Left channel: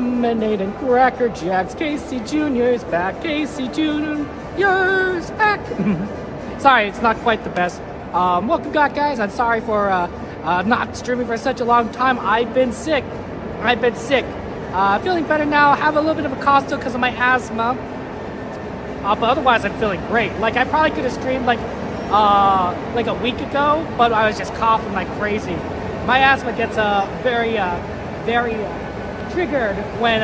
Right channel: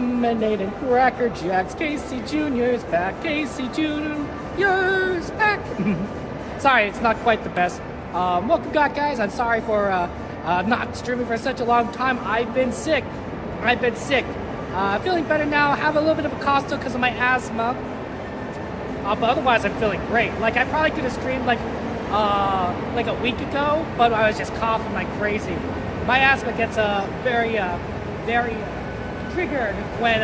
lemonade and Cracker Jacks. Casey Jr.'s back. Casey Jr.'s back. Sorry, it's not quite the best. Welcome back, guys. I'm sorry for not streaming for such a long time. I've been sick. Feeling better now. Have a little bit of a cough still because of my asthma. But otherwise, I'm feeling great. Like, I probably could have streamed like a week ago, but I was just coughing like crazy. My asthma gets very triggered when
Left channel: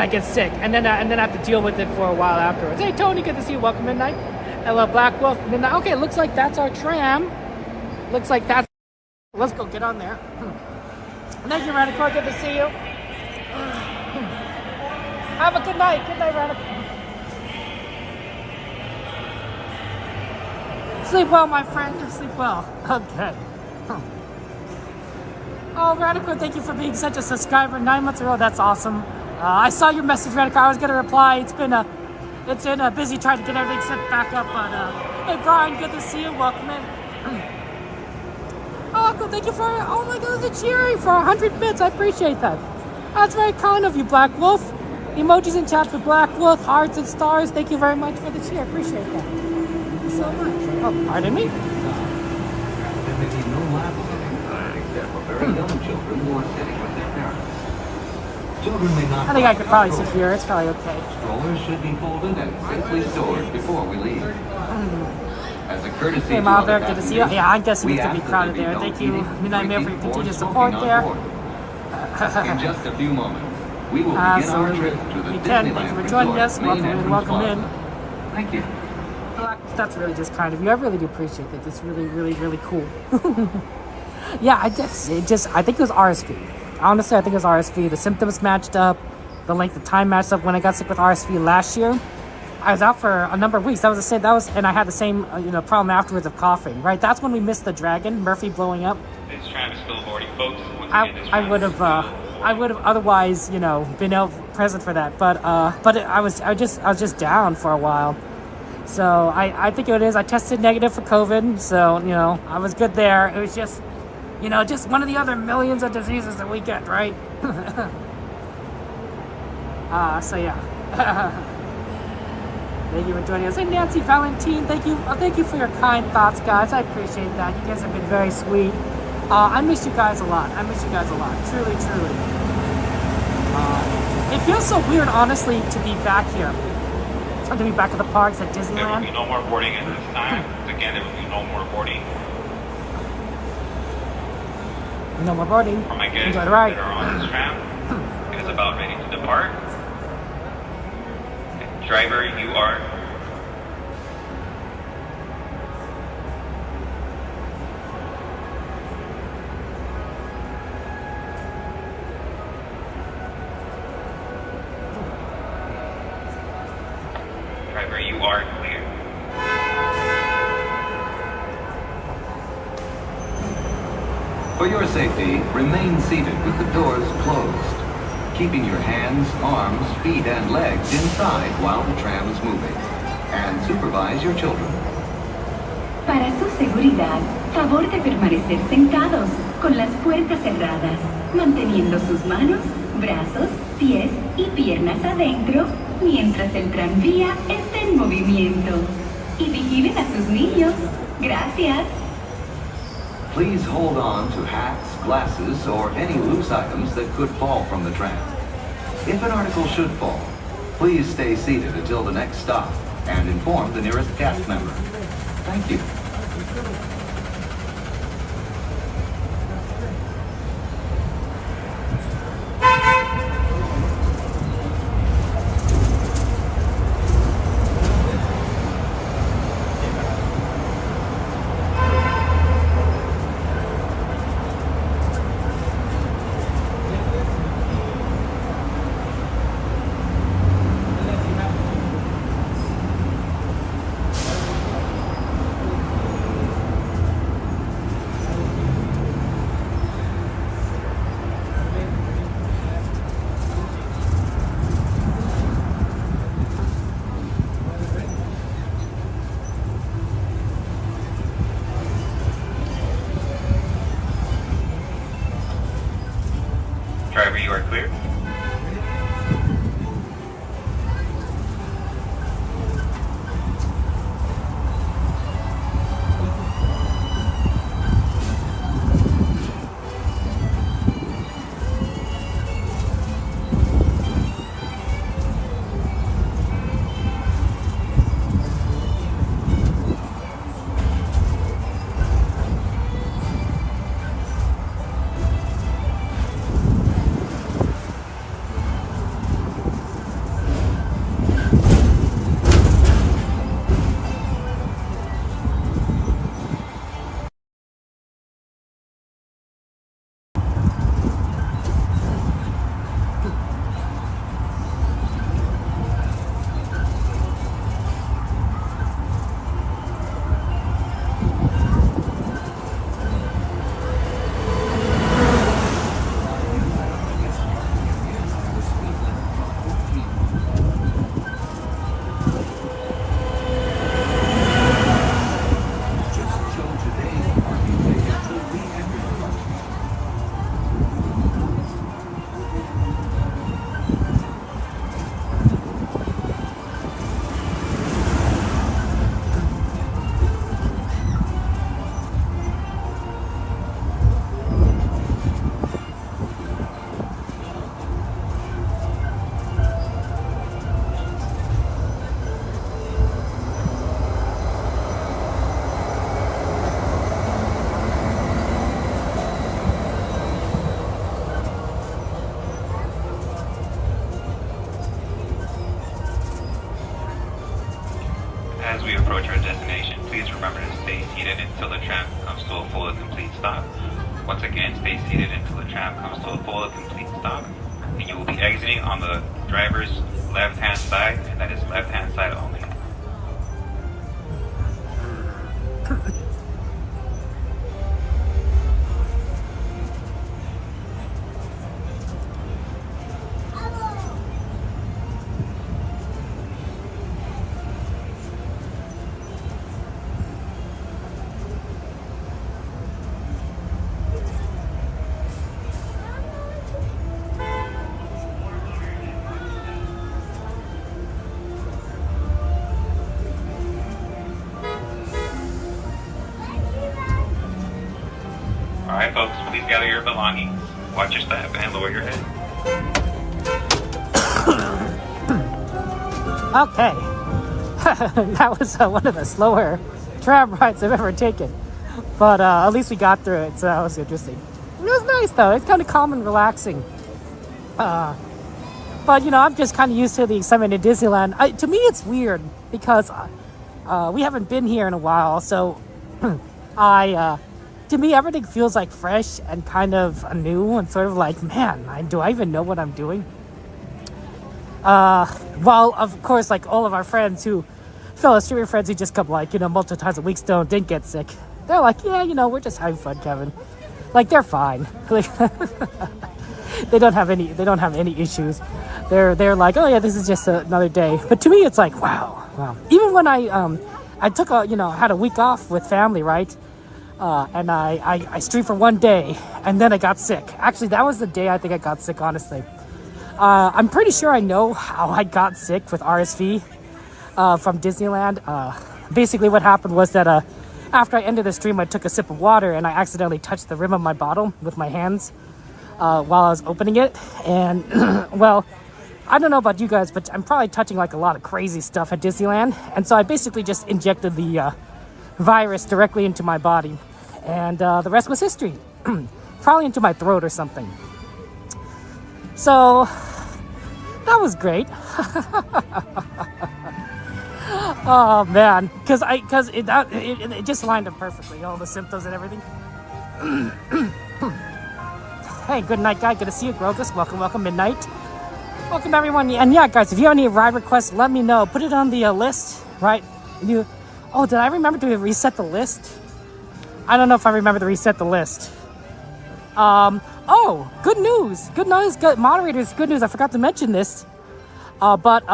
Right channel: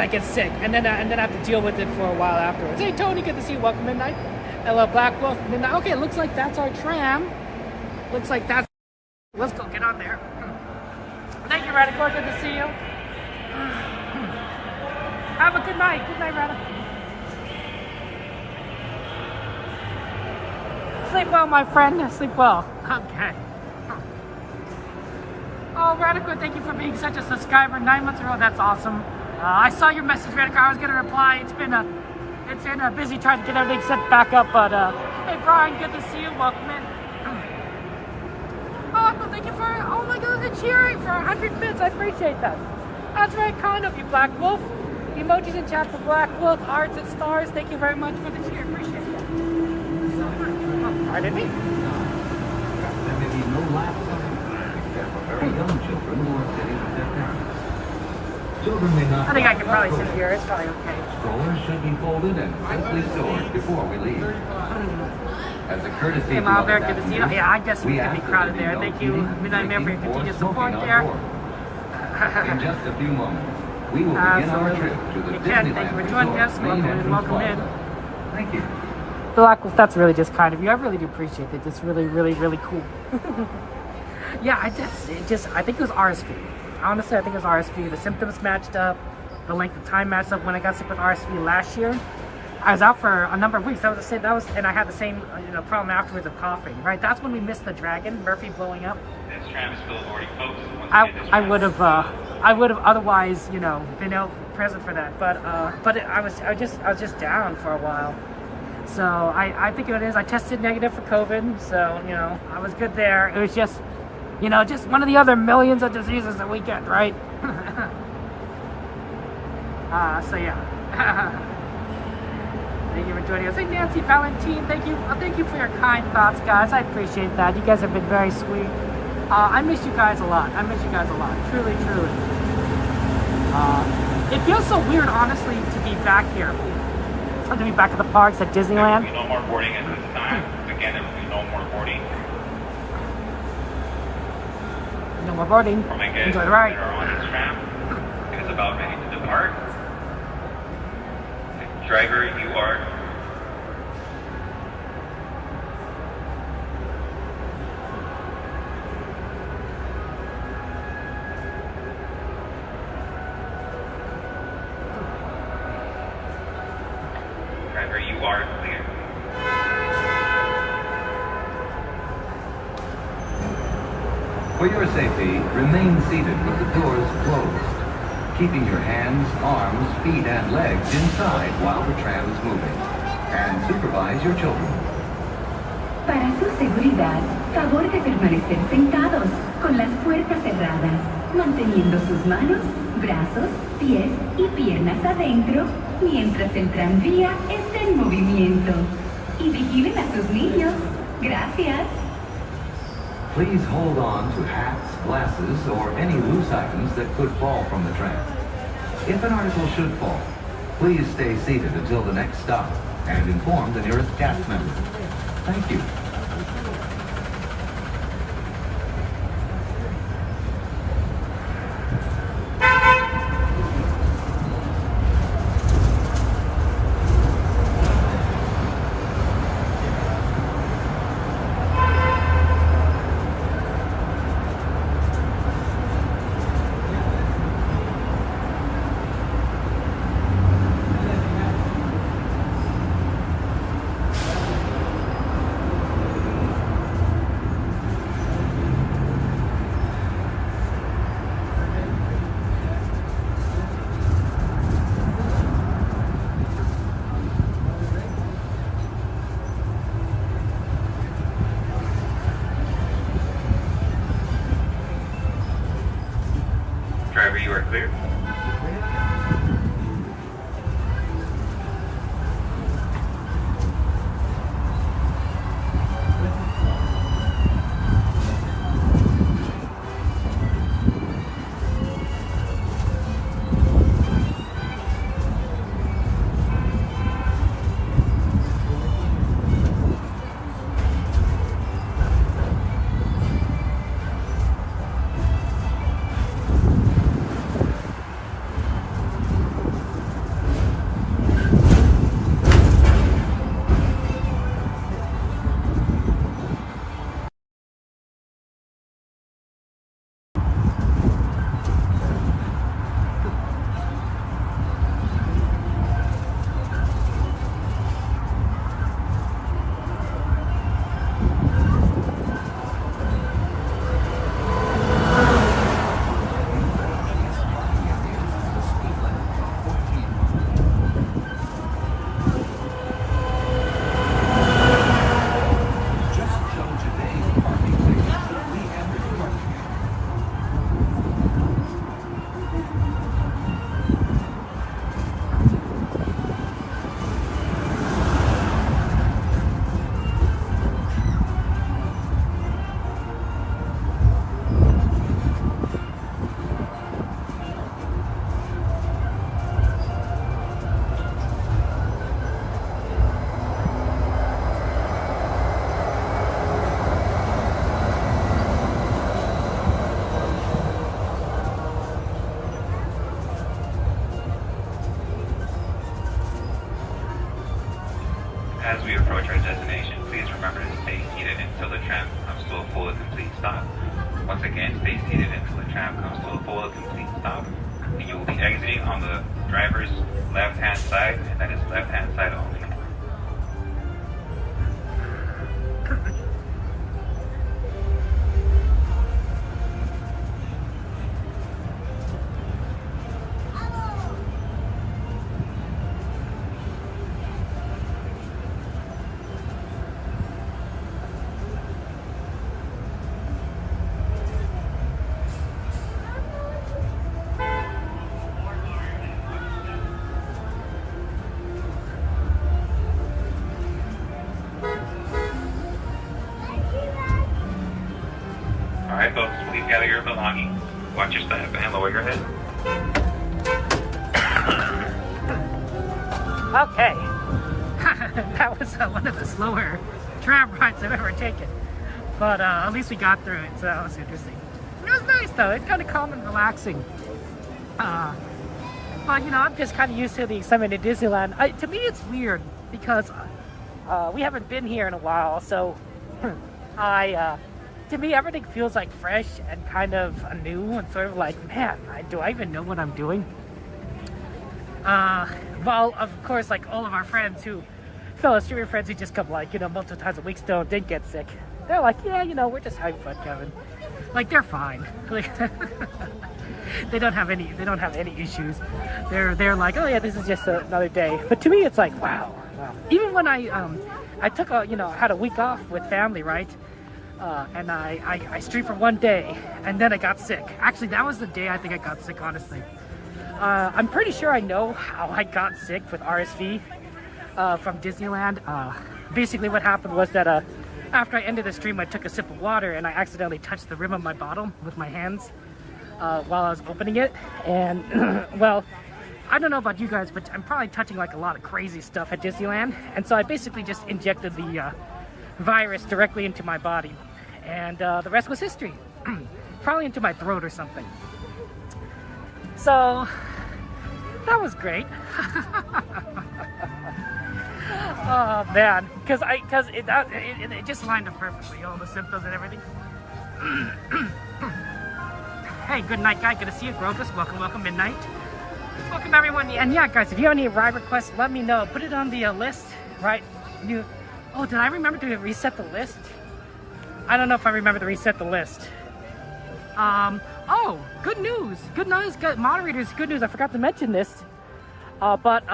I get sick, and then I have to deal with it for a while afterwards. Hey Tony, good to see you. Welcome Midnight. Hello Black Wolf Midnight. Okay, looks like that's our tram. Looks like that's. Let's go get on there. Thank you, Radical. Good to see you. Have a good night. Good night, Radical. Sleep well, my friend. Sleep well. Okay. Oh, Radical, thank you for being such a subscriber 9 months ago. That's awesome. I saw your message, Radical. I was going to reply. It's been busy trying to get everything set back up. But hey, Brian, good to see you. Welcome in. Oh, Uncle, thank you for. Oh my God, the cheering for 100 bits. I appreciate that. That's very kind of you, Black Wolf. Emojis in chat for Black Wolf, hearts and stars. Thank you very much for the cheer. I appreciate it. Thank you so much. Oh, I didn't mean. There may be no lap sitting, except for very young children who are sitting with their parents. Children may not. I think I could probably sit here. It's probably okay. Strollers should be folded and nicely stored before we leave. As a courtesy hey, to Mom, other good to see you. passengers, Yeah, I guess it's going to be we crowded ask there. that Thank there be you, no Midnight Mail, for your eating or continued smoking support on there. board. In just a few moments, we will begin Absolutely. our trip to the You can. Disneyland Thank you for joining Resort us. main Welcome in. entrance Welcome in. plaza. Thank you. Black Wolf, that's really just kind of you. I really do appreciate that. It's really, really, really cool. Yeah, I think it was RSV. Honestly, I think it was RSV. The symptoms matched up. The length of time matched up. When I got sick with RSV last year, I was out for a number of weeks. And I had the same, problem afterwards of coughing. Right? That's when we missed the dragon, Murphy blowing up. This tram is still boarding, folks. I would have otherwise, been present for that. But I was just down for a while. So I think it is. I tested negative for COVID, so I was good there. It was just, just one of the other millions of diseases that we get, right? So yeah. Thank you for joining us. Hey, Nancy Valentine, thank you for your kind thoughts, guys. I appreciate that. You guys have been very sweet. I miss you guys a lot. Truly, truly. It feels so weird, honestly, to be back here. To be back at the parks at Disneyland. There will be no more boarding at this time. Again, there will be no more boarding. No more boarding. For my guests Enjoy the ride. that are on this tram, it is about ready to depart. Driver, you are. Driver, you are clear. For your safety, remain seated with the doors closed, keeping your hands, arms, feet, and legs inside while the tram is moving. And supervise your children. Para su seguridad, favor de permanecer sentados, con las puertas cerradas, manteniendo sus manos, brazos, pies y piernas adentro, mientras el tranvía esté en movimiento. Y vigilen a sus niños. Gracias. Please hold on to hats, glasses, or any loose items that could fall from the tram. If an article should fall, please stay seated until the next stop and inform the nearest cast member. Thank you. until the tram comes to a full and complete stop. Once again, stay seated until the tram comes to a full and complete stop. And you will be exiting on the driver's left-hand side, and that is left-hand side only. Alright folks, please gather your belongings, watch your step, and lower your head. Okay. That was one of the slower tram rides I've ever taken. But at least we got through it, so that was interesting. It was nice though, it's kind of calm and relaxing. But you know, I'm just kind of used to the excitement in Disneyland. To me it's weird because we haven't been here in a while, so to me everything feels like fresh and kind of new and sort of like, man, do I even know what I'm doing? Well, of course, like all of our friends fellow streaming friends who just come like, you know, multiple times a week still didn't get sick. They're like, yeah, you know, we're just having fun, Kevin. Like, they're fine. They don't have any issues. They're like, oh yeah, this is just another day. But to me, it's like, wow. Even when I took had a week off with family, right? And I streamed for one day, and then I got sick. Actually, that was the day I think I got sick, honestly. I'm pretty sure I know how I got sick with RSV from Disneyland. Basically, what happened was that after I ended the stream, I took a sip of water, and I accidentally touched the rim of my bottle with my hands while I was opening it. And, well, I don't know about you guys, but I'm probably touching like a lot of crazy stuff at Disneyland. And so I basically just injected the virus directly into my body. And the rest was history. Probably into my throat or something. So that was great. Oh man, because it just lined up perfectly, all the symptoms and everything. Hey, good night, guy. Good to see you, Grogus. Welcome, Midnight. Welcome, everyone. And yeah, guys, if you have any ride requests, let me know. Put it on the list, right? Oh, did I remember to reset the list? I don't know if I remember to reset the list. Oh, good news. Good moderators, good news. I forgot to mention this. But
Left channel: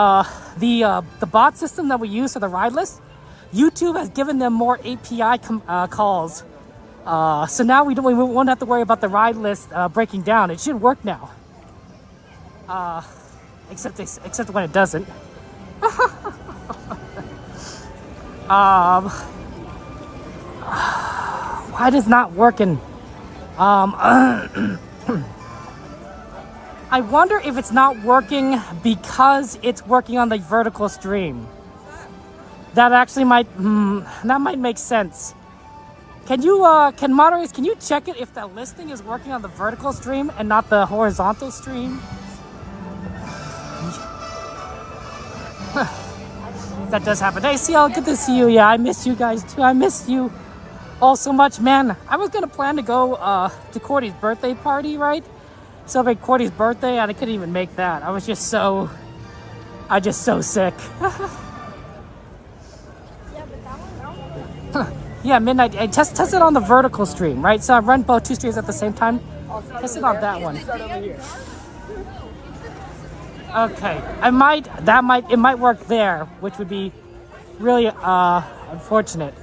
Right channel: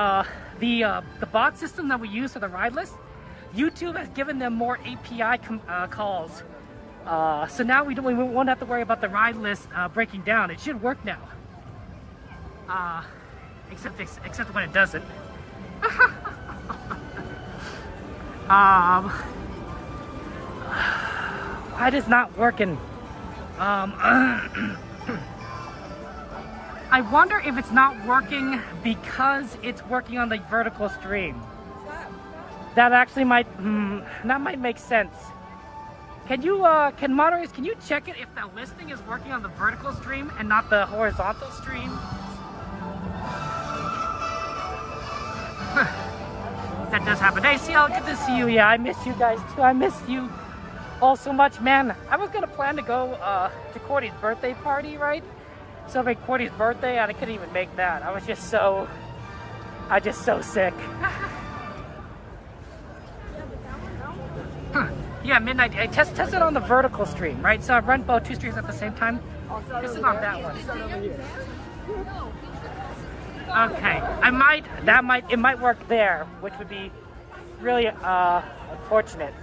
the bot system that we use for the ride list, YouTube has given them more API calls. So now we won't have to worry about the ride list breaking down. It should work now. Except when it doesn't. Why is not working? I wonder if it's not working because it's working on the vertical stream. That actually might make sense. Can moderators, can you check it if the listing is working on the vertical stream and not the horizontal stream? That does happen. Hey, CL, good to see you. Yeah, I missed you guys too. I missed you all so much, man. I was gonna plan to go to Cordy's birthday party, right? Celebrate Cordy's birthday, and I couldn't even make that. I was just so sick. Yeah, Midnight. I test it on the vertical stream, right? So I run both two streams at the same time. Test it on that one. Okay, it might work there, which would be really unfortunate.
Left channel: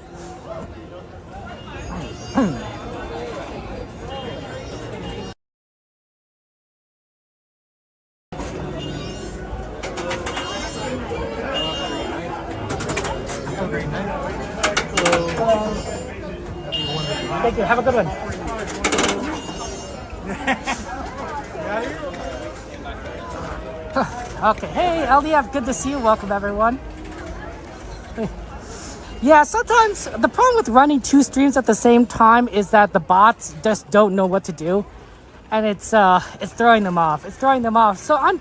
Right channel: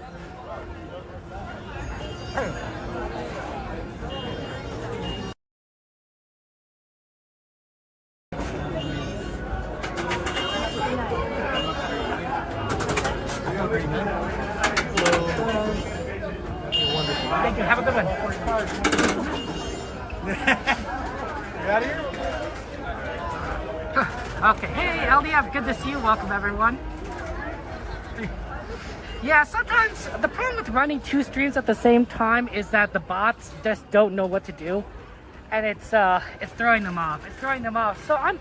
Thank you. Have a good one. Okay. Hey, LDF. Good to see you. Welcome, everyone. Yeah, sometimes the problem with running two streams at the same time is that the bots just don't know what to do, and it's throwing them off. So I'm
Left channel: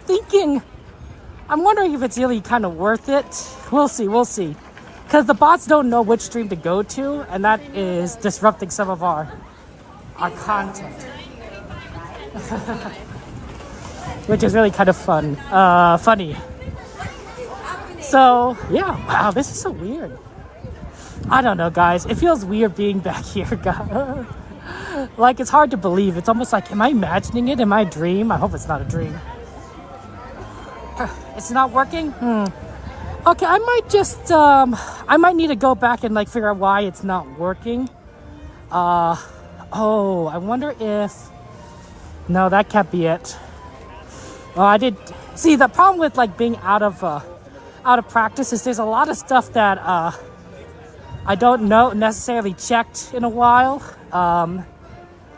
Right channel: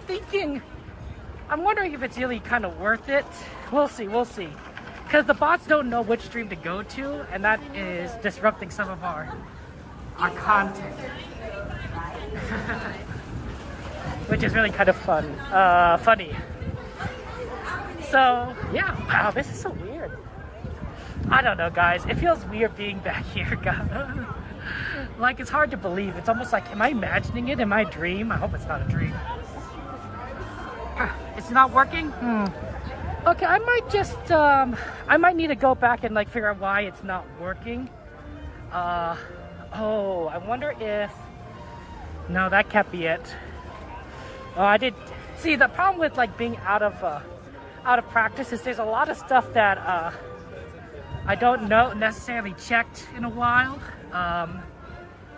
wondering if it's really kind of worth it. We'll see. because the bots don't know which stream to go to, and that is disrupting some of our content. Which is really kind of funny. So yeah, wow, this is so weird. I don't know, guys. It feels weird being back here, guys. Like, it's hard to believe. It's almost like, am I imagining it in my dream? I hope it's not a dream. It's not working? Okay, I might just, I might need to go back and like figure out why it's not working. Oh, I wonder if, no, that can't be it. Oh, I did, see, the problem with like being out of practice is there's a lot of stuff that, I don't know necessarily checked in a while,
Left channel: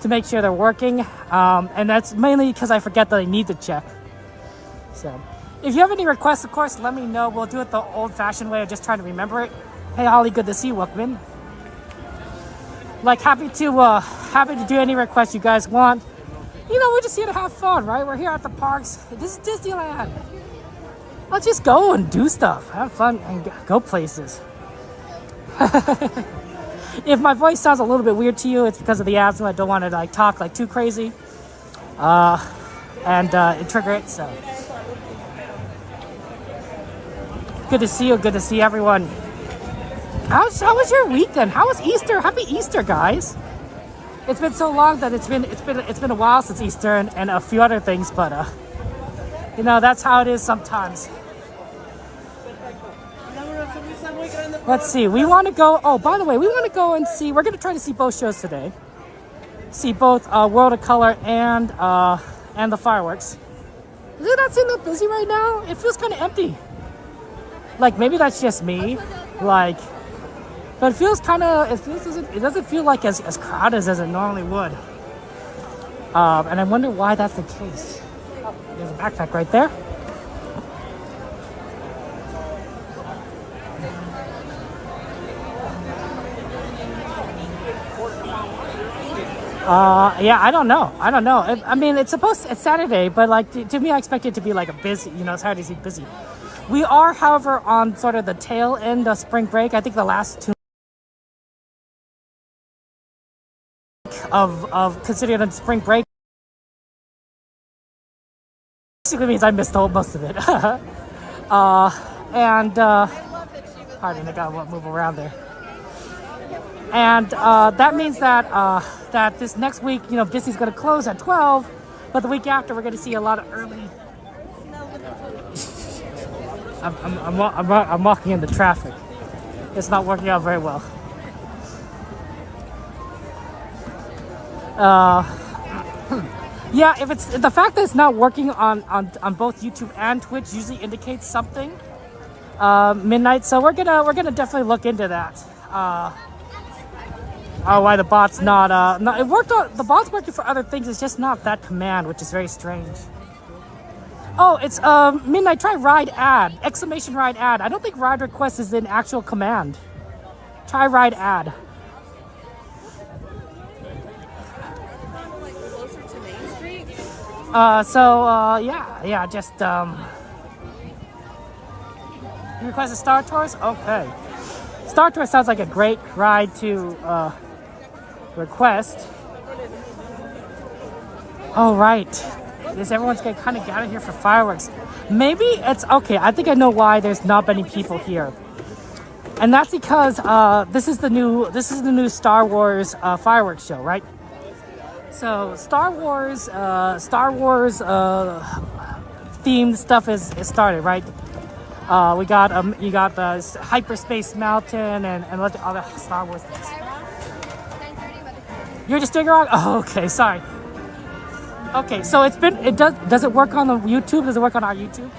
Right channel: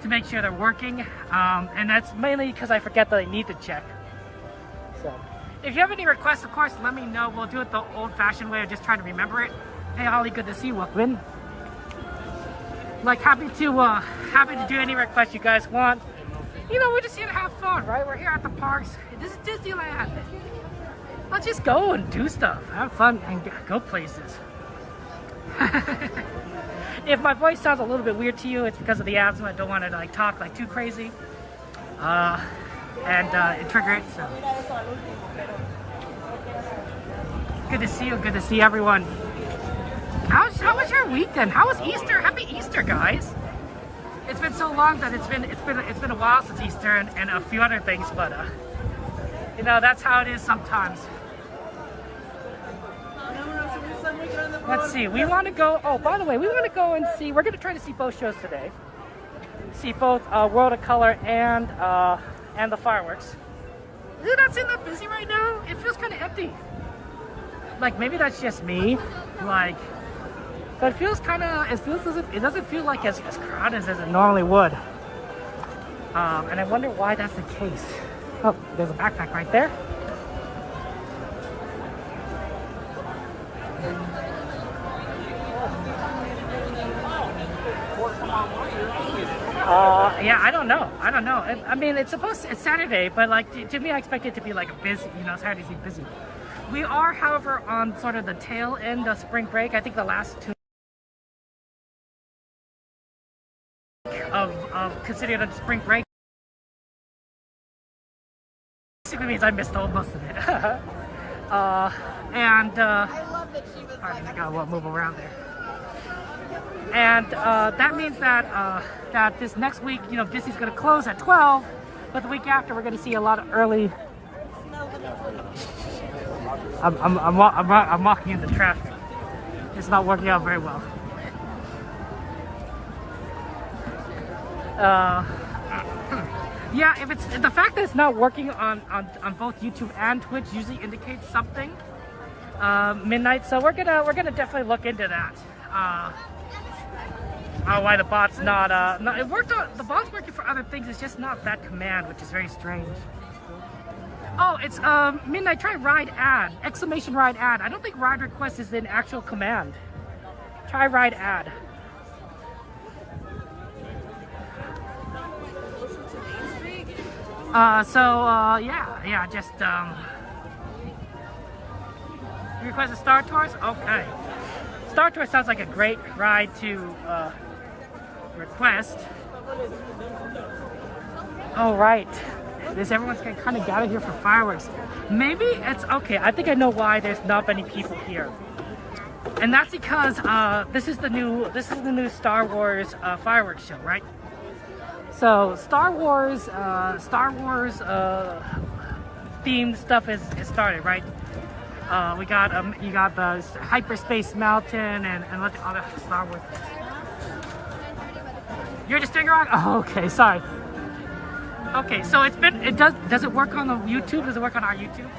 to make sure they're working. And that's mainly because I forget that I need to check. So, if you have any requests, of course, let me know. We'll do it the old-fashioned way of just trying to remember it. Hey, Holly, good to see you. Welcome in. Like, happy to do any requests you guys want. You know, we're just here to have fun, right? We're here at the parks. This is Disneyland. Let's just go and do stuff, have fun, and go places. If my voice sounds a little bit weird to you, it's because of the asthma. I don't want to like talk like too crazy, and trigger it. So good to see you. Good to see everyone. How was your weekend? How was Easter? Happy Easter, guys! It's been so long that it's been a while since Easter and a few other things, but you know, that's how it is sometimes. Let's see, we want to go, oh, by the way, we want to go and see, we're going to try to see both shows today. See both World of Color and the fireworks. Does it not seem that busy right now? It feels kind of empty. Like, maybe that's just me, like, but it feels kind of, it doesn't feel like as crowded as it normally would. And I wonder why that's the case. Oh, there's a backpack right there. Yeah, I don't know. I mean, it's Saturday, but like to me, I expect it to be like a busy, you know, Saturday's busy. We are, however, on sort of the tail end of spring break. I think the last 2 of considering it spring break basically means I missed most of it. Pardon, I gotta move around there. And that means that that this next week, you know, Disney's going to close at 12, but the week after we're going to see a lot of early. I'm walking into traffic. It's not working out very well. Yeah, if it's the fact that it's not working on both YouTube and Twitch usually indicates something. Midnight, so we're gonna definitely look into that. Why the bot's not it worked on the bot's working for other things, it's just not that command, which is very strange. Oh, it's Midnight, try ride ad, exclamation ride ad. I don't think ride request is an actual command. Try ride ad. Yeah, just you request a Star Tours? Okay. Star Tours sounds like a great ride to request. Oh, right. Everyone's getting kind of gathered here for fireworks. Maybe it's okay. I think I know why there's not many people here, and that's because this is the new Star Wars fireworks show, right? So Star Wars themed stuff is started, right? You got the Hyperspace Mountain and what the other Star Wars things. You're just doing it wrong? Oh, okay, sorry. Okay, so does it work on the YouTube? Does it work on our YouTube?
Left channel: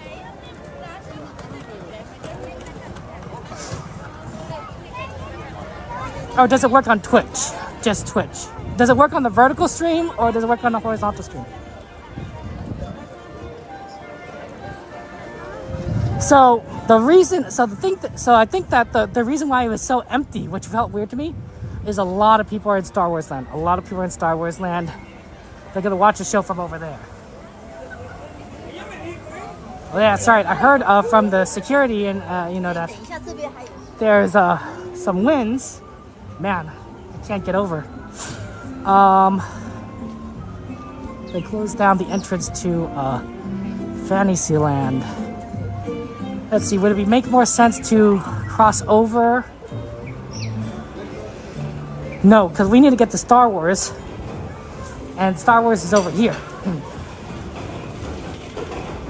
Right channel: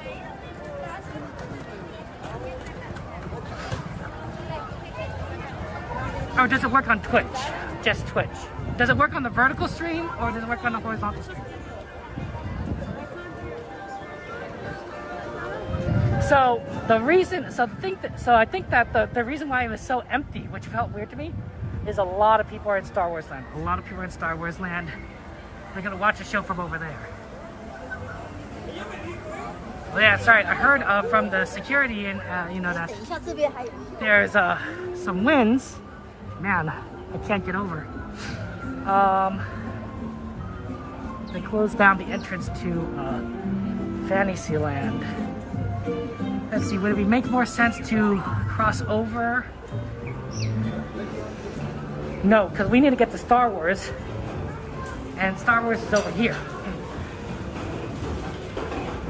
Or does it work on Twitch? Just Twitch. Does it work on the vertical stream or does it work on the horizontal stream? So I think that the reason why it was so empty, which felt weird to me, is a lot of people are in Star Wars land. A lot of people are in Star Wars land. They're gonna watch the show from over there. Oh yeah, that's right. I heard from the security and you know that there's some winds. Man, I can't get over. They closed down the entrance to Fantasyland. Let's see, would it make more sense to cross over? No, because we need to get to Star Wars. And Star Wars is over here.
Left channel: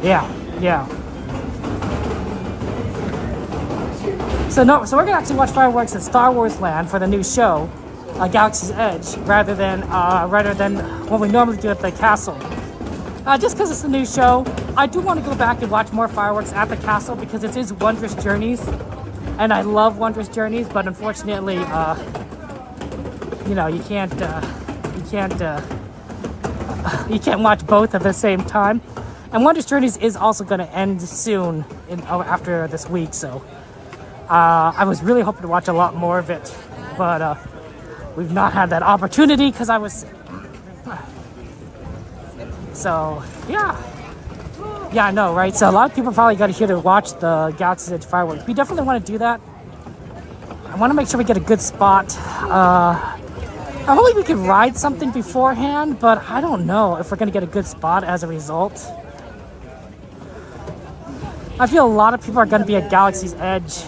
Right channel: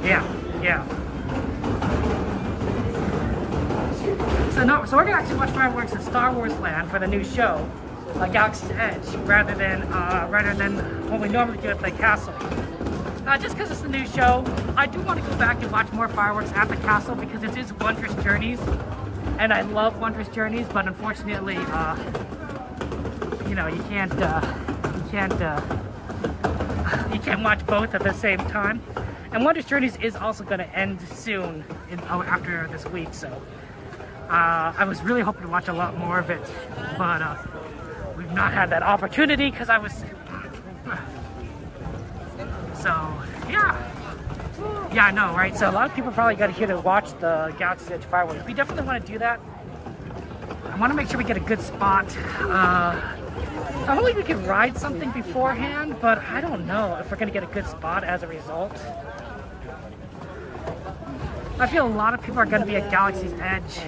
Yeah. So we're gonna actually watch fireworks at Star Wars Land for the new show, Galaxy's Edge, rather than what we normally do at the castle. Just because it's a new show, I do want to go back and watch more fireworks at the castle because it is Wondrous Journeys, and I love Wondrous Journeys. But unfortunately, you know, you can't watch both at the same time. And Wondrous Journeys is also going to end soon after this week, so I was really hoping to watch a lot more of it, but we've not had that opportunity because I was sick. So yeah, I know, right? So a lot of people probably got here to watch the Galaxy's Edge fireworks. We definitely want to do that. I want to make sure we get a good spot. Hopefully we can ride something beforehand, but I don't know if we're going to get a good spot as a result. I feel a lot of people are going to be at Galaxy's Edge.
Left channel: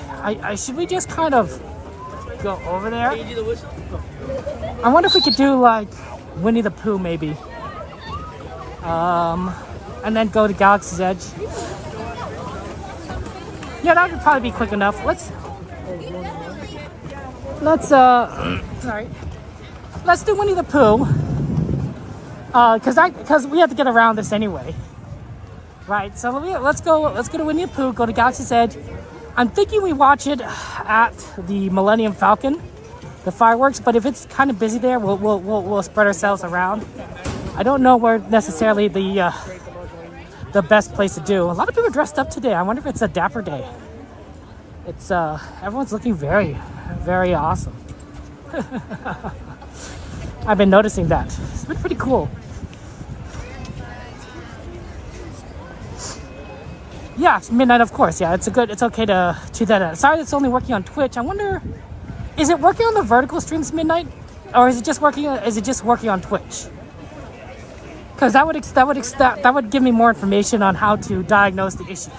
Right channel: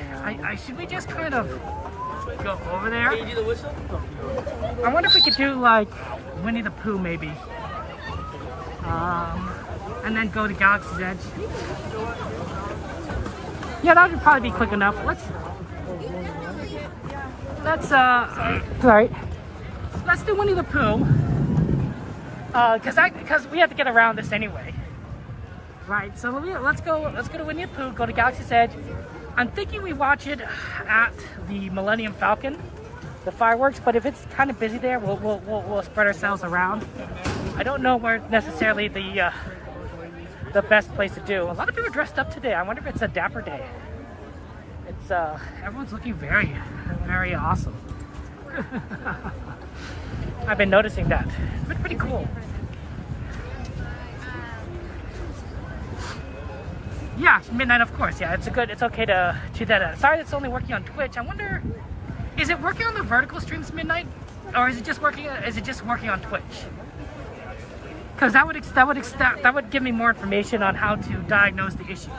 Should we just kind of go over there? I wonder if we could do like Winnie the Pooh maybe. And then go to Galaxy's Edge. Yeah, that would probably be quick enough. Sorry. Let's do Winnie the Pooh. Because we have to get around this anyway. Right, so let's go to Winnie the Pooh, go to Galaxy's Edge. I'm thinking we watch it at the Millennium Falcon, the fireworks, but if it's kind of busy there, we'll spread ourselves around. I don't know where necessarily the best place to do. A lot of people are dressed up today. I wonder if it's a dapper day. It's everyone's looking very, very awesome. I've been noticing that. It's been pretty cool. Yeah, it's midnight, of course. Yeah, it's okay to do that. Sorry, it's only working on Twitch. I wonder, is it working on the vertical streams midnight, or is it just working on Twitch? Because that would give me more information on how to diagnose the issue.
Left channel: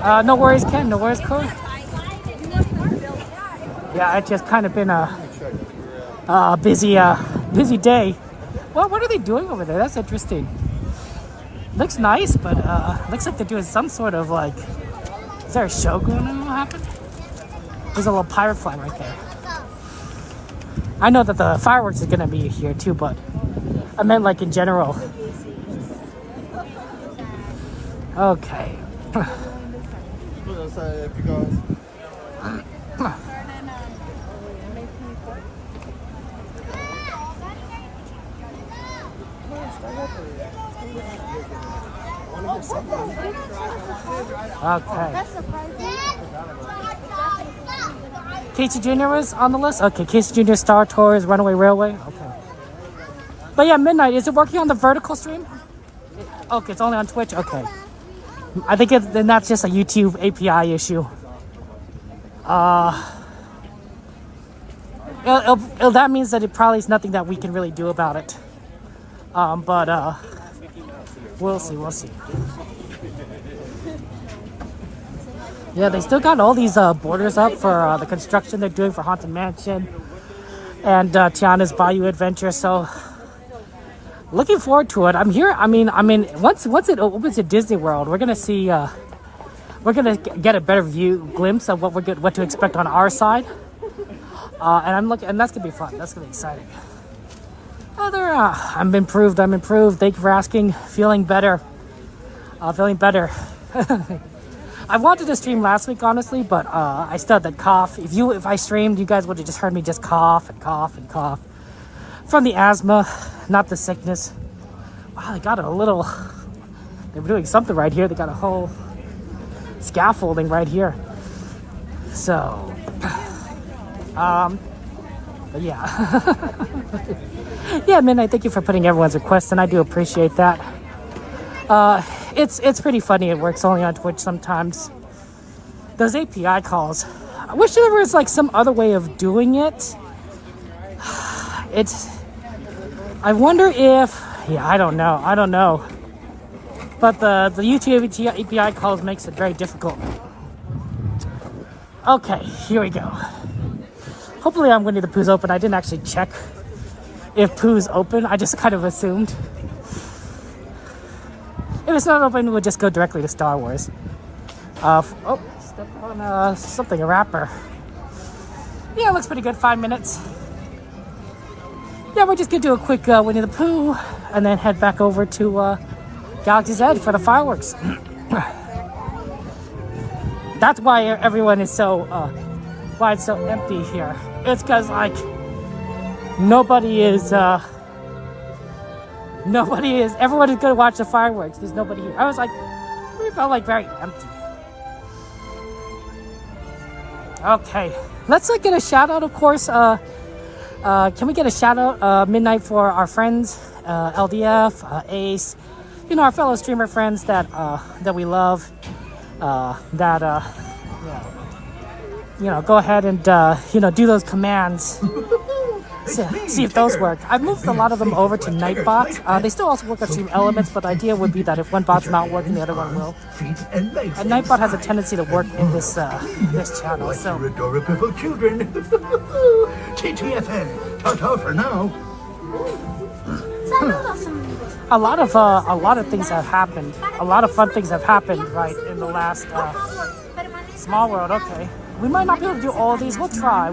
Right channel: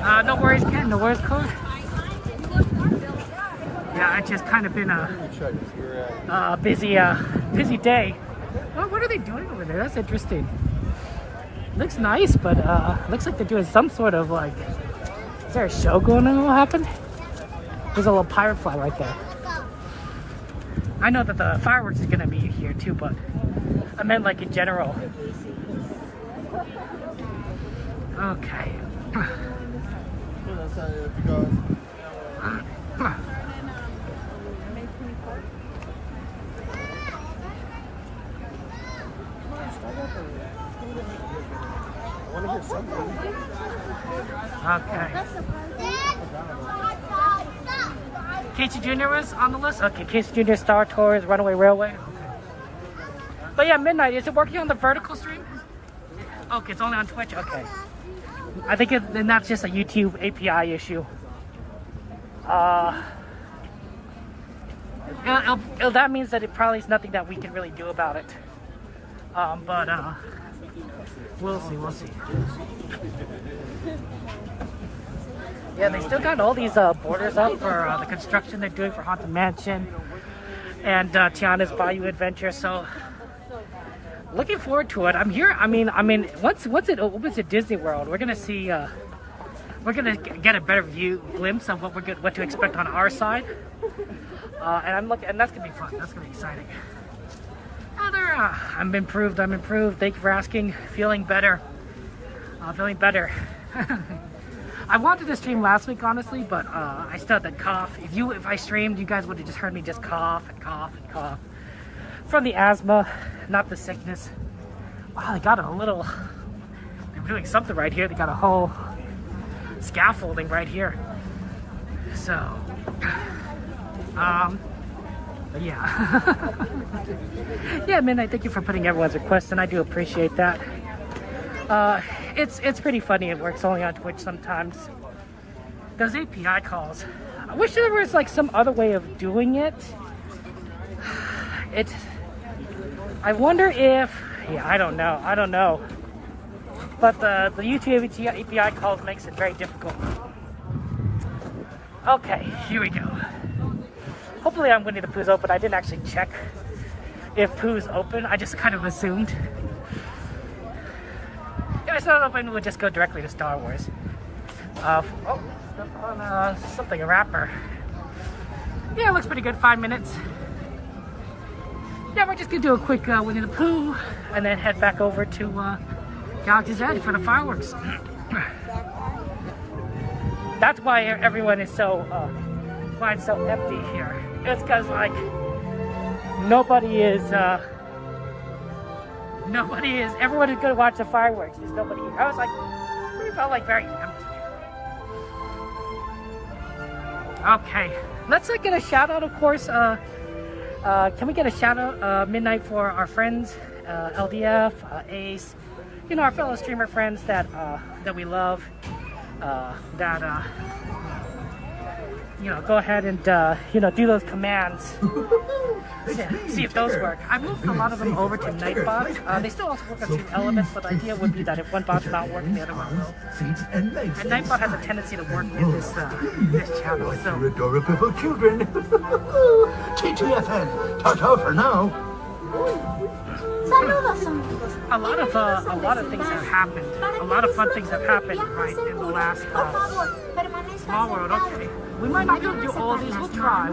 No worries, Ken. No worries, Code. Yeah, it's just kind of been a busy day. Well, what are they doing over there? That's interesting. Looks nice, but looks like they're doing some sort of like. Is there a show going on? What happened? There's a little pirate flag right there. I know that the fireworks are gonna be here too, but I meant like in general. Okay. Okay. Casey Jr. was on the list? Okay, Casey Jr., Star Tours, Runaway Railway. Okay. But yeah, midnight. Is it working on the vertical stream? Okay, it's only on Twitch? Okay. I think then that's just a YouTube API issue. That means that it probably is nothing that we can really do about it. But we'll see. Yeah, they still got all these borders up for the construction they're doing for Haunted Mansion and Tiana's Bayou Adventure. So looking forward to it. I'm here. I mean, once it opens at Disney World, we're gonna see. We're gonna get a better glimpse of what to expect on our side. And that's gonna be fun. That's gonna be exciting. I'm improved. Thank you for asking. Feeling better. I wanted to stream last week, honestly, but I still had that cough. If I streamed, you guys would have just heard me just cough and cough and cough. From the asthma, not the sickness. Wow, they got a little. They were doing something right here. They got a whole scaffolding right here. So, but yeah. Yeah, Minnie, thank you for putting everyone's requests, and I do appreciate that. it's pretty funny. It works only on Twitch sometimes. Those API calls. I wish there was like some other way of doing it. I wonder if, yeah, I don't know. But the YouTube API calls makes it very difficult. Okay, here we go. Hopefully I'm Winnie the Pooh's open. I didn't actually check if Pooh's open. I just kind of assumed. If it's not open, we'll just go directly to Star Wars. Step on something, a wrapper. Yeah, it looks pretty good. 5 minutes. Yeah, we're just gonna do a quick Winnie the Pooh and then head back over to Galaxy's Edge for the fireworks. That's why everyone is so why it's so empty here. It's because like nobody is everyone is gonna watch the fireworks. There's nobody. I was like, it felt like very empty. Okay, let's get a shout out, of course. Can we get a shout out midnight for our friends, LDF, Ace, you know, our fellow streamer friends that we love, you know, go ahead and you know, do those commands. See if those work. I've moved a lot of them over to Nightbot. They still also work on Stream Elements, but the idea would be that if one bot's not working, the other one will. And Nightbot has a tendency to work in this this channel. So adorable children. TTFN. Ta-ta for now. a lot of things have happened. A lot of fun things have happened right in the last Small World. Okay, we might not be able to do all of these. We'll try.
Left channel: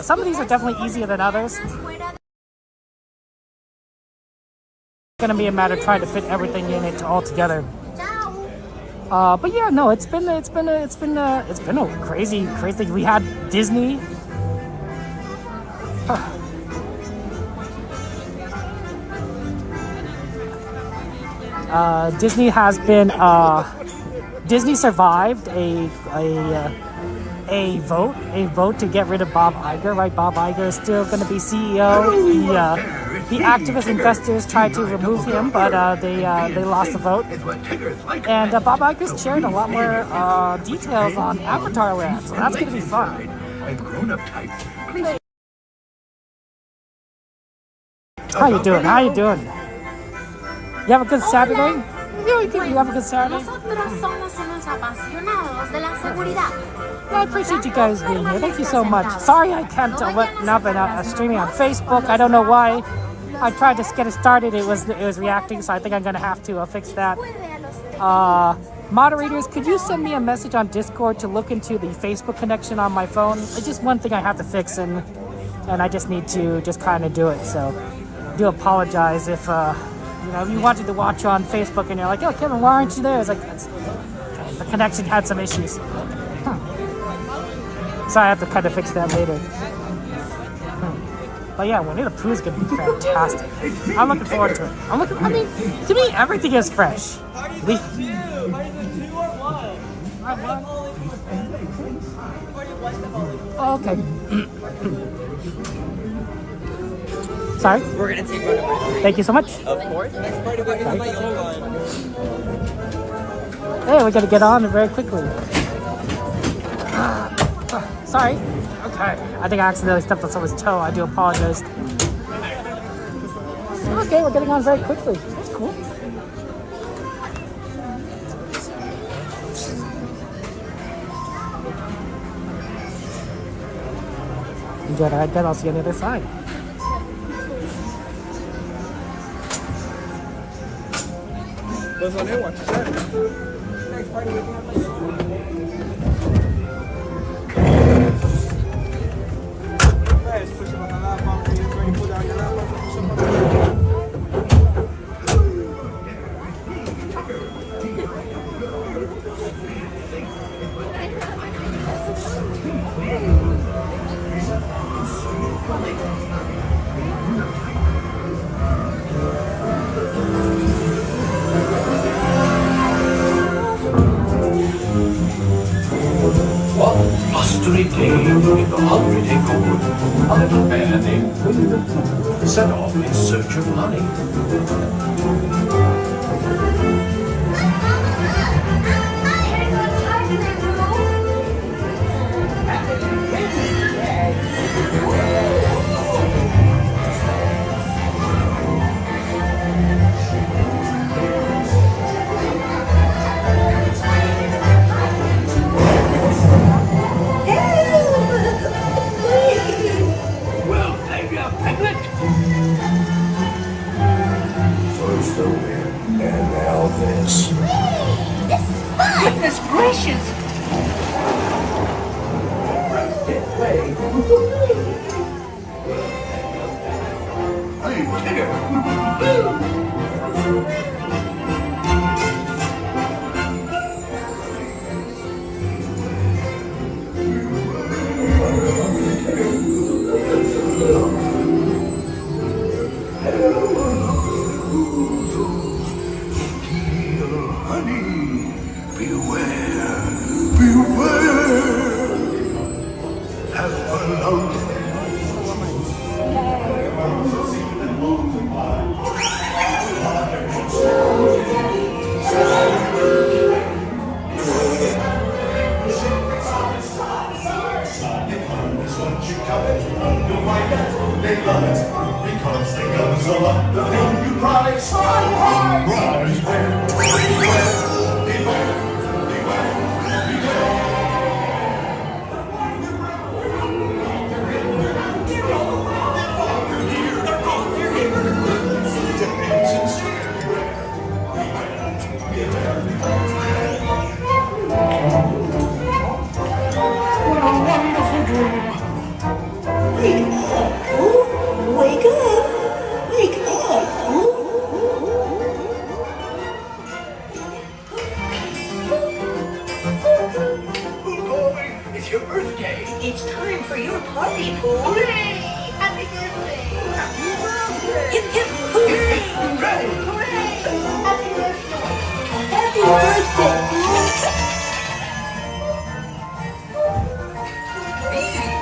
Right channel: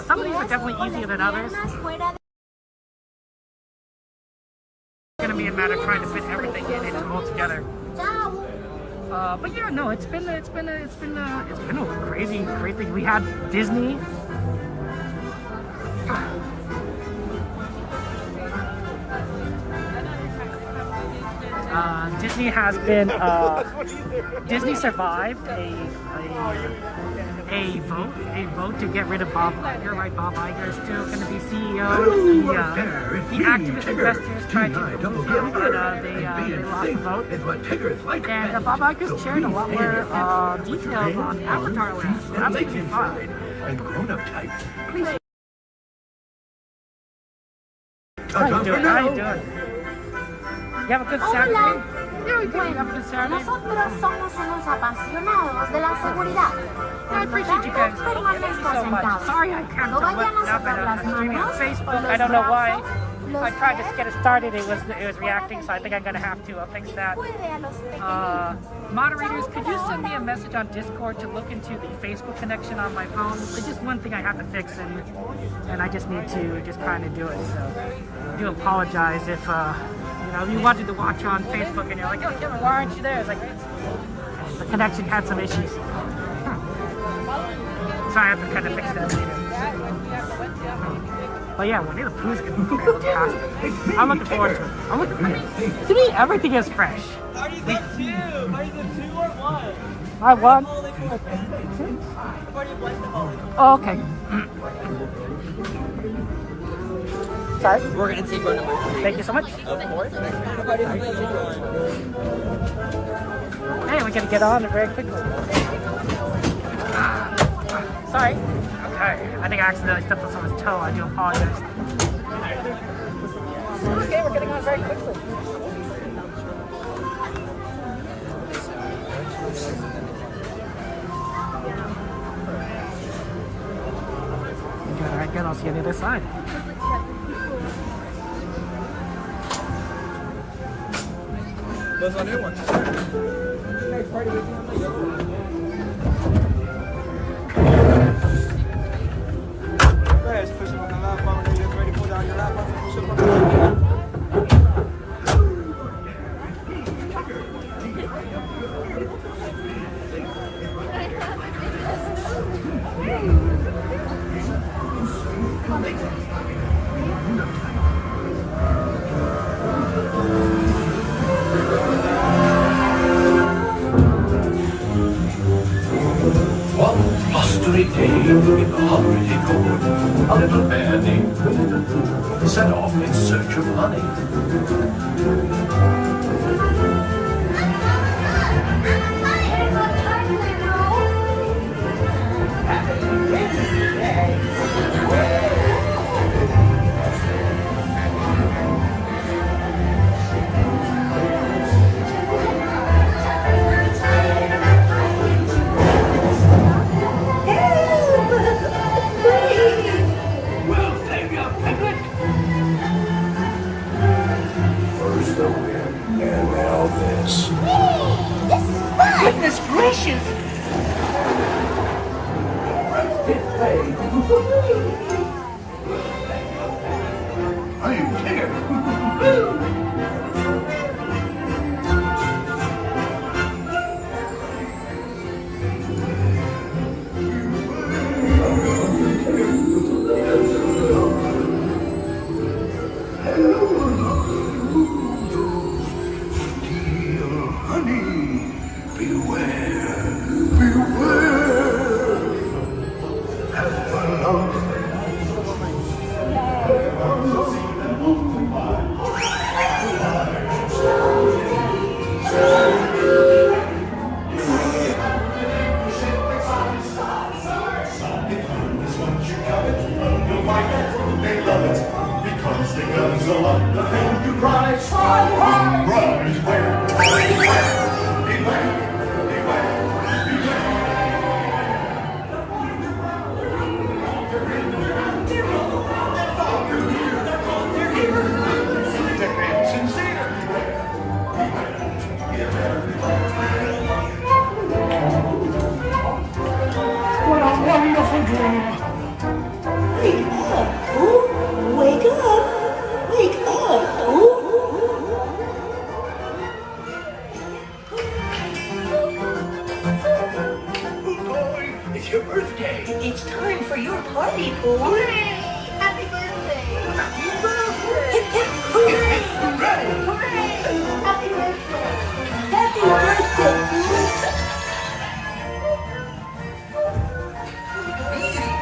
Some of these are definitely easier than others. It's gonna be a matter of trying to fit everything in it all together. But yeah, no, it's been a crazy thing. We had Disney. Disney has been Disney survived a vote to get rid of Bob Iger, right? Bob Iger is still going to be CEO. The activist investors tried to remove him, but they lost the vote. And Bob Iger's shared a lot more details on Avatar Land, so that's going to be fun. How you doing? You have a good Saturday? Yeah, you have a good Saturday? Nosotros somos unos apasionados de la seguridad. I appreciate you guys being here. Thank you so much. Sorry I can't not been streaming on Facebook. I don't know why. I tried to get it started. It was reacting, so I think I'm gonna have to fix that. Moderators, could you send me a message on Discord to look into the Facebook connection on my phone? It's just one thing I have to fix, and I just need to just kind of do it. So I do apologize if you know, if you wanted to watch on Facebook and you're like, oh, Kevin, why aren't you there? It's like, the connection had some issues. So I have to kind of fix that later. But yeah, Winnie the Pooh is going to be fantastic. I'm looking forward to it. I mean, to me, everything is fresh. I won. Oh, okay. Sorry. We're gonna take Runaway. Thank you so much. Of course. Next part of it is my yellow line. Hey, we gotta get on it very quickly. Sorry. I think I accidentally stepped on someone's toe. I do apologize. Okay, we're getting on very quickly. Good. I get. I'll see you on the other side. Goes on there, watch it. Next part of it. One blustery day in the holiday wood, a little bear named Winnie the Pooh set off in search of honey. Goodness gracious! It's time for your party, Pooh. Hooray! Happy birthday! Happy birthday! Hip hip hooray! Hooray! Happy birthday! Happy birthday, Pooh!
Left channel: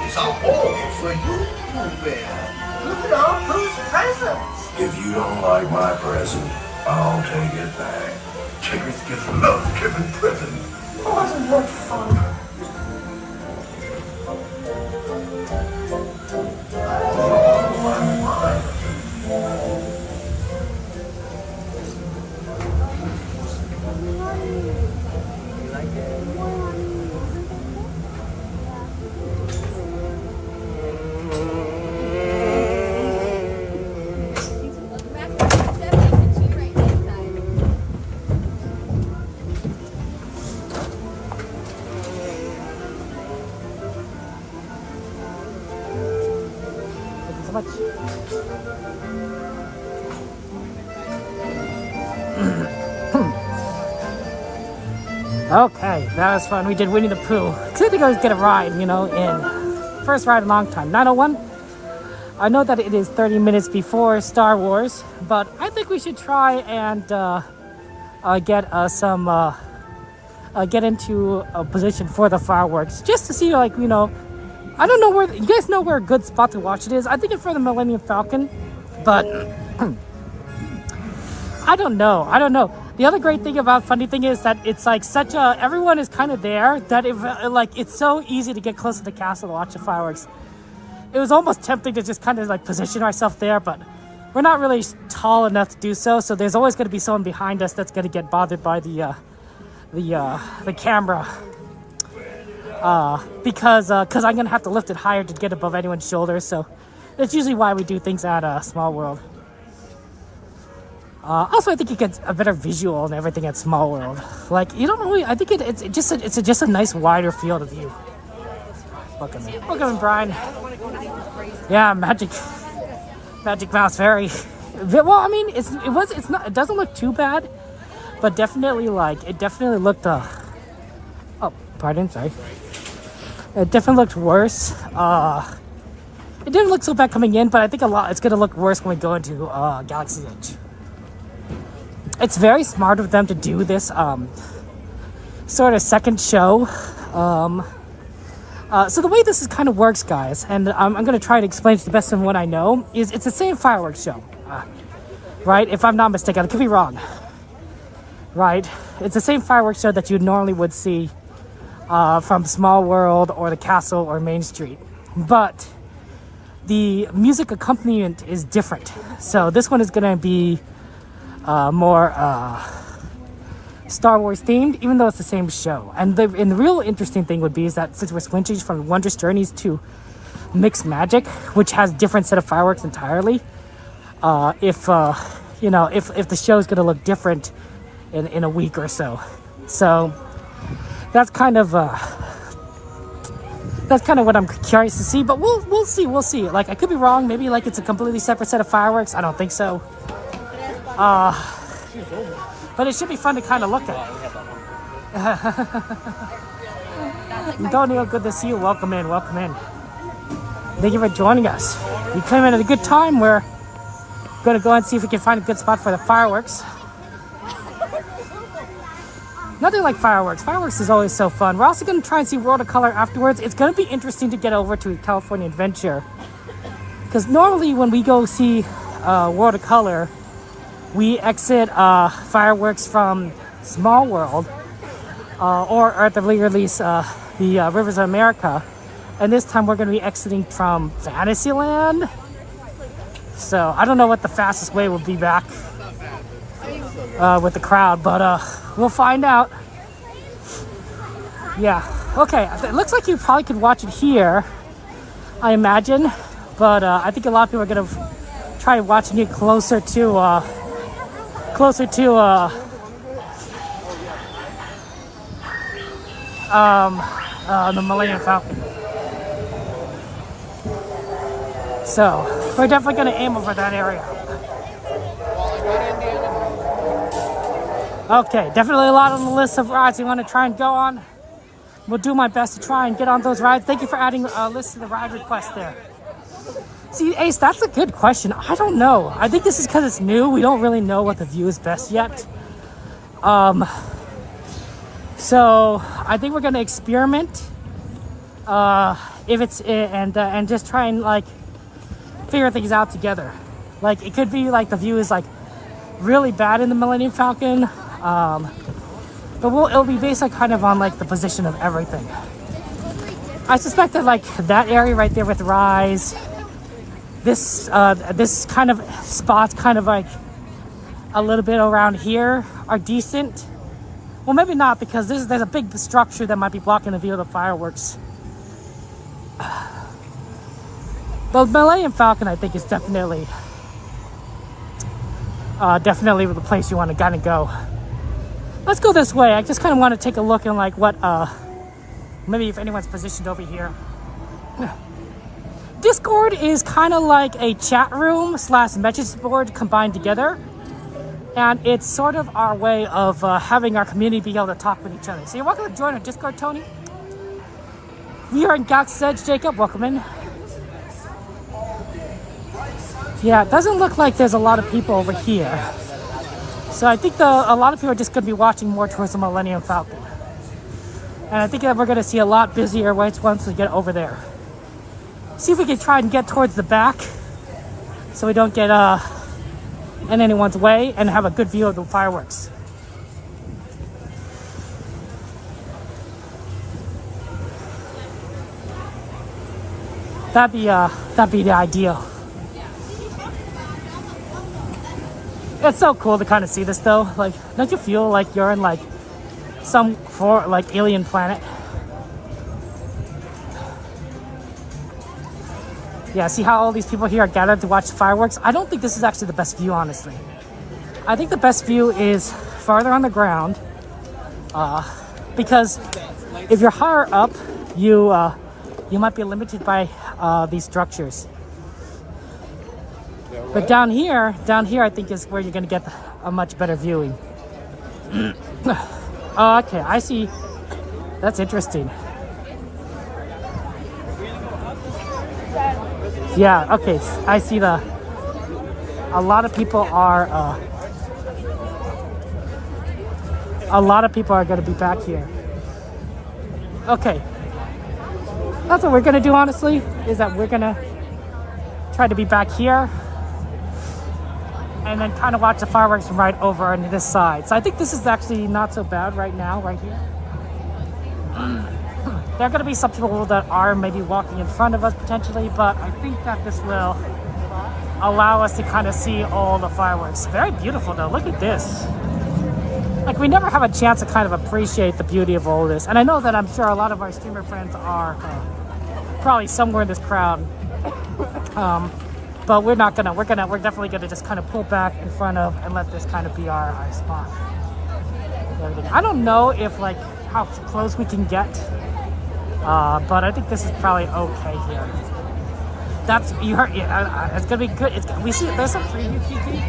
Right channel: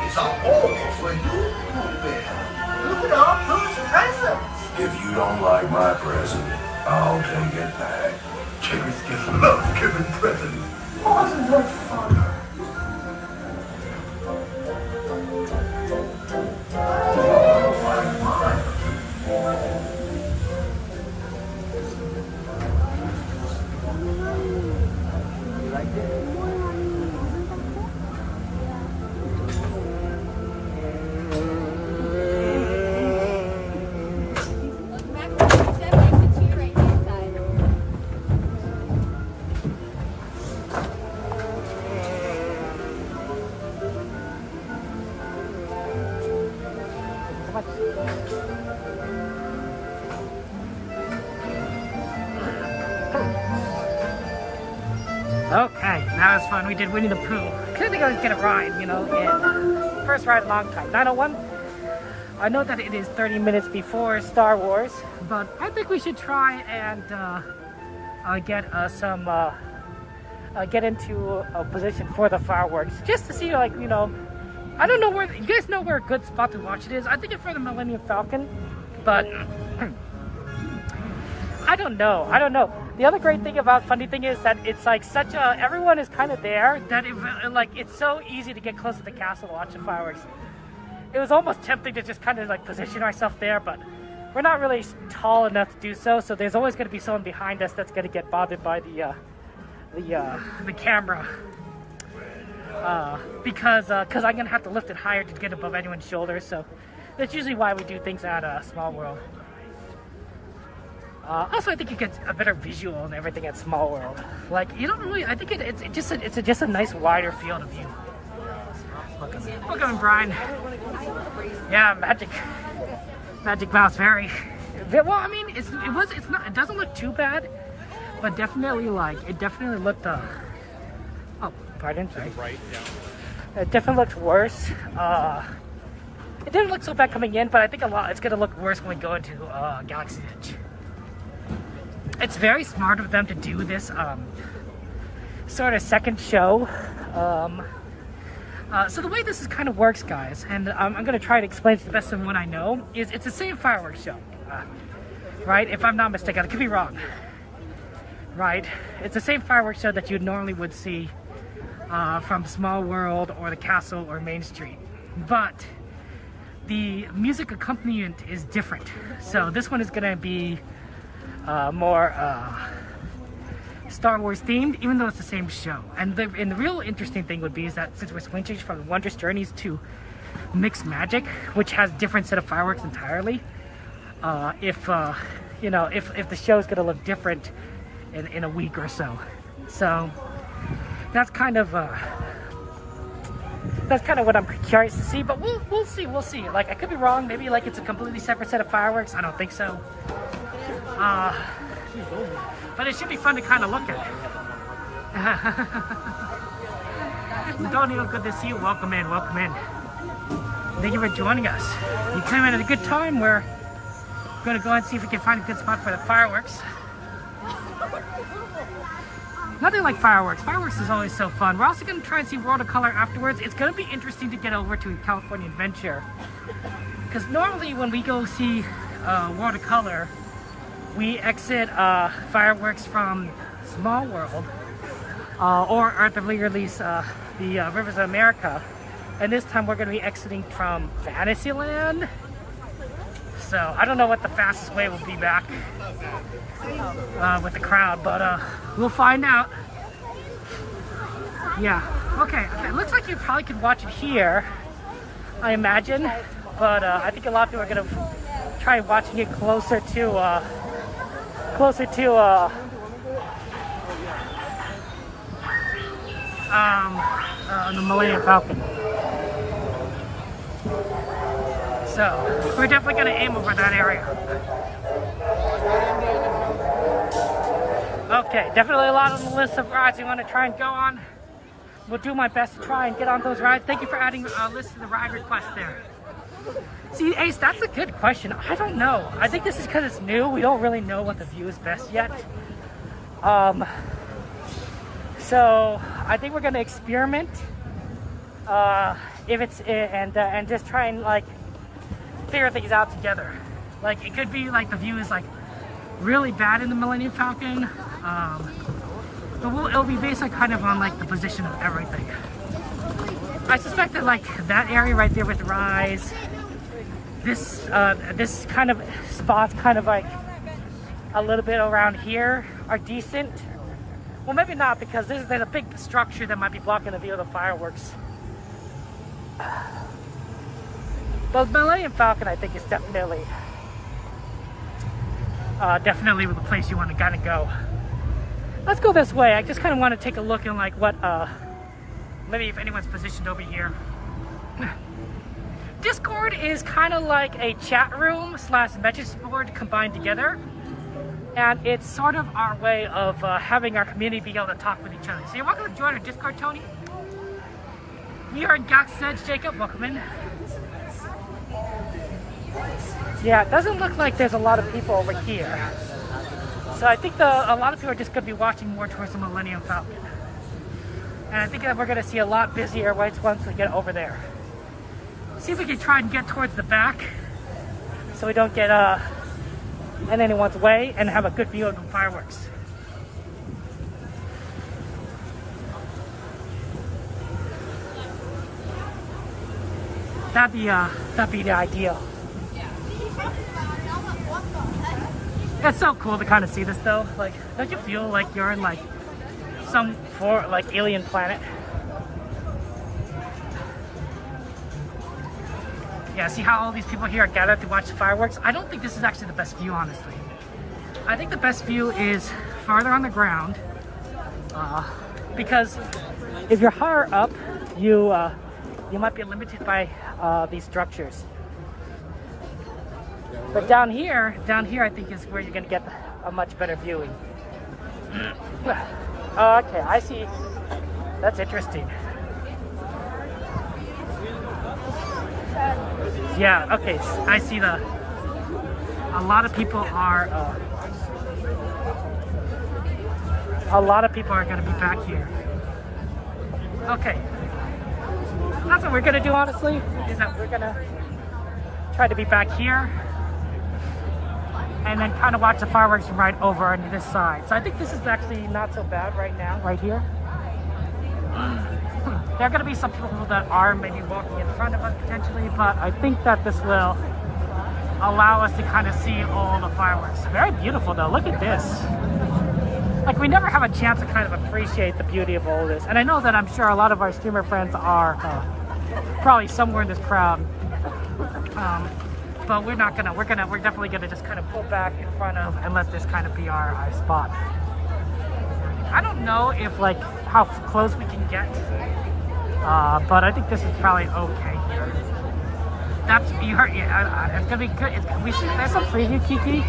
These are all for you, Pooh Bear. Look at all Pooh's presents. If you don't like my present, I'll take it back. Chickens just love giving presents. Wasn't that fun? Okay, that was fun. We did Winnie the Pooh. I think I was get a ride, you know, in first ride in a long time. 901. I know that it is 30 minutes before Star Wars, but I think we should try and get into a position for the fireworks, just to see, like, you know, I don't know where you guys know where a good spot to watch it is. I think it's for the Millennium Falcon, but I don't know. The other great thing about funny thing is that it's like such a, everyone is kind of there that if like it's so easy to get close to the castle to watch the fireworks. It was almost tempting to just kind of like position ourselves there, but we're not really tall enough to do so. So there's always going to be someone behind us that's going to get bothered by the camera, because I'm going to have to lift it higher to get above anyone's shoulders. So that's usually why we do things at Small World. Also, I think you get a better visual and everything at Small World. Like, you don't really, I think it's just a nice wider field of view. Look at him, Brian. Yeah, Magic Mouse Fairy. Well, I mean, it doesn't look too bad, but definitely it definitely looked. Oh, pardon, sorry. It definitely looked worse. It didn't look so bad coming in, but I think it's gonna look worse when we go into Galaxy's Edge. It's very smart of them to do this sort of second show So the way this is kind of works, guys, and I'm going to try to explain it to the best of what I know, is it's the same fireworks show, right? If I'm not mistaken, I could be wrong, right? It's the same fireworks show that you normally would see from Small World or the Castle or Main Street, but the music accompaniment is different. So this one is going to be more Star Wars themed, even though it's the same show. And the real interesting thing would be is that since we're switching from Wondrous Journeys to Mixed Magic, which has different set of fireworks entirely, if the show is going to look different in a week or so. So that's kind of what I'm curious to see. But we'll see. Like, I could be wrong. Maybe like it's a completely separate set of fireworks. I don't think so. But it should be fun to kind of look at. Antonio, good to see you. Welcome in. Thank you for joining us. We came in at a good time. We're going to go and see if we can find a good spot for the fireworks. Nothing like fireworks. Fireworks is always so fun. We're also going to try and see World of Color afterwards. It's going to be interesting to get over to California Adventure. Because normally when we go see World of Color, we exit fireworks from Small World or at the very least the Rivers of America, and this time we're going to be exiting from Fantasyland. So I don't know what the fastest way will be back with the crowd, but we'll find out. Yeah, okay, it looks like you probably could watch it here, I imagine, but I think a lot of people are going to try watching it closer to the Millennium Falcon. So we're definitely going to aim over that area. Okay, definitely a lot on the list of rides we want to try and go on. We'll do my best to try and get on those rides. Thank you for adding a list to the ride request there. See, Ace, that's a good question. I don't know. I think this is because it's new. We don't really know what the view is best yet. So I think we're gonna experiment. If it's and just try and like figure things out together. Like it could be like the view is like really bad in the Millennium Falcon. But it'll be based like kind of on like the position of everything. I suspect that like that area right there with Rise. This kind of spots kind of like a little bit around here are decent. Well, maybe not, because there's a big structure that might be blocking the view of the fireworks. The Millennium Falcon, I think, is definitely the place you want to kind of go. Let's go this way. I just kind of want to take a look at like what maybe if anyone's positioned over here. Discord is kind of like a chat room / message board combined together, and it's sort of our way of having our community be able to talk with each other. So you're welcome to join our Discord, Tony. You're in Galaxy's Edge, Jacob. Welcome in. Yeah, it doesn't look like there's a lot of people over here, so I think a lot of people are just going to be watching more towards the Millennium Falcon, and I think that we're going to see a lot busier once we get over there. See if we can try and get towards the back so we don't get in anyone's way and have a good view of the fireworks. That'd be the ideal. It's so cool to kind of see this though. Like, don't you feel like you're in like some alien planet? Yeah, see how all these people here are gathered to watch fireworks? I don't think this is actually the best view, honestly. I think the best view is farther on the ground, because if you're higher up, you might be limited by these structures. But down here, I think is where you're gonna get a much better viewing. Oh, okay, I see. That's interesting. Yeah, okay, I see a lot of people are going to be back here. Okay. That's what we're gonna do, honestly, is that we're gonna try to be back here and then kind of watch the fireworks from right over on this side. So I think this is actually not so bad right now, right here. There are gonna be some people that are maybe walking in front of us potentially, but I think that this will allow us to kind of see all the fireworks. Very beautiful though, look at this. Like, we never have a chance to kind of appreciate the beauty of all this. And I know that I'm sure a lot of our streamer friends are probably somewhere in this crowd. But we're definitely gonna just kind of pull back in front of and let this kind of be our spot. I don't know if like how close we can get, but I think this is probably okay here. That's, you heard, yeah, it's gonna be good. We see there's some preview, Kiki.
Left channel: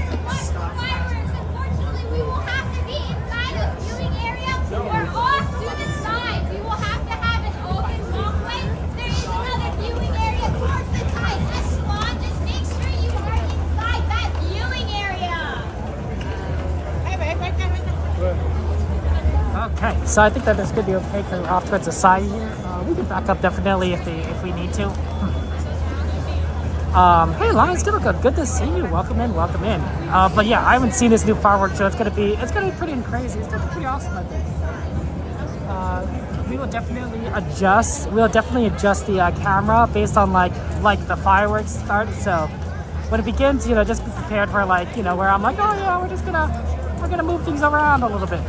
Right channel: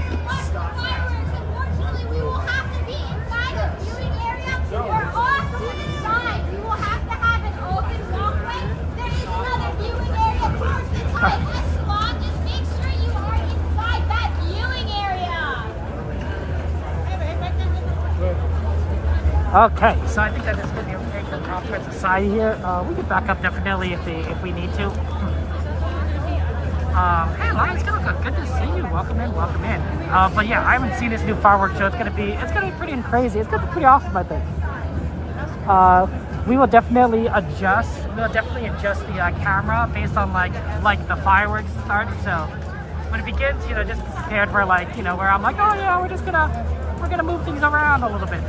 Okay, so I think that it's gonna be okay for off towards the side here. We can back up definitely if we need to. Hey Lions, good to see you. Welcome in, welcome in. But yeah, I haven't seen this new fireworks show. It's gonna be pretty crazy. It's gonna be pretty awesome, I think. We will definitely adjust. The camera based on like the fireworks start. So when it begins, just be prepared for where I'm like, oh yeah, we're gonna move things around a little bit.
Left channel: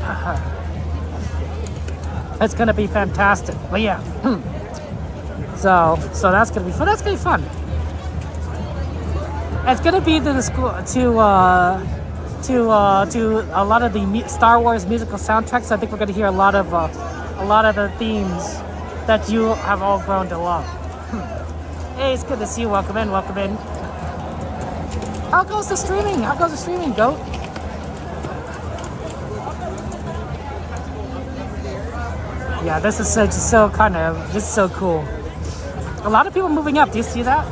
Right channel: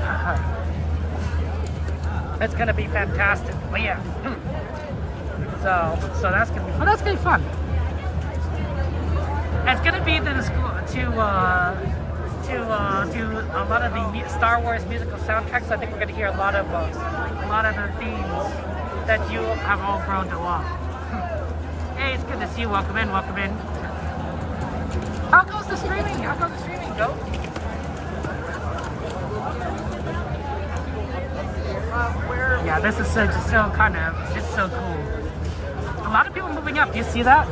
It's gonna be fantastic. But yeah, so that's gonna be fun. That's gonna be fun. It's gonna be to a lot of the Star Wars musical soundtracks. I think we're gonna hear a lot of the themes that you have all grown to love. Hey, it's good to see you. Welcome in, welcome in. How goes the streaming? Go. Yeah, this is so cool. A lot of people moving up. Do you see that?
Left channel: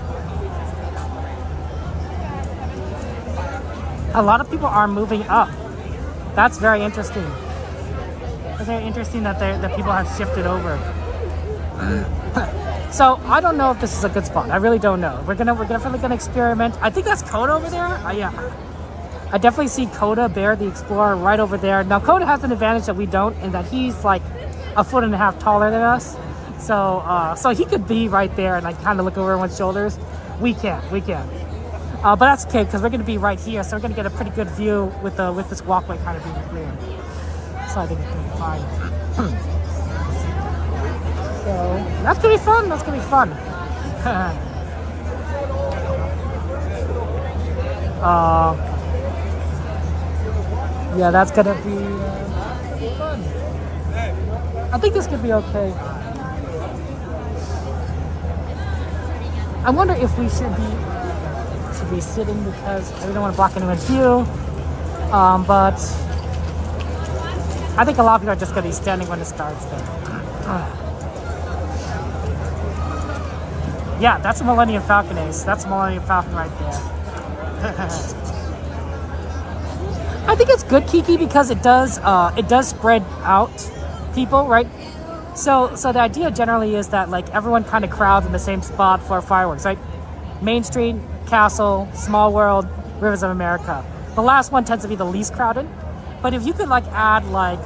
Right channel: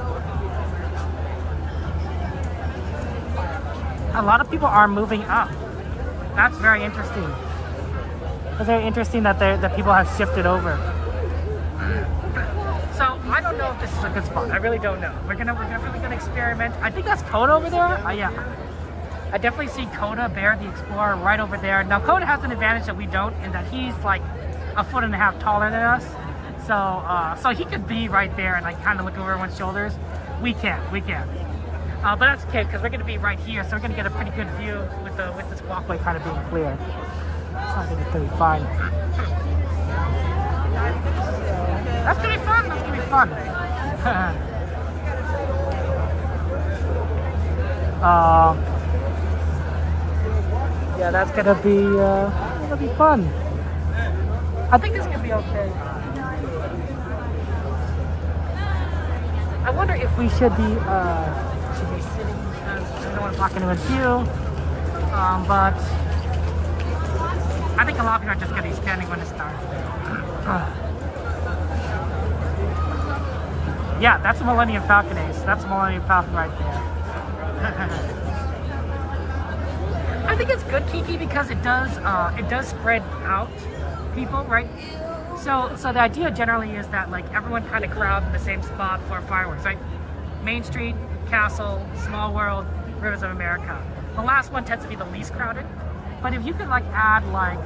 A lot of people are moving up. That's very interesting. It's very interesting that people have shifted over. So I don't know if this is a good spot. I really don't know. We're definitely gonna experiment. I think that's Coda over there. Yeah, I definitely see Coda, Bear the Explorer, right over there. Now Coda has an advantage that we don't, in that he's like 1.5 feet taller than us. So he could be right there and like kind of look over everyone's shoulders. We can't. But that's okay because we're gonna be right here, so we're gonna get a pretty good view with this walkway kind of being clear. So I think it's gonna be fine. That's gonna be fun. Yeah, that's gonna be fun. I think this could be okay. I wonder if we should be sitting because we don't want to block anyone's view. But I think a lot of people are just gonna be standing when it starts though. Yeah, that's a Millennium Falcon Ace. That's a Millennium Falcon right there. I think it's good, Kiki, because it does spread out people, right? So the idea generally is that like everyone kind of crowds in the same spot for fireworks, right? Main Street, Castle, Small World, Rivers of America. The last one tends to be the least crowded. But if you could like add like,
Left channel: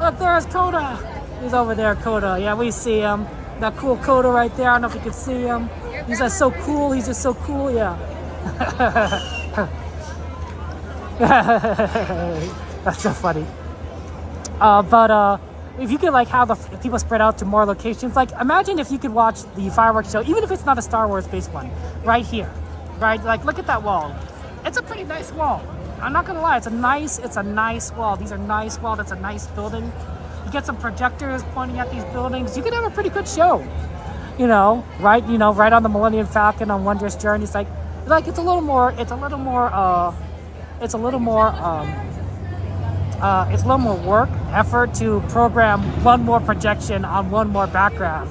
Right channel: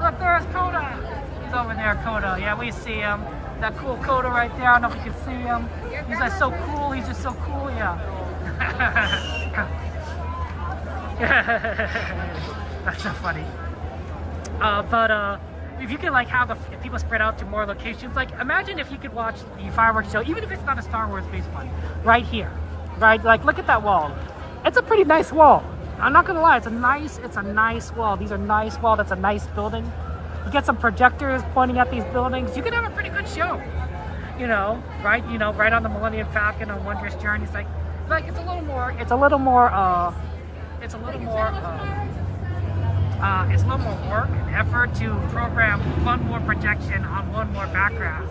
look, there's Coda. He's over there, Coda. Yeah, we see him. That cool Coda right there. I don't know if you can see him. He's like so cool. He's just so cool. Yeah. That's so funny. But if you could like have the people spread out to more locations, like imagine if you could watch the fireworks show, even if it's not a Star Wars based one, right here, right? Like look at that wall. It's a pretty nice wall. I'm not gonna lie, it's a nice wall. These are nice walls. That's a nice building. You get some projectors pointing at these buildings. You could have a pretty good show. Right on the Millennium Falcon on Wondrous Journey. It's like it's a little more work, effort to program one more projection on one more background.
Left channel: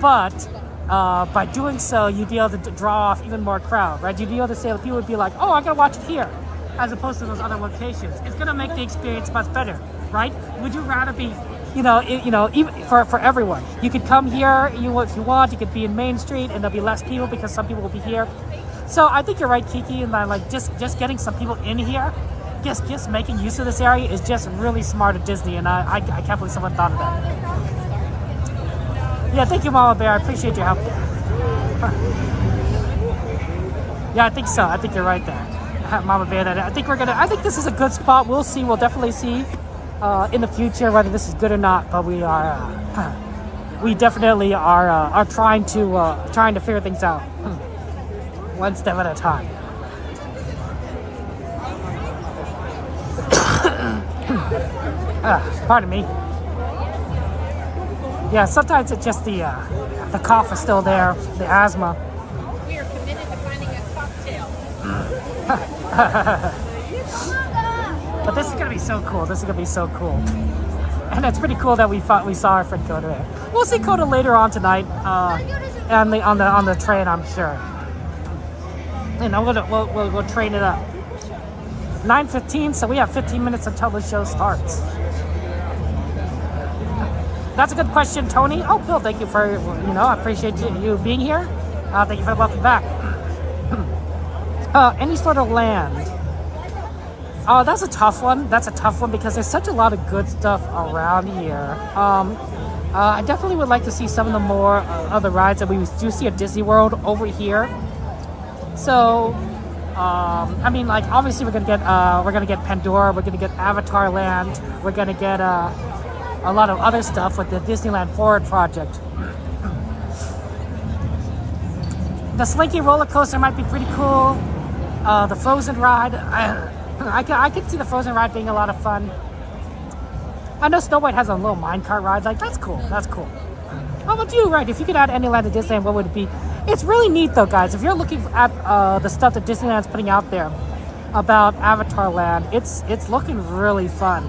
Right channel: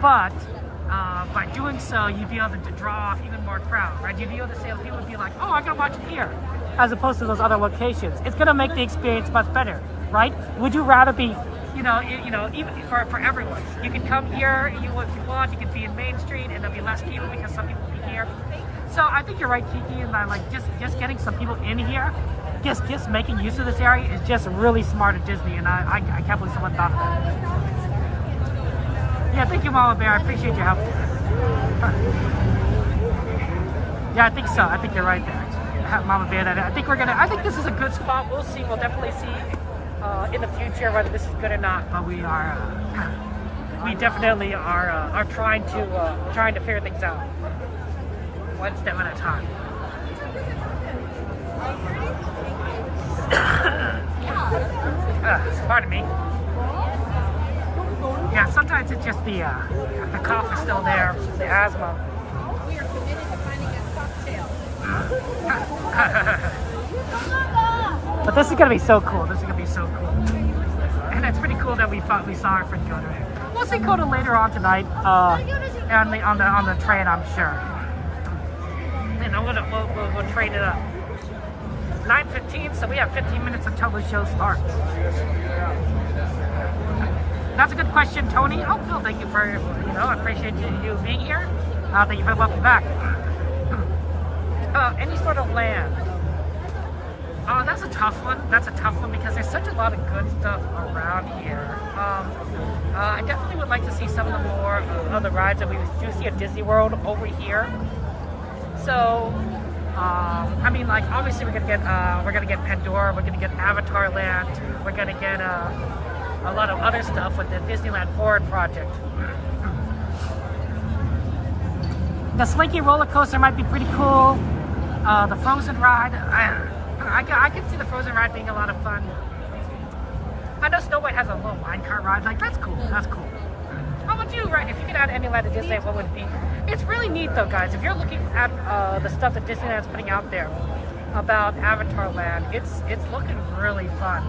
But by doing so, you'd be able to draw off even more crowd, right? You'd be able to say, people would be like, oh, I gotta watch it here, as opposed to those other locations. It's gonna make the experience much better, right? Would you rather be even for everyone. You could come here, if you want. You could be in Main Street, and there'll be less people because some people will be here. So I think you're right, Kiki, and I like just getting some people in here, just making use of this area is just really smart at Disney, and I can't believe someone thought of that. Yeah, thank you, Mama Bear. I appreciate your help. Yeah, I think so. I think you're right there, Mama Bear. I think this is a good spot. We'll see. We'll definitely see in the future whether this is good or not. But we definitely are trying to figure things out one step at a time. Pardon me. Yeah, sometimes it's just the cough is still there, the asthma. We are committed to finding a cocktail. But this is gonna be so cool. This is gonna be so cool, and it's pretty cool that we saw our friend Coda there. We'll see Coda later on tonight, on the train, I'm sure. And we'll train it up. 9:15, so we have 15 minutes until the show starts. That's a good question, Tony. Oh, Phil, thank you for, I appreciate you being here. Thank you for the welcome back. Any sort of land. That's a tough one. That's a tough one because there's such a lot of good stuff around here. I definitely would like to see some of the more of the rides that we do see at Disney World over here. So, I mean, like obviously we're gonna get Pandora, we're gonna get Avatar Land, we're gonna get a lot of other stuff with the Disneyland Forward project. The Slinky roller coaster might be pretty cool. The Frozen ride, I could see the Frozen ride being a lot of fun. I know Snow White has a little minecart ride. Like that's cool. That's cool. How about you, right? If you could add any land to Disneyland, what would it be? It's really neat though, guys. If you're looking at the stuff that Disneyland's putting out there about Avatar Land, it's looking really fun.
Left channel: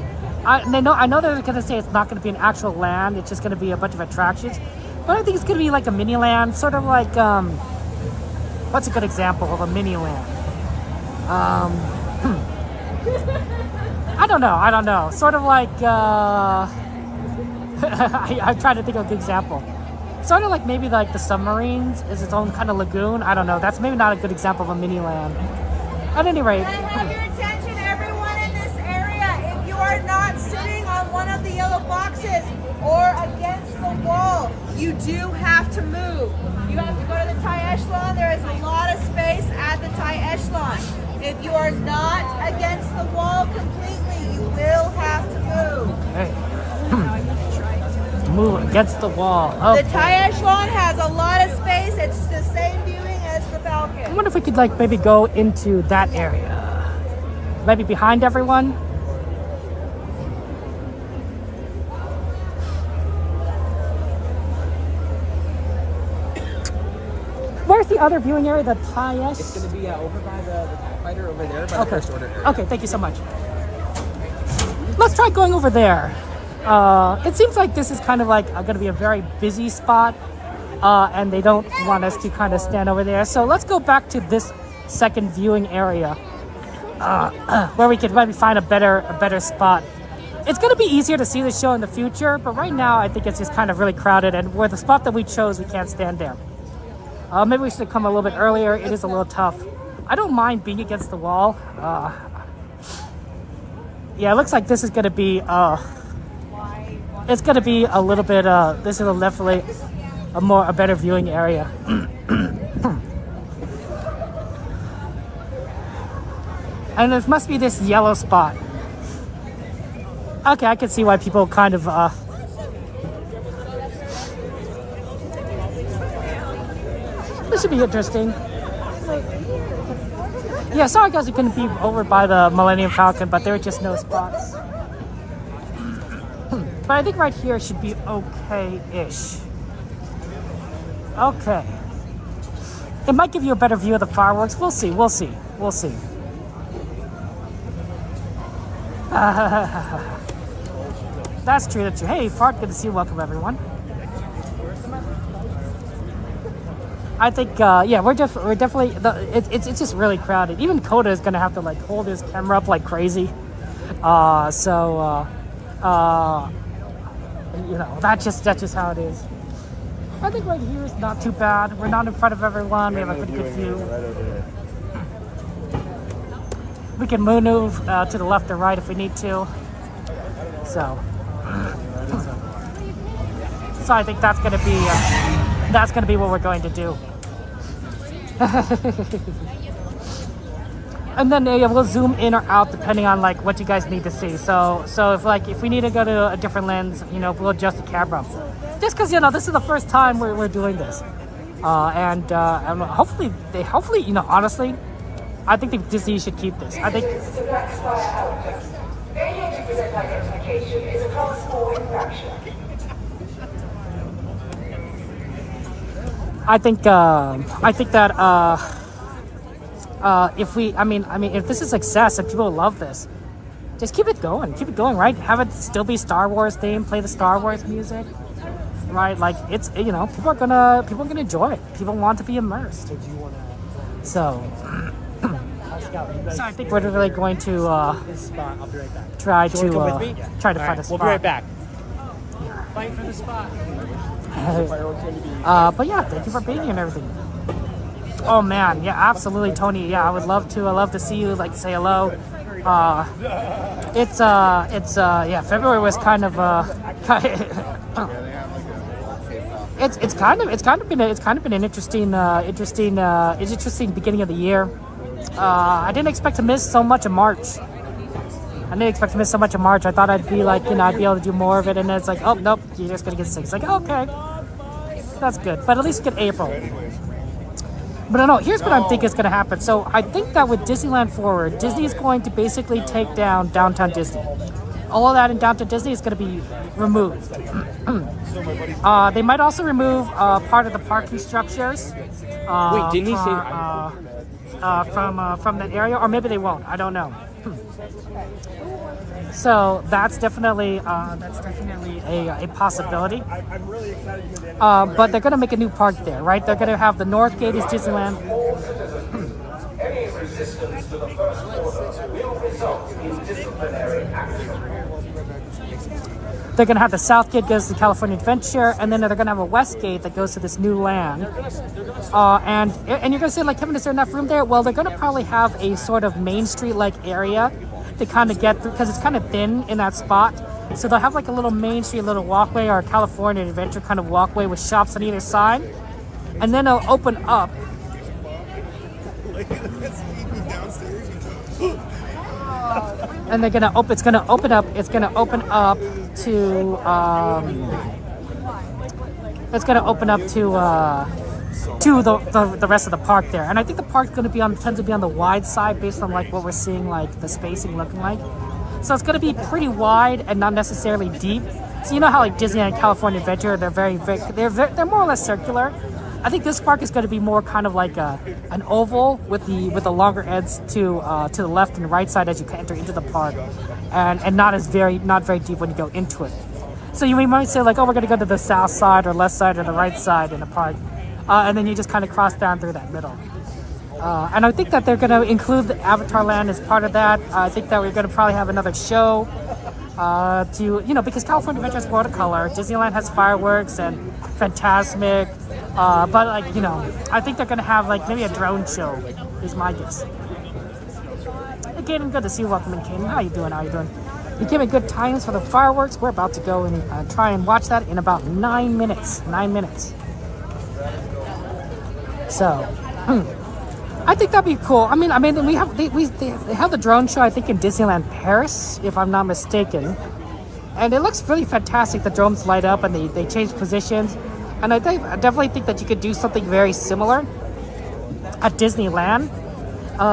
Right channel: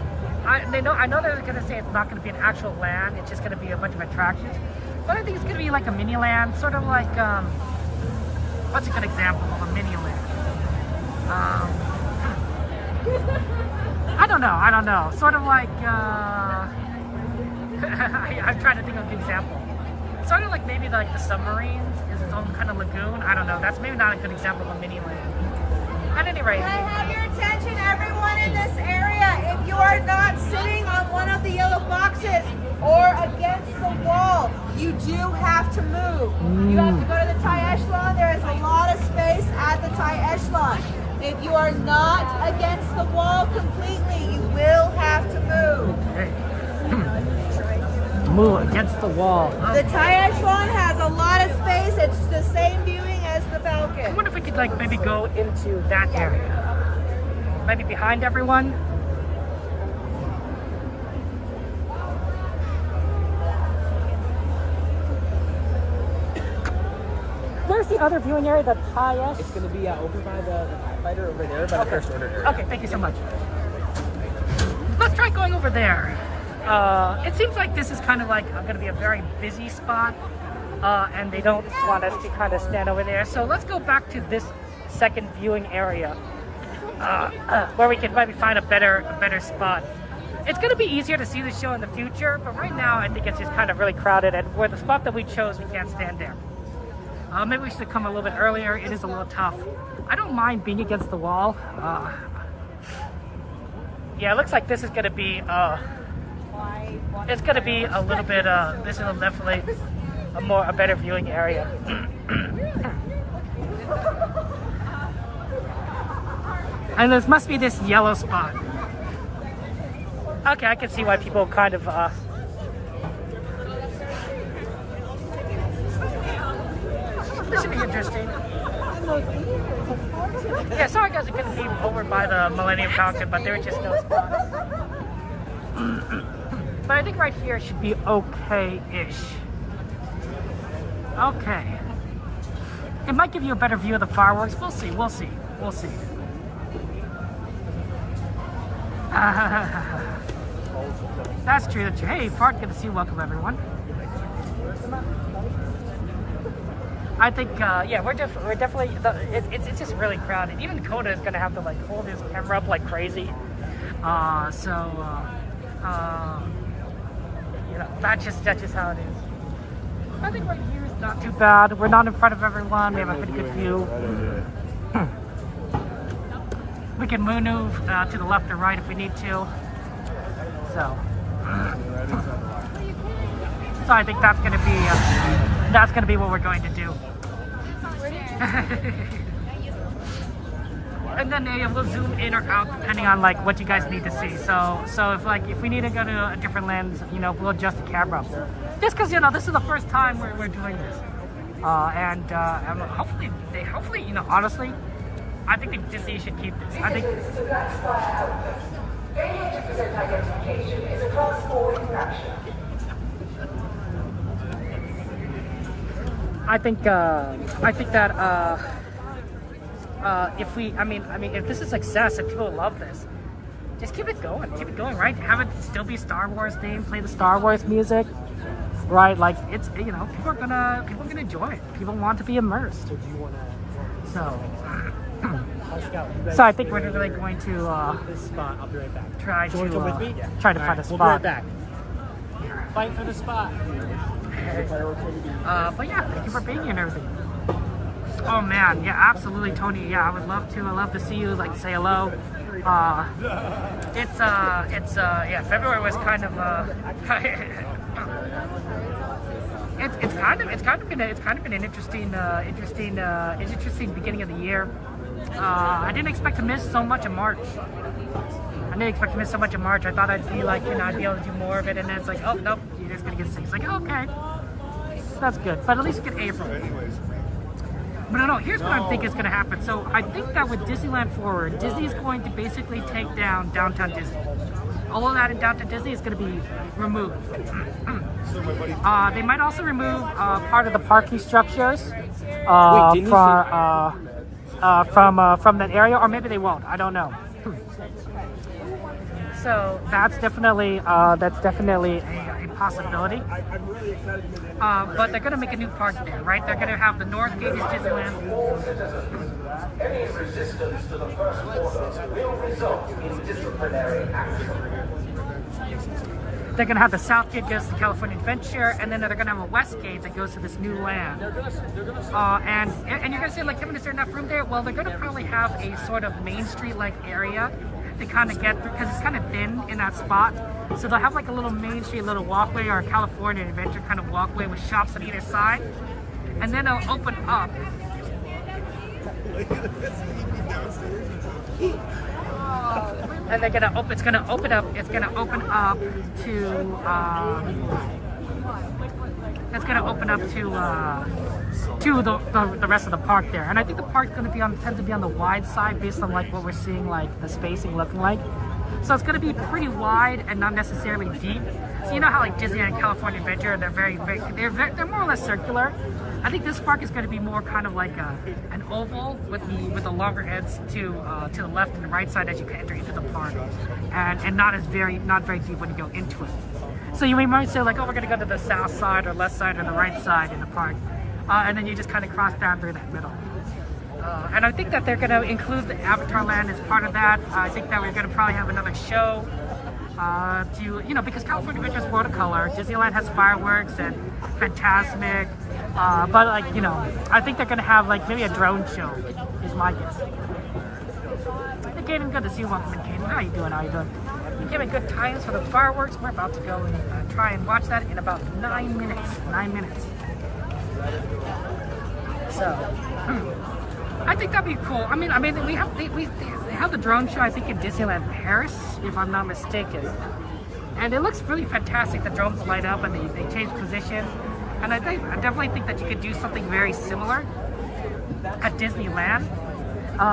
I know they're going to say it's not going to be an actual land. It's just going to be a bunch of attractions. But I think it's going to be like a mini land, sort of like what's a good example of a mini land? I don't know. Sort of like I'm trying to think of a good example. Sort of like maybe like the submarines is its own kind of lagoon. I don't know. That's maybe not a good example of a mini land. At any rate. Can I have your attention, everyone in this area? If you are not sitting on one of the yellow boxes or against the wall, you do have to move. You have to go to the tie echelon. There is a lot of space at the tie echelon. If you are not against the wall completely, you will have to move. Okay. Move against the wall. Oh. The tie echelon has a lot of space. It's the same viewing as the Falcon. I wonder if we could like maybe go into that area. Maybe behind everyone. Where's the other viewing area? The tie echelon? It's going to be over by the fighter over there, by the first one. Okay, thank you so much. Let's try going over there. It seems like this is kind of like going to be a very busy spot, and they don't want us to kind of stand over there. So let's go back to this second viewing area, where we could maybe find a better spot. It's going to be easier to see the show in the future, but right now I think it's just kind of really crowded, and where the spot that we chose, we can't stand there. Maybe we should come a little bit earlier. It is a little tough. I don't mind being against the wall. Yeah, it looks like this is going to be. It's going to be a little bit. This is definitely a better viewing area. And there must be this yellow spot. Okay, I can see why people kind of. This should be interesting. Yeah, sorry guys, we couldn't be over by the Millennium Falcon, but there were just no spots. But I think right here should be okay-ish. Okay. It might give you a better view of the fireworks. We'll see. That's true. Hey, Fart, good to see you. Welcome, everyone. I think, yeah, we're definitely. It's just really crowded. Even Coda is gonna have to like hold his camera up like crazy. you know, that's just how it is. I think right here is not too bad. We're not in front of everyone. We have a pretty good view. We can move to the left or right if we need to. So I think that's gonna be what we're going to do. And then we'll zoom in or out depending on like what you guys need to see. So if we need to go to a different lens, you know, we'll adjust the camera. Just because, you know, this is the first time we're doing this, and hopefully, you know, honestly, I think that Disney should keep this. I think. I think that if this is a success, if people love this, just keep it going, right? Have it still be Star Wars themed, play the Star Wars music, right? Like it's, you know, people are gonna enjoy it. People want to be immersed. So I think we're really going to try to find a spot. We'll be right back. Fight for the spot. But yeah, thank you for being here and everything. Oh man, yeah, absolutely, Tony. Yeah, I would love to see you, like, say hello. February was kind of it's kind of been an interesting beginning of the year. I didn't expect to miss so much in March. I thought I'd be like, you know, I'd be able to do more of it, and then it's like, oh nope, you're just gonna get sick. It's like, okay, that's good, but at least get April. But no, here's what I think is going to happen. So I think that with Disneyland Forward, Disney is going to basically take down Downtown Disney. All of that in Downtown Disney is going to be removed. They might also remove part of the parking structures from that area, or maybe they won't. I don't know. So that's definitely a possibility. But they're gonna make a new park there, right? They're gonna have the North Gate is Disneyland. They're gonna have the South Gate goes to California Adventure, and then they're gonna have a West Gate that goes to this new land. And you're gonna say, like, Kevin, is there enough room there? Well, they're gonna probably have a sort of Main Street-like area to kind of get through, because it's kind of thin in that spot. So they'll have like a little Main Street, little walkway, or a California Adventure kind of walkway with shops on either side. And then it'll open up. And it's gonna open up to the rest of the park there. And I think the park's going to tend to be on the wide side based on like what we're seeing, like the spacing looking like. So it's going to be pretty wide and not necessarily deep. So you know how like Disneyland and California Adventure, they're more or less circular. I think this park is going to be more kind of like an oval with the longer ends to the left and right side as you enter into the park, and not very deep when you go into it. So you might say like, oh, we're going to go to the south side or left side or the right side in the park. And then you just kind of cross down through that middle. And I think that they're going to include the Avatar Land as part of that. I think that we're going to probably have another show because California Adventure has watercolor. Disneyland has fireworks and Fantasmic. But like, you know, I think they're going to have like maybe a drone show is my guess. Hey, Kaden, good to see you. Welcome in, Kaden. How you doing? You give me good times for the fireworks. We're about to go and try and watch that in about 9 minutes. 9 minutes. So, I think that'd be cool. I mean, they have the drone show, I think, in Disneyland Paris, if I'm not mistaken, and it looks really fantastic. The drones light up and they change positions, and I definitely think that you could do something very similar at Disneyland,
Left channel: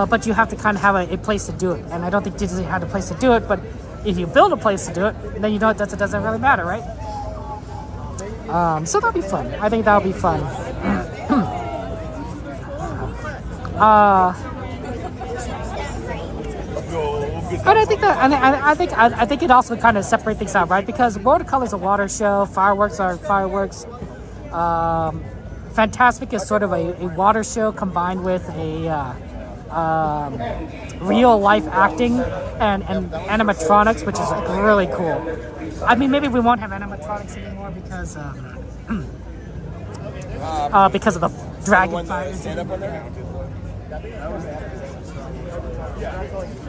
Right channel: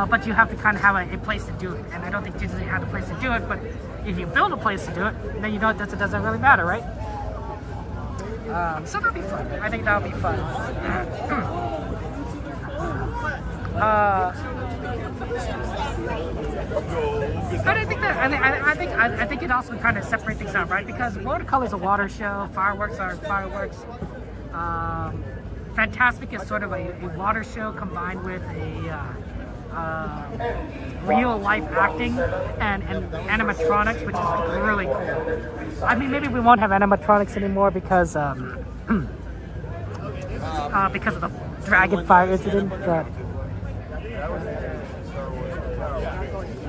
but you have to kind of have a place to do it. And I don't think Disney had a place to do it, but if you build a place to do it, then you know it doesn't really matter, right? So that'll be fun. I think that'll be fun. But I think it also kind of separate things out, right? Because watercolor is a water show, fireworks are fireworks. Fantasmic is sort of a water show combined with real life acting and animatronics, which is like really cool. I mean, maybe we won't have animatronics anymore because of the dragon fire incident.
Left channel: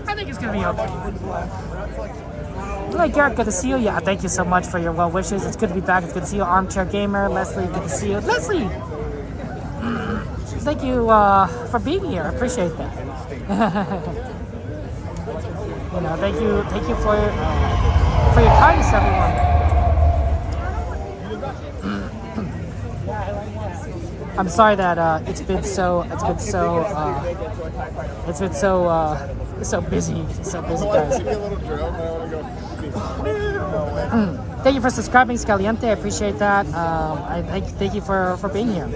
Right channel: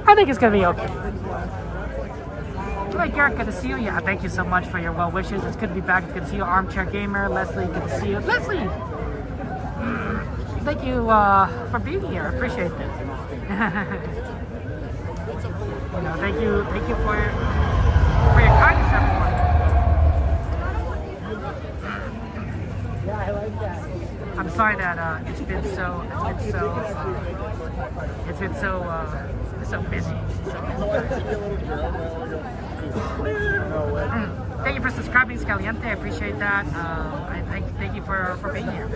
I think it's gonna be okay. Hey Garrett, good to see you. Yeah, thank you so much for your well wishes. It's good to be back. It's good to see you. Armchair Gamer, Leslie, good to see you. Leslie, thank you for being here. I appreciate that. You know, thank you for your kindness, everyone. I'm sorry that it's been so busy, guys. Thank you for subscribing, Scaliente. I appreciate that. I thank you for being here.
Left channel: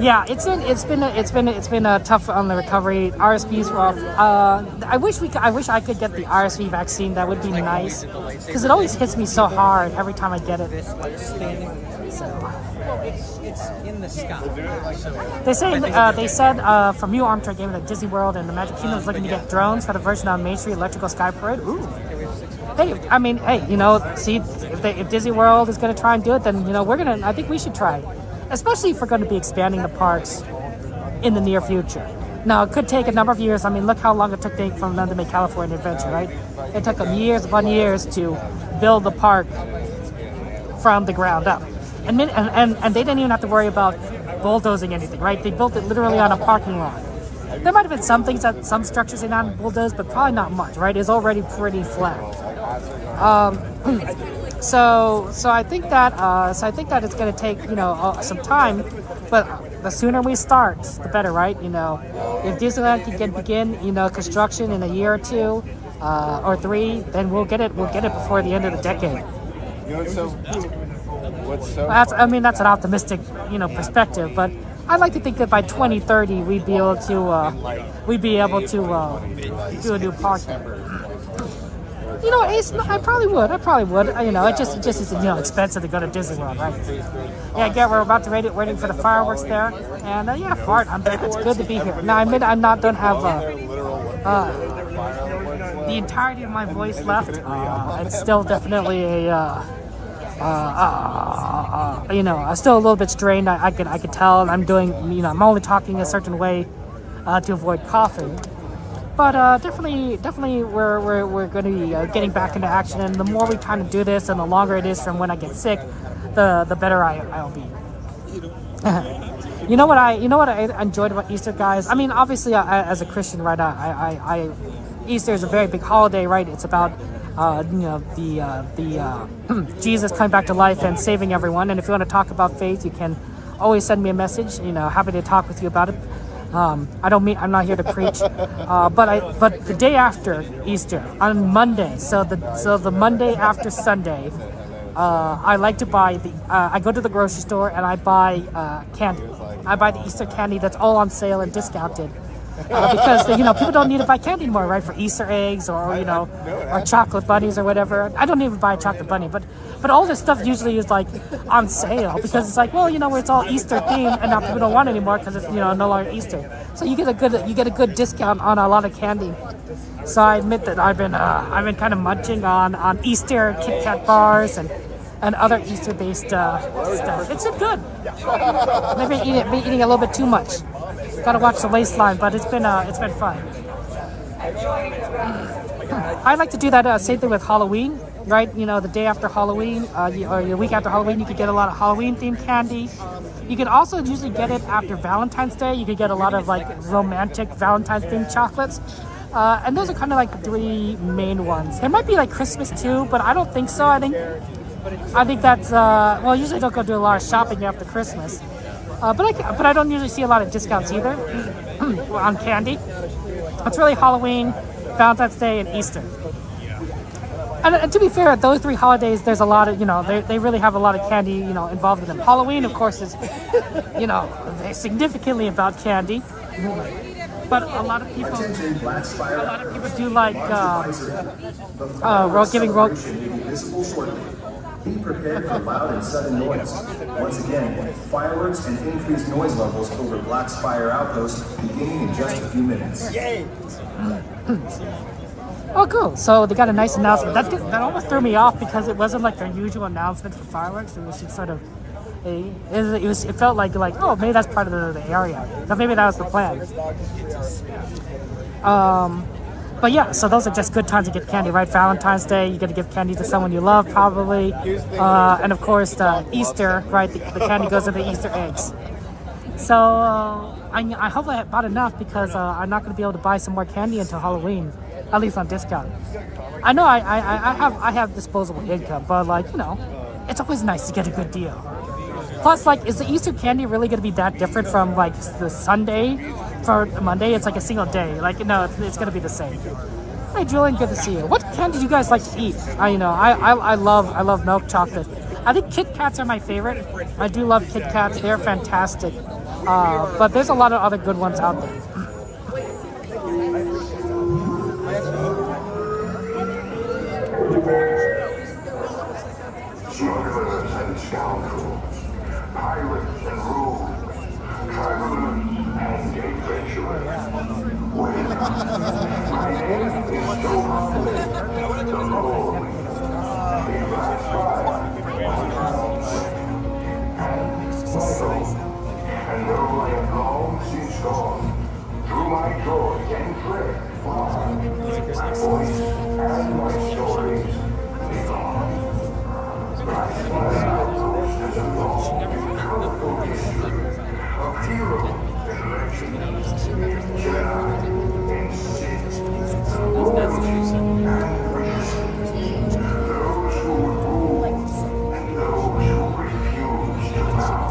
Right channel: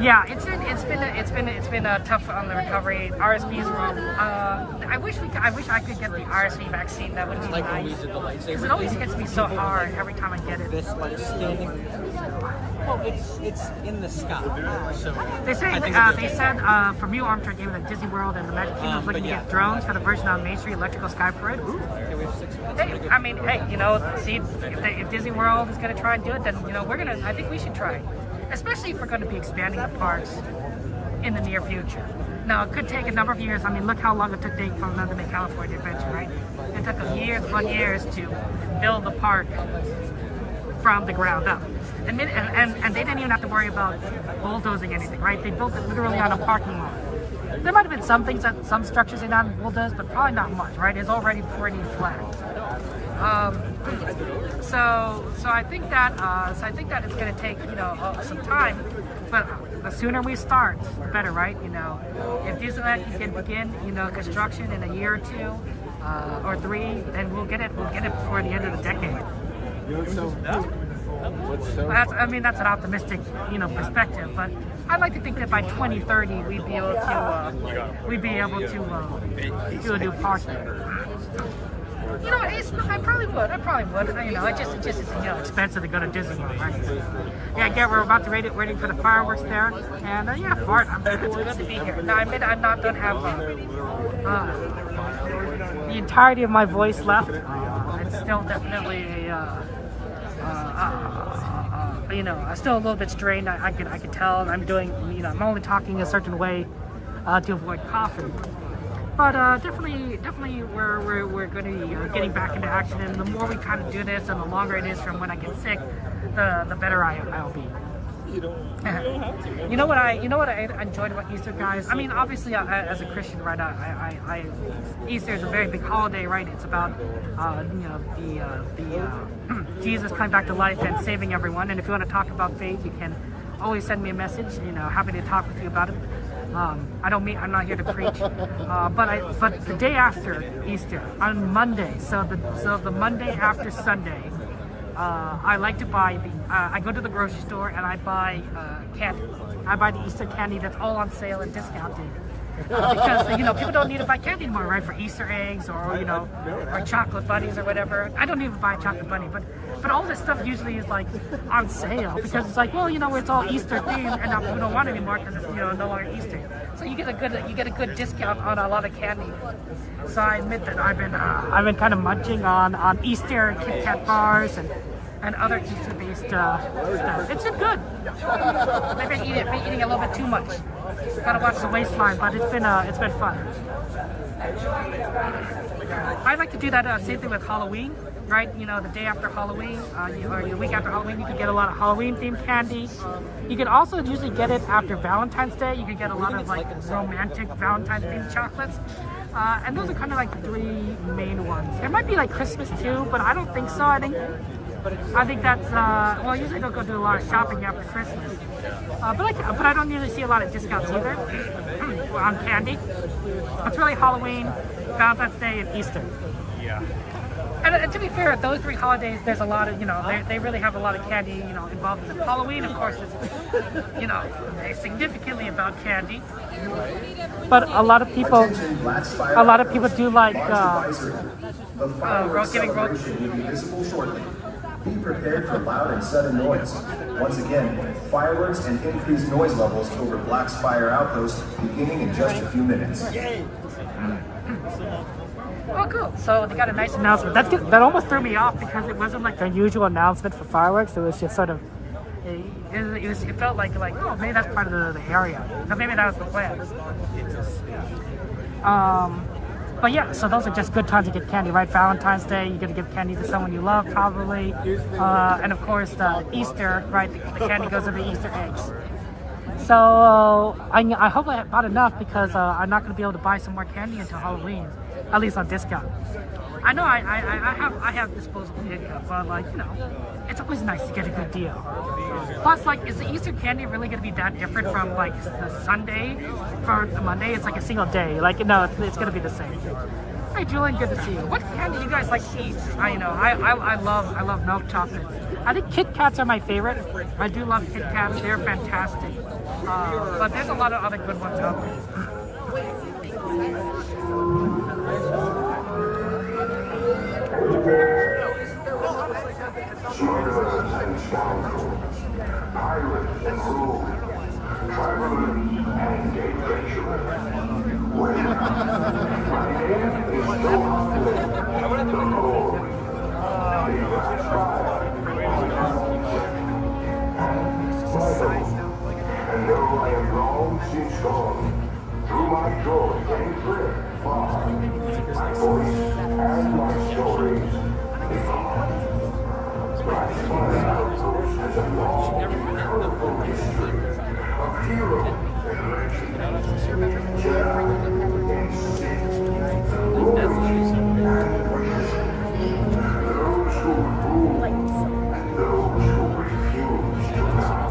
Yeah, it's been a tough on the recovery. RSV's rough. I wish I could get the RSV vaccine. That would be nice because it always hits me so hard every time I get it. So. Well, it's in the sky. So. They said from you, Armchair Gamer, that Disney World and the Magic Kingdom is looking to get drones for the version on Main Street Electrical Sky Parade. Ooh. Hey, I mean, hey, you know, see if Disney World is going to try and do it, then you know I think we should try. Especially if we're going to be expanding the parks in the near future. Now, it could take a number of years. I mean, look how long it took for them to make California Adventure, right? It took them years to build the park from the ground up. And they didn't even have to worry about bulldozing anything, right? They built it literally on a parking lot. There might have been some things that some structures are not bulldozed, but probably not much, right? It's already pretty flat. So I think that it's going to take some time, but the sooner we start, the better, right? You know, if Disneyland can begin construction in a year or two or three, then we'll get it before the end of the decade. That's an optimistic perspective, but I'd like to think that by 2030 we'd be able to do a new park there. You know, I probably would. You know, it just is expensive to go to Disney World, right? Yeah, again, we're about to waiting for the fireworks there, and yeah, Fart, it's good to be here. Now, I admit I don't have the entirety of my voice left. It's still definitely I'm still a little bit strained. I can tell I'm doing. I'm only talking a certain way to avoid coughing. But definitely, we're going to be getting back into action. And the more we kind of do this, and the longer it is from when I get sick, the better I'll be. You know what I enjoyed about Easter, guys? I mean, obviously, as a Christian, right? Easter is a very big holiday, right? It's about Jesus coming back to life and saving everyone. And if you want to talk about faith, you can always send me a message. Happy to talk with you about it. I'm not here to preach, but the day after Easter, on Monday, so the Monday after Sunday, I like to buy I go to the grocery store and I buy candy. I buy the Easter candy that's all on sale and discounted. Because people don't need to buy candy anymore, right? For Easter eggs or chocolate bunnies or whatever. I don't even buy a chocolate bunny, but all this stuff usually is like on sale because it's like, well, it's all Easter themed and now people don't want it anymore because it's no longer Easter. So you get a good discount on a lot of candy. So I admit that I've been kind of munching on Easter Kit Kat bars and other Easter based stuff. It's been good. Maybe I'm eating a little bit too much. Gotta watch the waistline, but it's been fun. I like to do that same thing with Halloween, right? The day after Halloween, or your week after Halloween, you can get a lot of Halloween themed candy. You can also usually get it after Valentine's Day. You could get a lot of like romantic Valentine's themed chocolates, and those are kind of like the three main ones. There might be like Christmas too, but I don't think so. I think that's usually don't go do a lot of shopping after Christmas. But I don't usually see a lot of discounts either on candy. It's really Halloween, Valentine's Day, and Easter. And to be fair, those three holidays, there's a lot of, they really have a lot of candy, involved in them. Halloween, of course, is, significantly about candy. But a lot of people do like giving Be prepared for loud and sudden noise. Once again, fireworks and increased noise levels over Black's Fire Outpost beginning in just a few minutes. Oh, cool. So they got a nice announcement. That's good. That almost threw me off because it wasn't like their usual announcement for fireworks. It was just sort of, it felt like, oh, maybe that's part of the area. So maybe that was the plan. But yeah, so those are just good times to get candy, right? Valentine's Day, you're gonna give candy to someone you love, probably. And of course, Easter, right? The candy goes in the Easter eggs. So I hope I bought enough because I'm not gonna be able to buy some more candy until Halloween, at least on discount. I know I have disposable income, but like, you know, it's always nice to get a good deal. Plus, like, is the Easter candy really gonna be that different from like the Sunday? For Monday, it's like a single day. Like, no, it's gonna be the same. Hey, Julian, good to see you. What candy do you guys like to eat? I love milk chocolate. I think Kit Kats are my favorite. I do love Kit Kats. They're fantastic. But there's a lot of other good ones out there. Smugglers and scoundrels, pirates and rogues, travelers and adventurers. Wait, my name is Johan Lin, the Lord. The last fire on town and my home. And though I am long since gone, through my joy and dread far, my voice and my stories live on. Last fire outpost has a long, colorful history of heroes and legends, Jedi and Sith, royalty and resistance, those who rule and those who refuse to bow.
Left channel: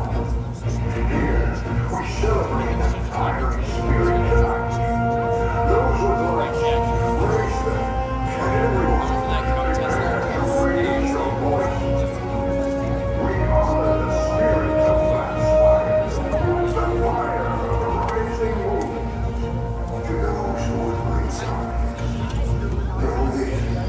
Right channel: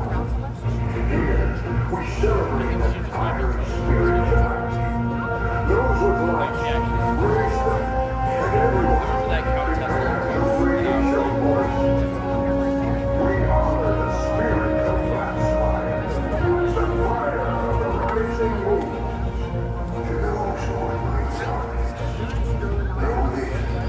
Here, we celebrate the fiery spirit tonight. Those with lights, raise them, and everyone prepare to raise your voice. We honor the spirit of last fire, the fire of the rising moon. To those who would leave, know this.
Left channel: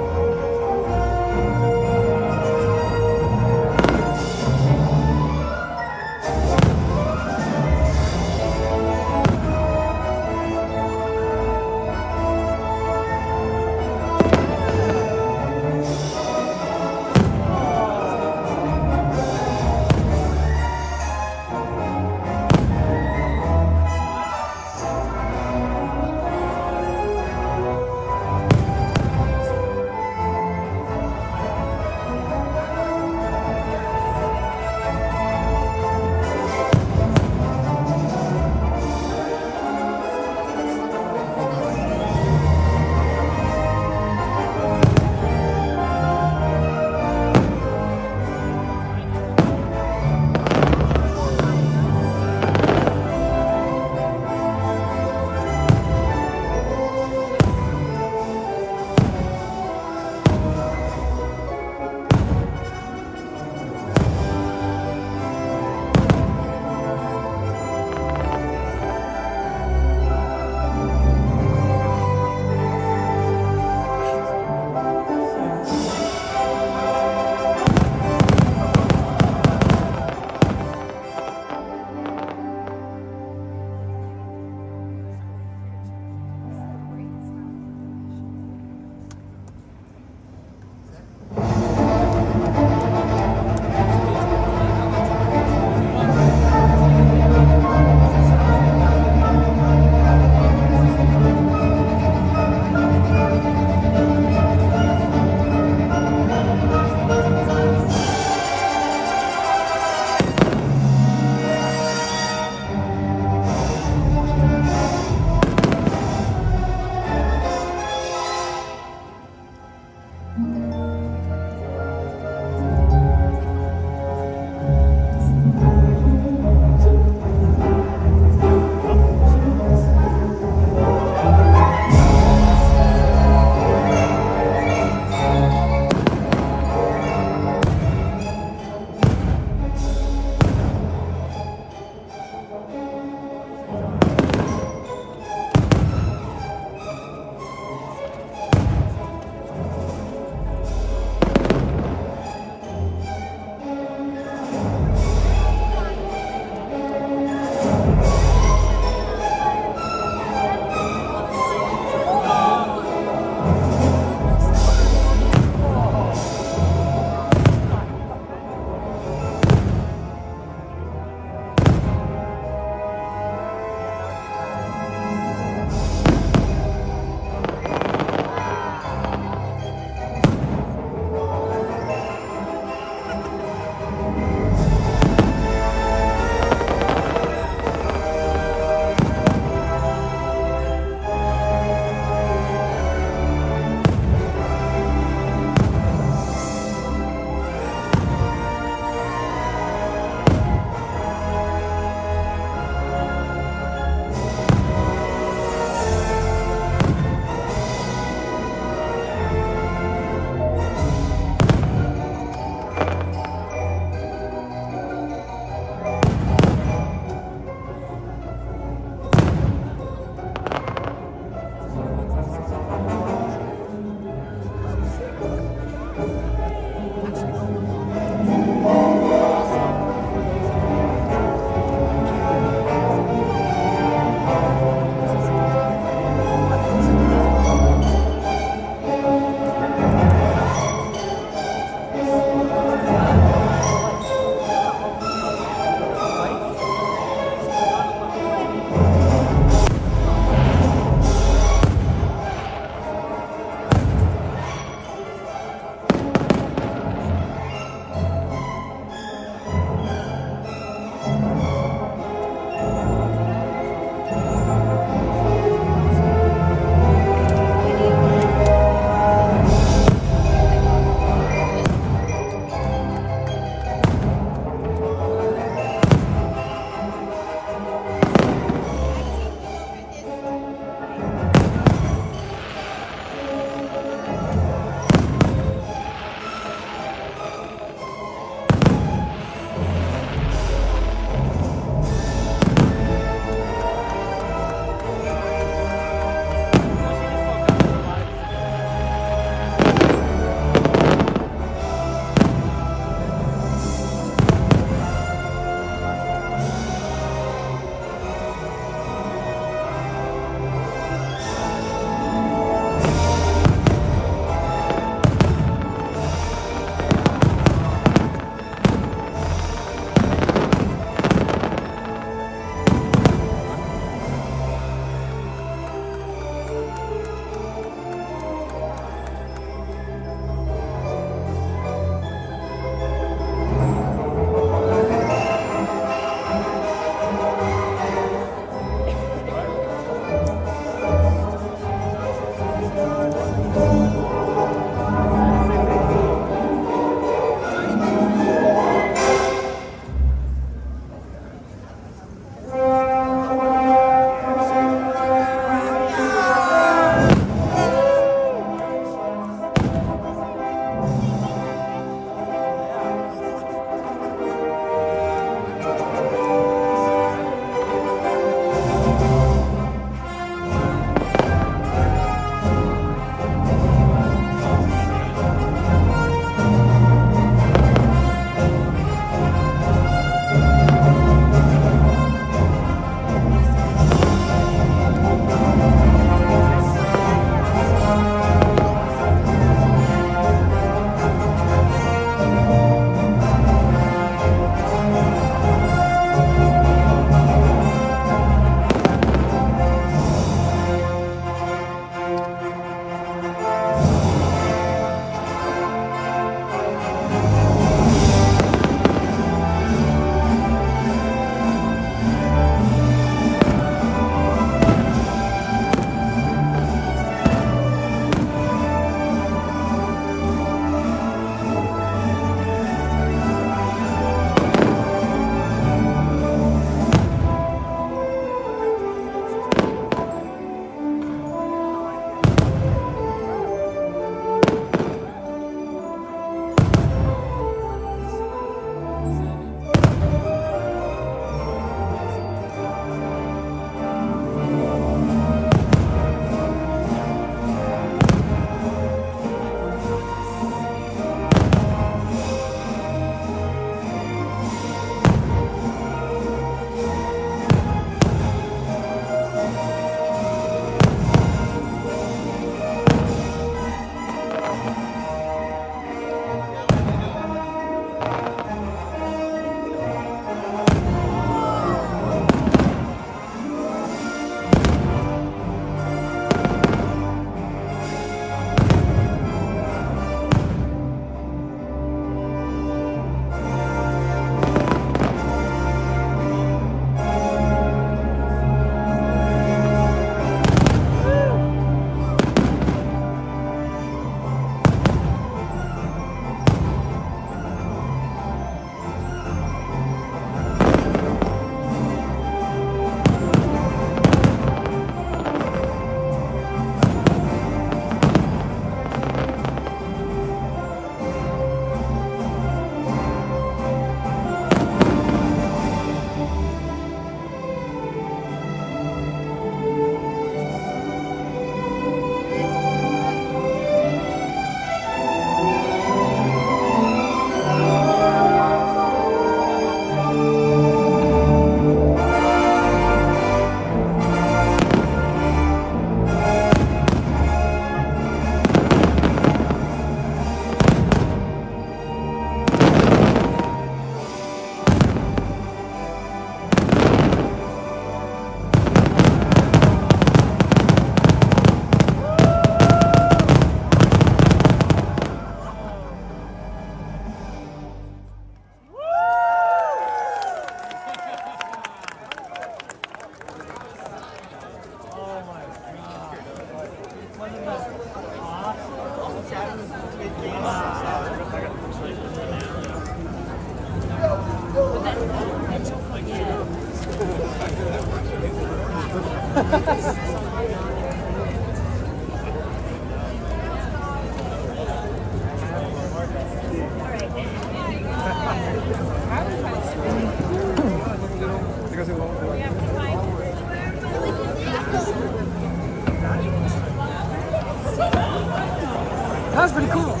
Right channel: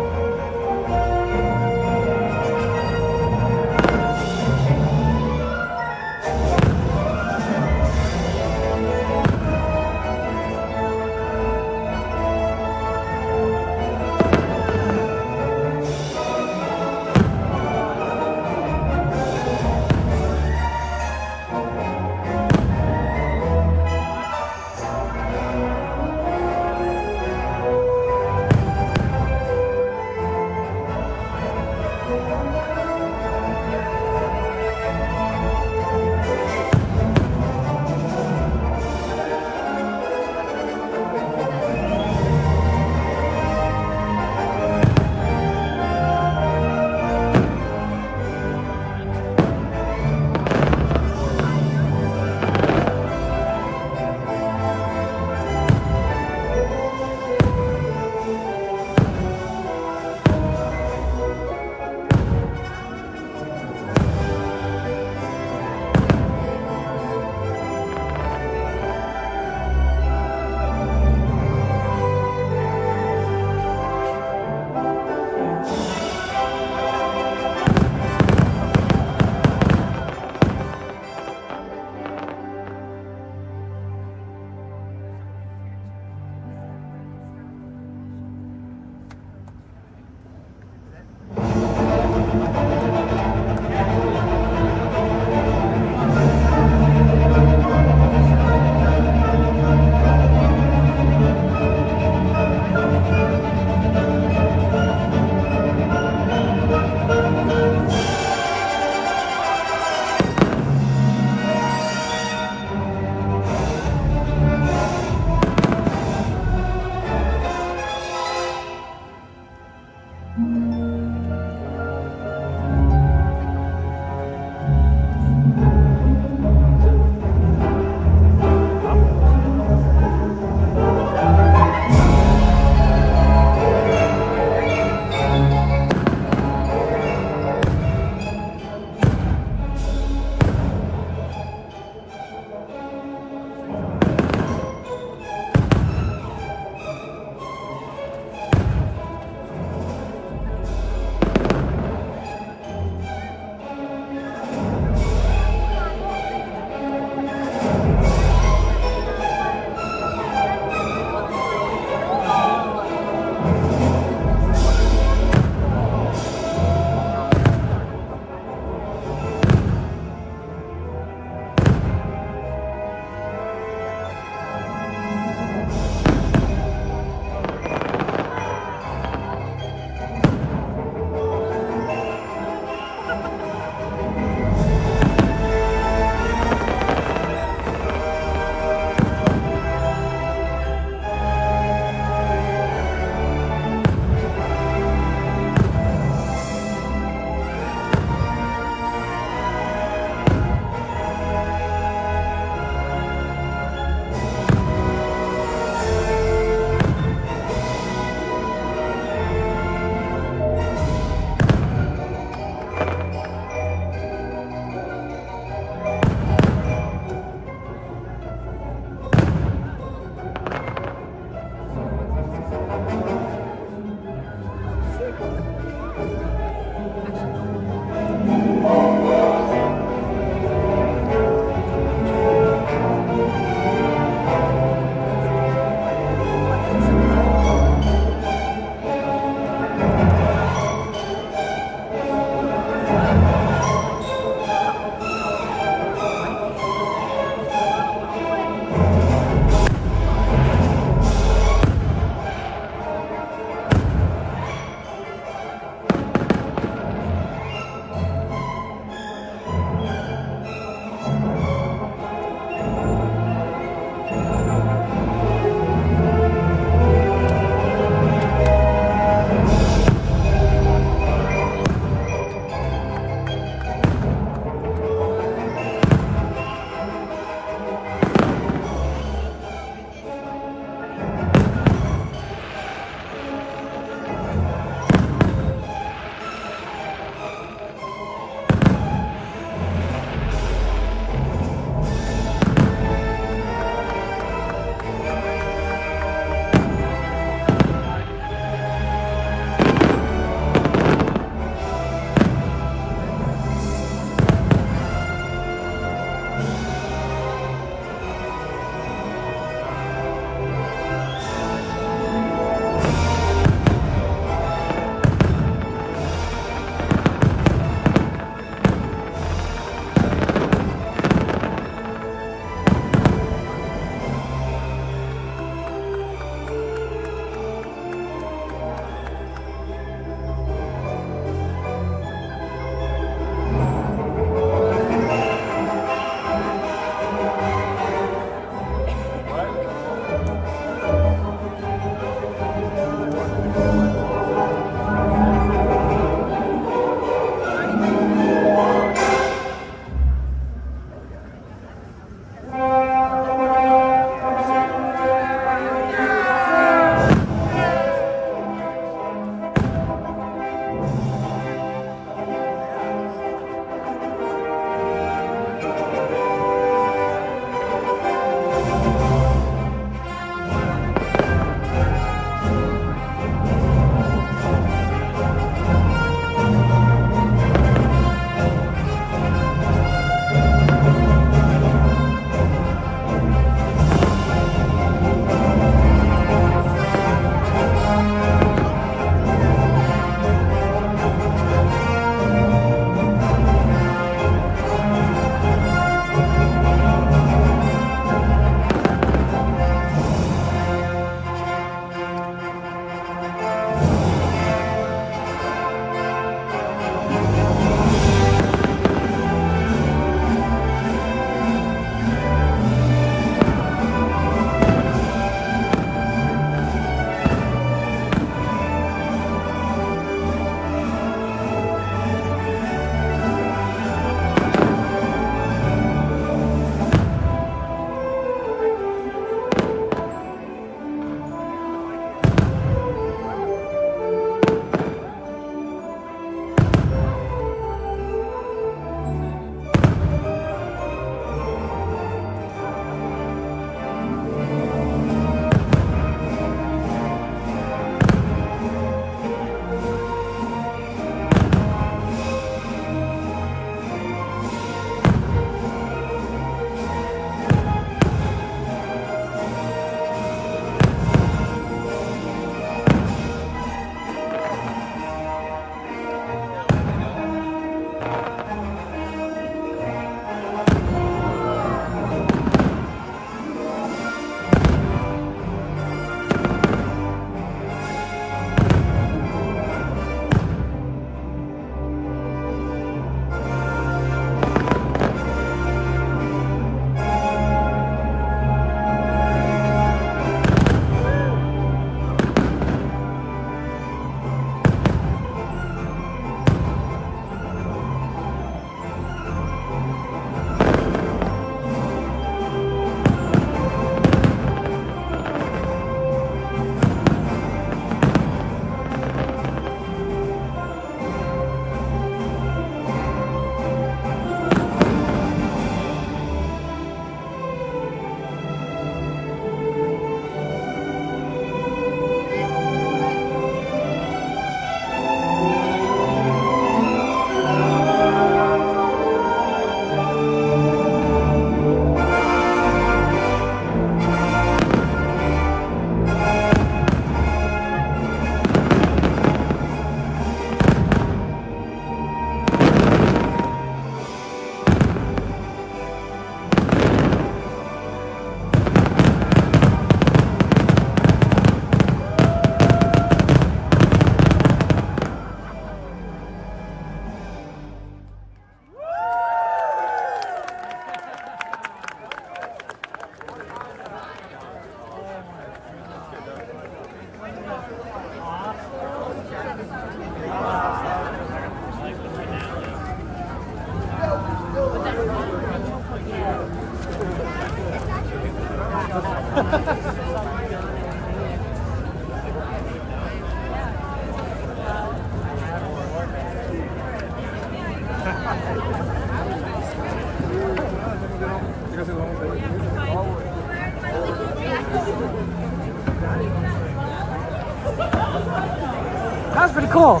That was pretty cool.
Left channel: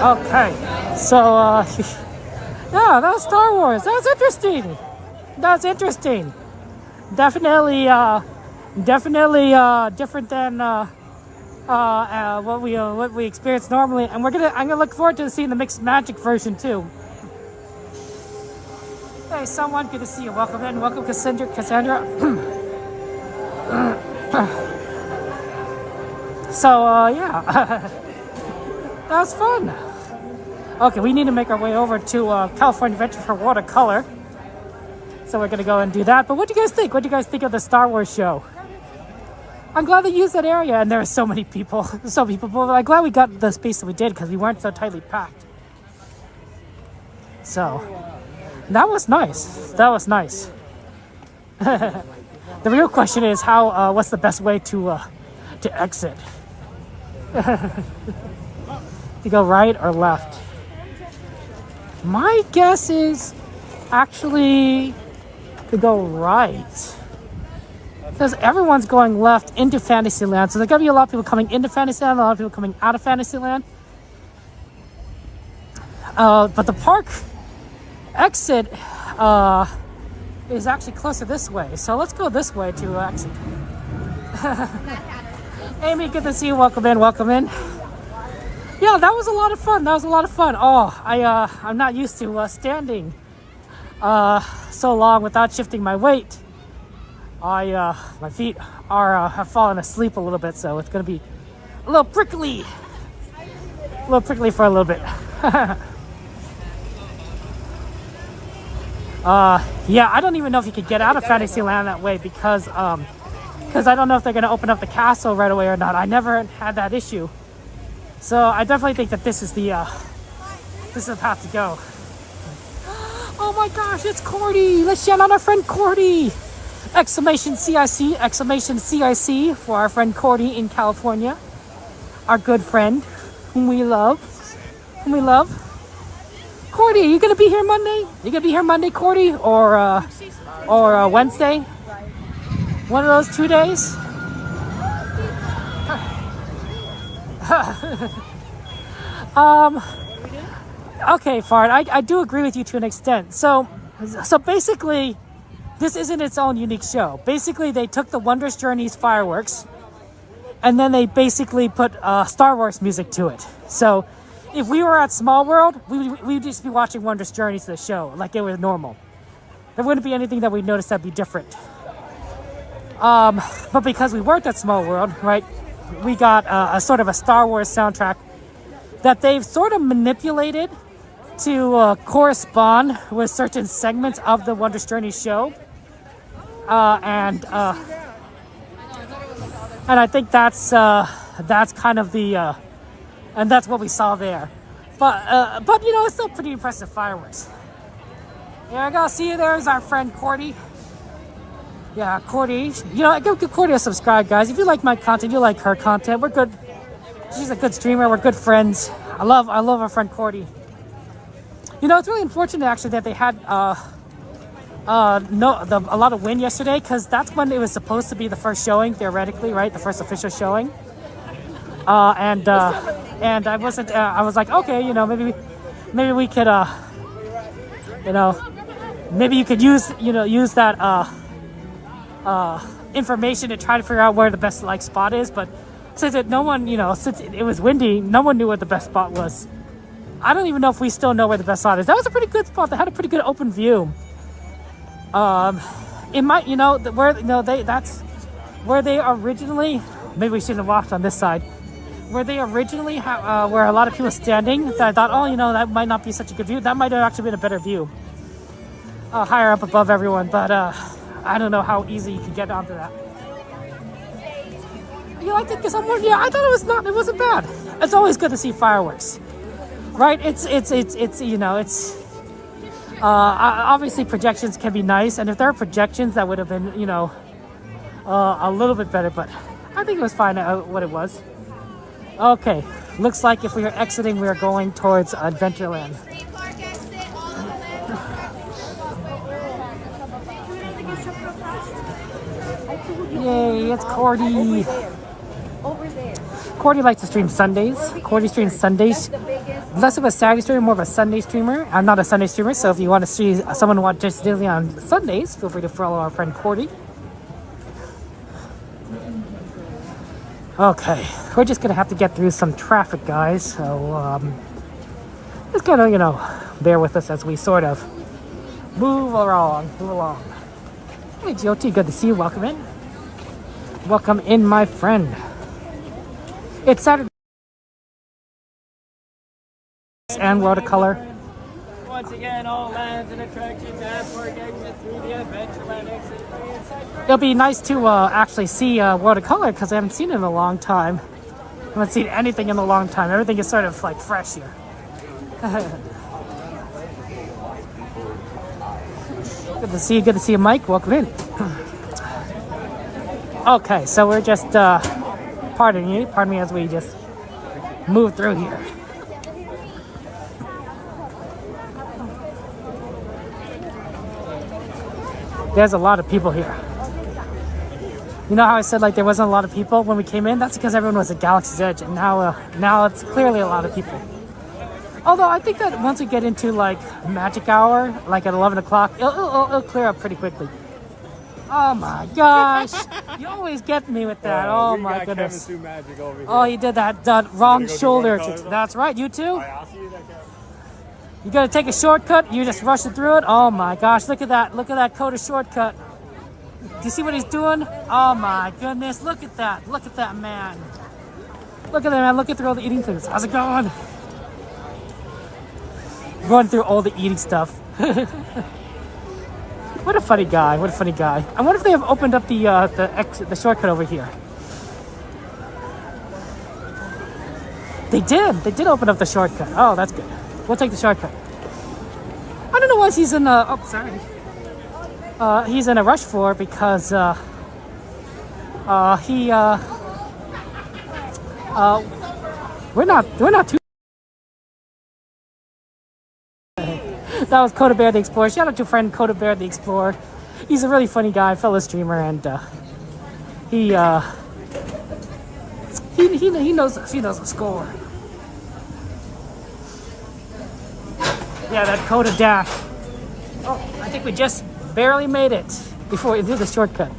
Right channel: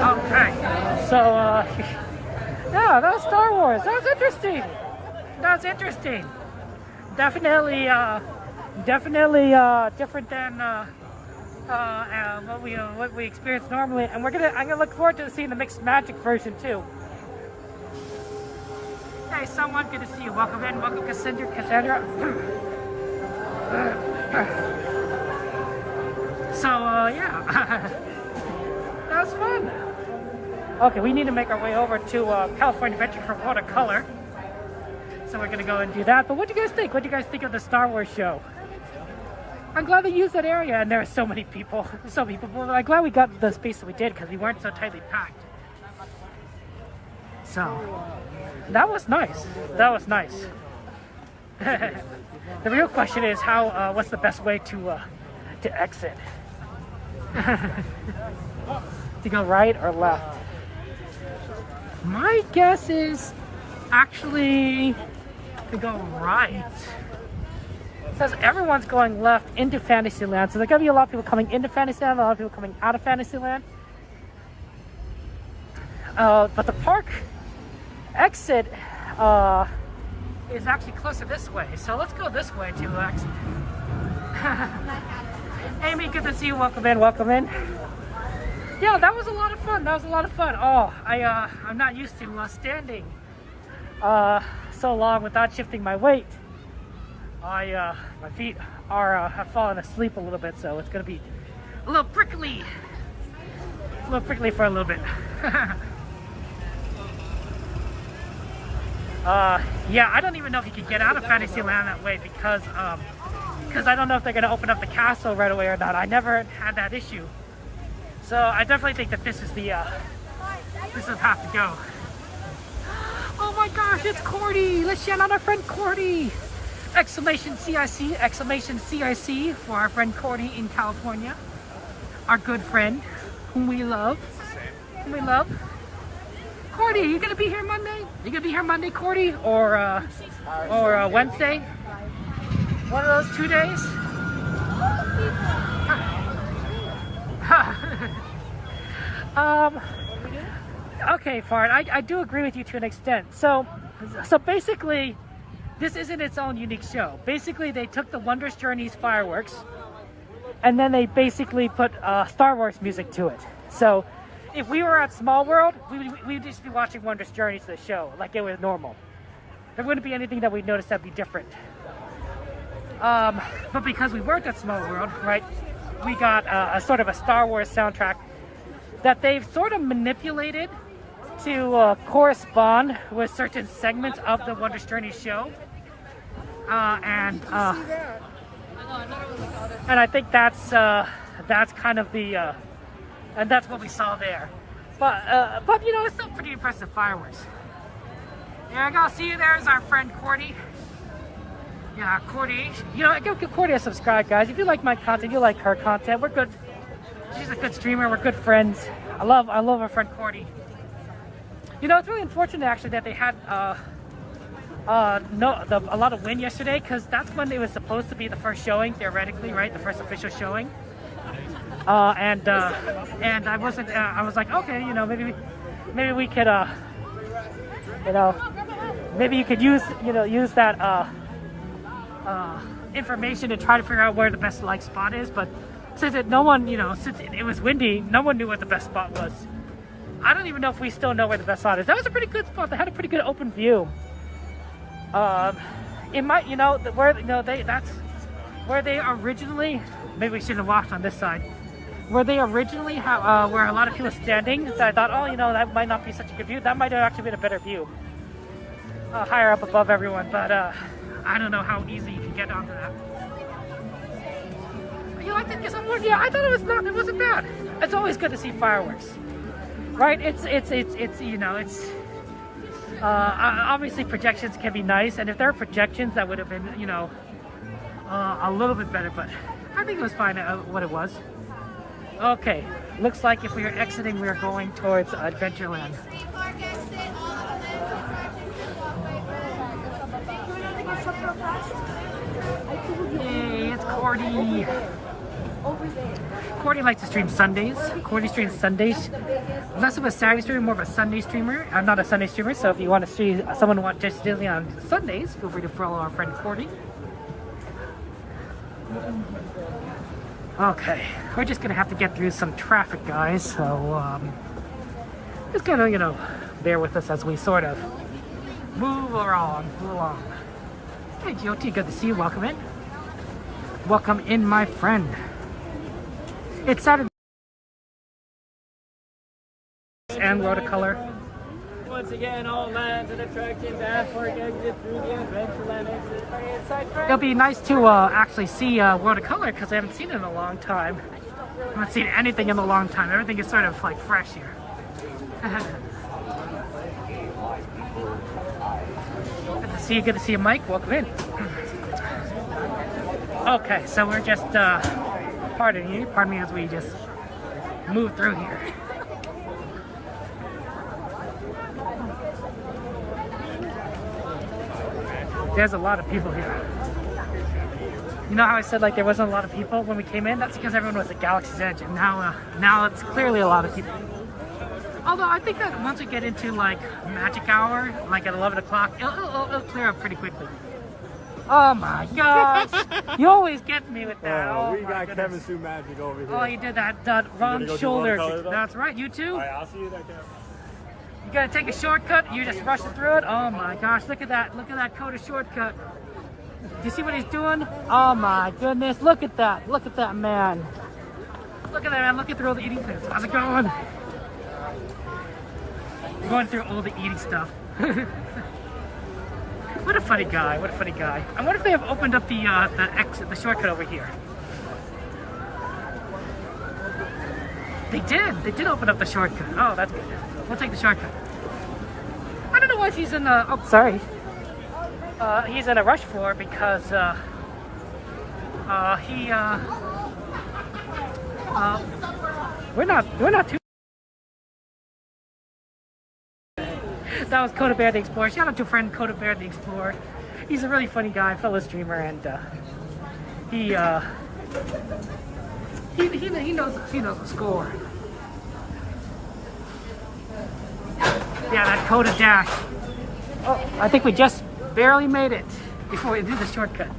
Okay, so yeah, that was Star Wars. That was interesting. That's interesting. Definitely different than what we experience normally. And I'm gonna look forward to seeing the mixed magic version too. Hey, someone, good to see you. Welcome in. Welcome, Cassandra. So yeah, that was fun. Okay, we need to make our way over to California Adventure for watercolor. So we're gonna go and do that. But what do you guys think? What do you guys think of the Star Wars show? I'm glad they used that area, and there were so many people. So many people. But I'm glad we got the space that we did because we weren't so tightly packed. So that was nice. That was nice. The real question is how. What's the best way to exit? To go right or left? My guess is actually to go right. Because everyone's going left into Fantasyland. So there's going to be a lot of people coming into Fantasyland, a lot of people coming out of Fantasyland. But the park exit is actually closer this way. So let's go this way to exit. Amy, good to see you. Welcome in, welcome in. Yeah, that was a lot of fun. That was a lot of fun. Oh, I'm not used to standing so long without shifting my weight. My feet are have fallen asleep a little bit, so it's gonna be a little prickly for a little bit. Yeah, I don't even know if you could get out of Fantasyland that way because I don't know if they're gonna open up the castle right away or not. I never had that issue. So I definitely think that this is the path to go. Oh my gosh, it's Cordy! Let's shout out our friend Cordy! Exclamation CIC for our friend Cordy in California. Our good friend, whom we love. Cordy, are you gonna be here Monday? You gonna be here Monday, Cordy? Or Wednesday? One of those 2 days? Okay, Fard, I do agree with you to an extent. So basically, this isn't its own unique show. Basically, they took the Wondrous Journeys fireworks, and then they basically put Star Wars music to it. So if we were at Small World, we'd just be watching Wondrous Journeys, the show, like it was normal. There wouldn't be anything that we'd notice that'd be different. But because we weren't at Small World, right, we got a sort of a Star Wars soundtrack that they've sort of manipulated to correspond with certain segments of the Wondrous Journey show. And I think that's kind of the and that's what we saw there. But you know, it's still pretty impressive fireworks. Yeah, I gotta see you. There's our friend Cordy. Yeah, Cordy. You know, give Cordy a subscribe, guys. If you like my content, you like her content. We're good. She's a good streamer. We're good friends. I love our friend Cordy. You know, it's really unfortunate actually that they had a lot of wind yesterday, because that's when it was supposed to be the first showing, theoretically, right? The first official showing. And I wasn't. I was like, okay, you know, maybe we could, you know, maybe you could use that information to try to figure out where the best spot is. But since it was windy, no one knew where the best spot was. I don't even know if we still know where the best spot is. That was a pretty good spot. They had a pretty good open view. It might, that's where they originally. Maybe we should have walked on this side. Where they originally where a lot of people standing. That I thought, that might not be such a good view. That might have actually been a better view. Higher up above everyone, but I don't know how easy you can get onto that. You liked it this one? Yeah, I thought it wasn't bad. It's always good to see fireworks, right? It's Obviously, projections can be nice, and if there are projections, that would have been, you know, a little bit better. But I think it was fine what it was. Okay, looks like if we are exiting, we are going towards Adventureland. Yay, it's Cordy. Over there. Cordy likes to stream Sundays. Cordy streams Sundays. Less of a Saturday streamer, more of a Sunday streamer. I'm not a Sunday streamer, so if you want to see someone watch Disney on Sundays, feel free to follow our friend Cordy. Okay, we're just gonna have to get through some traffic, guys. So just gonna, you know, bear with us as we sort of move along. Hey, GOT, good to see you. Welcome in. Welcome in, my friend. It's Saturday and watercolor. Once again, all lands and attractions as for exit through the Adventureland exit. It'll be nice to actually see watercolor because I haven't seen it in a long time. I haven't seen anything in a long time. Everything is sort of like fresh here. Good to see you. Good to see you, Mike. Welcome in. Okay, so we're just pardon me as we just move through here. There's a lot of people here. You know how I said like there wasn't a lot of people when we came in? That's because everyone was at Galaxy's Edge, and now it's clearly a lot of people. Although I think that once we get into like magic hour, like at 11 o'clock, it'll clear up pretty quickly. Oh my gosh! You always get me with that. Oh we my got goodness! Kevin through magic over here. Oh, you did that wrong shoulder. That's right. You too. Right, I'll see you there, Kevin. You gotta take a shortcut. You're just rushing through it. Oh my gosh! Look at that! Look at that Coda shortcut. Do you see what he's doing? Oh my goodness! Look at that! Look at that man! Look at that man! Look at through all the eating things. How's it going? Going through all the eating stuff. What a funny guy! What a funny guy! I wonder if they have opened up the shortcut over here. They did. They did open up the shortcut. Oh, that's good. We'll take the shortcut. I don't know why he's in. Oh, sorry. He's in a rush for because we're not too. That was Coda Bear the Explorer. Shout out to friend Coda Bear the Explorer. He's a really funny guy, fellow streamer, and he knows the score. Yeah, that Coda dash. Oh, I think we just barely made it before we did the shortcut.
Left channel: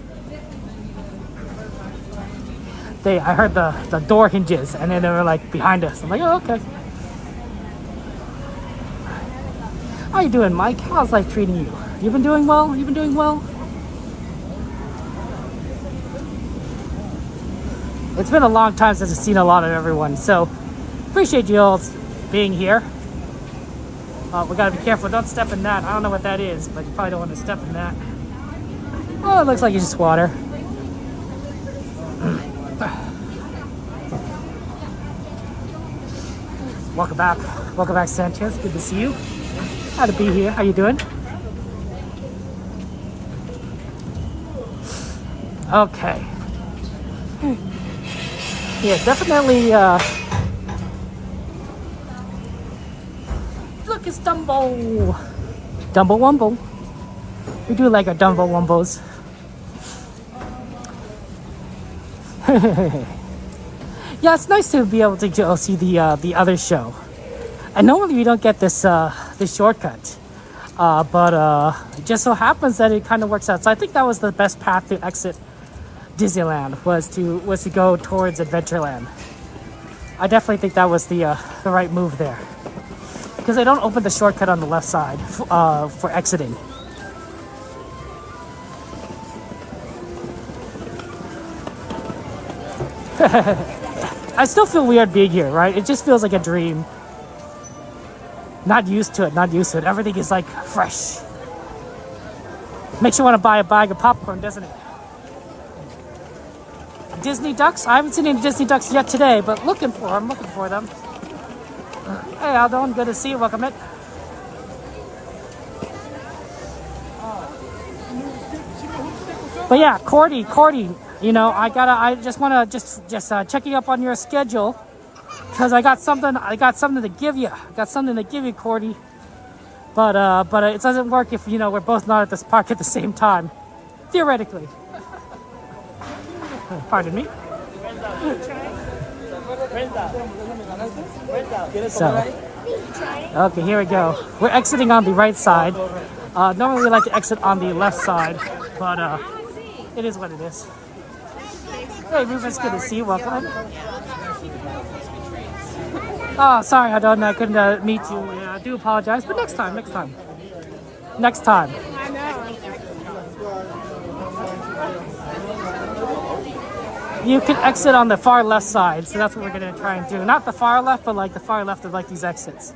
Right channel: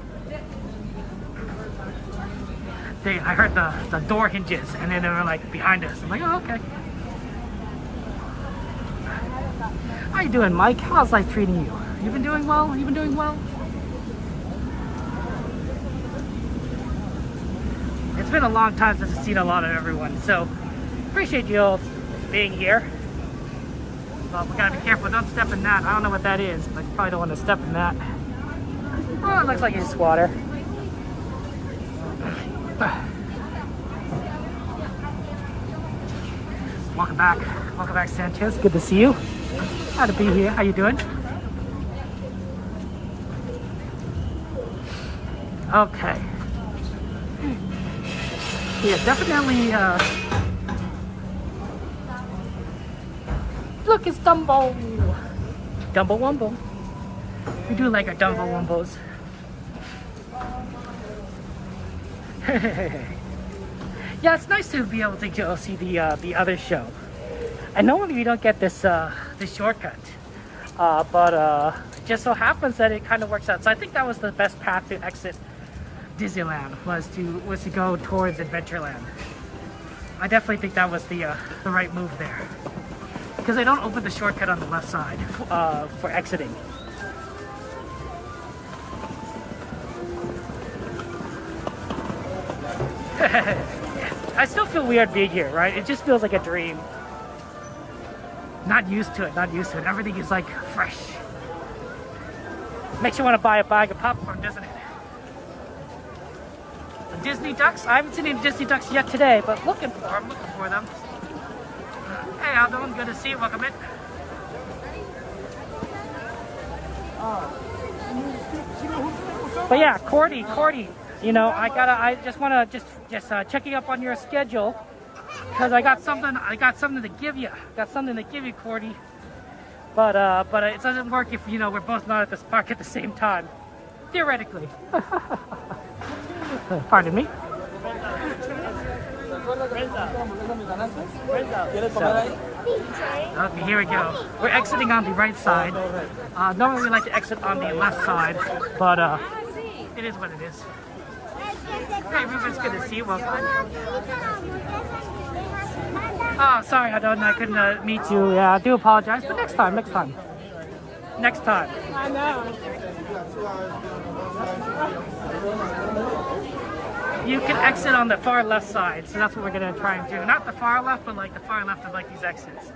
I heard the door hinges, and then they were like behind us. I'm like, oh, okay. How you doing, Mike? How's life treating you? You been doing well? You been doing well? It's been a long time since I've seen a lot of everyone, so appreciate you all being here. We gotta be careful. Don't step in that. I don't know what that is, but you probably don't want to step in that. Oh, it looks like it's just water. Welcome back. Welcome back, Sanchez. Good to see you. How to be here. How you doing? Okay. Yeah, definitely. Look, it's Dumbo. Dumbo Wumbo. We do like our Dumbo Wumbos. Yeah, it's nice to be able to go see the other show. And normally we don't get this shortcut, but it just so happens that it kind of works out. So I think that was the best path to exit Disneyland was to go towards Adventureland. I definitely think that was the right move there, because they don't open the shortcut on the left side for exiting. I still feel weird being here, right? It just feels like a dream. Not used to it, not used to it. Everything is like fresh. Makes you want to buy a bag of popcorn, doesn't it? Disney ducks? I haven't seen any Disney ducks yet today, but I'm looking for them. Hey, Aldon, good to see you. Welcome in. But yeah, Cordy, you know, I just want to checking up on your schedule because I got something to give you. Cordy. But it doesn't work if, you know, we're both not at this park at the same time. Theoretically. Pardon me. So, okay, here we go. We're exiting on the right side. Normally we like to exit on the left side, but it is what it is. Hey, Rufus, good to see you. Welcome in. Oh, sorry, I couldn't meet you. Yeah, I do apologize, but next time. I know. You can exit on the far left side, so that's what we're gonna try and do. Not the far left, but like the far left of like these exits.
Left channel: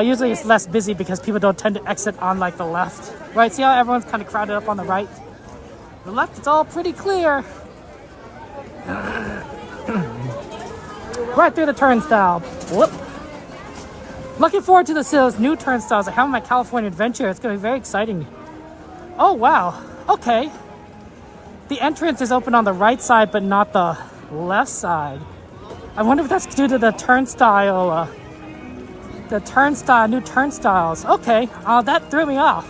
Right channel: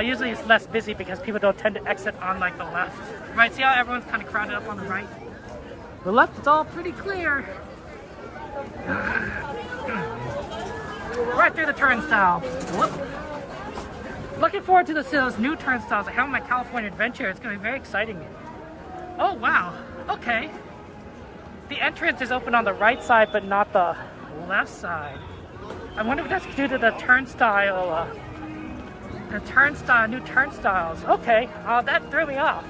Usually it's less busy because people don't tend to exit on like the left. Right, see how everyone's kind of crowded up on the right? The left, it's all pretty clear. Right through the turnstile. Whoop. Looking forward to those new turnstiles I have on my California adventure. It's gonna be very exciting. Oh wow, okay. The entrance is open on the right side, but not the left side. I wonder if that's due to the turnstile, new turnstiles. Okay, that threw me off.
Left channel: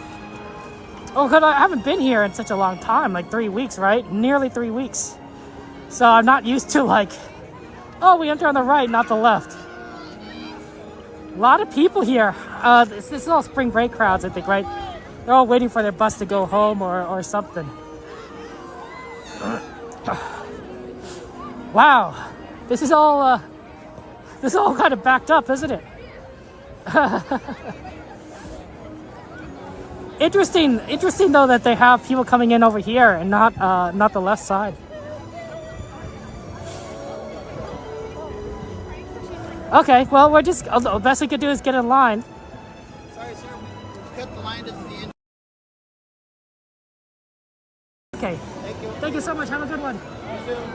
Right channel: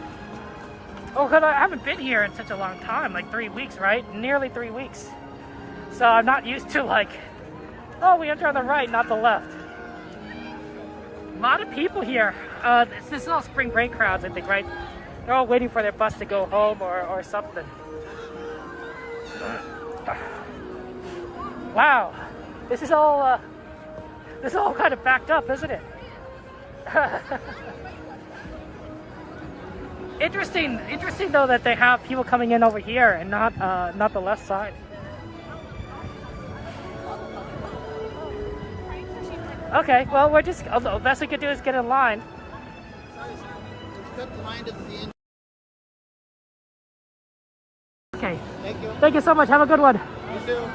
Oh, I haven't been here in such a long time, like 3 weeks, right? Nearly 3 weeks. So I'm not used to like, oh, we enter on the right, not the left. A lot of people here. This is all spring break crowds, I think, right? They're all waiting for their bus to go home or something. Wow, this is all kind of backed up, isn't it? Interesting though that they have people coming in over here and not the left side. Okay, well the best we could do is get in line. Sorry, sir. Cut the line to the end. Okay. Thank you so much. Have a good one. You too.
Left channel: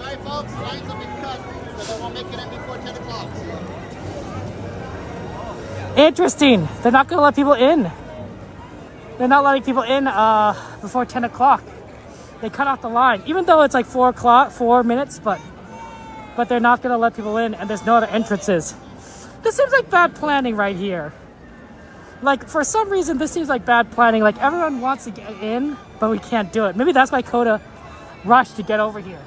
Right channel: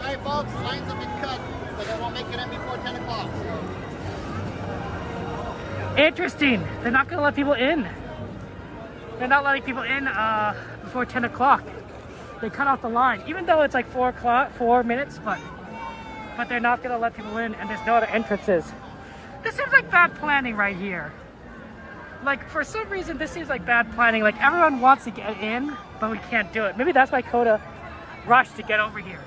Sorry, folks. Lines have been cut, so they won't make it in before 10 o'clock. Interesting. They're not going to let people in. They're not letting people in before 10 o'clock. They cut off the line, even though it's like 4 minutes, but they're not going to let people in, and there's no other entrances. This seems like bad planning right here. Like, for some reason, this seems like bad planning. Like, everyone wants to get in, but we can't do it. Maybe that's why Coda rushed to get over here.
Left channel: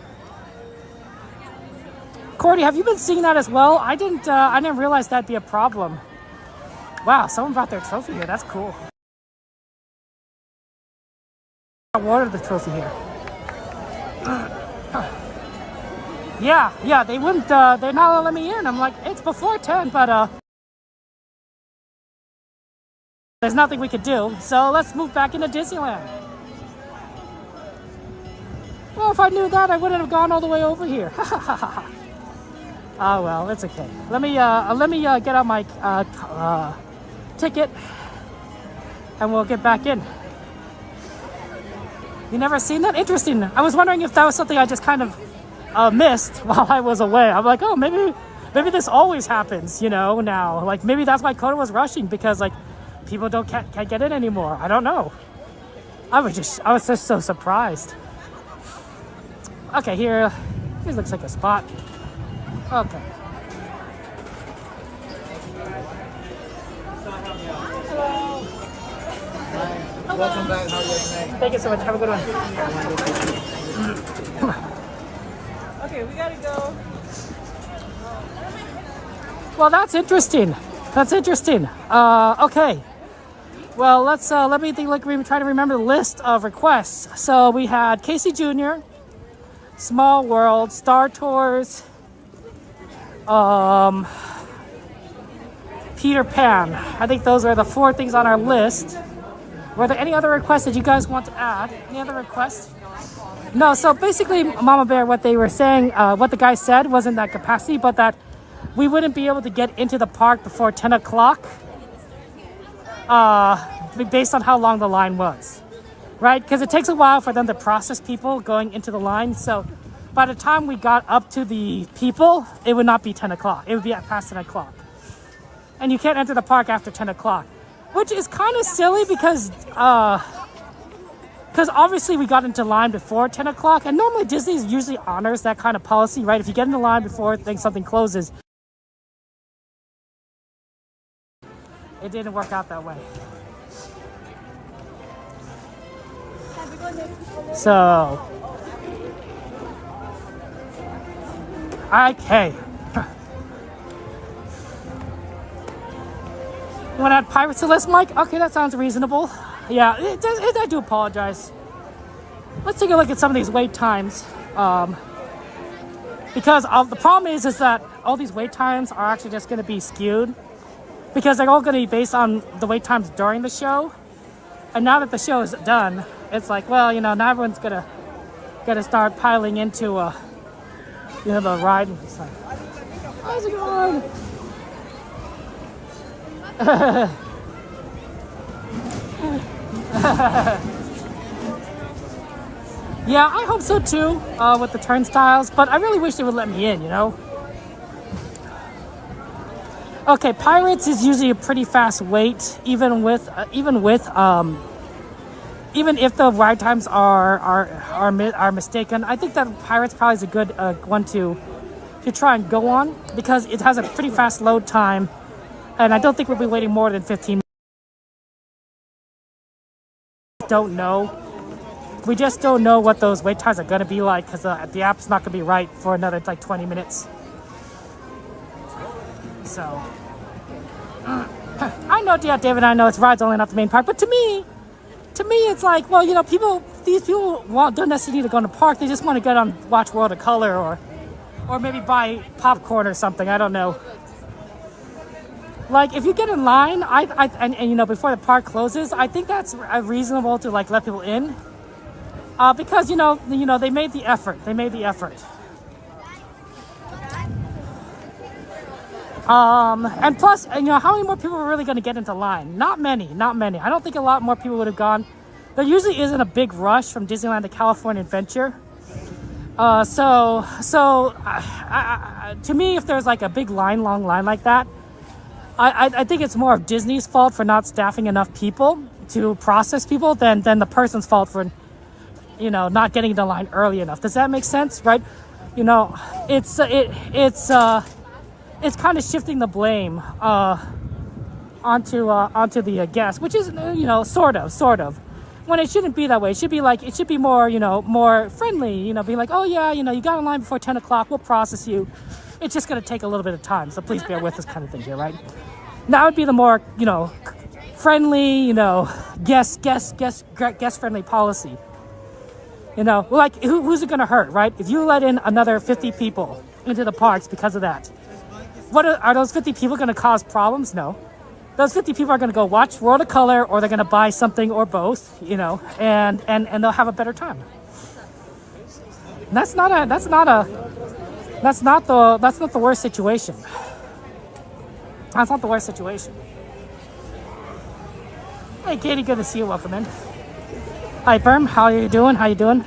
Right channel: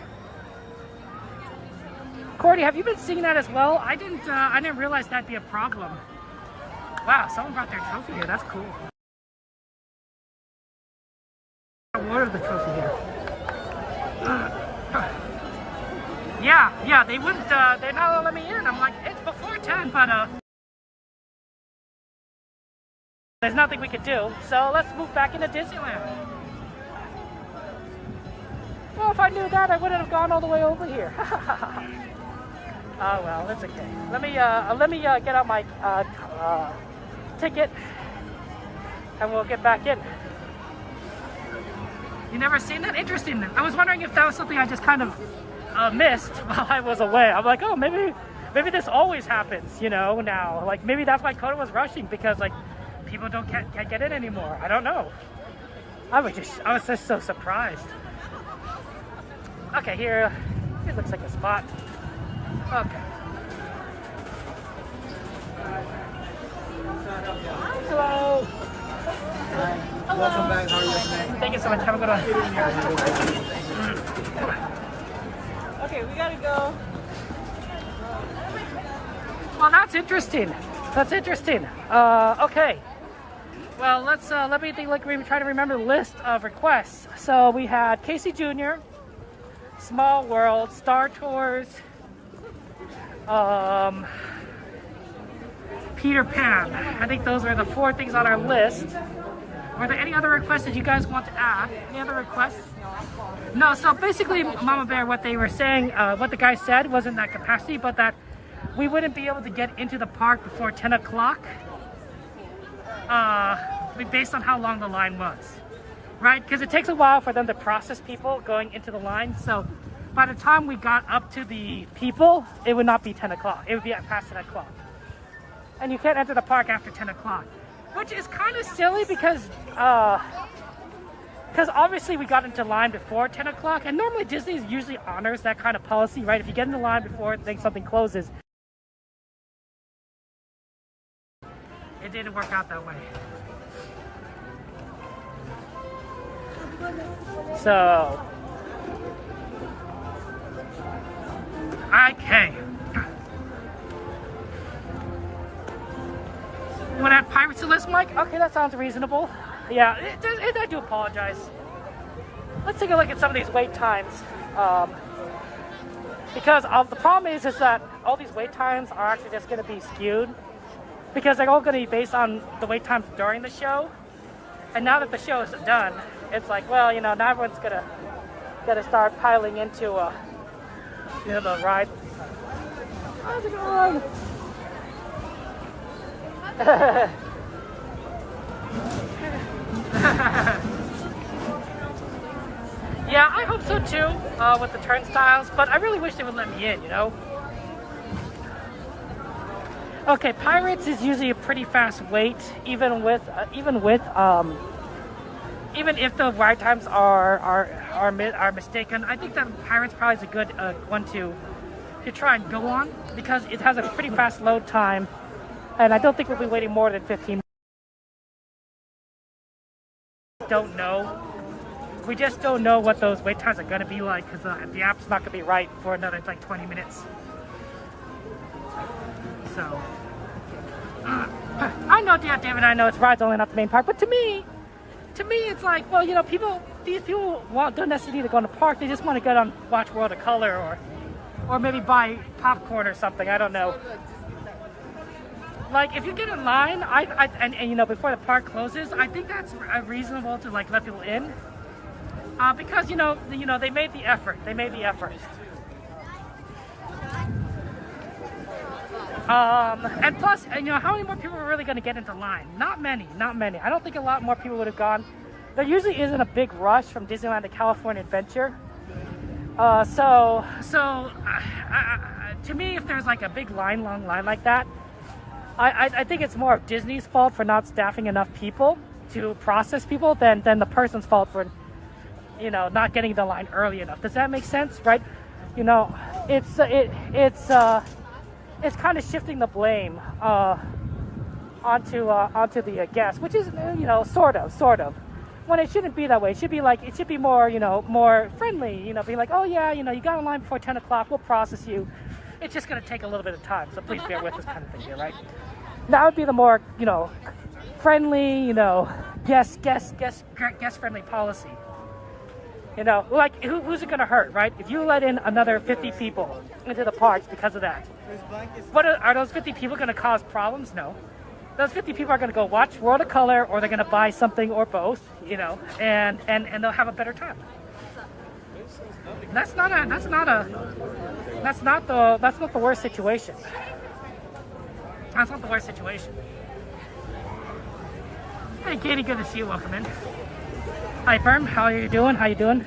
Cordy, have you been seeing that as well? I didn't realize that'd be a problem. Wow, someone brought their trophy here. That's cool. I awarded the trophy here. Yeah, they wouldn't, they're not letting me in. I'm like, it's before 10, but, there's nothing we could do, so let's move back into Disneyland. Well, if I knew that, I wouldn't have gone all the way over here. Oh well, it's okay. Let me get on my ticket, and we'll get back in. You never seen that? Interesting. I was wondering if that was something I just kind of missed while I was away. I'm like, oh, maybe this always happens, you know, now. Like, maybe that's why Coda was rushing, because, like, people can't get in anymore. I don't know. I was just so surprised. Okay, here looks like a spot. Okay. Hello. Welcome back. How are you today? Thank you so much. Have a good one. Okay, we gotta go. Well, that's interesting. Okay. Well, let me think. Let me try to remember the list of requests. So we had Casey Jr., Small World, Star Tours, Peter Pan. I think those are the 4 things on our list. Were there any other requests that you guys want to add? Any other requests? No. So basically, Mama Bear, what they were saying, what the guy said wasn't that capacity, but that we wouldn't be able to get into the park before 10 o'clock. Based on how long the line was, right? Because it takes a while for them to process people going into the line. So by the time we got up to the people, it would not be 10 o'clock. It would be at past 10 o'clock. And you can't enter the park after 10 o'clock. which is kind of silly because obviously we got into line before 10 o'clock, and normally Disney usually honors that kind of policy, right? If you get in the line before something closes, it didn't work out that way. So, okay. You want to add Pirates to the list, Mike? Okay, that sounds reasonable. Yeah, it does. I do apologize. Let's take a look at some of these wait times. Because the problem is that all these wait times are actually just going to be skewed. Because they're all going to be based on the wait times during the show. And now that the show is done, it's like, well, you know, now everyone's gonna start piling into, you know, the ride. Yeah, I hope so too, with the turnstiles, but I really wish they would let me in, you know? Okay, Pirates is usually a pretty fast wait, even if the ride times are mistaken. I think that Pirates probably is a good one to try and go on, because it has a pretty fast load time, and I don't think we'll be waiting more than 15 minutes. Don't know. We just don't know what those wait times are going to be like, because the app's not going to be right for another like 20 minutes. So, I know, yeah, David, I know it's rides only, not the main part, but to me, it's like, well, you know, these people don't necessarily need to go in the park. They just want to go and watch World of Color or maybe buy popcorn or something. I don't know. Like, if you get in line, and you know, before the park closes, I think that's reasonable to like let people in, because you know they made the effort. And plus, you know, how many more people are really going to get into line? Not many. I don't think a lot more people would have gone. There usually isn't a big rush from Disneyland to California Adventure. To me, if there's like a big long line like that, I think it's more of Disney's fault for not staffing enough people to process people than the person's fault for, you know, not getting into line early enough. Does that make sense, right? You know, it's kind of shifting the blame onto the guest, which is, you know, sort of. When it shouldn't be that way. It should be more, you know, more friendly. You know, be like, oh yeah, you know, you got in line before 10 o'clock. We'll process you. It's just gonna take a little bit of time, so please bear with us, kind of thing here, right? That would be the more, you know, friendly, you know, guest friendly policy. You know, like who's it gonna hurt, right? If you let in another 50 people into the parks because of that. What are those 50 people going to cause problems? No. Those 50 people are going to go watch World of Color, or they're going to buy something, or both, you know, and they'll have a better time. And that's not the worst situation. That's not the worst situation. Hey, Katie, good to see you. Welcome in. Hi, Perm. How are you doing?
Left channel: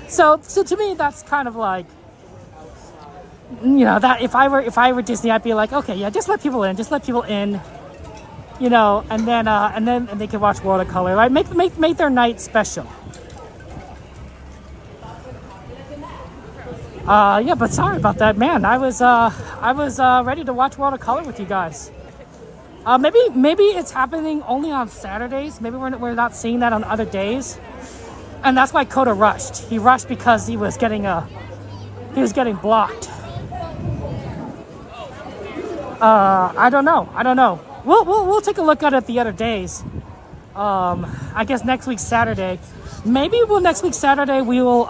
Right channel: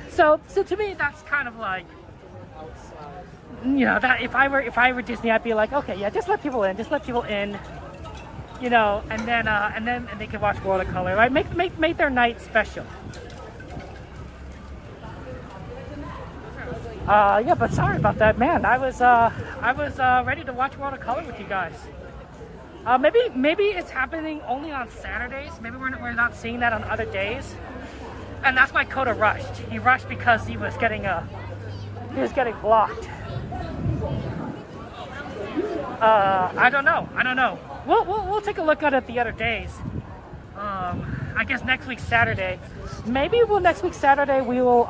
So to me, that's kind of like, you know, that if I were Disney, I'd be like, okay, yeah, just let people in, you know, and then they can watch World of Color, right? Make their night special. Yeah, but sorry about that, man. I was ready to watch World of Color with you guys. Maybe it's happening only on Saturdays. Maybe we're not seeing that on other days, and that's why Coda rushed. He rushed because he was getting blocked. I don't know. We'll take a look at it the other days. I guess next week Saturday. Maybe next week Saturday we will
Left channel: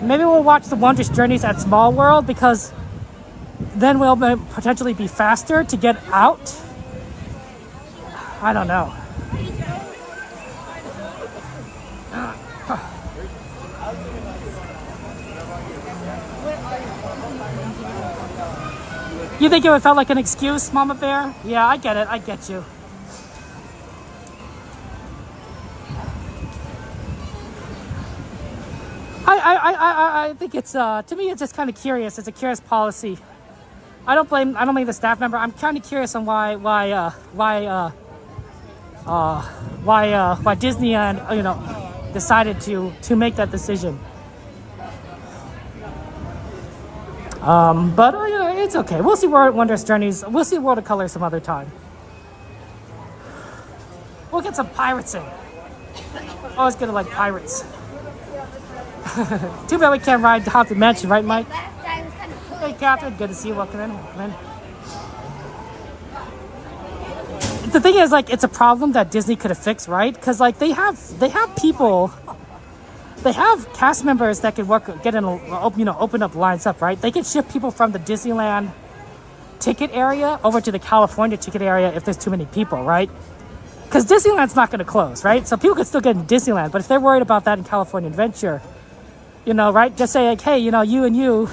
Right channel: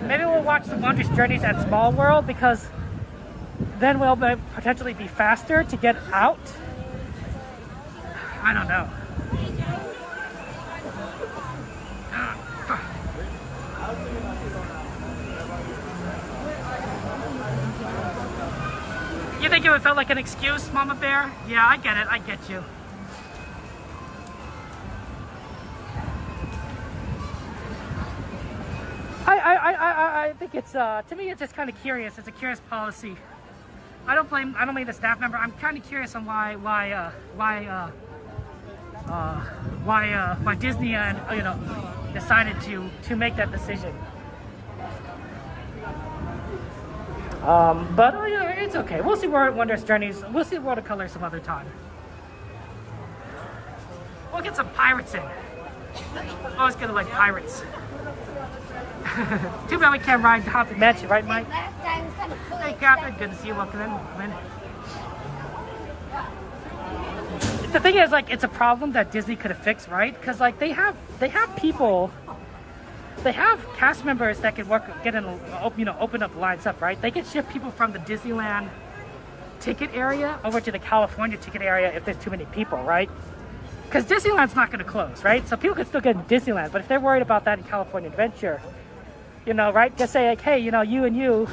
maybe we'll watch the Wondrous Journeys at Small World, because then we'll potentially be faster to get out. I don't know. You think it would felt like an excuse, Mama Bear? Yeah, I get it. I get you. I think it's to me it's just kind of curious. It's a curious policy. I don't blame the staff member. I'm kind of curious on why Disneyland, you know, decided to make that decision. But you know, it's okay. We'll see World Wonders Journeys. We'll see World of Color some other time. We'll get some pirates in. Always gonna like pirates. Too bad we can't ride Haunted Mansion, right, Mike? Hey, Catherine. Good to see you. Welcome in. Welcome in. The thing is, like, it's a problem that Disney could have fixed, right? Because like they have people. They have cast members that can open up lines up, right? They can shift people from the Disneyland ticket area over to the California ticket area if there's too many people, right? Because Disneyland's not going to close, right? So people can still get into Disneyland, but if they're worried about that in California Adventure, you know, right? Just say like, hey, you know, you and you,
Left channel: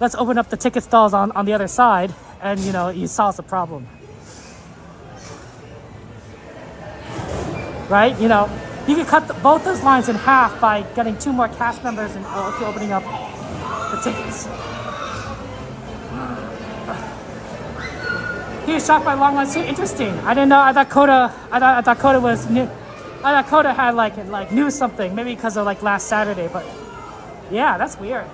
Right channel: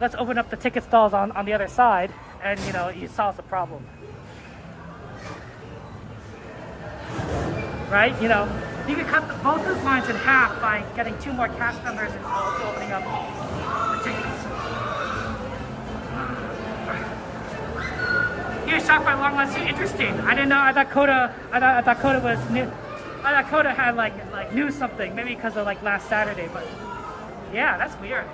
let's open up the ticket stalls on the other side, and you know, you solve the problem, right? You know. You could cut both those lines in half by getting 2 more cast members and opening up the tickets. He was shocked by long lines too. Interesting. I didn't know. I thought Coda was new. I thought Coda had like knew something. Maybe because of like last Saturday. But yeah, that's weird.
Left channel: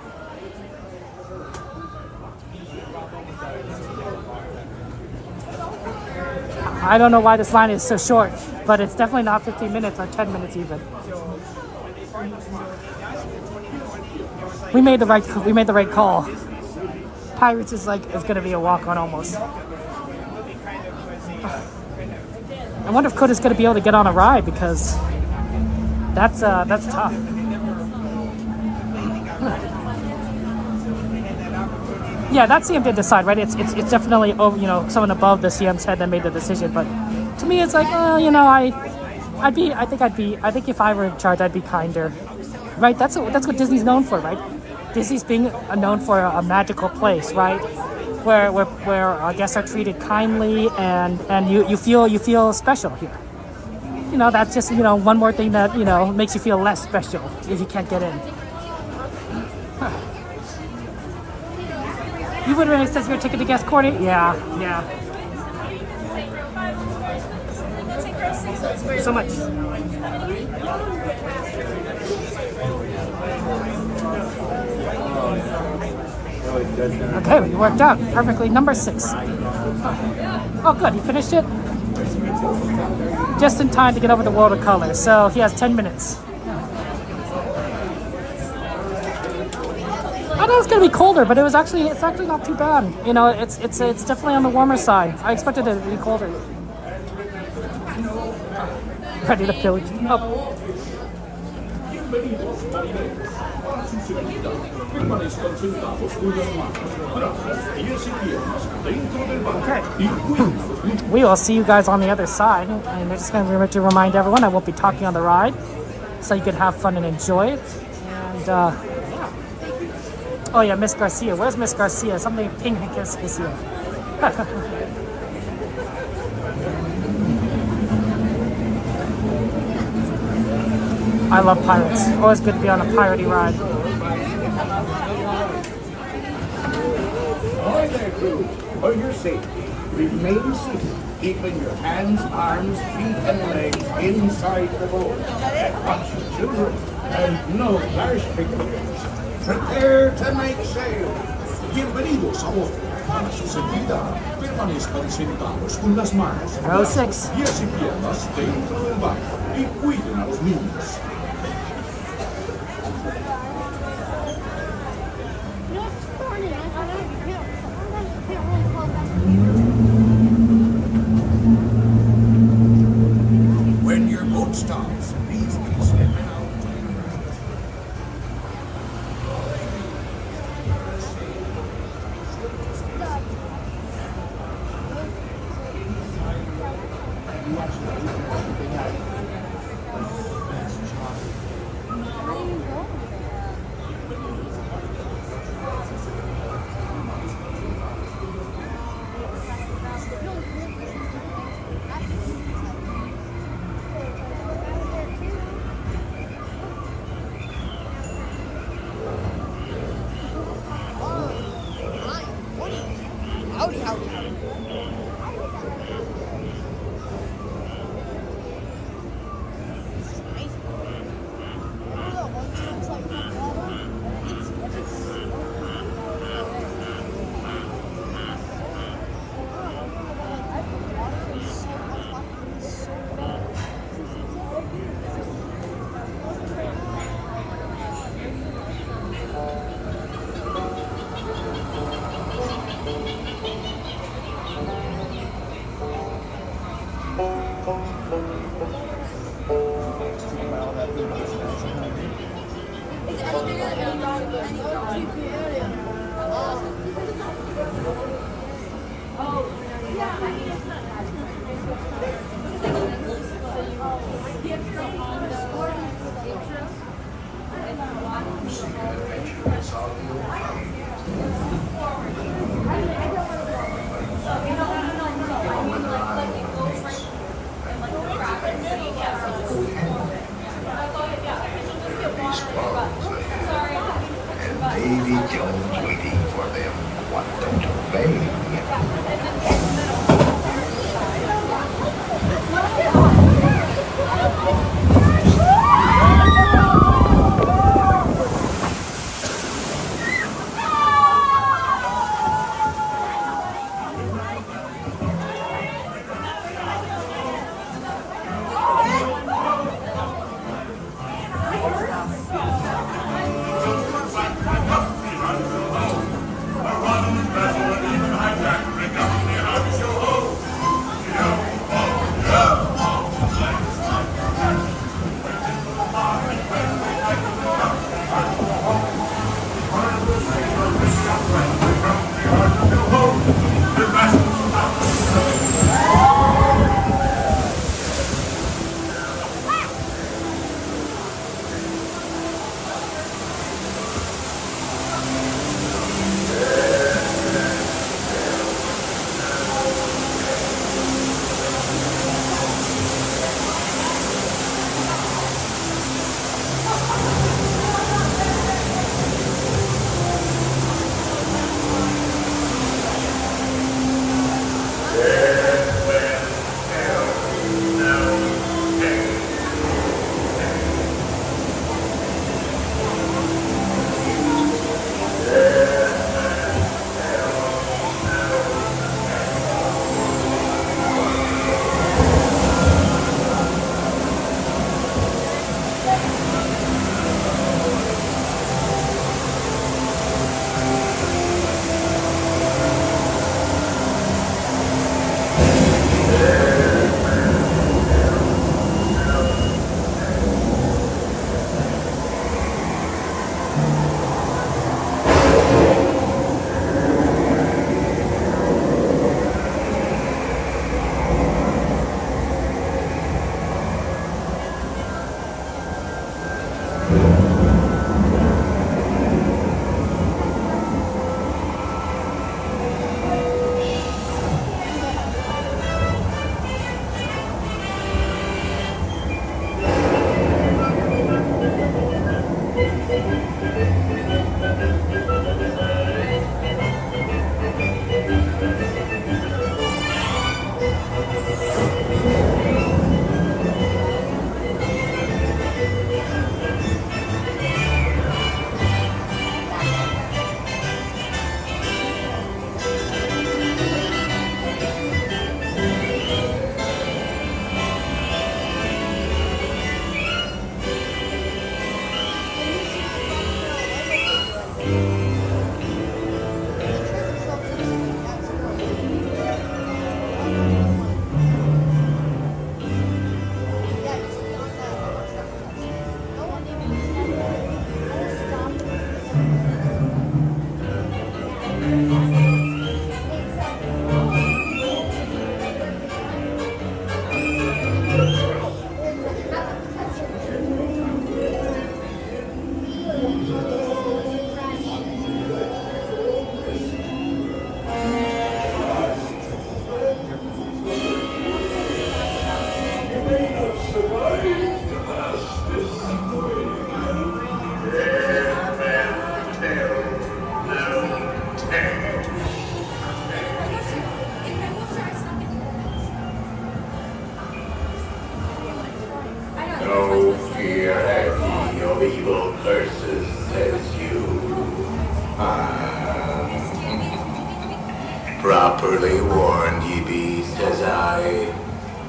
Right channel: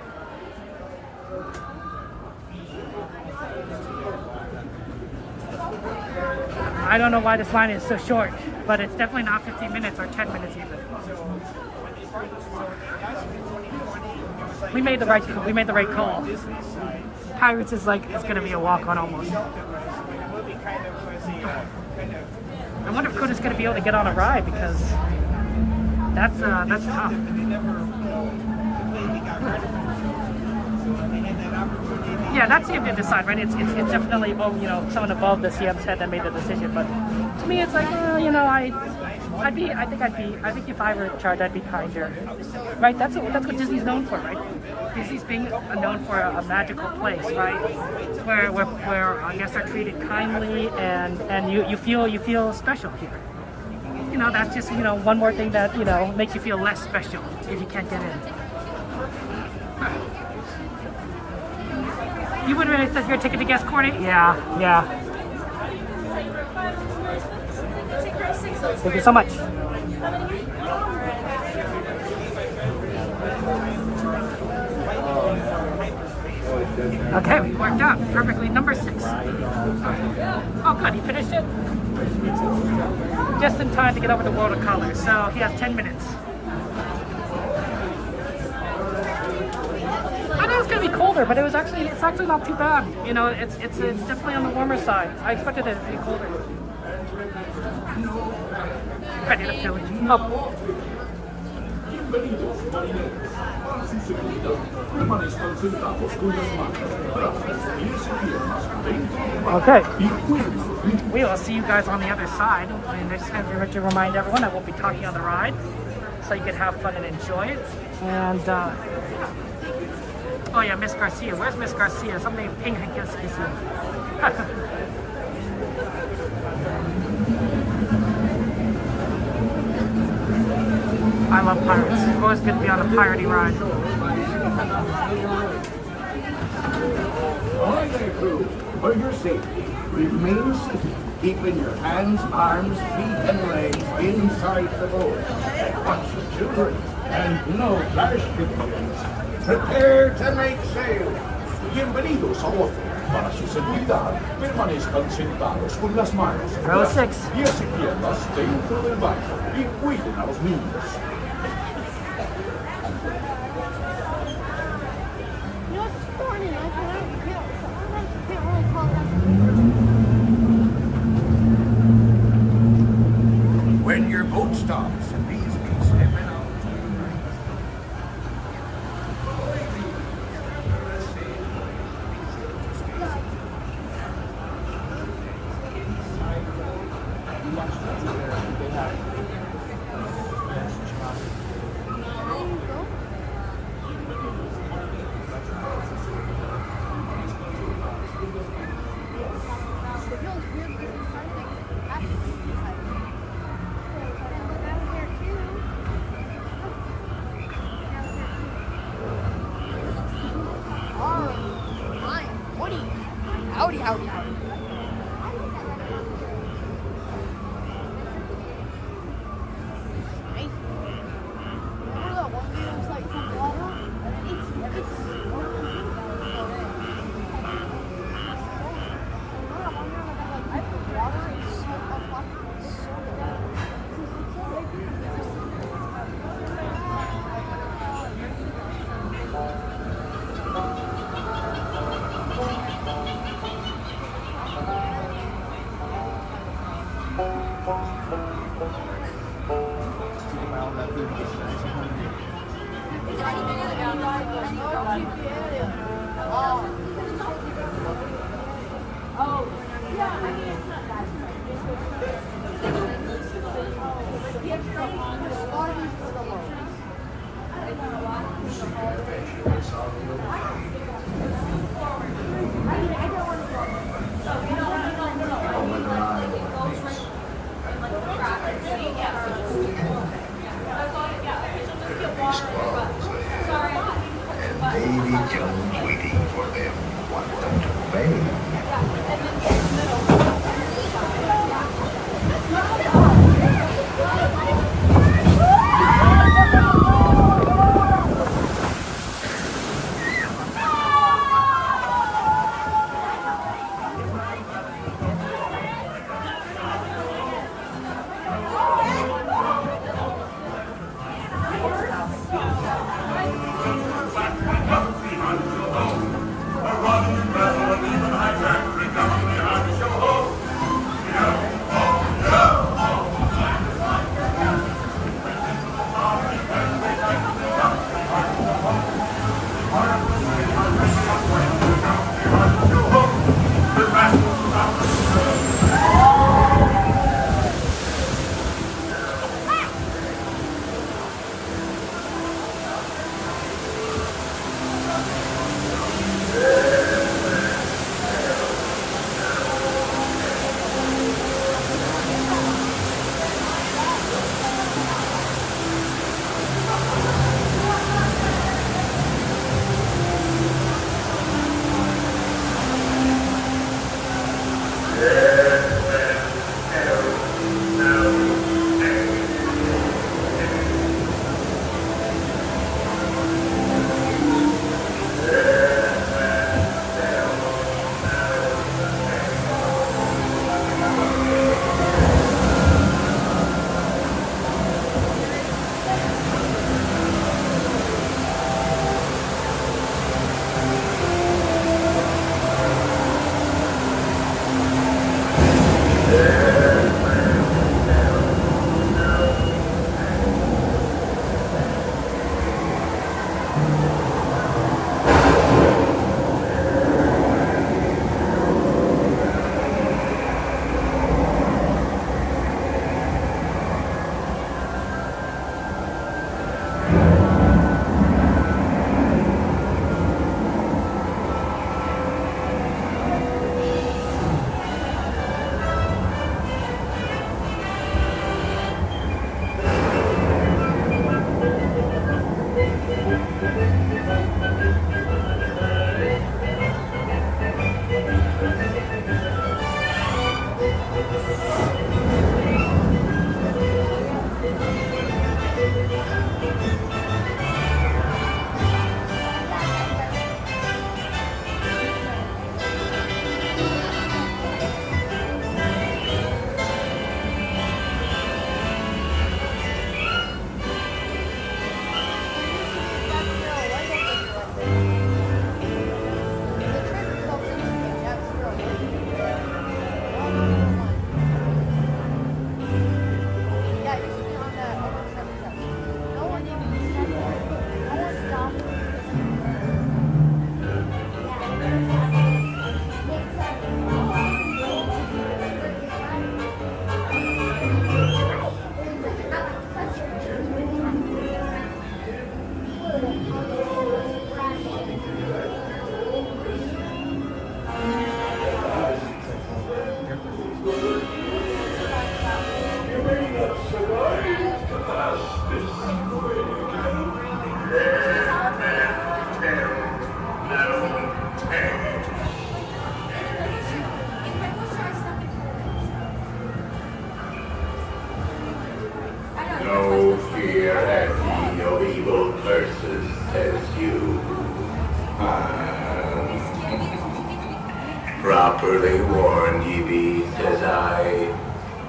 I don't know why this line is so short, but it's definitely not 15 minutes or 10 minutes even. We made the right call. Pirates is gonna be a walk-on almost. I wonder if Coda's gonna be able to get on a ride, because that's tough. Yeah, that CM did decide, right? It's definitely, you know, someone above the CM's head that made the decision. But to me, it's like, you know, I think if I were in charge, I'd be kinder, right? That's what Disney's known for, right? Disney's being known for a magical place, right? Where guests are treated kindly, and you feel special here. You know, that's just, you know, one more thing that, you know, makes you feel less special if you can't get in. You would really says your ticket to guest corner? Yeah. Thank you so much. Okay, we worked out perfectly. Number 6. Oh, good. He finished it just in time to get over the World of Color. So he has 10 minutes. I know it's gonna be colder, but it's actually not too bad. You know, it's definitely on the warmer side. I expected it to be colder. Ready to fill you up. Okay. We will see you guys on the other side. And we're just gonna remind everyone I won't be talking on the ride, so you can have fun and enjoy it. And yeah. Oh yeah, Miss Garcia. Where's Miss Garcia? Something pink is here. I love pirates. Always good to be on a piratey ride. Ahoy there, crew. For your safety, remain seated, keeping your hands, arms, feet, and legs inside the boat. Watch your children, and no flash pictures. Prepare to make sail. Bienvenidos a bordo. Para su seguridad, permanezcan sentados con las manos Row 6. pies y piernas dentro del barco y cuiden a los niños. You know, it's thorny. I can't really call it. When your boat stops, please step in. Davy Jones waiting for them. Want them to obey. Properly warned ye be, says I.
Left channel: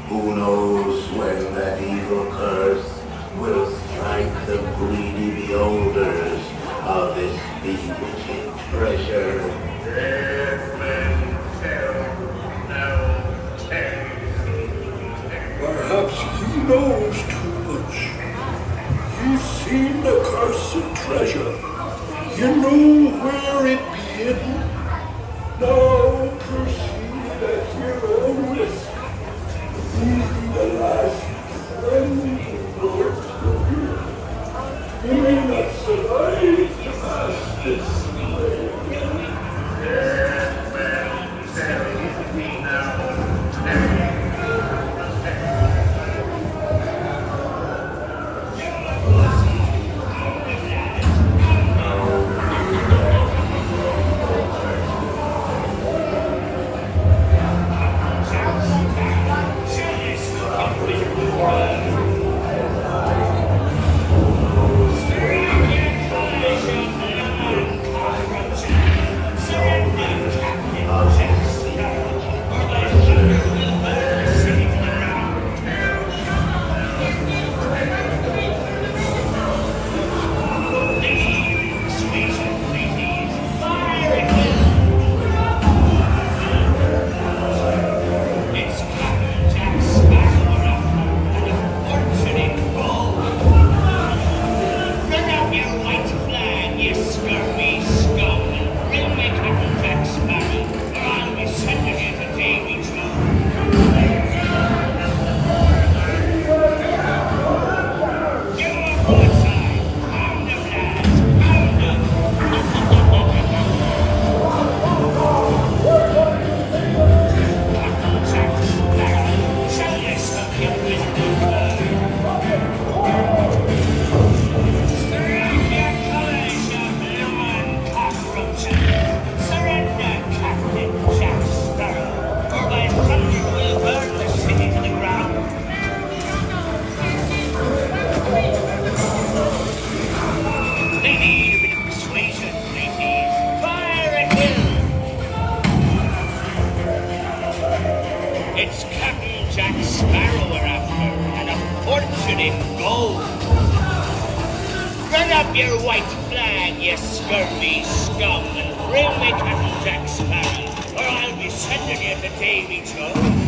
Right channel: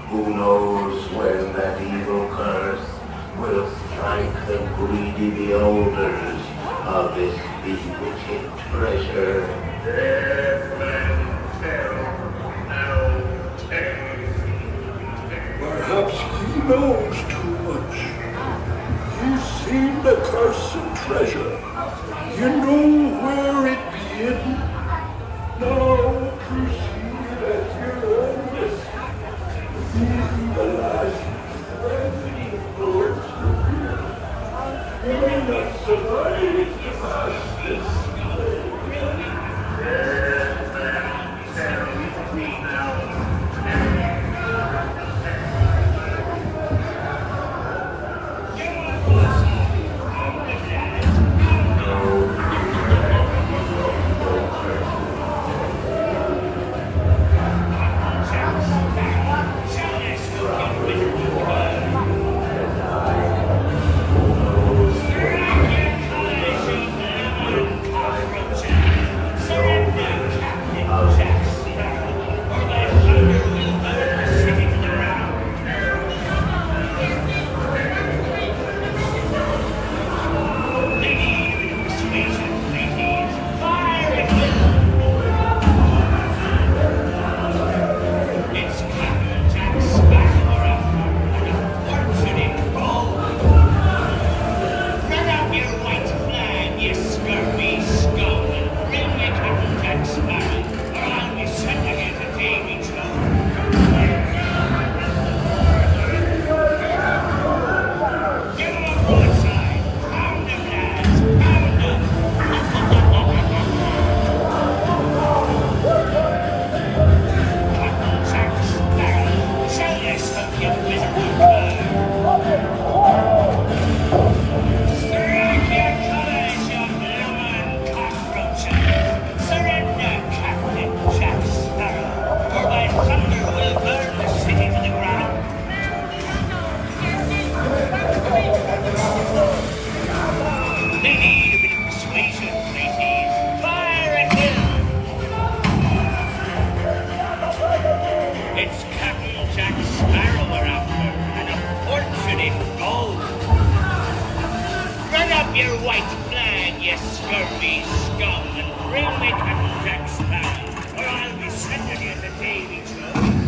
Who knows when that evil curse will strike the greedy beholders of this bewitching treasure. Deaf men tell no tale. Perhaps he knows too much. You've seen the cursed treasure. You know where it be hidden. Now proceed at your up your white flag, you scurvy scum, and bring me Captain Jack Sparrow, or I'll be sending you to Davy Jones.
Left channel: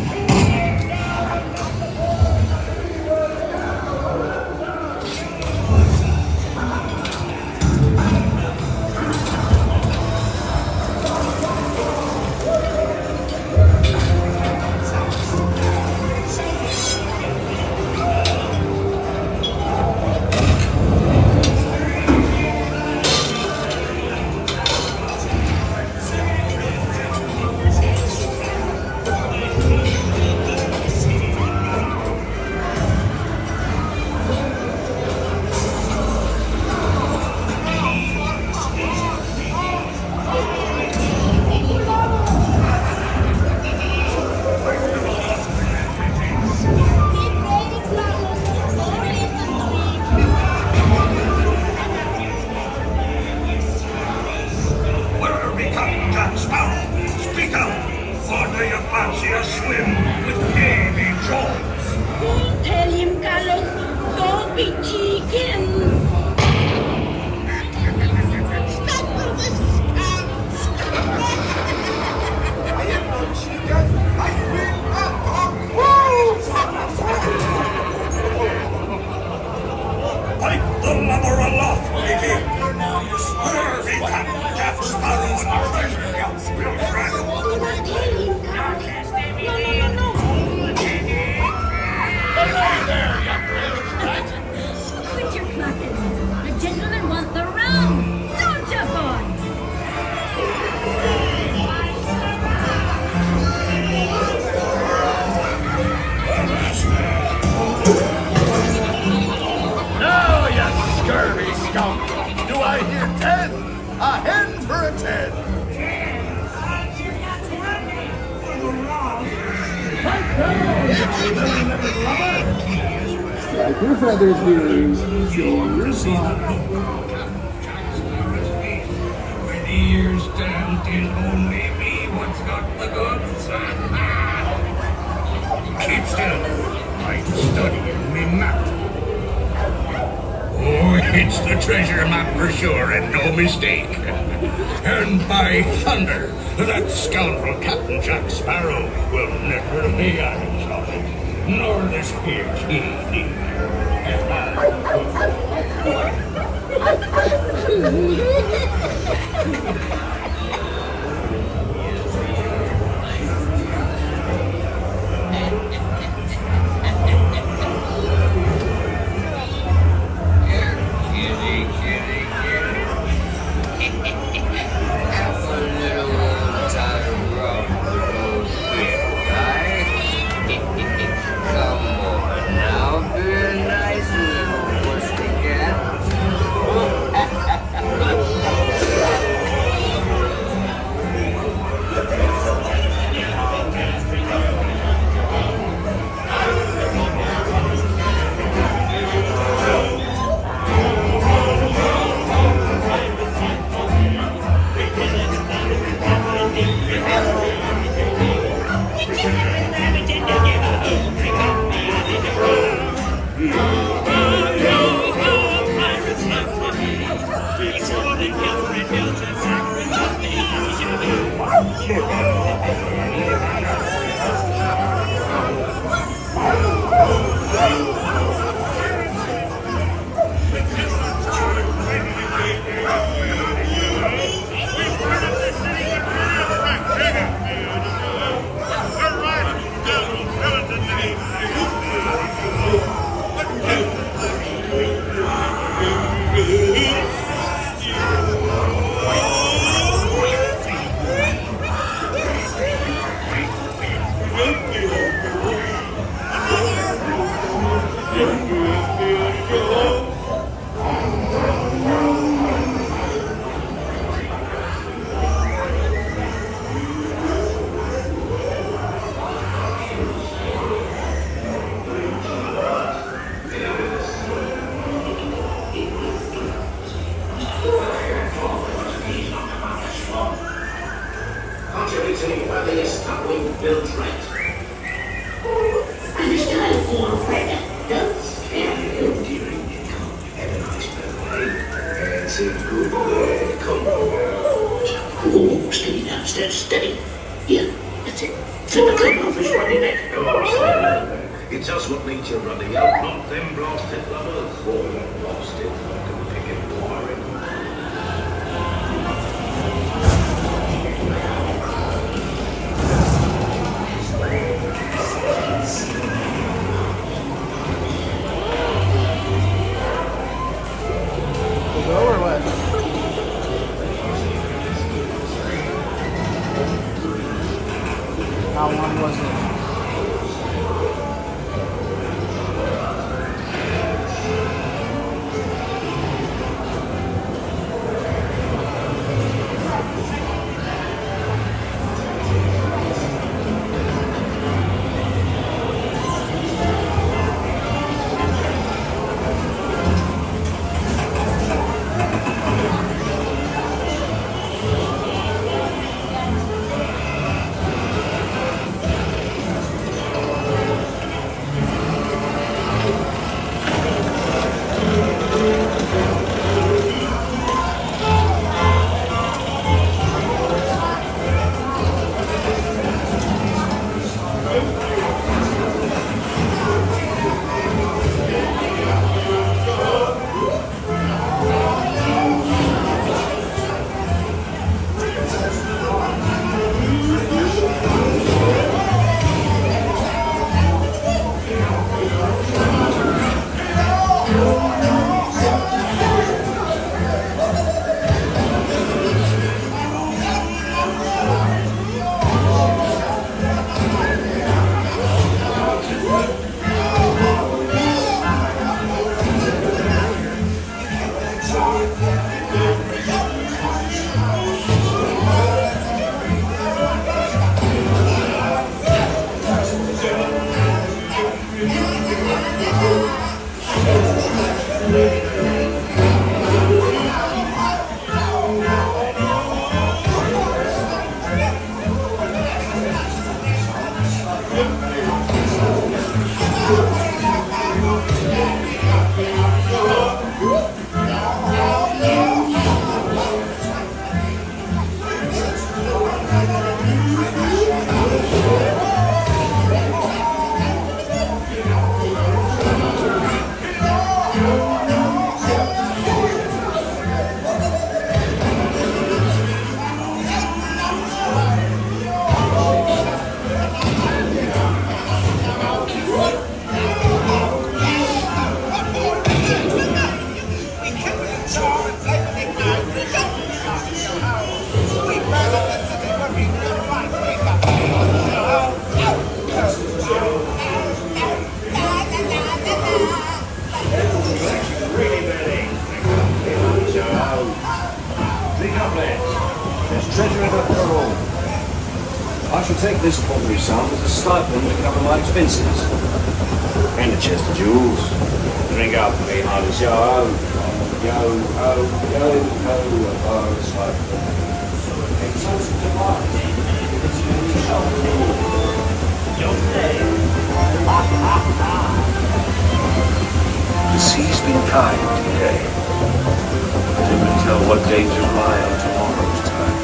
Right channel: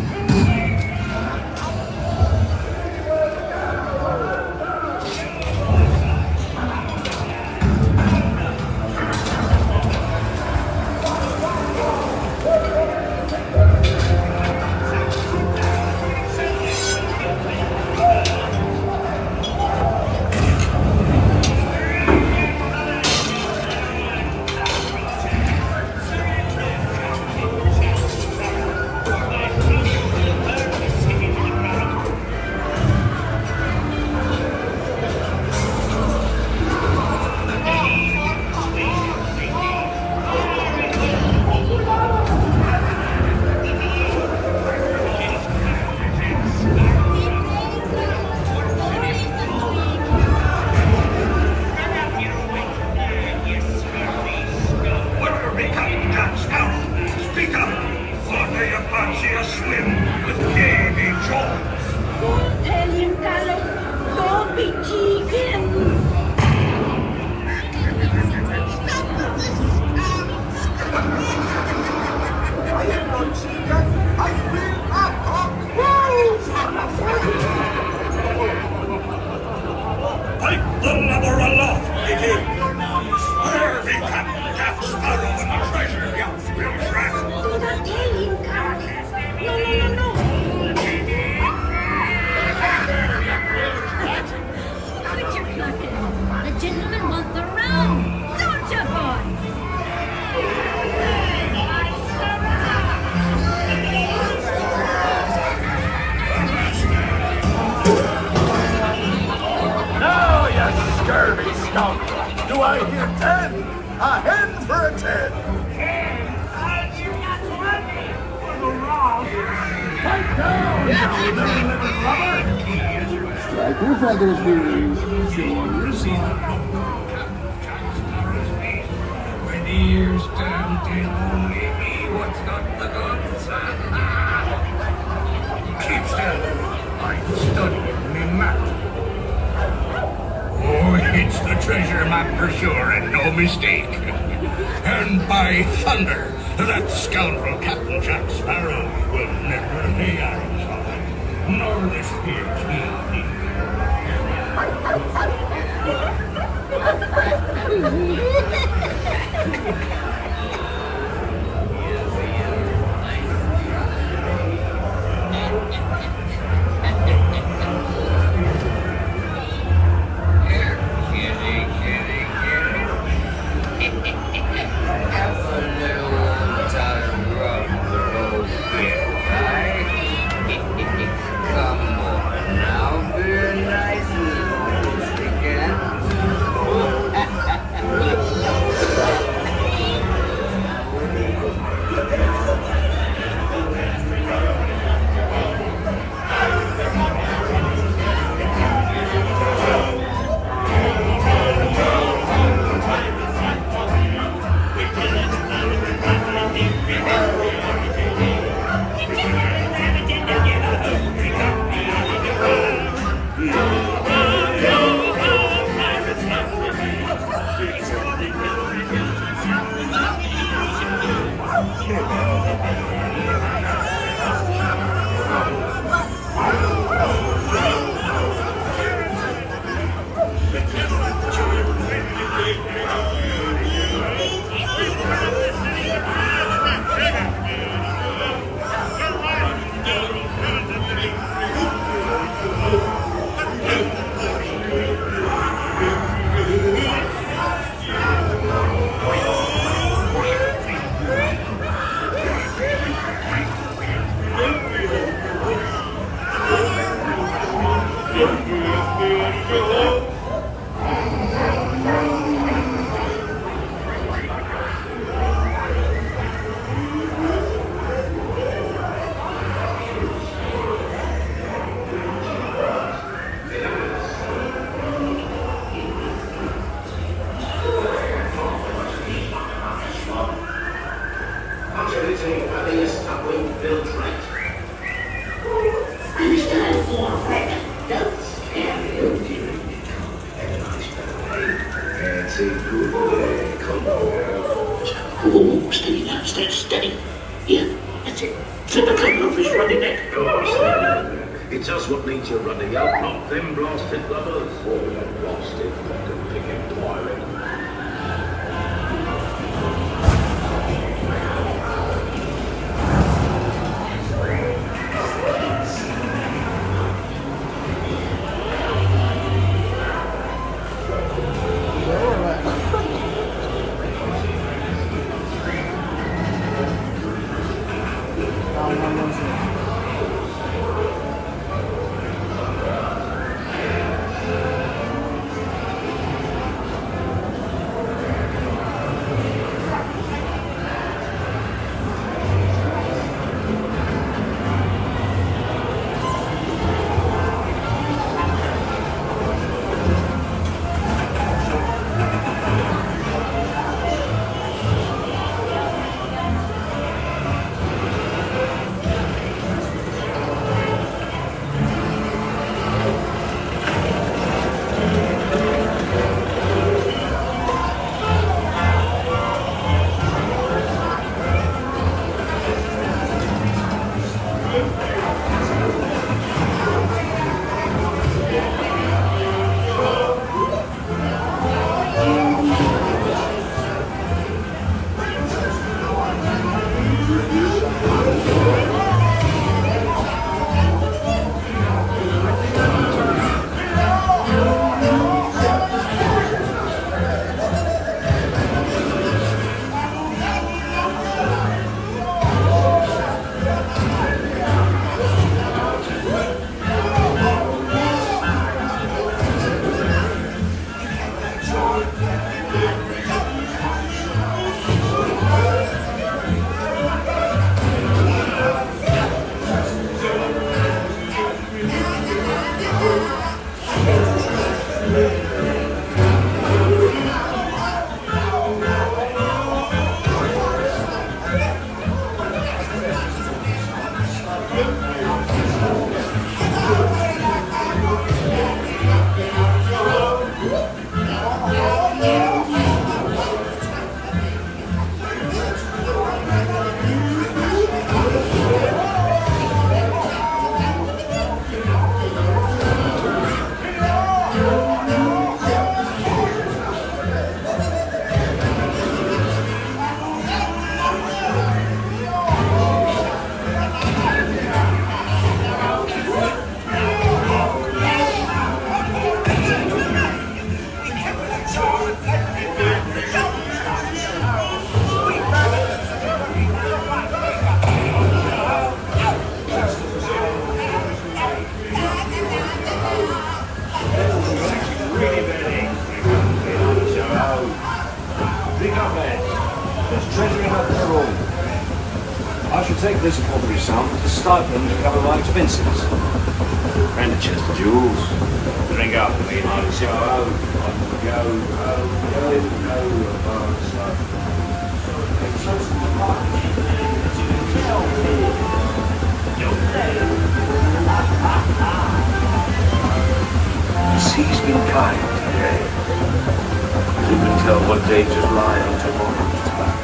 Do I hear 10? A hen for a 10. Pipe down, strike your feathers, dearie. Show your song. When the years stand in only me, what's got the guns? Keep still. I'm studying me map. Oh, it's the treasure map for sure, and no mistake. And by thunder, that scoundrel Captain Jack Sparrow will never pay Irish on it, nor this here king Stand steady. Yeah, that's it. Flip the clean off his running neck. It's us what needs your running up, not them blasted lovers. Or that blasted fucking pig inquiry. How long was it? I shall take this paltry sum as a stipend to cover my expenses. And a chest of jewels. Drink up for me, hearty show. The sea's been kind today. Who can tell what day to lie on tomorrow's time?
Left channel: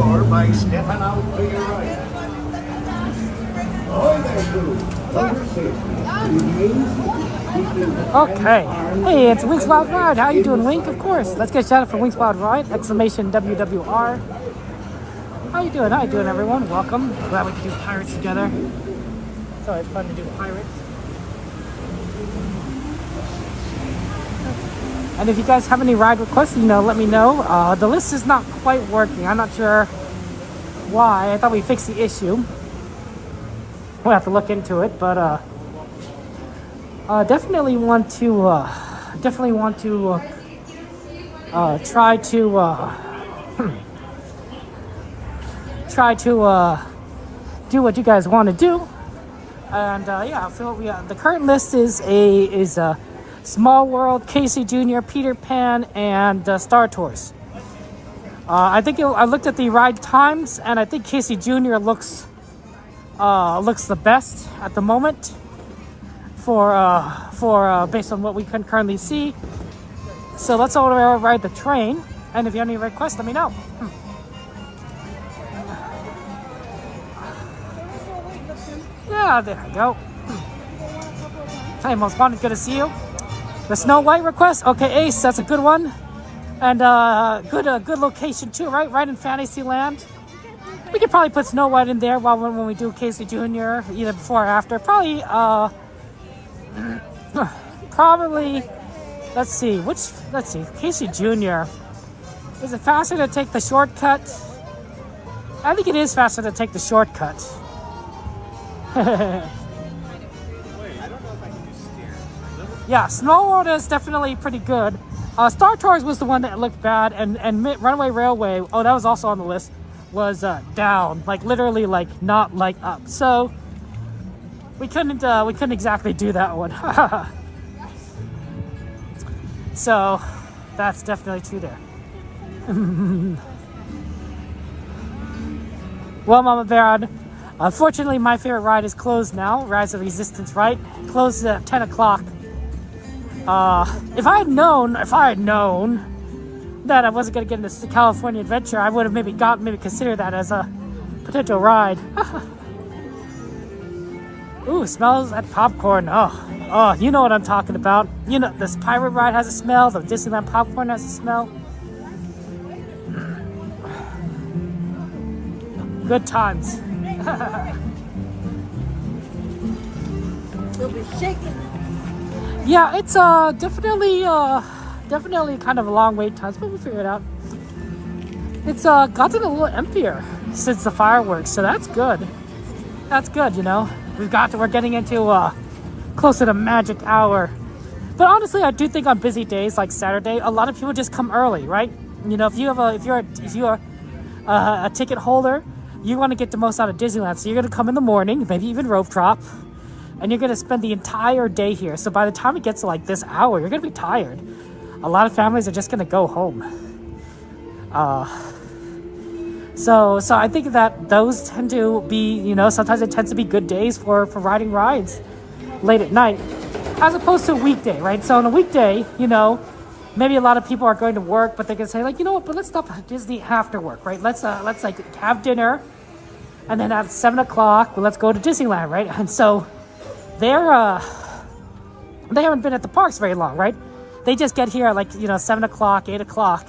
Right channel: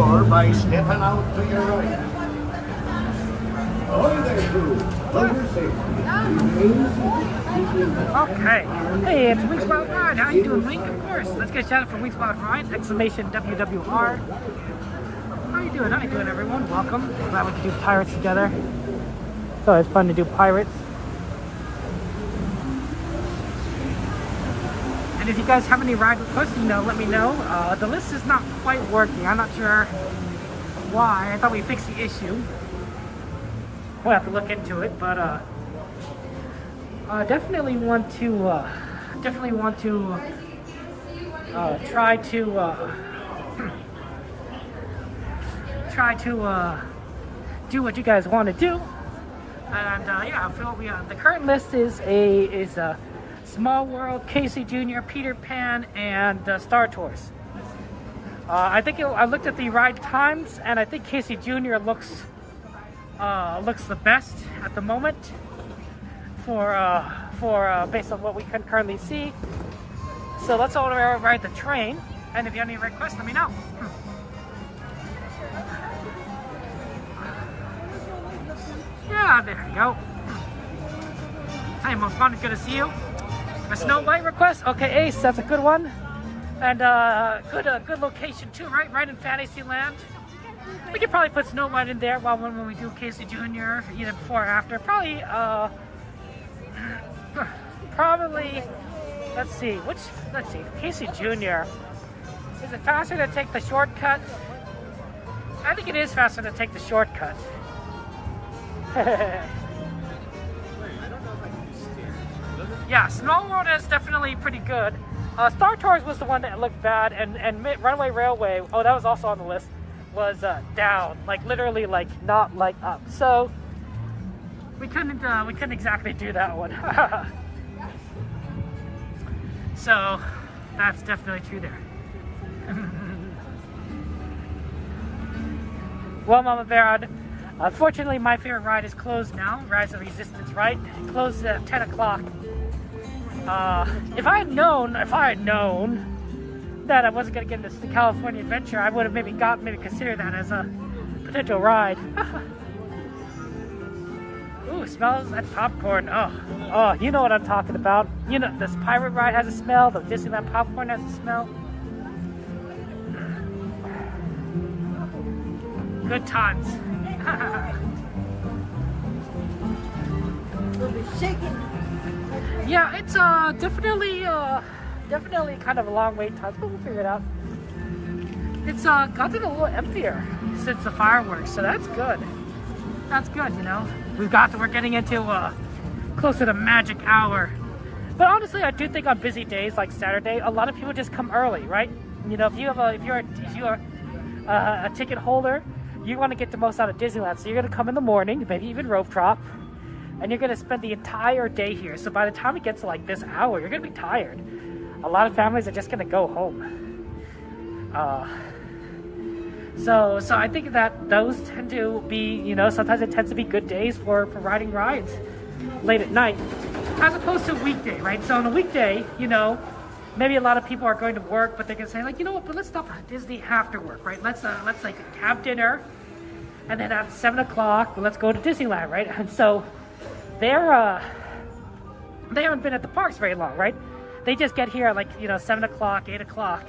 door by stepping out to your right. Ahoy there, Pooh. Like I said, remain seated. Okay. Hey, it's Wink's Wild Ride. How you doing, Wink? Of course. Let's get a shout out for Wink's Wild Ride! Exclamation WWR. How you doing? How you doing, everyone? Welcome. Glad we could do pirates together. It's always fun to do pirates. And if you guys have any ride requests, let me know. The list is not quite working. I'm not sure why. I thought we fixed the issue. We'll have to look into it, but definitely want to try to do what you guys want to do. And yeah, so the current list is Small World, Casey Jr., Peter Pan, and Star Tours. I looked at the ride times, and I think Casey Jr. looks the best at the moment for based on what we can currently see. So let's all ride the train, and if you have any requests, let me know. Yeah, there you go. Hey, Most Wanted, good to see you. The Snow White request? Okay, Ace, that's a good one. And good location too, right? Right in Fantasyland. We could probably put Snow White in there when we do Casey Jr., either before or after. Probably, let's see, Casey Jr. Is it faster to take the shortcut? I think it is faster to take the shortcut. Yeah, Snow World is definitely pretty good. Star Tours was the one that looked bad, and Runaway Railway, oh, that was also on the list, was down, like literally, like not like up. So we couldn't exactly do that one. So that's definitely true there. Well, Mama Bear, unfortunately, my favorite ride is closed now. Rise of Resistance, right? Closed at 10 o'clock. If I had known that I wasn't going to get into California Adventure, I would have maybe considered that as a potential ride. Ooh, smells like popcorn. Oh, you know what I'm talking about. You know, this pirate ride has a smell. The Disneyland popcorn has a smell. Good times. You'll be shaking. Yeah, it's definitely kind of a long wait time, but we'll figure it out. It's gotten a little emptier since the fireworks, so that's good. That's good, We're getting into closer to magic hour. But honestly, I do think on busy days like Saturday, a lot of people just come early, right? If you're a ticket holder, you want to get the most out of Disneyland, so you're going to come in the morning, maybe even rope drop, and you're going to spend the entire day here. So by the time it gets to like this hour, you're going to be tired. A lot of families are just going to go home. So I think that those tend to be, sometimes it tends to be good days for riding rides late at night, as opposed to a weekday, right? So on a weekday, maybe a lot of people are going to work, but they can say, like, you know what, but let's stop at Disney after work, right? Let's like have dinner, and then at 7 o'clock, let's go to Disneyland, right? And so they haven't been at the parks very long, right? They just get here at like, 7 o'clock, 8 o'clock,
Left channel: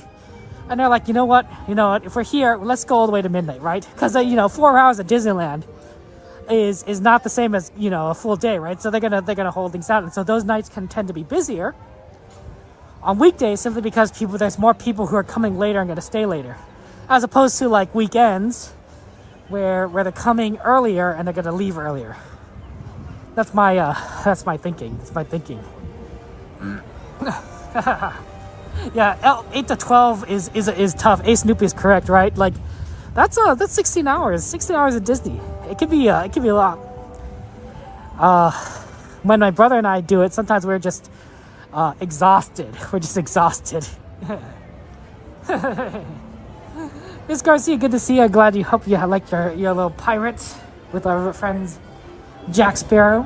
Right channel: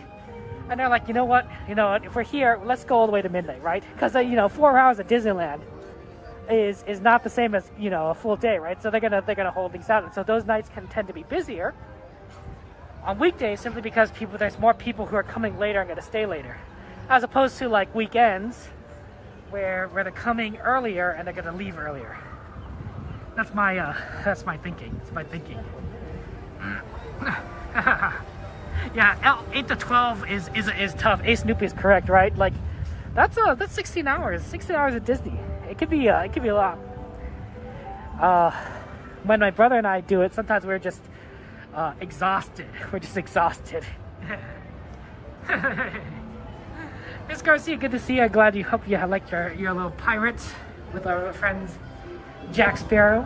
and they're like, you know what, if we're here, let's go all the way to midnight, right? Because 4 hours at Disneyland is not the same as, a full day, right? So they're gonna hold things out, and so those nights can tend to be busier on weekdays, simply because there's more people who are coming later and gonna stay later, as opposed to like weekends where they're coming earlier and they're gonna leave earlier. That's my thinking. It's my thinking. Yeah, 8 to 12 is tough. Ace Snoopy is correct, right? Like that's 16 hours. 16 hours at Disney. It could be a lot. When my brother and I do it, sometimes we're just exhausted. We're just exhausted. Miss Garcia, good to see you. I'm glad you hope you like your little pirates with our friends Jack Sparrow.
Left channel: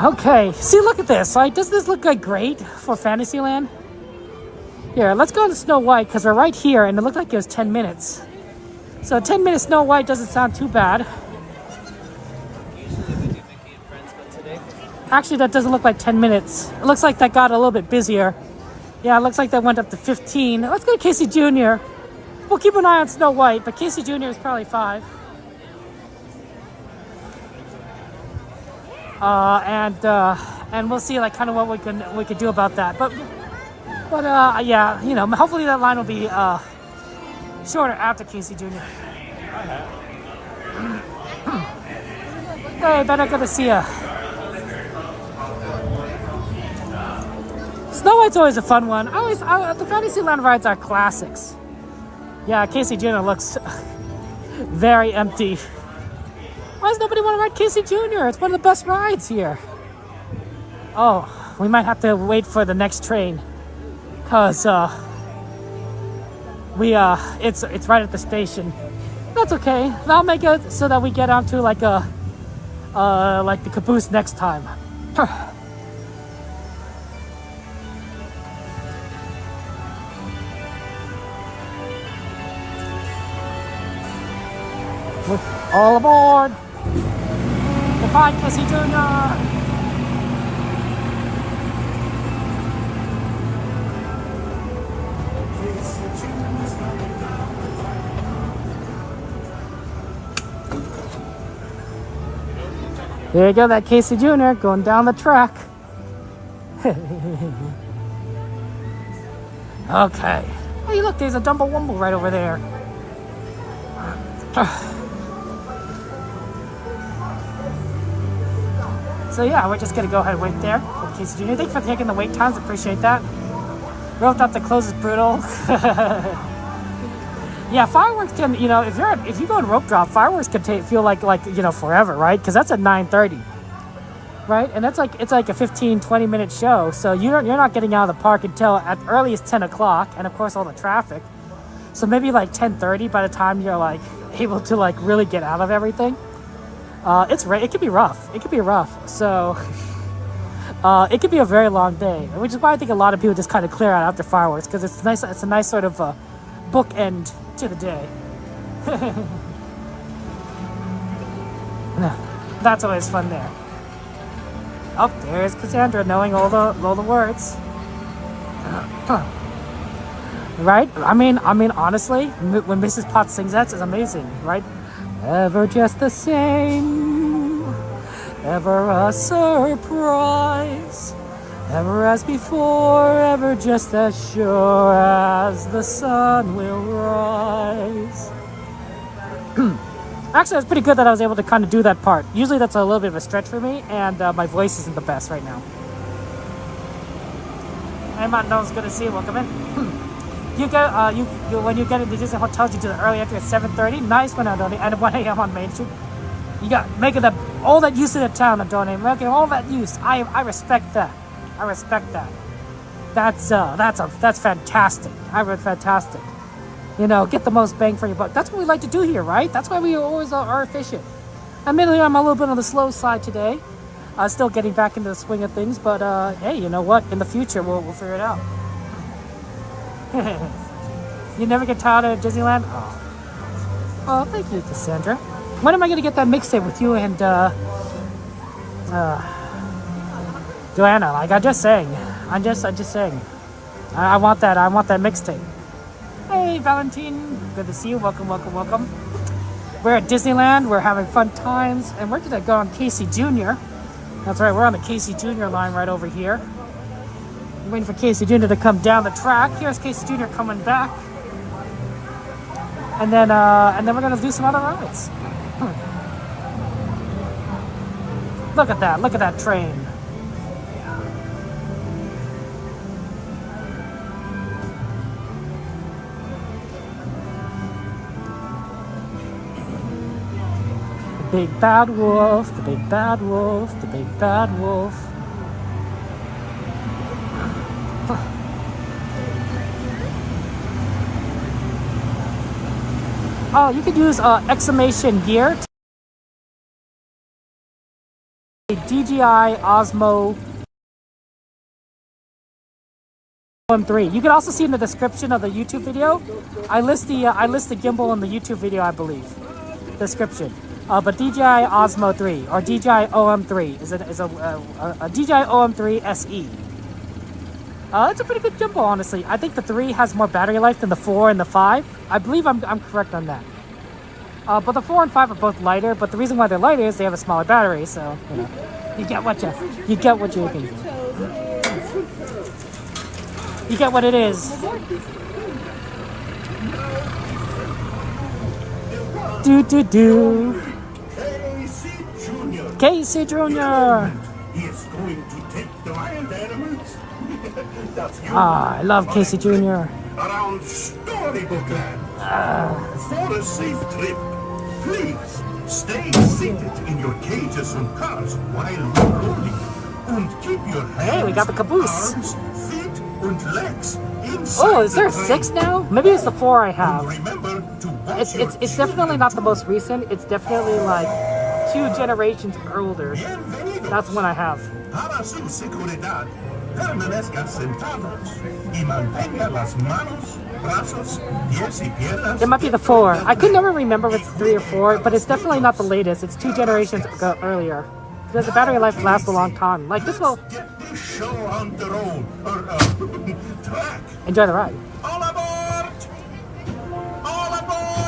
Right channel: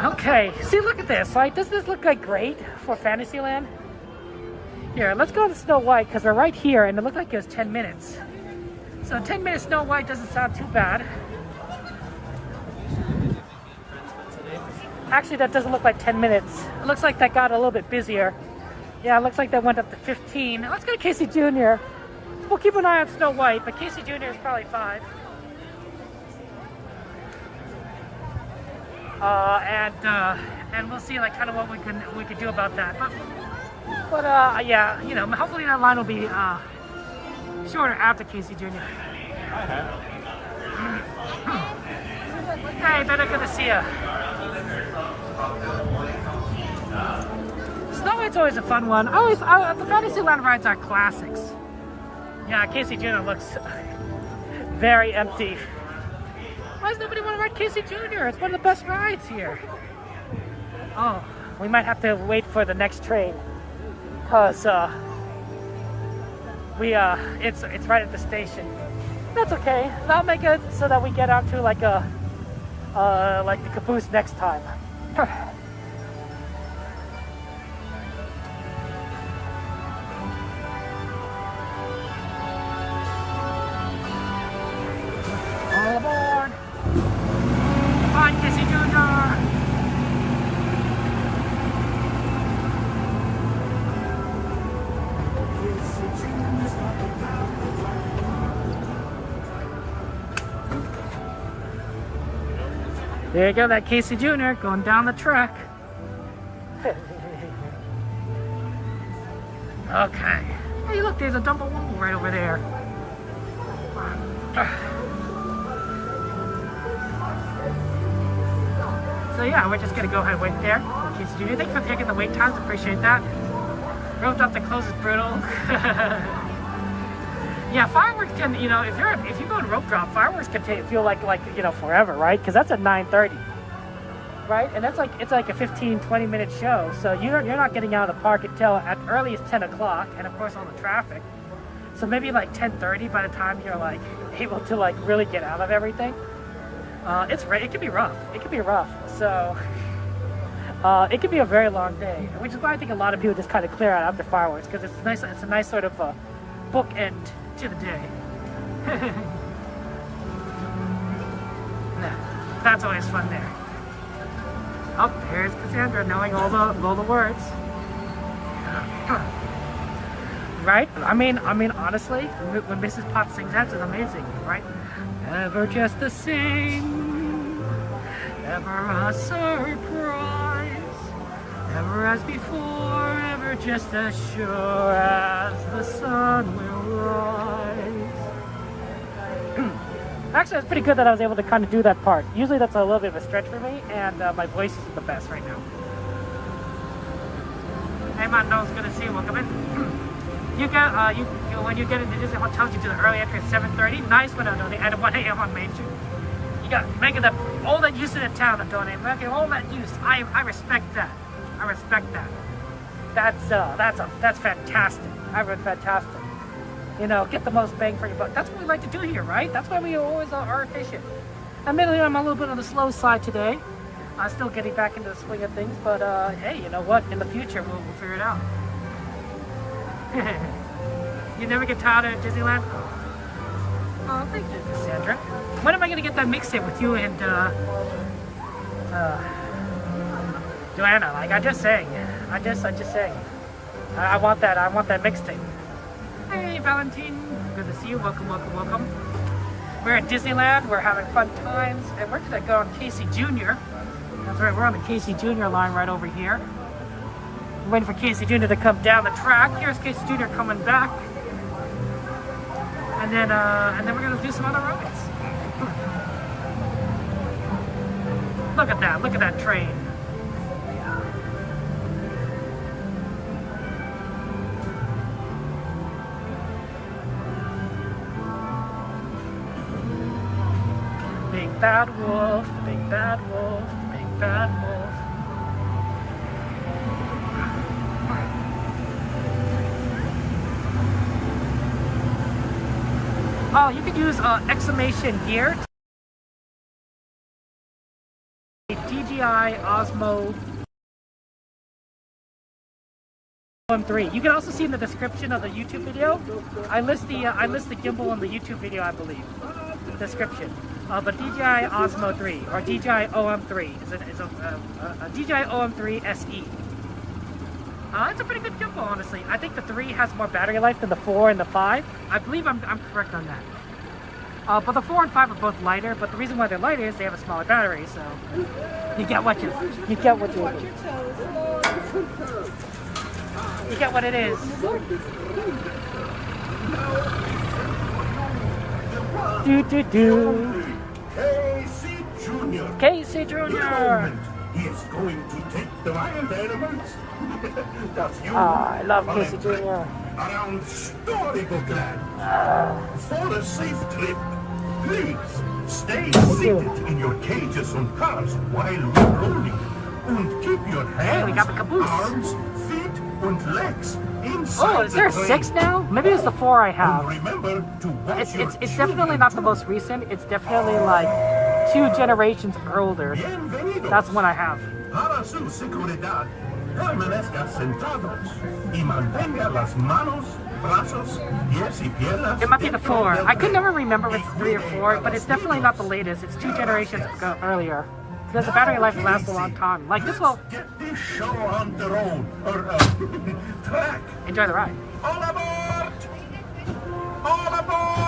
Okay, see, look at this. Like, doesn't this look like great for Fantasyland? Here, let's go to Snow White, because we're right here, and it looked like it was 10 minutes. So 10-minute Snow White doesn't sound too bad. Actually, that doesn't look like 10 minutes. It looks like that got a little bit busier. Yeah, it looks like that went up to 15. Let's go to Casey Jr. We'll keep an eye on Snow White, but Casey Jr. is probably 5. And we'll see like kind of what we could do about that. But yeah, you know, hopefully that line will be shorter after Casey Jr. Hey, Ben, good to see ya. Snow White's always a fun one. The Fantasyland rides are classics. Yeah, Casey Jr. looks very empty. Why does nobody want to ride Casey Jr.? It's one of the best rides here. Oh, we might have to wait for the next train, cause it's right at the station. That's okay. I'll make it so that we get onto like the caboose next time. All aboard! Goodbye, Casey Jr. There you go, that Casey Jr. going down the track. Okay. Hey, look, there's a Dumble Wumble right over there. So yeah, we're just gonna go ahead and wait there for Casey Jr. Thanks for taking the wait times, appreciate that. Roped up to close is brutal. Yeah, fireworks can, you know, if you go on rope drop, fireworks can feel like you know, forever, right? Because that's at 9:30, right? And it's like a 15-20 minute show, so you're not getting out of the park until at earliest 10 o'clock, and of course all the traffic. So maybe like 10:30 by the time you're like able to like really get out of everything. It could be rough. It could be rough. So it could be a very long day, which is why I think a lot of people just kind of clear out after fireworks, because it's nice. It's a nice sort of bookend to the day. That's always fun there. Oh, there's Cassandra knowing all the words. Right? I mean, honestly, when Mrs. Potts sings that, it's amazing, right? Ever just the same, ever a surprise, ever as before, ever just as sure as the sun will rise. Actually, that's pretty good that I was able to kind of do that part. Usually that's a little bit of a stretch for me, and my voice isn't the best right now. Hey, Matt, no, it's good to see you. Welcome in. You get when you get into Disney hotels, you do the early entry at 7:30. Nice one, Adoni, and 1 a.m. on Main Street. You got making all that use in the town, Adoni, making all that use. I respect that. I respect that. That's fantastic. I mean, fantastic. You know, get the most bang for your buck. That's what we like to do here, right? That's why we always are efficient. Admittedly, I'm a little bit on the slow side today. Still getting back into the swing of things, but hey, you know what? In the future, we'll figure it out. You never get tired of Disneyland? Oh, thank you, Cassandra. When am I gonna get that mixtape with you and Joanna? Like I'm just saying. I want that mixtape. Hey, Valentine. Good to see you. Welcome. We're at Disneyland. We're having fun times. And where did I go on Casey Jr.? That's right. We're on the Casey Jr. line right over here. We're waiting for Casey Jr. to come down the track. Here's Casey Jr. coming back. And then we're gonna do some other rides. Look at that train. Big bad wolf, the big bad wolf, the big bad wolf. Oh, you could use exclamation gear. DJI Osmo OM3. You can also see in the description of the YouTube video. I list the gimbal in the YouTube video, I believe. Description. But DJI Osmo 3 or DJI OM3 is a DJI OM3 SE. It's a pretty good gimbal, honestly. I think the 3 has more battery life than the 4 and the 5. I believe I'm correct on that. But the 4 and 5 are both lighter. But the reason why they're lighter is they have a smaller battery. So you get what you get what it is. Do. Casey Jr. He is going to take the wild animals. That's you. I love Casey Jr. Around Storybook Land. For a safe trip, please stay seated in your cages and cars while we're loading. And keep your hands, hey, we got the caboose. Arms, feet, and legs inside. Oh, is there a 6 now? Maybe it's the 4 I have. Remember to It's definitely not the most recent. It's definitely like 2 generations older. That's one I have. Para su seguridad, permanezca sentados y mantenga las manos, brazos, pies y piernas. It might be the 4. I could never remember if it's 3 or 4, but it's definitely not the latest. It's 2 generations earlier. Because the battery life lasts a long time. Like this will... Get this show on the road, or track. Enjoy the ride. All aboard! All aboard!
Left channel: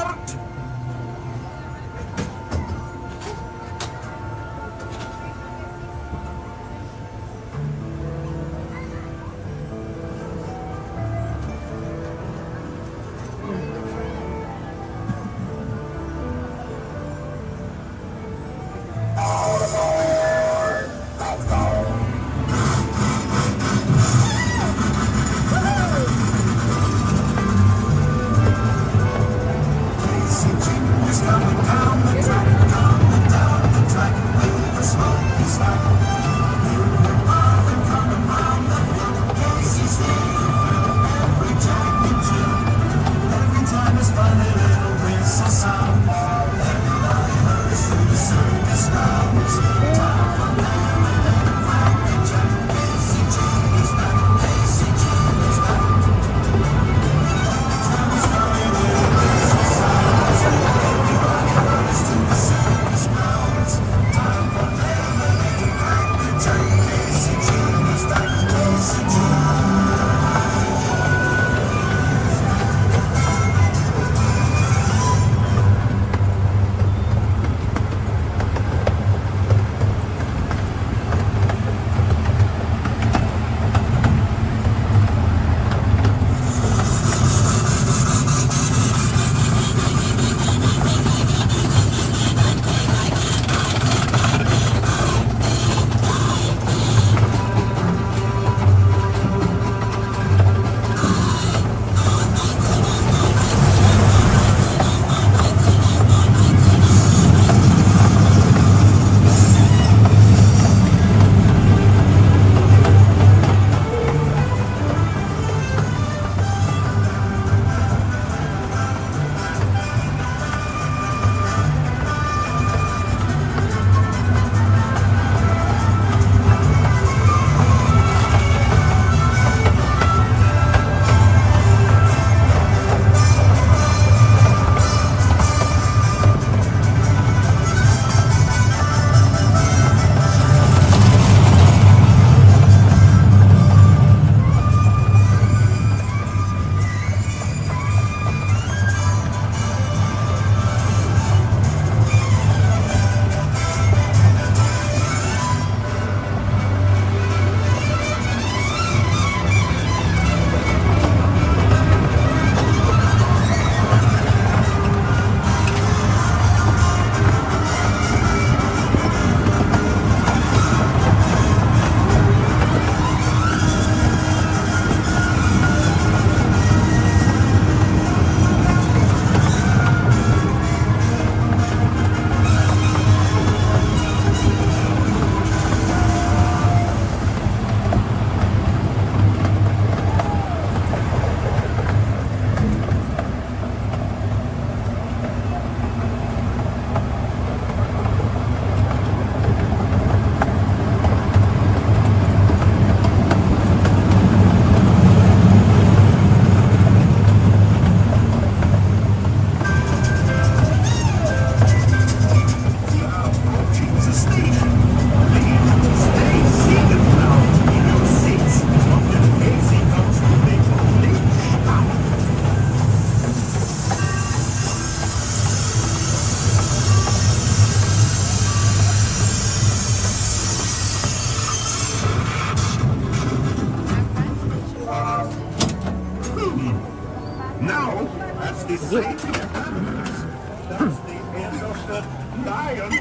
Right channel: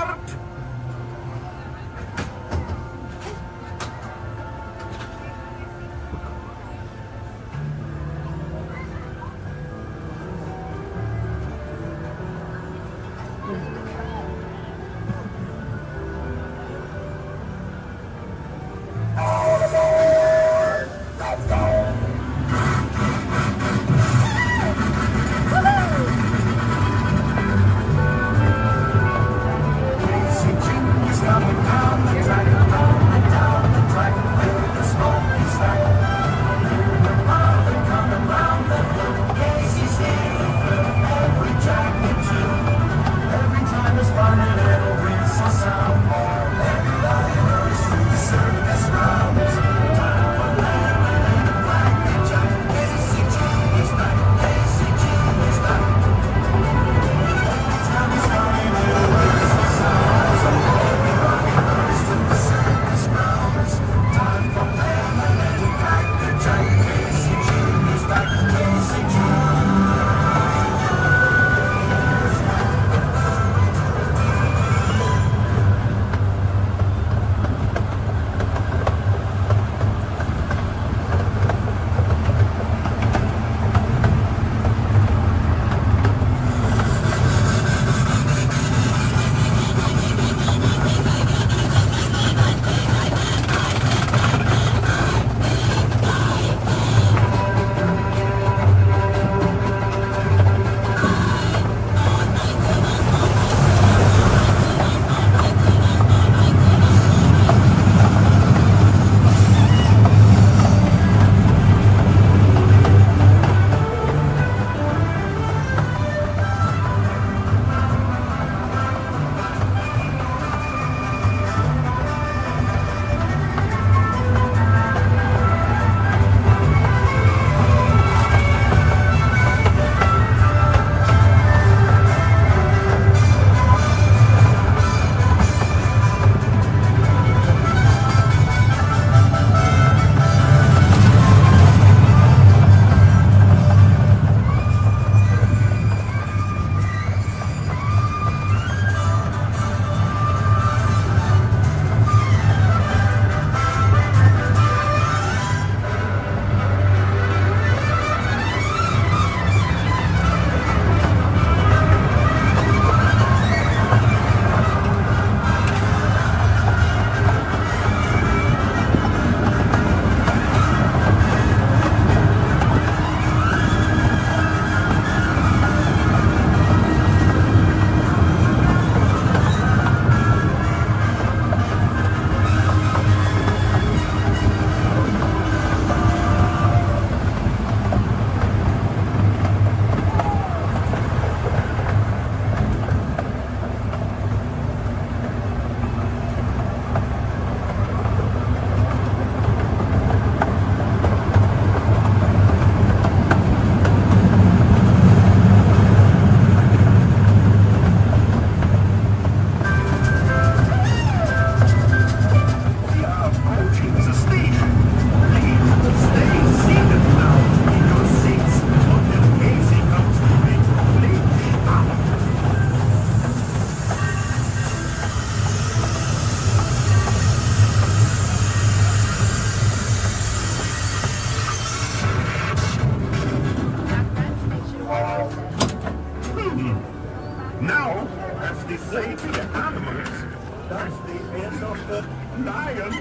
Now, that's the safety animals. That's the end of the lion.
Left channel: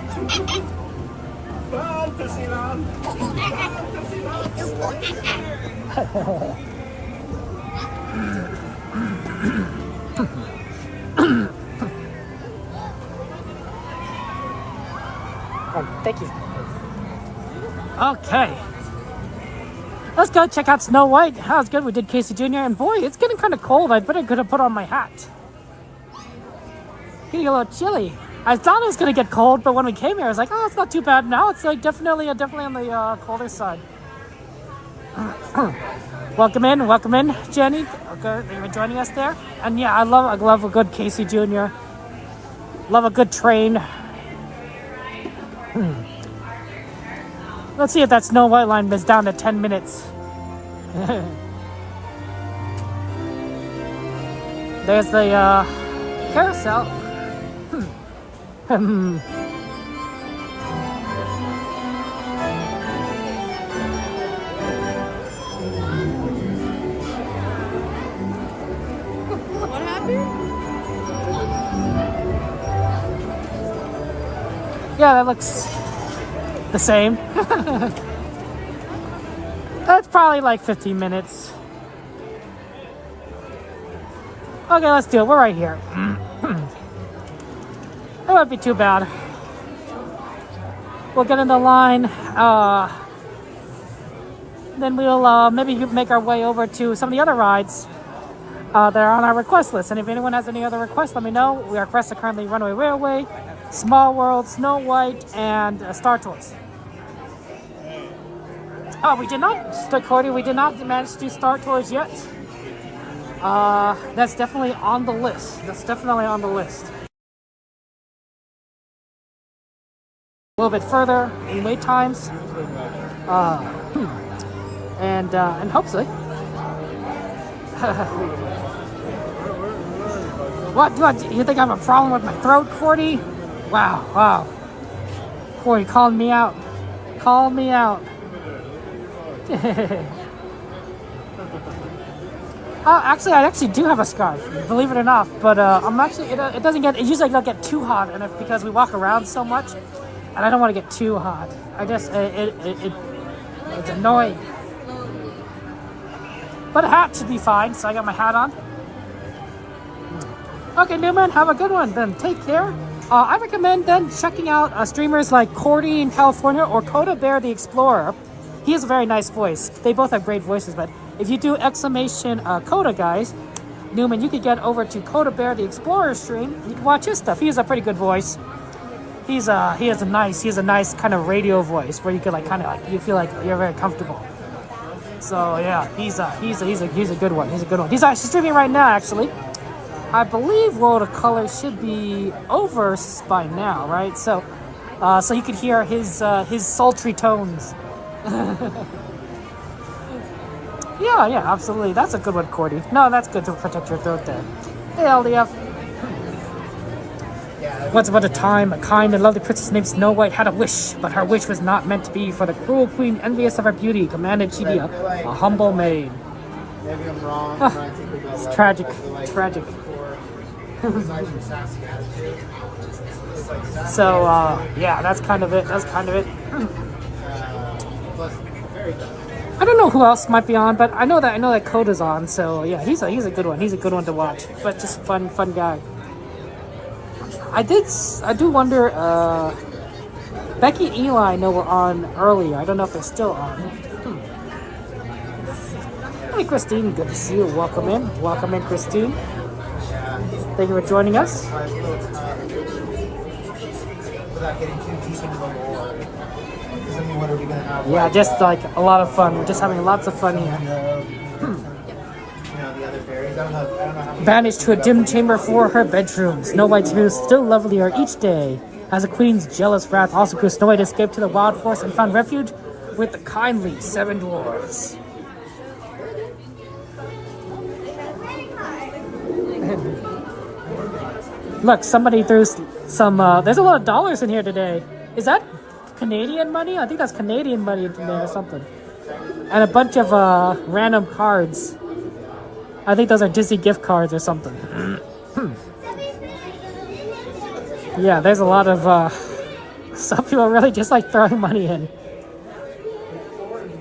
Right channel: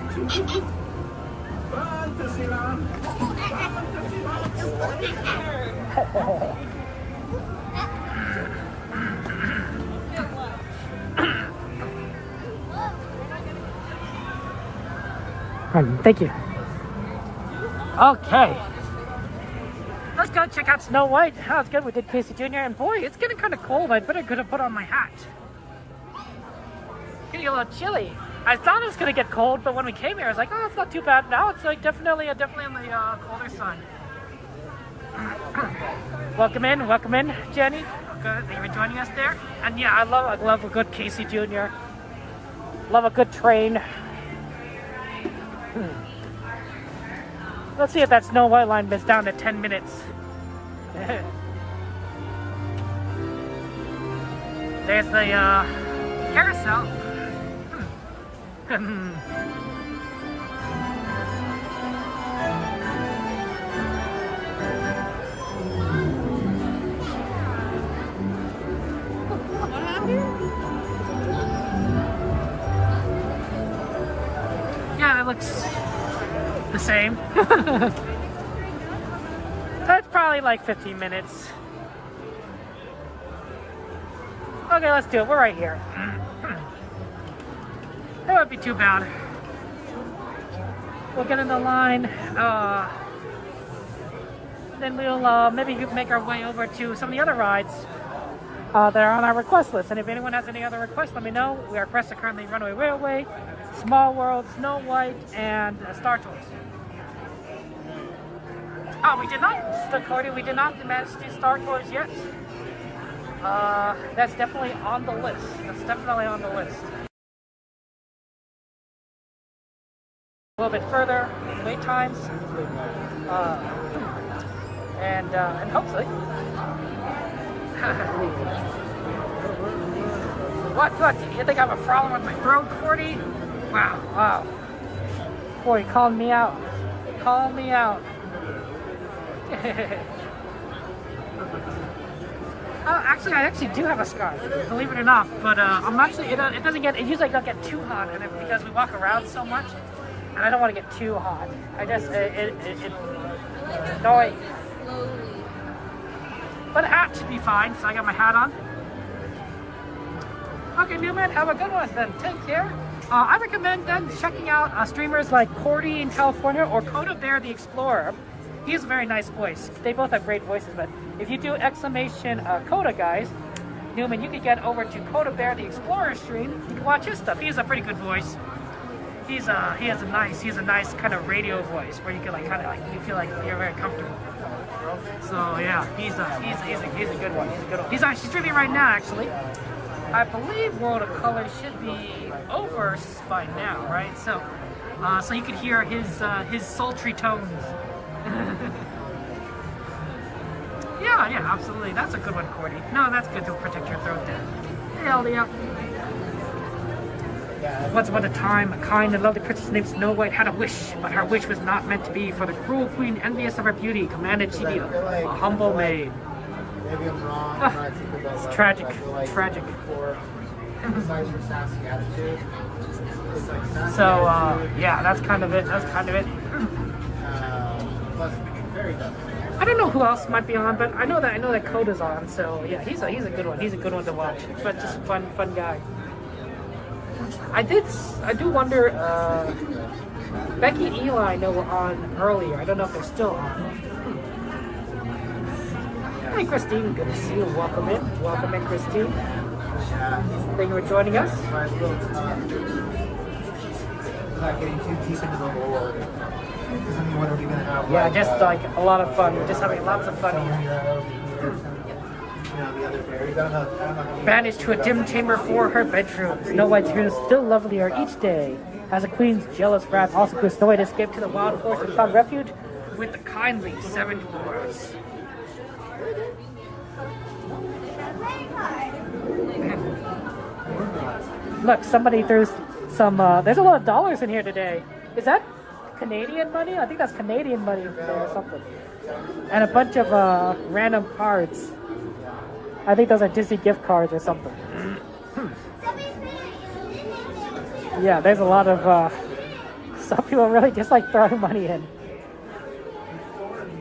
Fantasyland. Thank you. Okay. Let's go check out Snow White. That was good. We did Casey Jr. And boy, it's getting kind of cold. I better could have put on my hat. Getting a little chilly. I thought it was going to get cold, but when we came here, I was like, oh, it's not too bad. No, it's like definitely on the colder side. Welcome in, Jenny. Okay, you're joining us there. And yeah, I love a good Casey Jr. Love a good train. Let's see if that Snow White line is down to 10 minutes. There's the carousel. What happened? Yeah, that looks the same. That's probably like 15 minutes. Okay, let's do it. We're right here. It won't be too bad. We'll get in the line. Then we'll maybe make our way over to some of the other rides that are on our request list. And if anyone has any other requests, let me know. Our requests are currently Runaway Railway, Small World, Snow White, and Star Tours. Oh, we did not, Cody, we did not manage to do Star Tours yet. That's definitely on the list. A little bit further in wait times. And hopefully. What? You think I have a problem with my throat, Cordy? Wow. Cordy called me out. Actually, I do have a scarf, believe it or not. But I'm actually, it usually don't get too hot, and because we walk around so much, and I don't want to get too hot. It's annoying. But a hat should be fine, so I got my hat on. Okay, Newman, have a good one then. Take care. I recommend then checking out streamers like Cordy in California or Coda Bear the Explorer. He has a very nice voice. They both have great voices, but if you do exclamation Coda guys, Newman, you could get over to Coda Bear the Explorer stream. You can watch his stuff. He has a pretty good voice. He has a nice kind of radio voice where you can you feel like you're very comfortable. So yeah, he's a good one. He's actually streaming right now, actually. I believe World of Color should be over by now, right? So you could hear his sultry tones. Yeah, absolutely. That's a good one, Cordy. No, that's good to protect your throat there. Hey, LDF. Once upon a time, a kind and lovely princess named Snow White had a wish, but her wish was not meant to be, for the cruel queen, envious of her beauty, commanded she be a humble maid. Maybe I'm wrong. It's tragic. So, yeah, that's kind of it. I don't know who else might be on, but I know that Coda's on. So yeah, he's a good one. He's a good one to watch. But just fun guy. I do wonder. Becky and Eli, I know were on earlier. I don't know if they're still on. Hi, Christine. Good to see you. Welcome in, Christine. Thank you for joining us. Without getting too deep into the war. What are we gonna have? Yeah, just like a lot of fun. Just having lots of fun here. The other fairies. I don't know Banished to a dim chamber for her bedroom, Snow White's hair is still lovelier each day. As the queen's jealous wrath also grew, Snow White escaped to the wild forest and found refuge with the kindly 7 dwarves. Look, somebody threw some, there's a lot of dollars in here today. Is that Canadian money? I think that's Canadian money in there or something. And a bunch of random cards. I think those are Disney gift cards or something. Yeah, there's a lot of some people really just like throwing money in.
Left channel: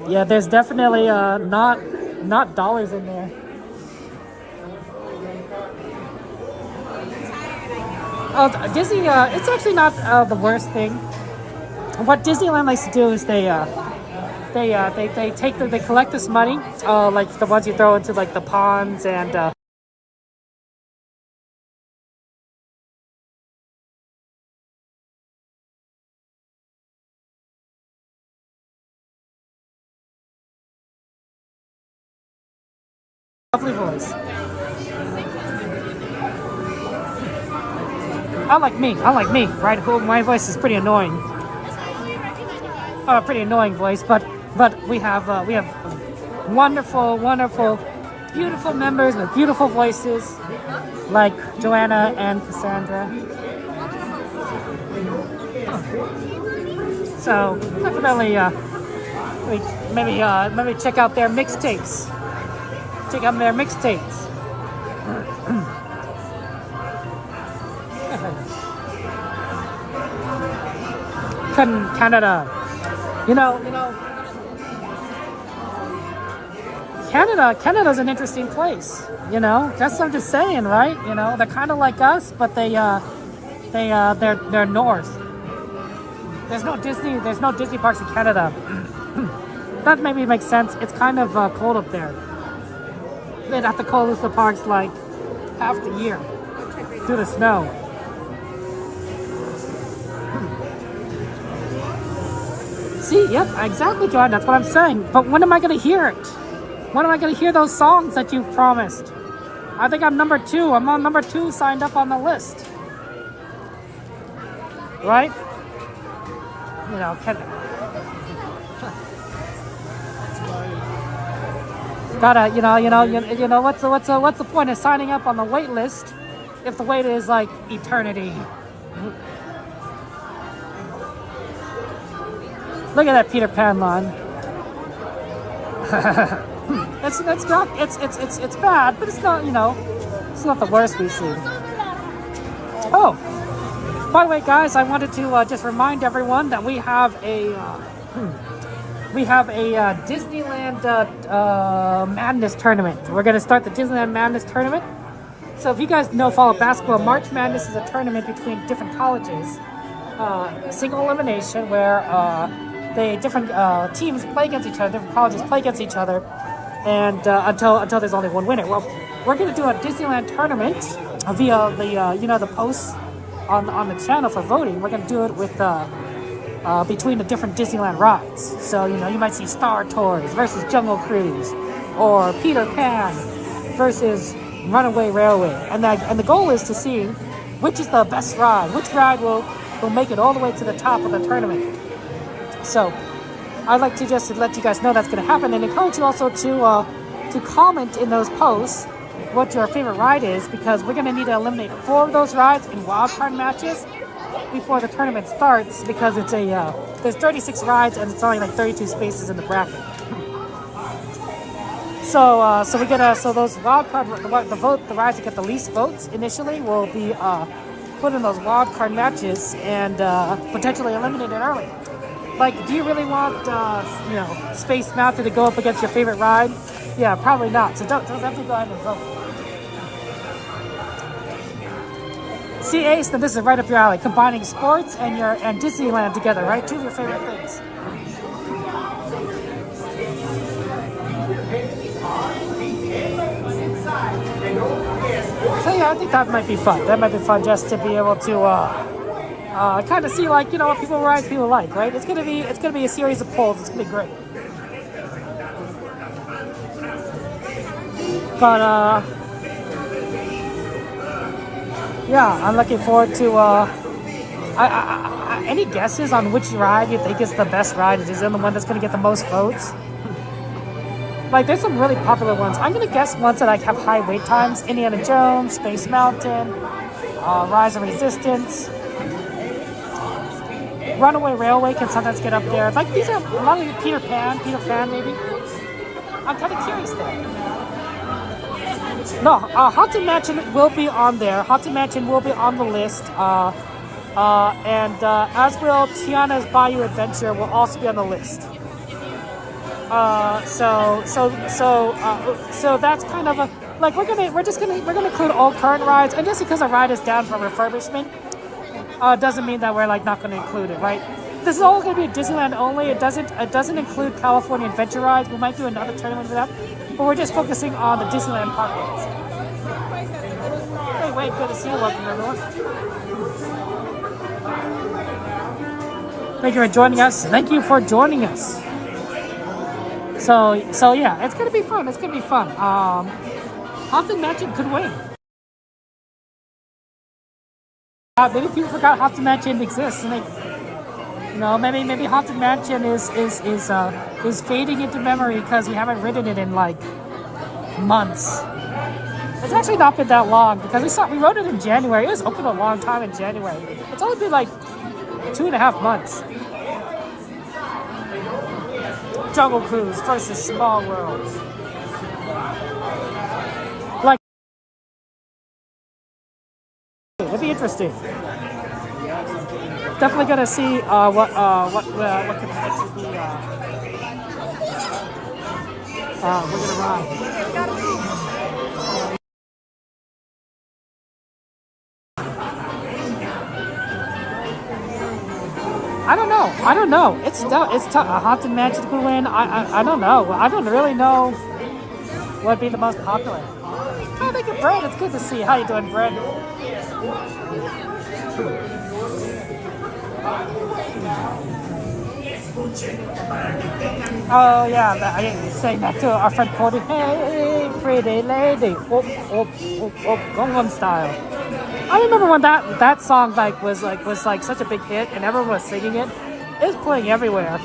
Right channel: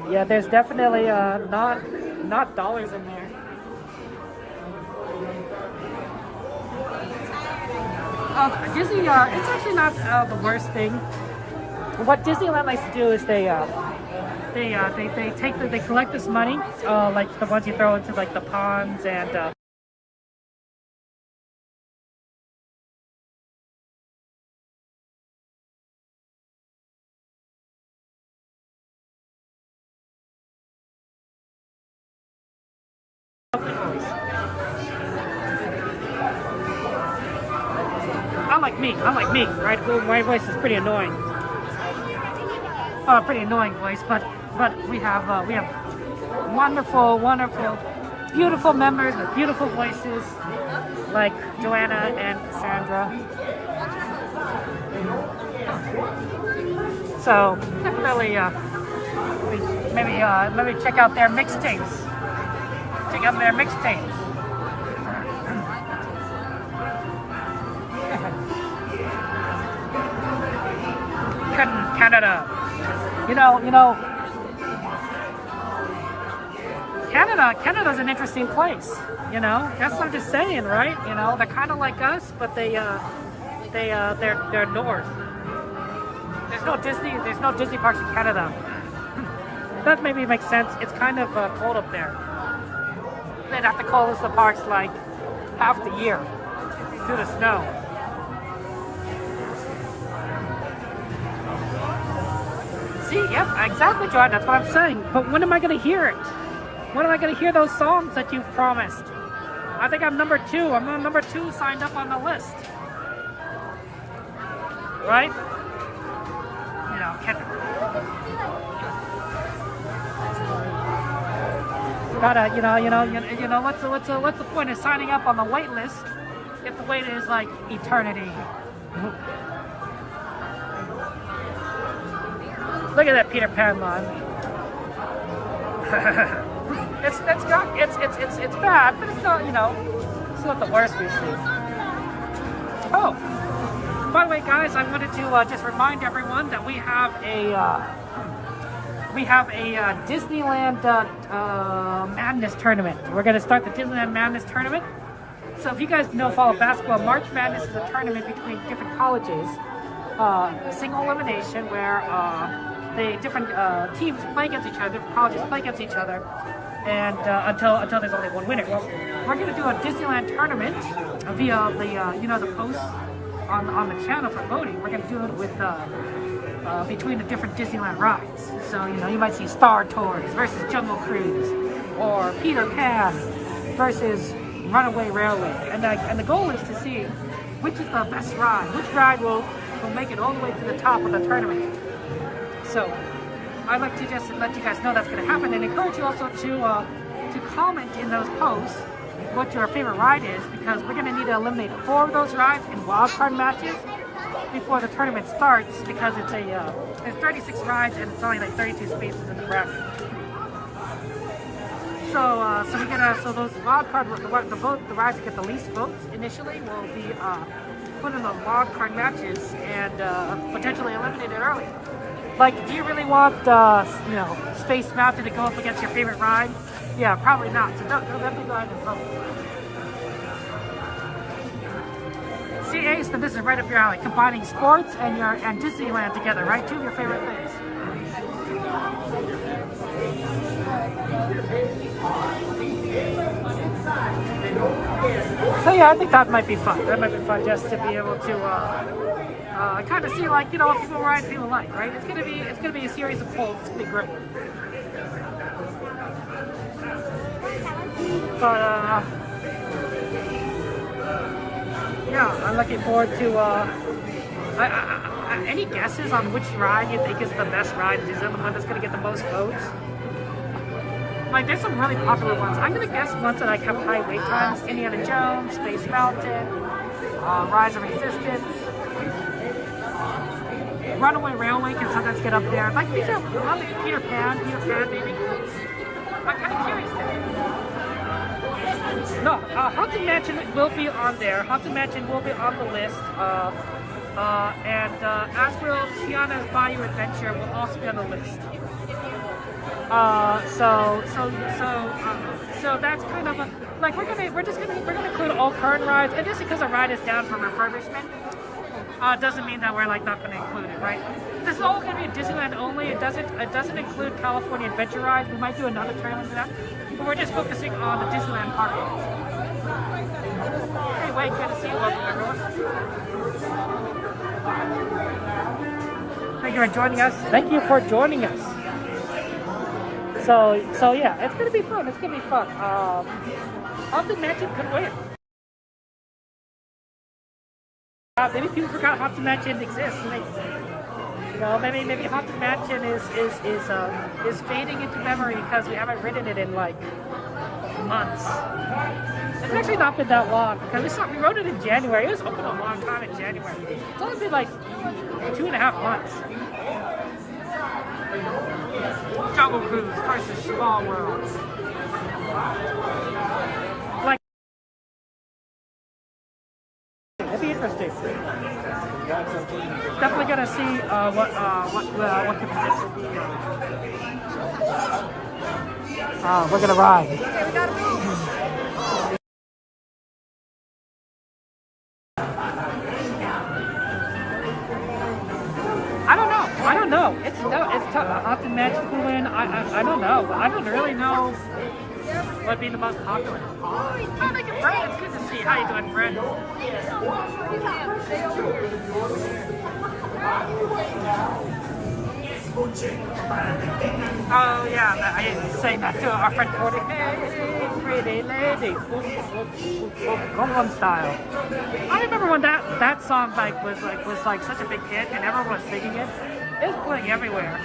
Yeah, there's definitely not dollars in there. Oh, Disney, it's actually not the worst thing. What Disneyland likes to do is they collect this money, like the ones you throw into like the ponds and lovely voice. Unlike me, right? My voice is pretty annoying. Pretty annoying voice, but we have wonderful, beautiful members with beautiful voices, like Joanna and Cassandra. So definitely, maybe check out their mixtapes. Check out their mixtapes. Canada. You know, Canada's an interesting place. You know, that's what I'm just saying, right? You know, they're kind of like us, but they're north. There's no Disney parks in Canada. That maybe makes sense. It's kind of cold up there. They'd have to close the parks like half the year due to snow. See, yep, exactly, John. That's what I'm saying. But when am I going to hear it? When am I going to hear those songs that you promised? I think I'm number 2. I'm on number 2 signed up on the list. Right? You know, gotta, you know, what's the point of signing up on the wait list if the wait is like eternity? Look at that Peter Pan line. It's bad, but it's not, you know, it's not the worst we've seen. Oh, by the way, guys, I wanted to just remind everyone that we have a Disneyland Madness tournament. We're going to start the Disneyland Madness tournament. So if you guys follow basketball, March Madness is a tournament between different colleges, single elimination, where the different teams play against each other, different colleges play against each other, and until there's only one winner. Well, we're going to do a Disneyland tournament via the the posts on the channel for voting. We're going to do it with between the different Disneyland rides. So you might see Star Tours versus Jungle Cruise, or Peter Pan versus Runaway Railway, and the goal is to see which is the best ride, which ride will make it all the way to the top of the tournament. So I'd like to just let you guys know that's going to happen, and encourage you also to comment in those posts what your favorite ride is, because we're going to need to eliminate 4 of those rides in wildcard matches before the tournament starts, because it's there's 36 rides and it's only like 32 spaces in the bracket. So those wildcard the rides that get the least votes initially will be put in those wildcard matches and potentially eliminated early. Like, do you really want Space Mountain to go up against your favorite ride? Yeah, probably not. So don't definitely go ahead and vote. See, Ace, then this is right up your alley. Combining sports and Disneyland together, right? 2 of your favorite things. So yeah, I think that might be fun. That might be fun just to be able to kind of see, like, what people like, right? It's gonna be a series of polls. It's gonna be great. But yeah, I'm looking forward to. Any guesses on which ride you think is the best ride? Is it the one that's going to get the most votes? Like, there's some really popular ones. I'm going to guess ones that like have high wait times: Indiana Jones, Space Mountain, Rise of Resistance. Runaway Railway can sometimes get up there. Like, these are a lot of Peter Pan maybe. I'm kind of curious there. No, Haunted Mansion will be on there. Haunted Mansion will be on the list. And as will Tiana's Bayou Adventure will also be on the list. So that's kind of a like we're gonna include all current rides, and just because a ride is down for refurbishment, doesn't mean that we're like not gonna include it, right? This is all gonna be Disneyland only. It doesn't include California Adventure rides. We might do another tournament for that, but we're just focusing on the Disneyland park rides. Hey, Wade, good to see you. Welcome, everyone. Thank you for joining us. Thank you for joining us. So yeah, it's gonna be fun. It's gonna be fun. Haunted Mansion could win. Maybe people forgot Haunted Mansion exists, and maybe Haunted Mansion is fading into memory because we haven't ridden it in like months. It's actually not been that long because we rode it in January. It was open a long time in January. It's only been like 2.5 months. Jungle Cruise versus Small World. Like, it'll be interesting. Definitely gonna see what the next will be. We're gonna ride. I don't know. It's tough. A Haunted Mansion to win. I don't know. I don't really know what would be the most popular. Oh, thank you, Brad. It's good to see you. How you doing, Brad? Oh yeah, I saying that to our friend Cordy. Hey, pretty lady. Gangnam Style. I remember when that song was such a big hit and everyone was singing it. It was playing everywhere.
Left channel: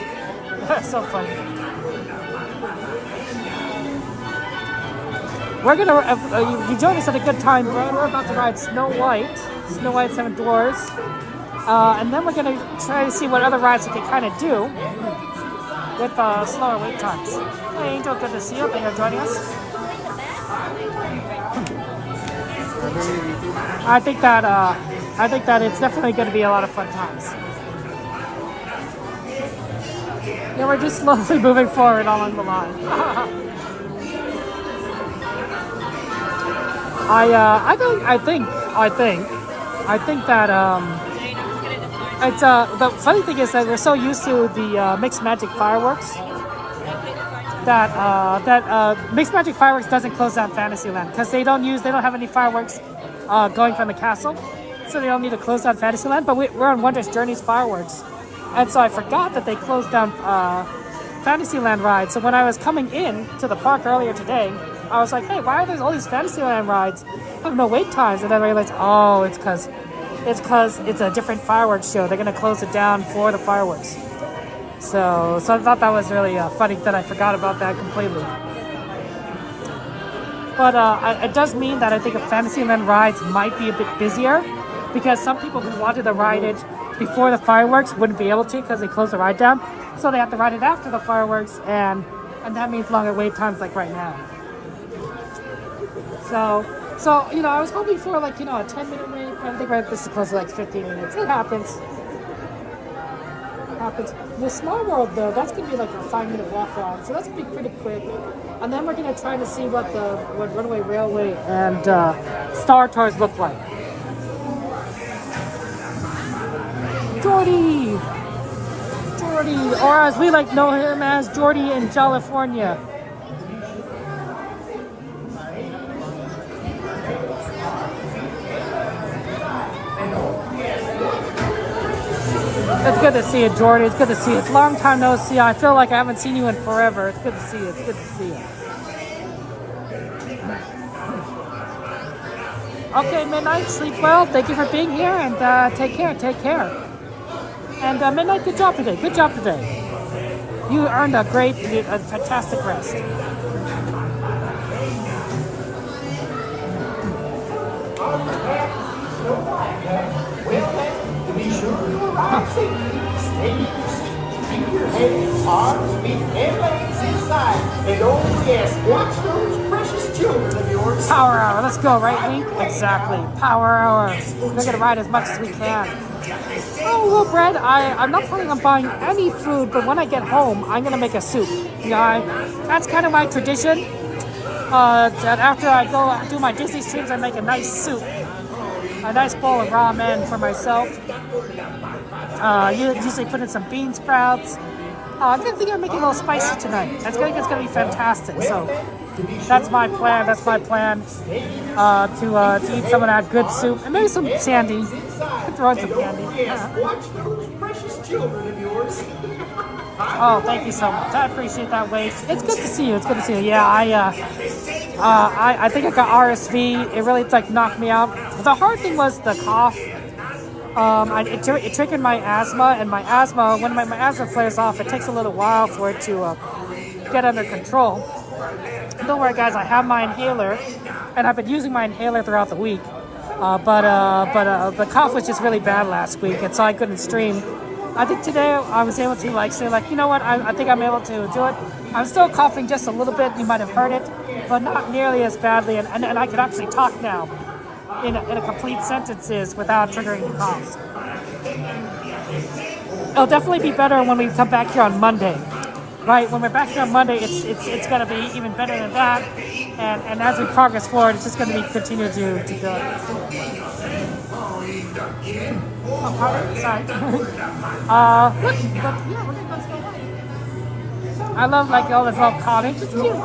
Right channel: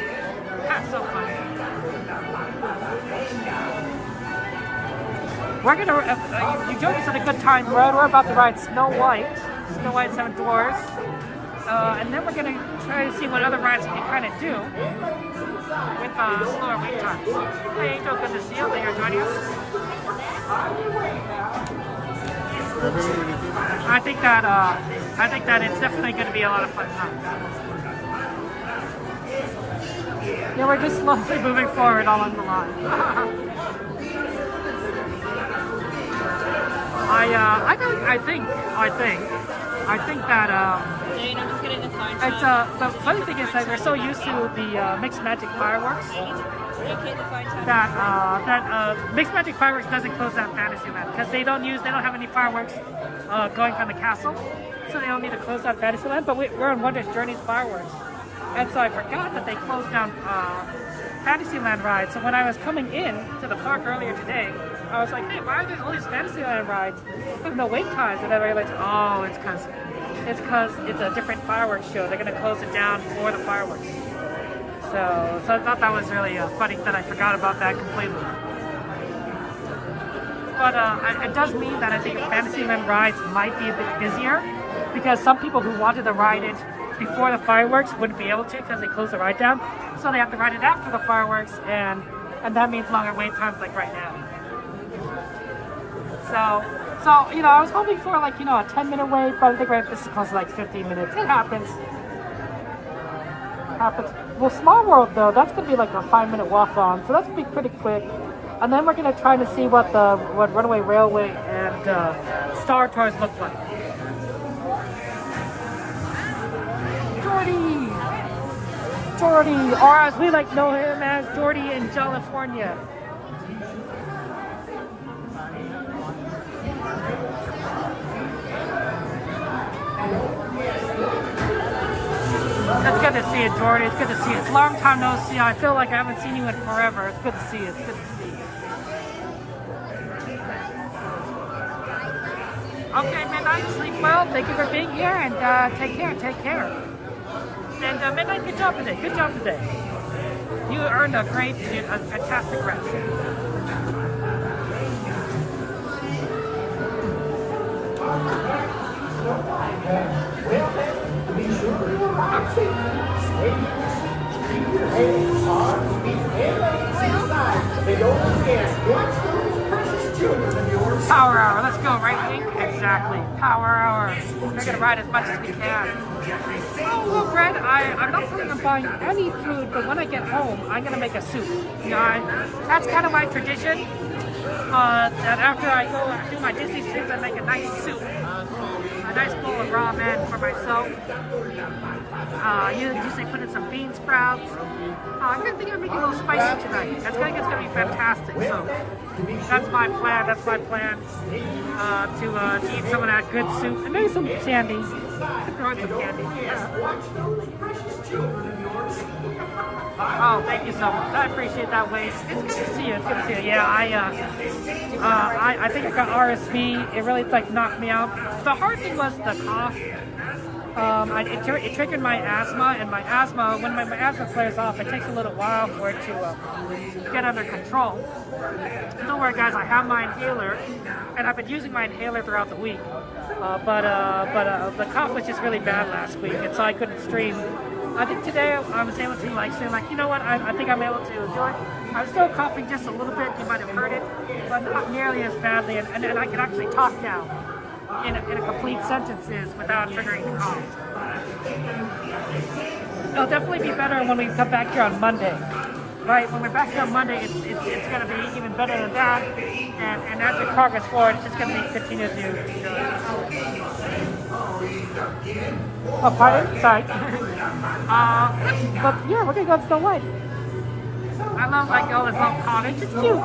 That's so funny. We're gonna you joined us at a good time, bro. We're about to ride Snow White 7 Dwarfs, and then we're gonna try to see what other rides we can kind of do with slower wait times. Hey, Angel, good to see you. Thank you for joining us. I think that it's definitely going to be a lot of fun times. Yeah, we're just slowly moving forward along the line. I think that it's the funny thing is that we're so used to the Mixed Magic fireworks that Mixed Magic fireworks doesn't close down Fantasyland because they don't have any fireworks going from the castle, so they don't need to close down Fantasyland. But we're on Wondrous Journey's fireworks, and so I forgot that they closed down Fantasyland rides. So when I was coming in to the park earlier today, I was like, hey, why are there all these Fantasyland rides with no wait times? And then I realized, oh, it's because it's a different fireworks show. They're gonna close it down for the fireworks. So I thought that was really funny that I forgot about that completely. But it does mean that I think Fantasyland rides might be a bit busier because some people who wanted to ride it before the fireworks wouldn't be able to because they closed the ride down. So they have to ride it after the fireworks, and that means longer wait times like right now. So I was hoping for like a 10-minute wait, but I think this is close to like 15 minutes. It happens. Well, Small World though, that's gonna be like a 5-minute walk on, so that's gonna be pretty quick. And then we're gonna try to see what Runaway Railway and Star Tours look like. Jordy, or as we like know him as Jordy in California. It's good to see you, Jordy. It's good to see you. It's a long time no see. I feel like I haven't seen you in forever. It's good to see you. It's good to see you. Okay, Midnight, sleep well. Thank you for being here, and take care. And Midnight, good job today. You earned a fantastic rest. Be sure to arrive safely. Stay keep your head, arms, feet, and legs inside. And don't forget, watch those precious children. children of yours. Power hour, let's go, right, Lee? Exactly, power hour. We're gonna ride as much as we can. Oh, well, Brad, I'm not planning on buying any food, but when I get home, I'm gonna make a soup. Yeah, that's kind of my tradition. That after I go do my Disney streams, I make a nice soup. A nice bowl of ramen for myself. Usually put in some bean sprouts. I'm gonna think I'm making a little spicy tonight. It's gonna be fantastic. So that's my plan. That's my plan to eat some of that good soup and maybe some candy. Throw in some candy. Watch those precious children of yours. Oh, thank you so much. I appreciate that, Wade. It's good to see you. It's good to see you. Yeah, I think I got RSV. It really knocked me out. The hard thing was the cough. It triggered my asthma, and my asthma, when my asthma flares off, it takes a little while for it to get under control. Don't worry, guys. I have my inhaler, and I've been using my inhaler throughout the week. But the cough was just really bad last week, and so I couldn't stream. I think today I was able to say you know what, I think I'm able to do it. I'm still coughing just a little bit, you might have heard it, but not nearly as badly, and I can actually talk now in a complete sentences without triggering the coughs. It'll definitely be better when we come back here on Monday. Right, when we're back here on Monday, it's going to be even better than that, and as we progress forward, it's just going to continue to go. Oh, pardon? Sorry. But yeah, we're going to go to Snow White. I love all this little cottage. It's cute.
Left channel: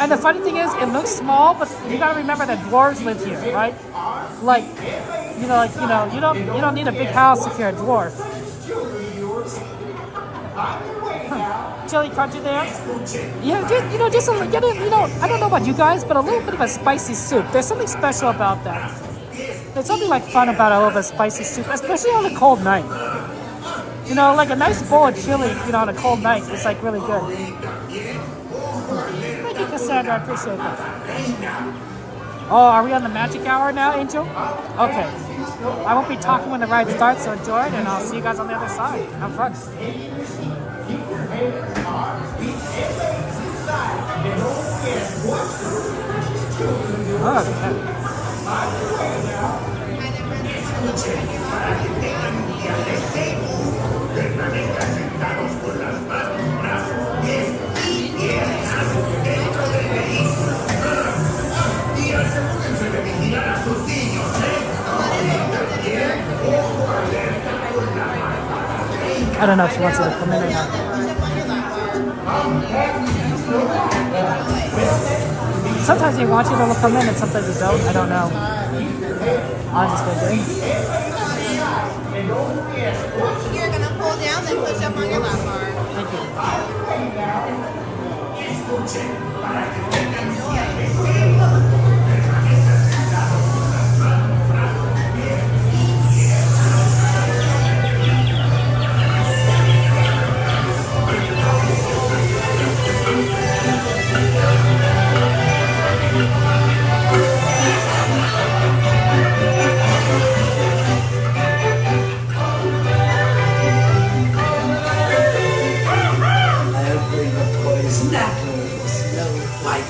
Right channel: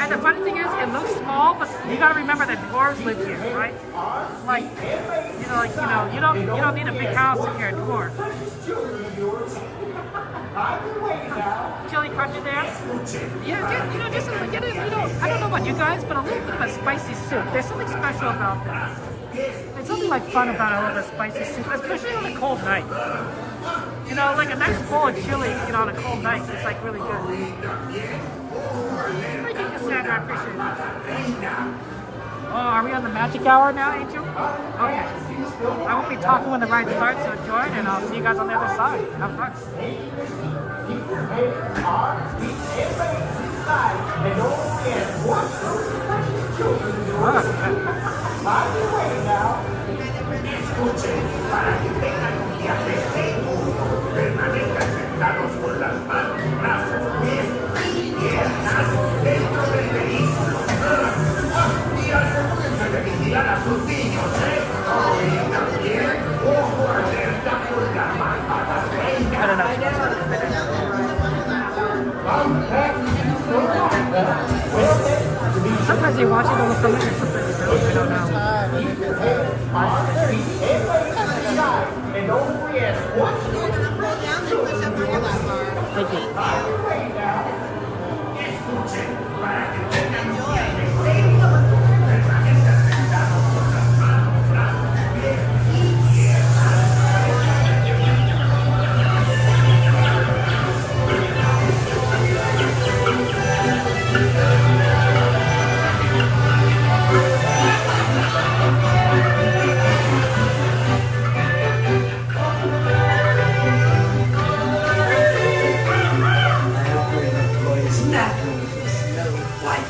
And the funny thing is, it looks small, but you got to remember that dwarves live here, right? You don't need a big house if you're a dwarf. Chili crunchy there. Yeah, just a little, I don't know about you guys, but a little bit of a spicy soup. There's something special about that. There's something fun about a little bit of spicy soup, especially on a cold night. A nice bowl of chili, on a cold night is really good. Thank you, Cassandra. I appreciate it. Oh, are we on the magic hour now, Angel? Okay. I won't be talking when the ride starts, so enjoy it, and I'll see you guys on the other side. Have fun. I don't know if she wants to. Sometimes they want you to look for a minute, sometimes they don't. I don't know. I'll just figure. You're going to pull down, then push up on your lap bar. Thank you. Natural for Snow White.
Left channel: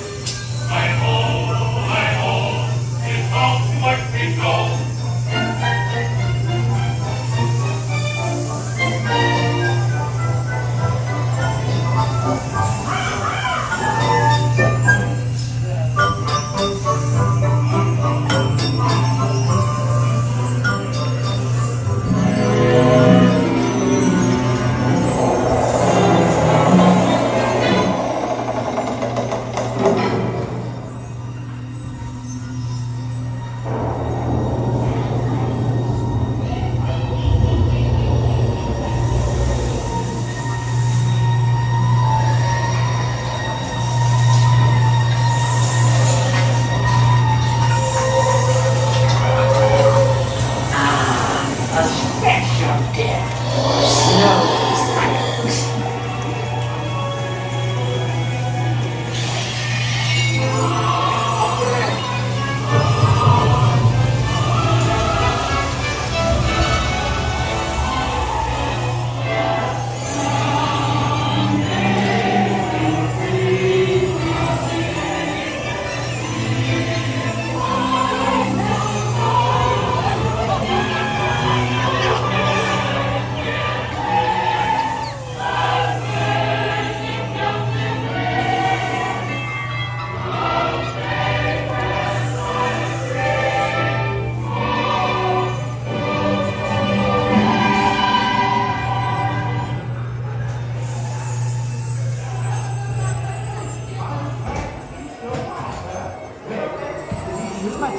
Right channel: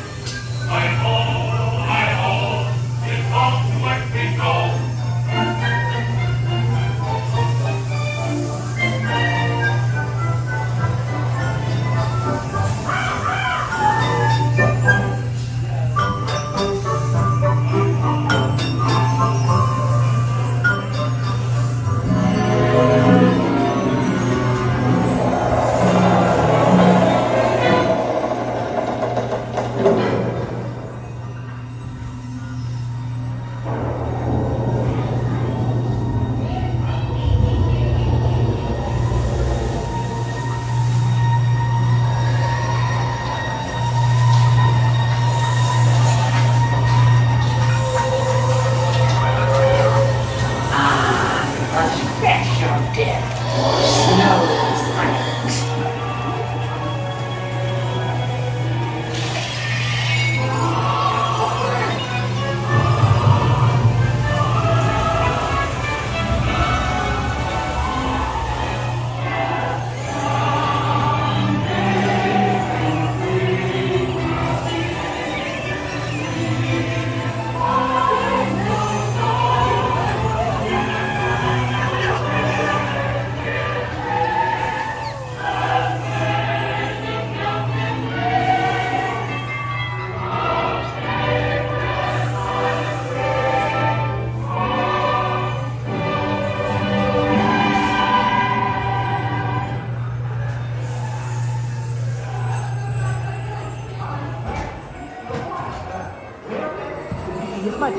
Thank you so much.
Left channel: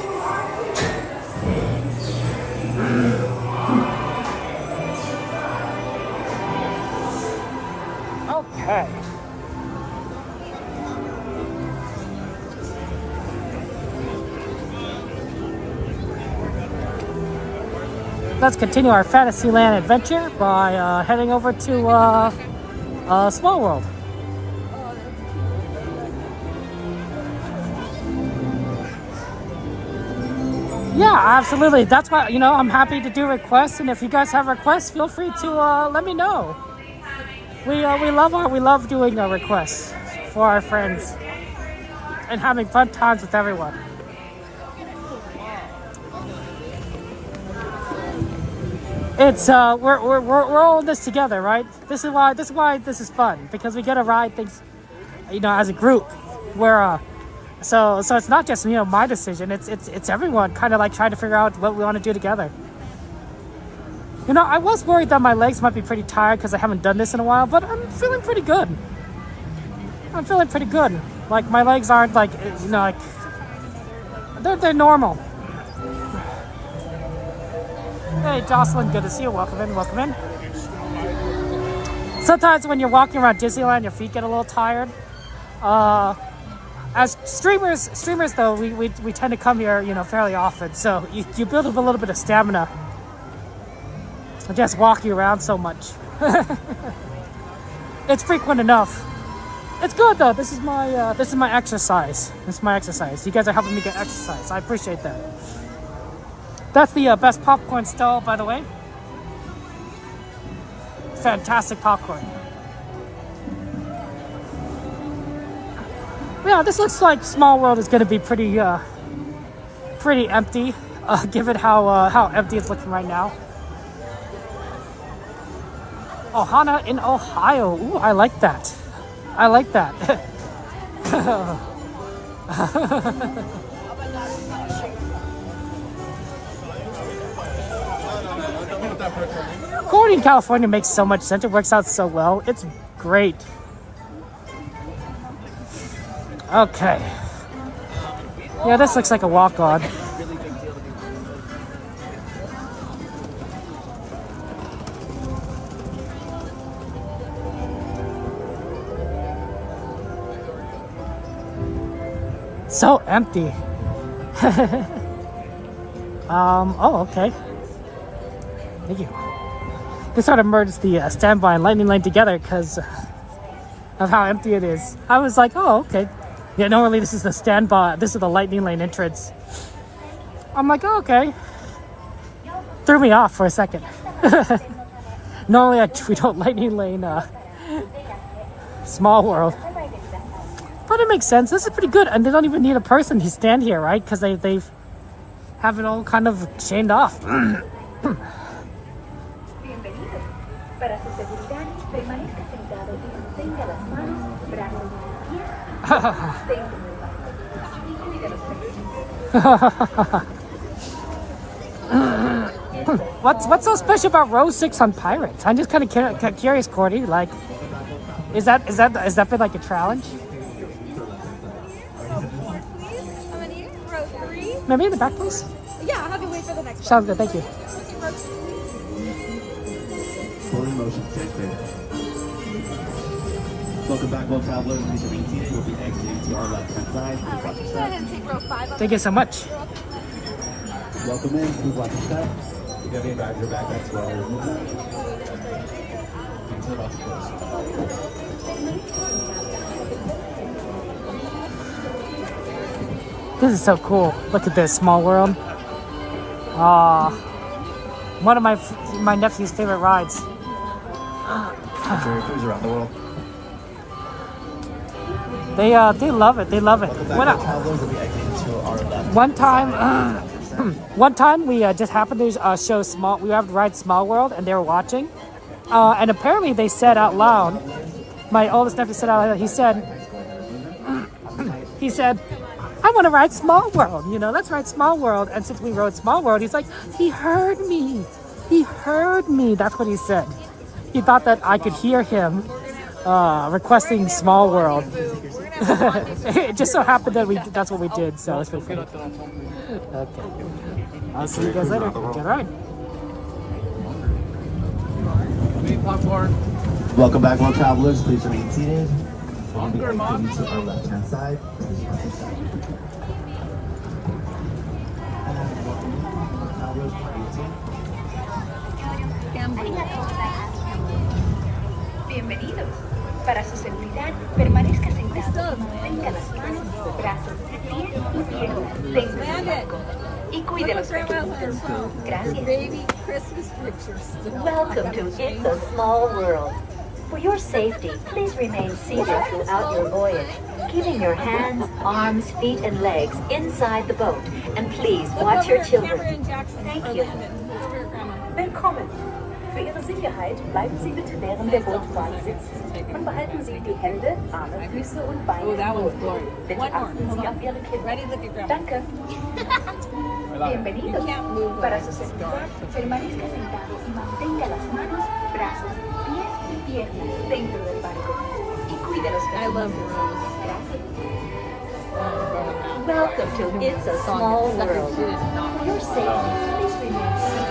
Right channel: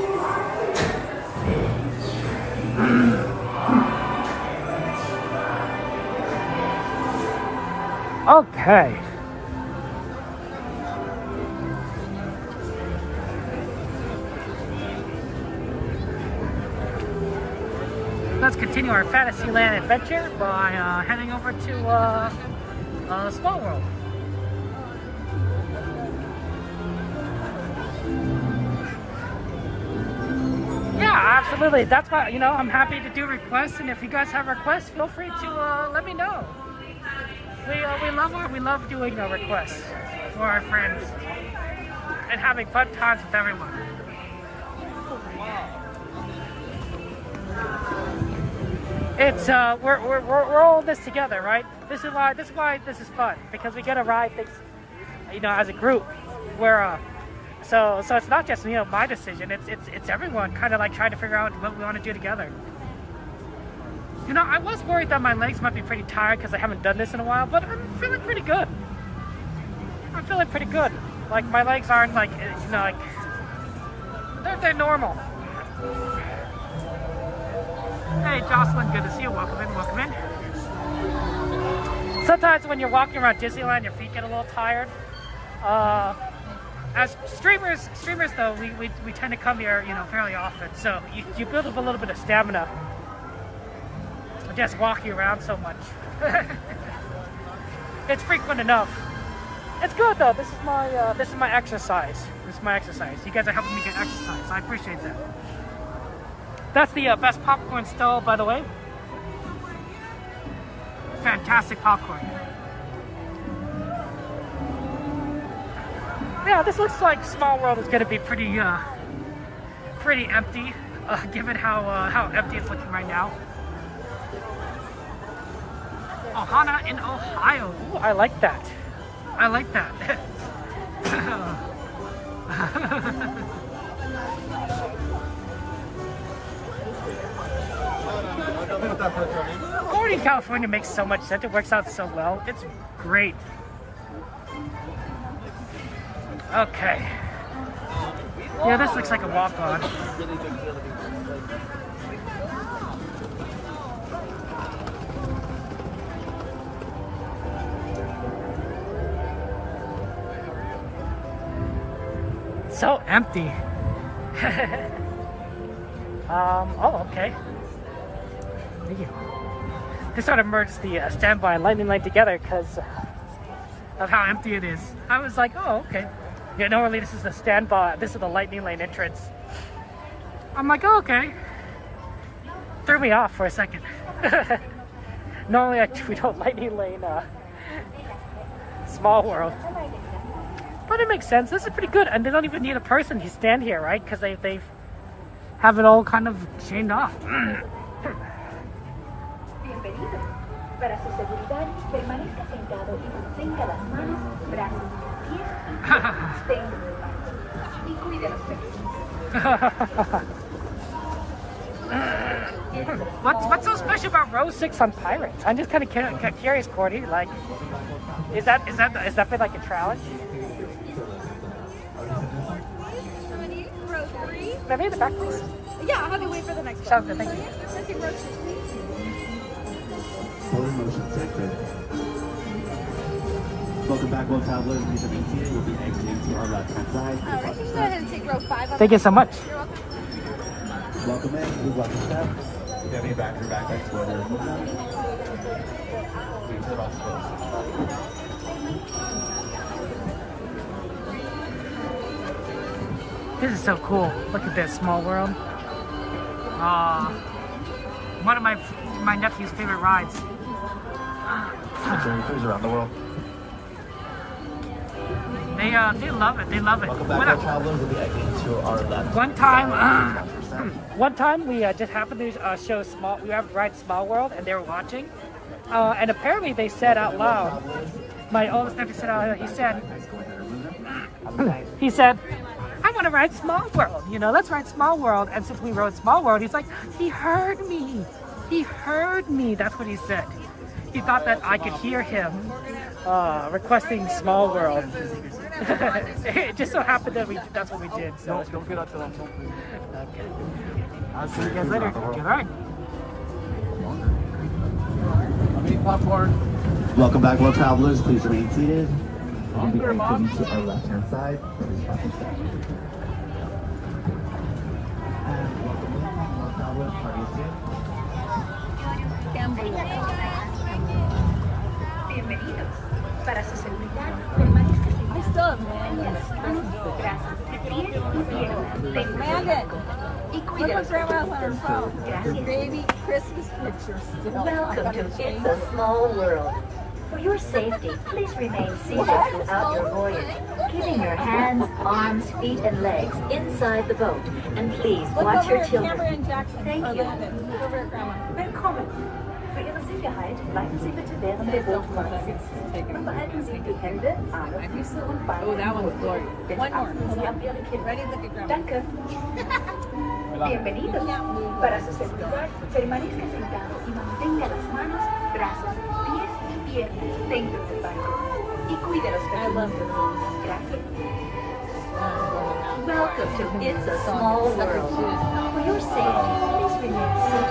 Okay. Let's continue our Fantasyland adventure by heading over to Small World. Yeah, absolutely. That's why, you know, I'm happy to do requests, and if you guys have requests, feel free to let me know. We love doing requests for our friends and having fun times with everyone. It's we're all in this together, right? This is why this is fun, because we get to ride things, you know, as a group. Where so it's not just, you know, my decision. It's everyone kind of like trying to figure out what we want to do together. You know, I was worried that my legs might be pretty tired because I haven't done this in a while, but I'm feeling pretty good. I'm feeling pretty good. Like, my legs aren't like, you know, like they're normal. Hey, Jocelyn, good to see you. Welcome in, welcome in. Sometimes when you're walking around Disneyland, your feet get a little tired. As streamers though, we tend to come here, you know, fairly often, so you build up a little bit of stamina. Just walking around so much. It's frequent enough. It's good though. This is my exercise. This is my exercise. You guys are helping me get exercise. I appreciate that. That's the best popcorn stall, by the way. Fantastic popcorn. Yeah, this looks like Small World is going to be pretty empty, given how empty it's looking right now. Ohana in Ohio. Ooh, I like that. I like that. Going in California makes so much sense. It works out so well. It's great. Okay. Yeah, this looks like a walk-on. So empty. Oh, okay. Thank you. They sort of merged the standby and lightning lane together because of how empty it is. I was like, oh, okay. Yeah, normally this is the standby, this is the lightning lane entrance. I'm like, oh, okay. Threw me off for a second. Normally we don't lightning lane Small World. But it makes sense. This is pretty good, and they don't even need a person to stand here, right? Because they have it all kind of chained off. What's so special about row 6 on Pirates? I'm just kind of curious, Cordy. Like, is that been like a challenge? Row 3? Maybe in the back, please. Yeah, I'll have you wait for the next. Sounds good, thank you. Pulling motion detected. Welcome back, well travelers. Please remain seated. We'll be exiting to our left-hand side for the process step. Thank you so much. Welcome in. Please watch your step. You have any bags or backpacks while we're moving back? This is so cool. Look at this, Small World. One of my nephew's favorite rides. Cruise around the world. They love it. They love it. One time we just happened to show we have to ride Small World, and they were watching, and apparently they said out loud. My oldest nephew said out loud. He said, I want to ride Small World. You know, let's ride Small World. And since we rode Small World, he's like, he heard me. He heard me. That's what he said. He thought that I could hear him requesting Small World. It just so happened that that's what we did. So it's okay. I'll see you guys later. Get right. Popcorn. Welcome back, well travelers. Please remain seated. Longer, Mom. On the left-hand side. Bienvenidos. Para su seguridad, permanezca sentado. Tenga las manos, brazos, pies y piernas dentro del barco. Y cuide los pequeñitos. Gracias. Baby Christmas picture still. Welcome to It's a Small World. For your safety, please remain seated throughout your voyage, keeping your hands, arms, feet, and legs inside the boat. And please watch your children. Thank you. Willkommen. Für Ihre Sicherheit bleiben Sie bitte während der Bootfahrt sitzen und behalten Sie die Hände, Arme, Füße und Beine. Oh, that one's glorious. One more. Sie auf Ihre Kinder. Ready, look at Grandma. Danke. Bienvenido. Para su seguridad, permanezca sentado y mantenga las manos, brazos, pies y piernas dentro del barco. Y cuide los pequeños. Gracias. Welcome to It's a Small World. For your safety, please remain seated.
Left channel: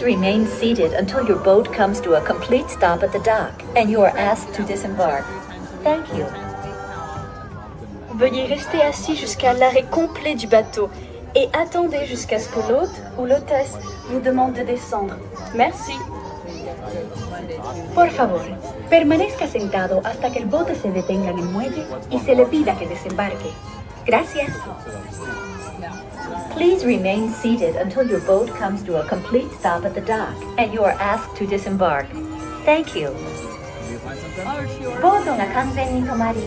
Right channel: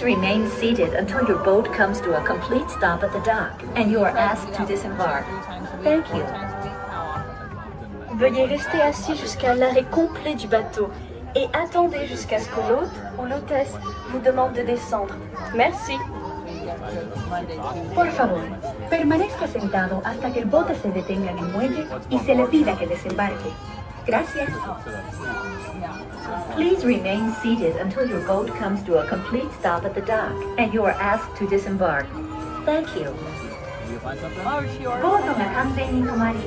Please remain seated until your boat comes to a complete stop at the dock and you are asked to disembark. Thank you. Veuillez rester assis jusqu'à l'arrêt complet du bateau et attendez jusqu'à ce que l'hôte ou l'hôtesse vous demande de descendre. Merci. Por favor, permanezca sentado hasta que el bote se detenga en el muelle y se le pida que desembarque. Gracias. Please remain seated until your boat comes to a complete stop at the dock and you are asked to disembark. Thank you. ボートが完全に止まり、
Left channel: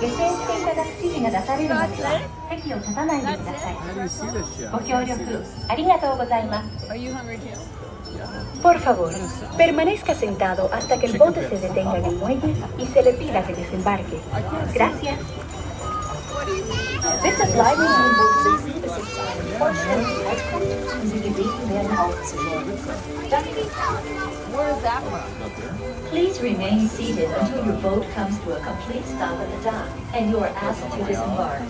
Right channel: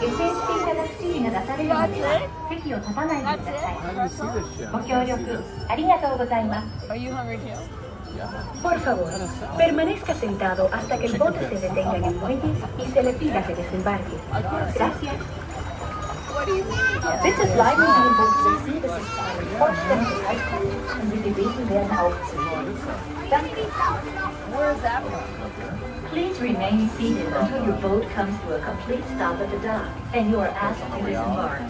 SHK ガラクシーが出されるまでは席を立たないでください。ご協力ありがとうございます。Por favor, permanezca sentado hasta que el bote se detenga en el muelle y se le pida que desembarque. Gracias. This is live Where is that from? Please remain seated until your boat comes to a complete stop at the dock and you are asked to disembark.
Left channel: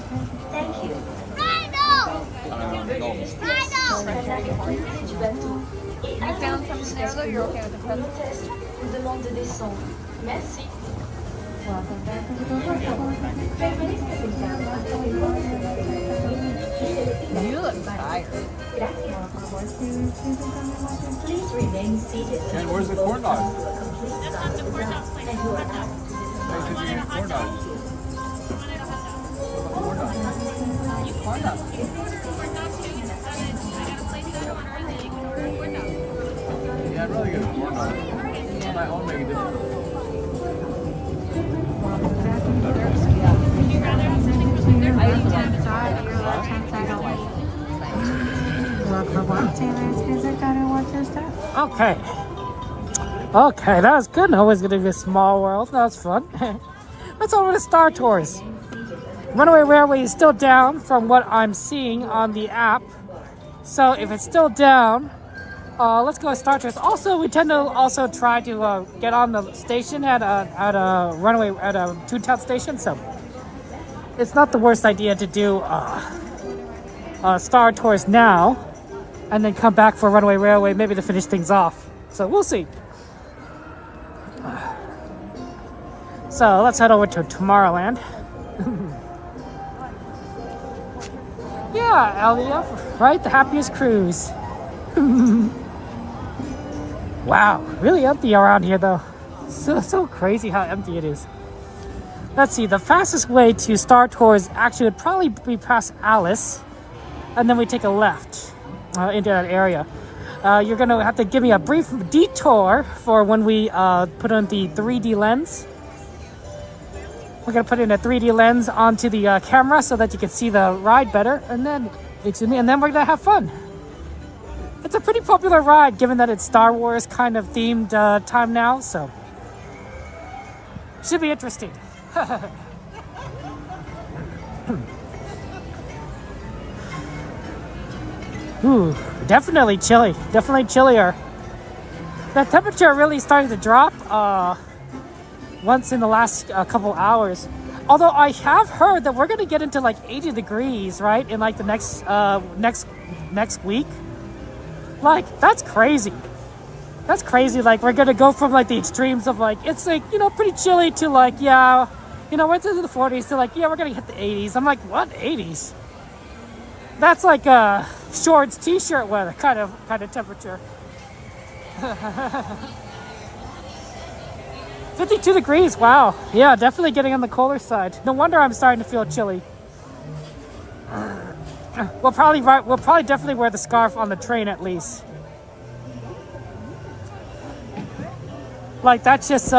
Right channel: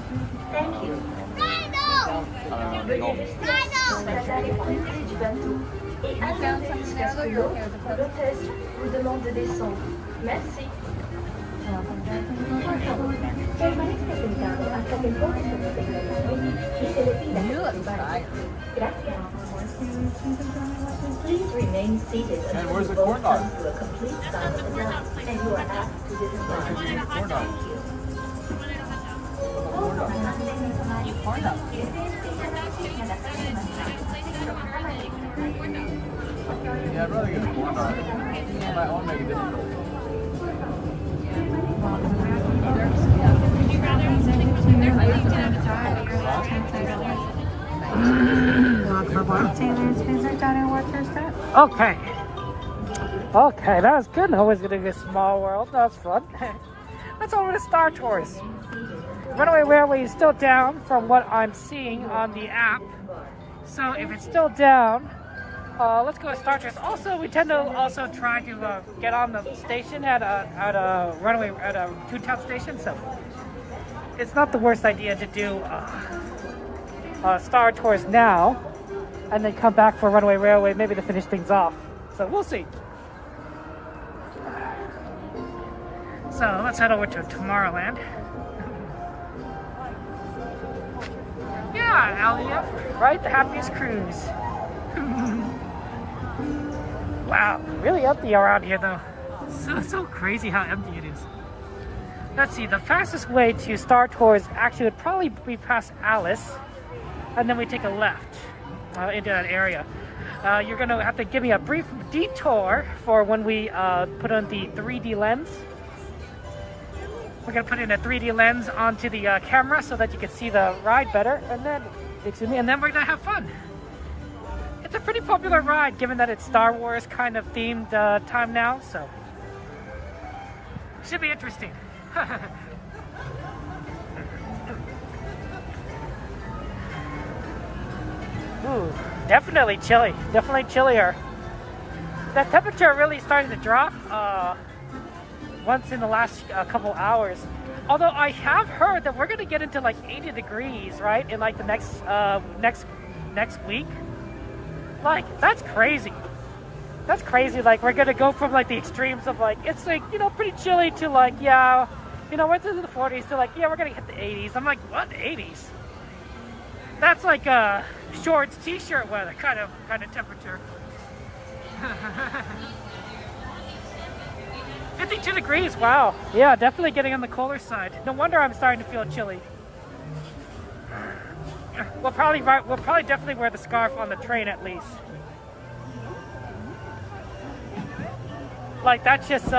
Thank you. You found something there though? You're okay with the present? Vous demande de descendre. Merci. You look tired. Please remain seated. And where's the corn dog? That's not the corn dog place. It's a hot dog. No, you said you had corn dog. Corn dog. Corn dog. You corn dog. Yeah, I'd rather get a corn dog. I want to make it difficult. Would you rather have something from there? I eat down inside. You're left hand side Okay. Okay, that was good. Always gonna be a small world. That was fun. Let's over to Star Tours. Runaway Railway is still down from what I'm seeing on the app. So if it's still down, let's go to Star Tours. Also, we tend to also try to get on the station at a Runaway at a Toontown station. So it's not the worst idea to do Star Tours now, and then come back for Runaway Railway, maybe to finish things off. So we'll see. So let's head over to Tomorrowland. Yeah, LDF, right? The happiest cruise. Wow, really empty around here though. So crazy how empty it is. Let's see, the fastest way to Star Tours actually would probably be past Alice, and then we take a left into that area. You're gonna have to give me a brief detour for when we put on the 3D lens. We're gonna put in a 3D lens onto the camera so that you can see the ride better, and then we're gonna have fun. It's a pretty popular ride given that it's Star Wars kind of themed time now, so should be interesting. Ooh, definitely chilly. Definitely chillier. The temperature really starting to drop once in the last couple hours. Although I have heard that we're gonna get into like 80 degrees, right, in like the next week. Like, that's crazy. That's crazy. Like, we're gonna go from like the extremes of like, it's like, you know, pretty chilly to like, yeah, you know, we're into the 40s to like, yeah, we're gonna hit the 80s. I'm like, what, 80s? That's like a shorts, t-shirt weather kind of temperature. 52 degrees, wow. Yeah, definitely getting on the colder side. No wonder I'm starting to feel chilly. We'll probably definitely wear the scarf on the train at least. Like that's just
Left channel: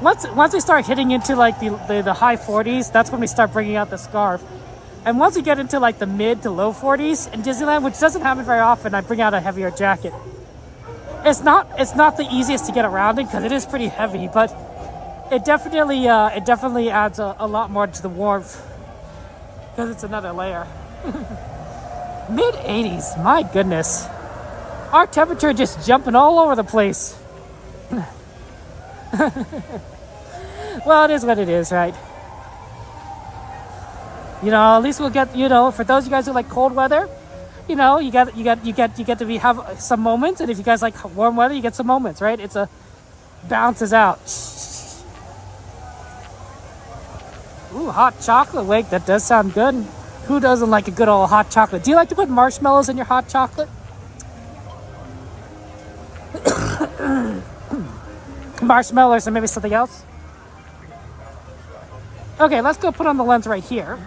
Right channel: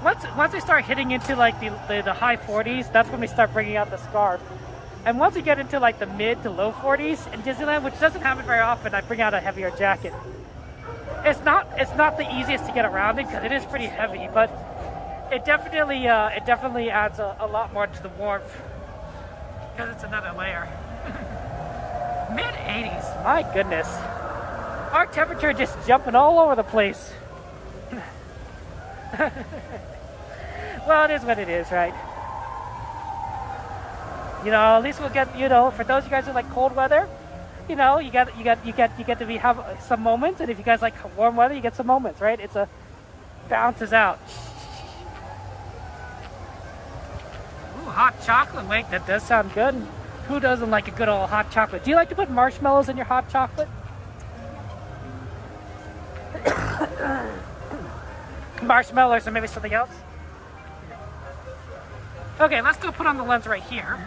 once we start hitting into like the high 40s, that's when we start bringing out the scarf. And once we get into like the mid to low 40s in Disneyland, which doesn't happen very often, I bring out a heavier jacket. It's not the easiest to get around in because it is pretty heavy, but it definitely adds a lot more to the warmth because it's another layer. Mid 80s, my goodness. Our temperature just jumping all over the place. Well, it is what it is, right? You know, at least we'll get, you know, for those of you guys who like cold weather, you know, you get to have some moments, and if you guys like warm weather, you get some moments, right? It's balances out. Ooh, hot chocolate. Wait, that does sound good. Who doesn't like a good old hot chocolate? Do you like to put marshmallows in your hot chocolate? Marshmallows or maybe something else? Okay, let's go put on the lens right here.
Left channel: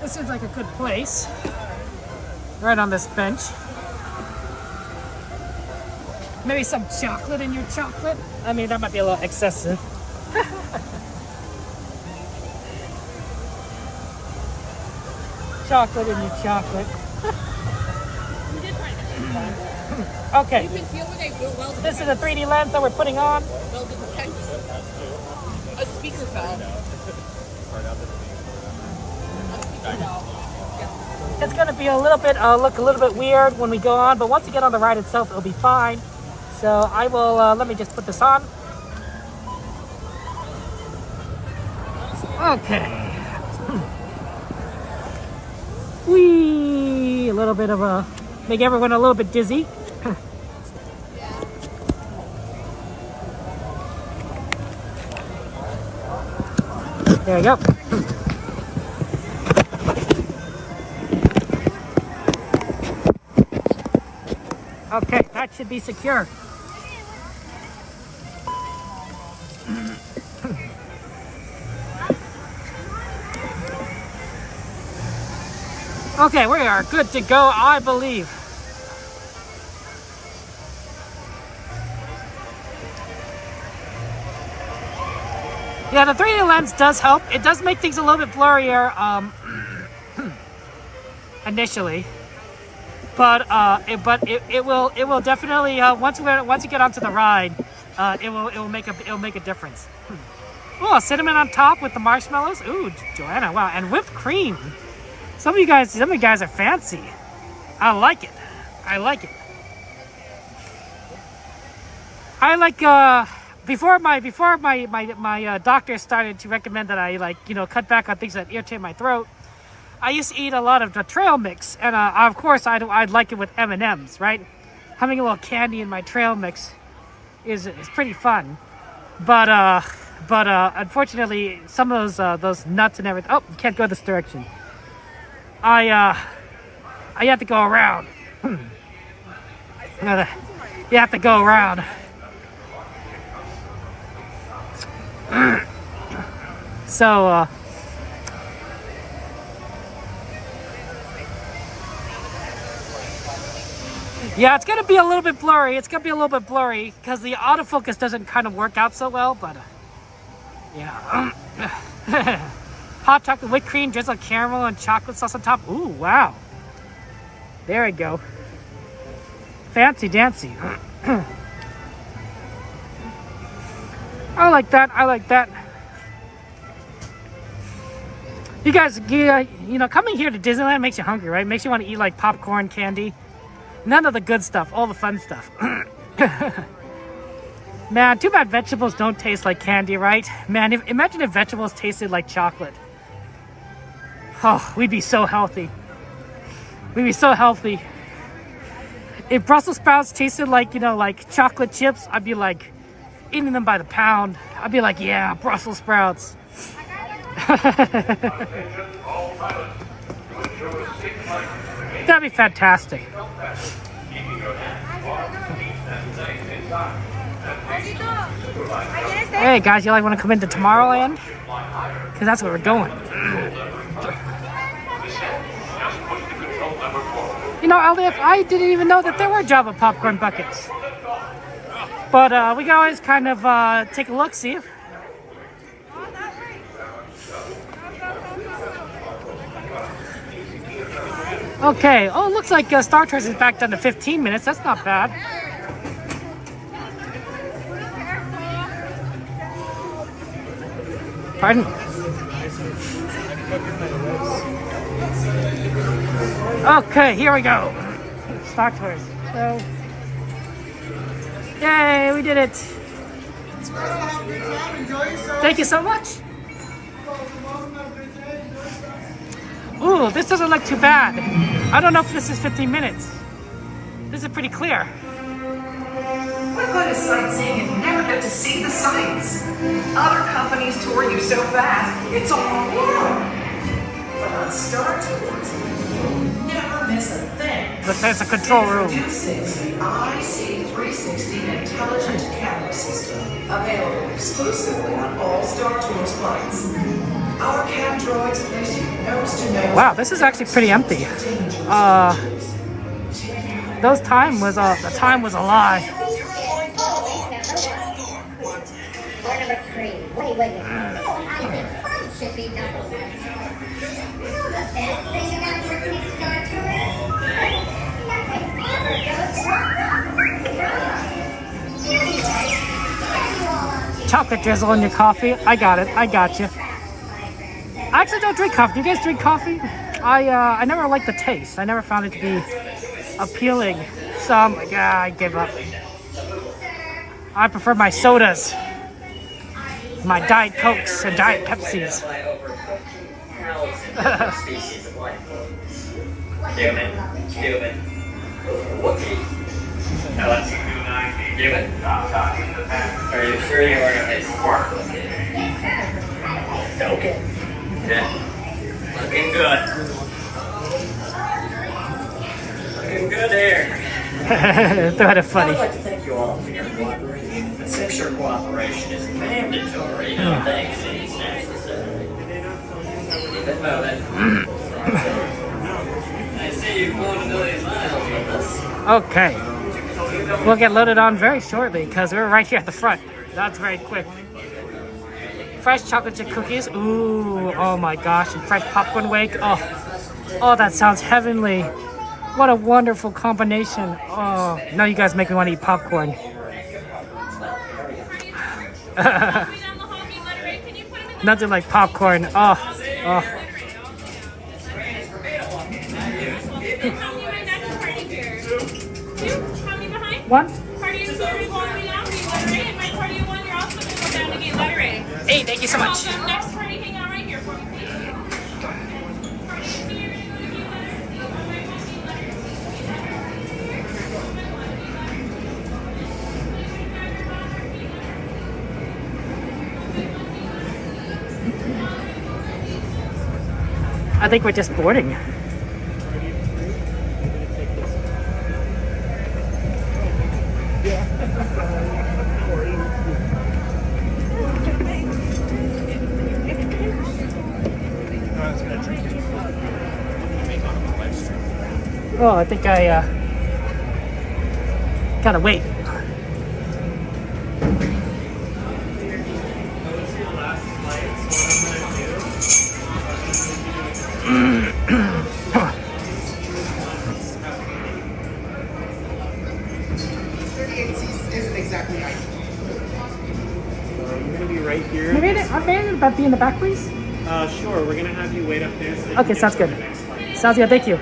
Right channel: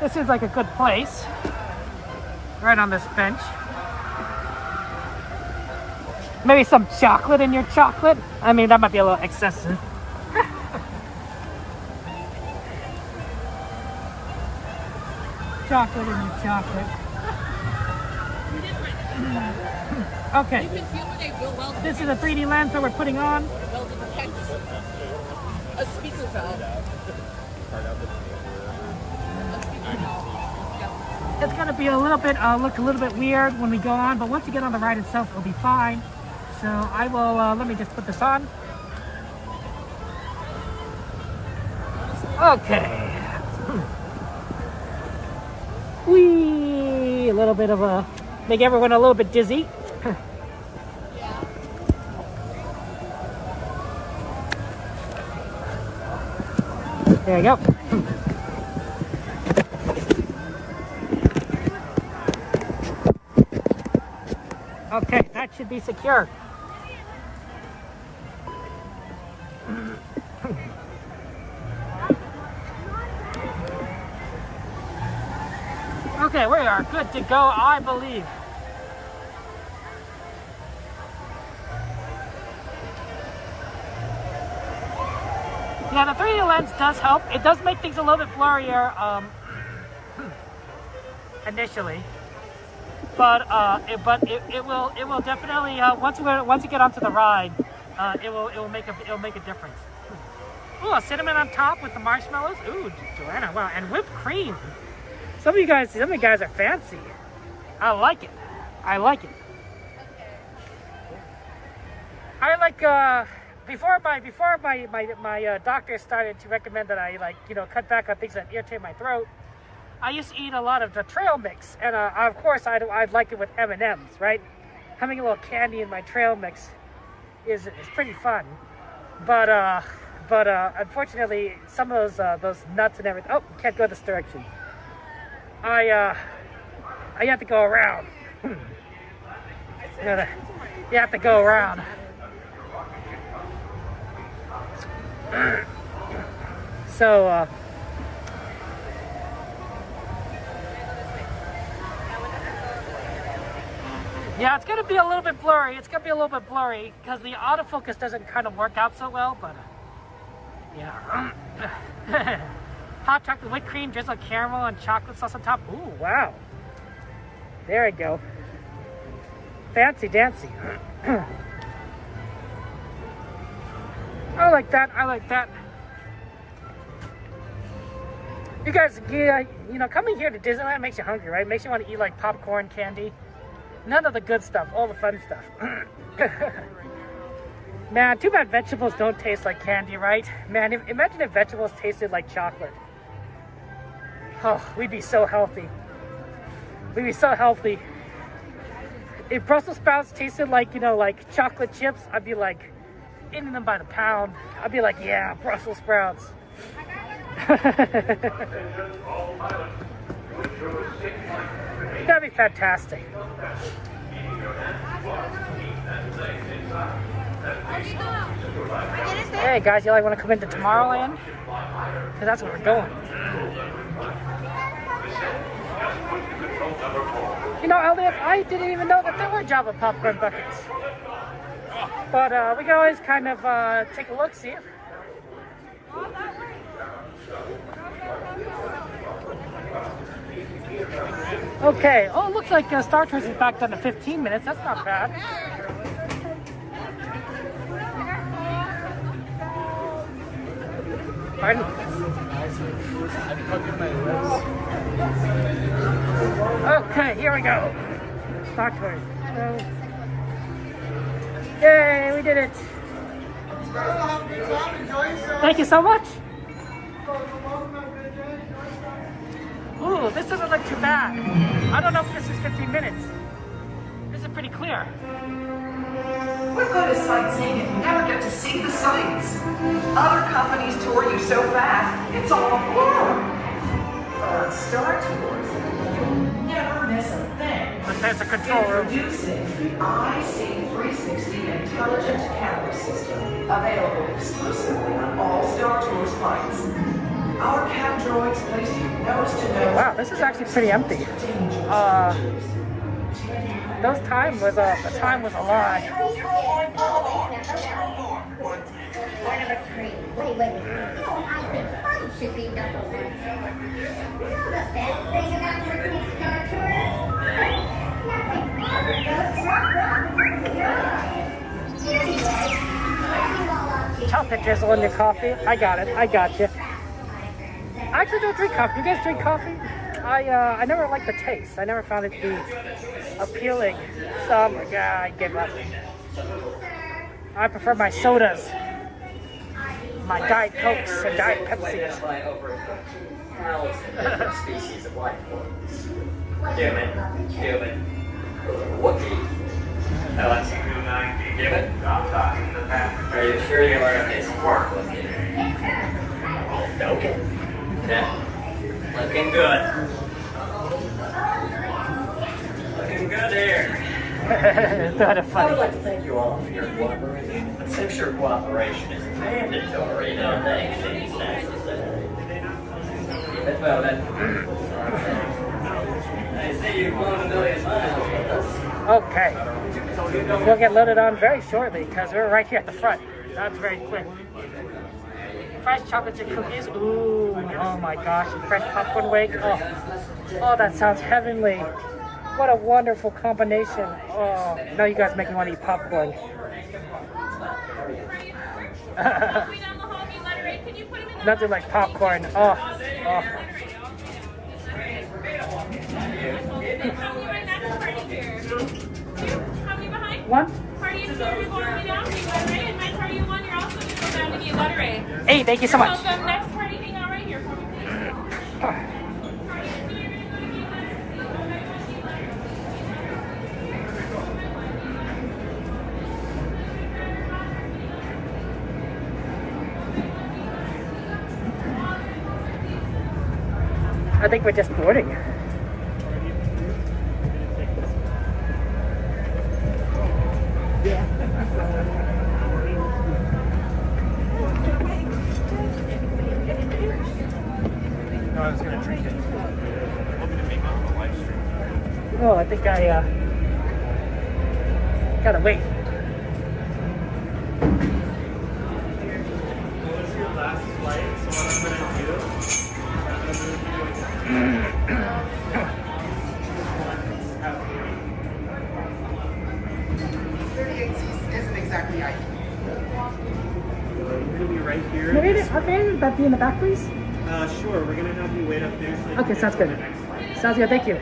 This seems like a good place. Right on this bench. Maybe some chocolate in your chocolate? I mean, that might be a little excessive. Chocolate in your chocolate. Okay. This is a 3D lens that we're putting on. A speaker guy. It's gonna be a little bit look a little bit weird when we go on, but once you get on the ride itself, it'll be fine. So I will let me just put this on. Okay. Whee! A little bit of make everyone a little bit dizzy. There you go. Okay, that should be secure. Okay, we are good to go, I believe. Yeah, the 3D lens does help. It does make things a little bit blurrier initially, but it will definitely once you get onto the ride, it will make a difference. Oh, cinnamon on top with the marshmallows. Ooh, Joanna, wow, and whipped cream. Some of you guys are fancy. I like it. I like it. I like before my doctor started to recommend that I cut back on things that irritate my throat. I used to eat a lot of the trail mix, and of course I'd like it with M&Ms, right? Having a little candy in my trail mix is pretty fun, but unfortunately some of those nuts and everything. Oh, you can't go this direction. I have to go around. You have to go around. So yeah, it's gonna be a little bit blurry. It's gonna be a little bit blurry because the autofocus doesn't kind of work out so well, but yeah. Hot chocolate whipped cream, drizzled caramel and chocolate sauce on top. Ooh, wow. There we go. Fancy dancy. I like that. I like that. You guys, coming here to Disneyland makes you hungry, right? Makes you want to eat like popcorn, candy. None of the good stuff, all the fun stuff. Man, too bad vegetables don't taste like candy, right? Man, imagine if vegetables tasted like chocolate. Oh, we'd be so healthy. We'd be so healthy. If Brussels sprouts tasted like, like chocolate chips, I'd be like eating them by the pound. I'd be like, yeah, Brussels sprouts. That'd be fantastic. Hey guys, you want to come into Tomorrowland? Because that's where we're going. I didn't even know that there were Java popcorn buckets. But we can always kind of take a look, see if. Okay, oh, it looks like Star Tours is back down to 15 minutes. That's not bad. Pardon? Okay, here we go. Star Tours. Yay, we did it. Thank you so much. Ooh, this doesn't look too bad. I don't know if this is 15 minutes. This is pretty clear. We're good at sightseeing and never get to see the sights. Other companies tour you so fast, it's all a blur. On Star Tours, you'll never miss a thing. But there's a control room. Introducing the IC360 Intelligent Camera System, available exclusively on all Star Tours flights. Our cam droids place you nose to nose. Wow, this is actually pretty empty. The time was a lie. Chocolate drizzle in your coffee. I got it. I got you. I actually don't drink coffee. Do you guys drink coffee? I never liked the taste. I never found it to be appealing. So I give up. I prefer my sodas, my Diet Cokes and Diet Pepsis. Species of life forms. Human, Wookiee. Human. Are you sure you want to face work with it? Okay. Yeah. Looking good. Looking good here. That is funny. I'd like to thank you all for your cooperation. But since your cooperation is mandatory, no thanks is necessary. Keep it moving. Okay. We'll get loaded on very shortly because we're right here at the front. That's very quick. Fresh chocolate chip cookies. Ooh, oh my gosh. And fresh popcorn wake. Oh, that sounds heavenly. What a wonderful combination. Oh, now you guys make me want to eat popcorn. Nothing like popcorn. Oh. What? Hey, thank you so much. Next party, hang out right here for me, please. I think we're just boarding. Oh, I think I gotta wait. Isn't exactly right. We're gonna be right here. Okay, but be in the back, please. Sure. We're gonna have you wait up there. So Okay, sounds good. Sounds good. Thank you.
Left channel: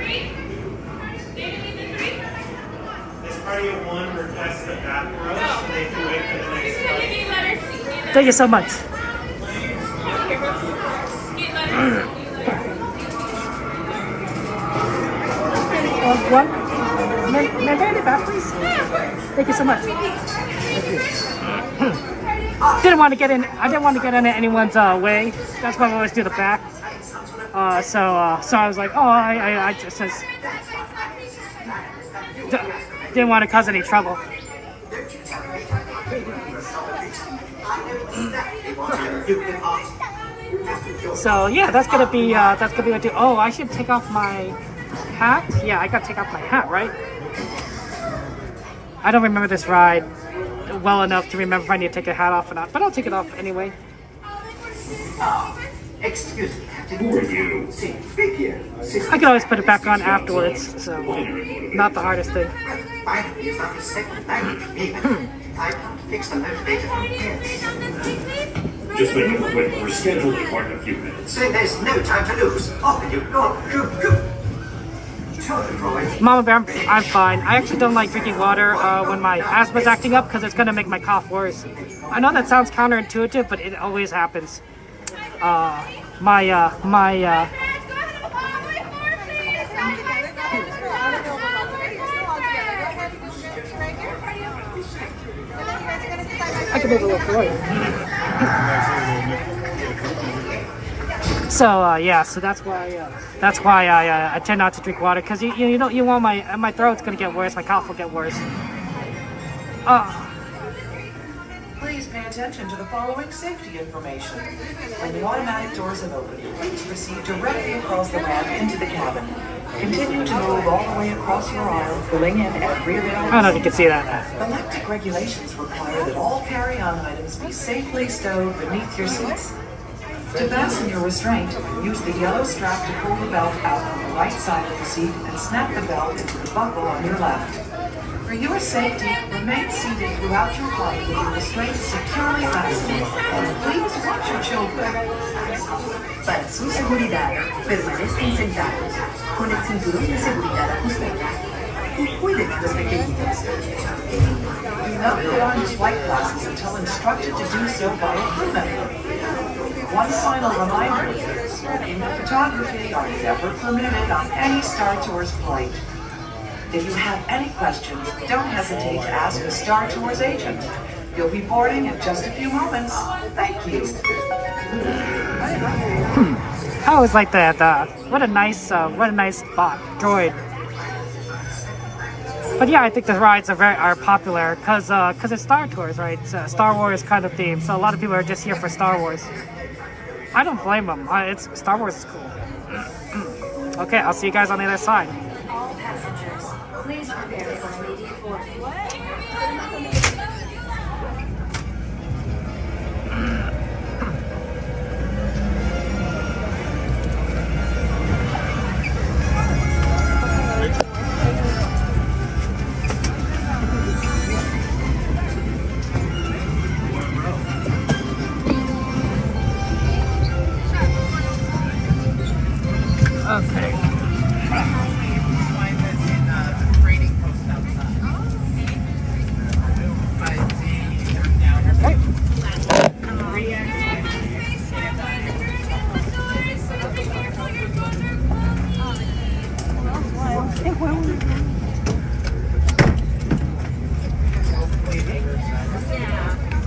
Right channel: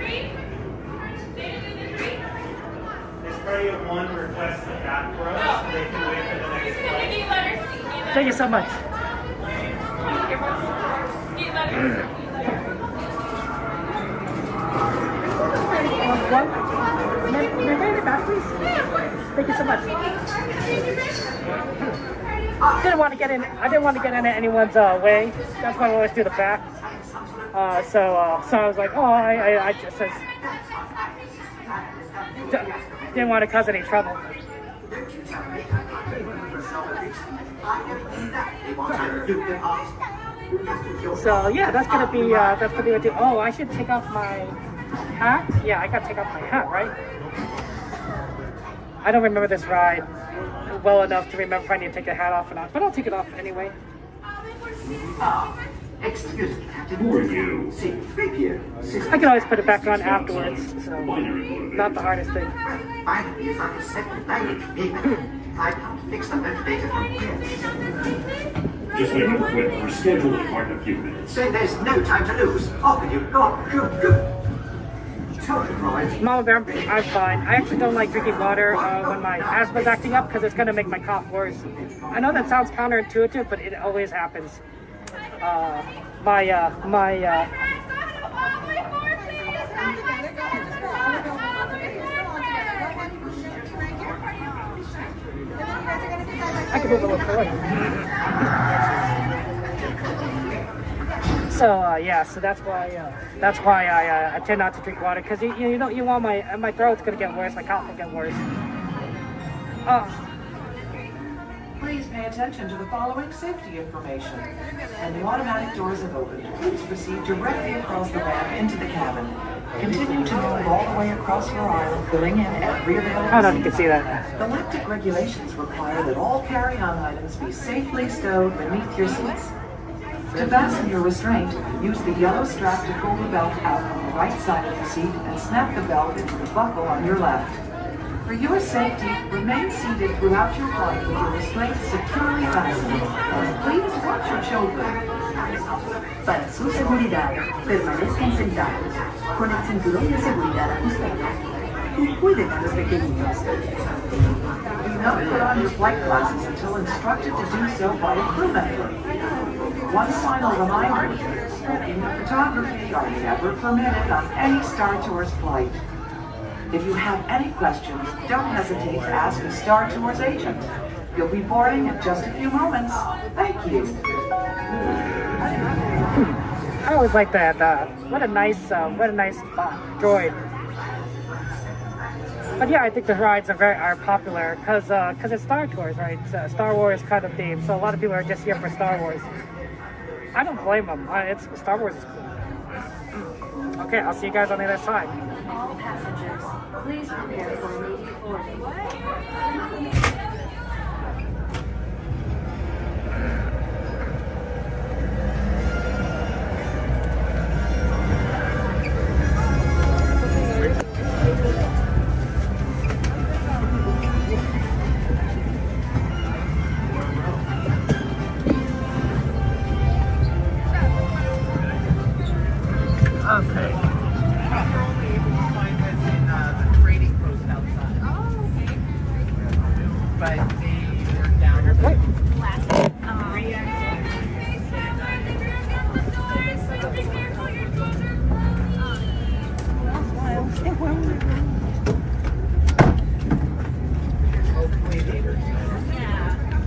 This party of one requests the back row, so they can wait for the next flight. Thank you so much. May I be in the back, please? Thank you so much. Didn't want to get in. I didn't want to get in anyone's way. That's why I always do the back. So I was like, oh, I just didn't want to cause any trouble. So yeah, that's gonna be what do. Oh, I should take off my hat. Yeah, I gotta take off my hat, right? I don't remember this ride well enough to remember if I need to take the hat off or not, but I'll take it off anyway. Excuse me, Captain. Who are you? See, speak here. I can always put it back on afterwards, so not the hardest thing. Finally, it's like a second language payment. I can't fix the motivator from here. Just make it quick. We're scheduled to depart in a few minutes. Say there's no time to lose. Off with you. Go on. Go. Tell the droids. Mama Bear, I'm fine. I actually don't like drinking water when my asthma's acting up because it's going to make my cough worse. I know that sounds counterintuitive, but it always happens. I can move a little forward. So yeah, so that's why I tend not to drink water because you don't want my throat's gonna get worse, my cough will get worse. Please pay attention to the following safety information. When the automatic doors have opened, please proceed directly across the ramp into the cabin. Continue to move all the way across your aisle, filling in every available I don't know if you can see that. Electric regulations require that all carry-on items be safely stowed beneath your seats. To fasten your restraint, use the yellow strap to pull the belt out on the right side of the seat and snap the belt into the buckle on your left. For your safety, remain seated throughout your flight with your restraints securely fastened. Please watch your children. Para su seguridad, permanezcan sentados, con el cinturón de seguridad ajustado, y cuiden de los pequeñitos. Do not put on your flight glasses until instructed to do so by a crew member. One final reminder, smoking and photography are never permitted on any Star Tours flight. If you have any questions, don't hesitate to ask a Star Tours agent. You'll be boarding in just a few moments. Thank you. I always like that. What a nice droid. But yeah, I think the rides are popular because it's Star Tours, right? It's a Star Wars kind of theme, so a lot of people are just here for Star Wars. I don't blame them. Star Wars is cool. Okay, I'll see you guys on the other side. Please prepare for immediate boarding.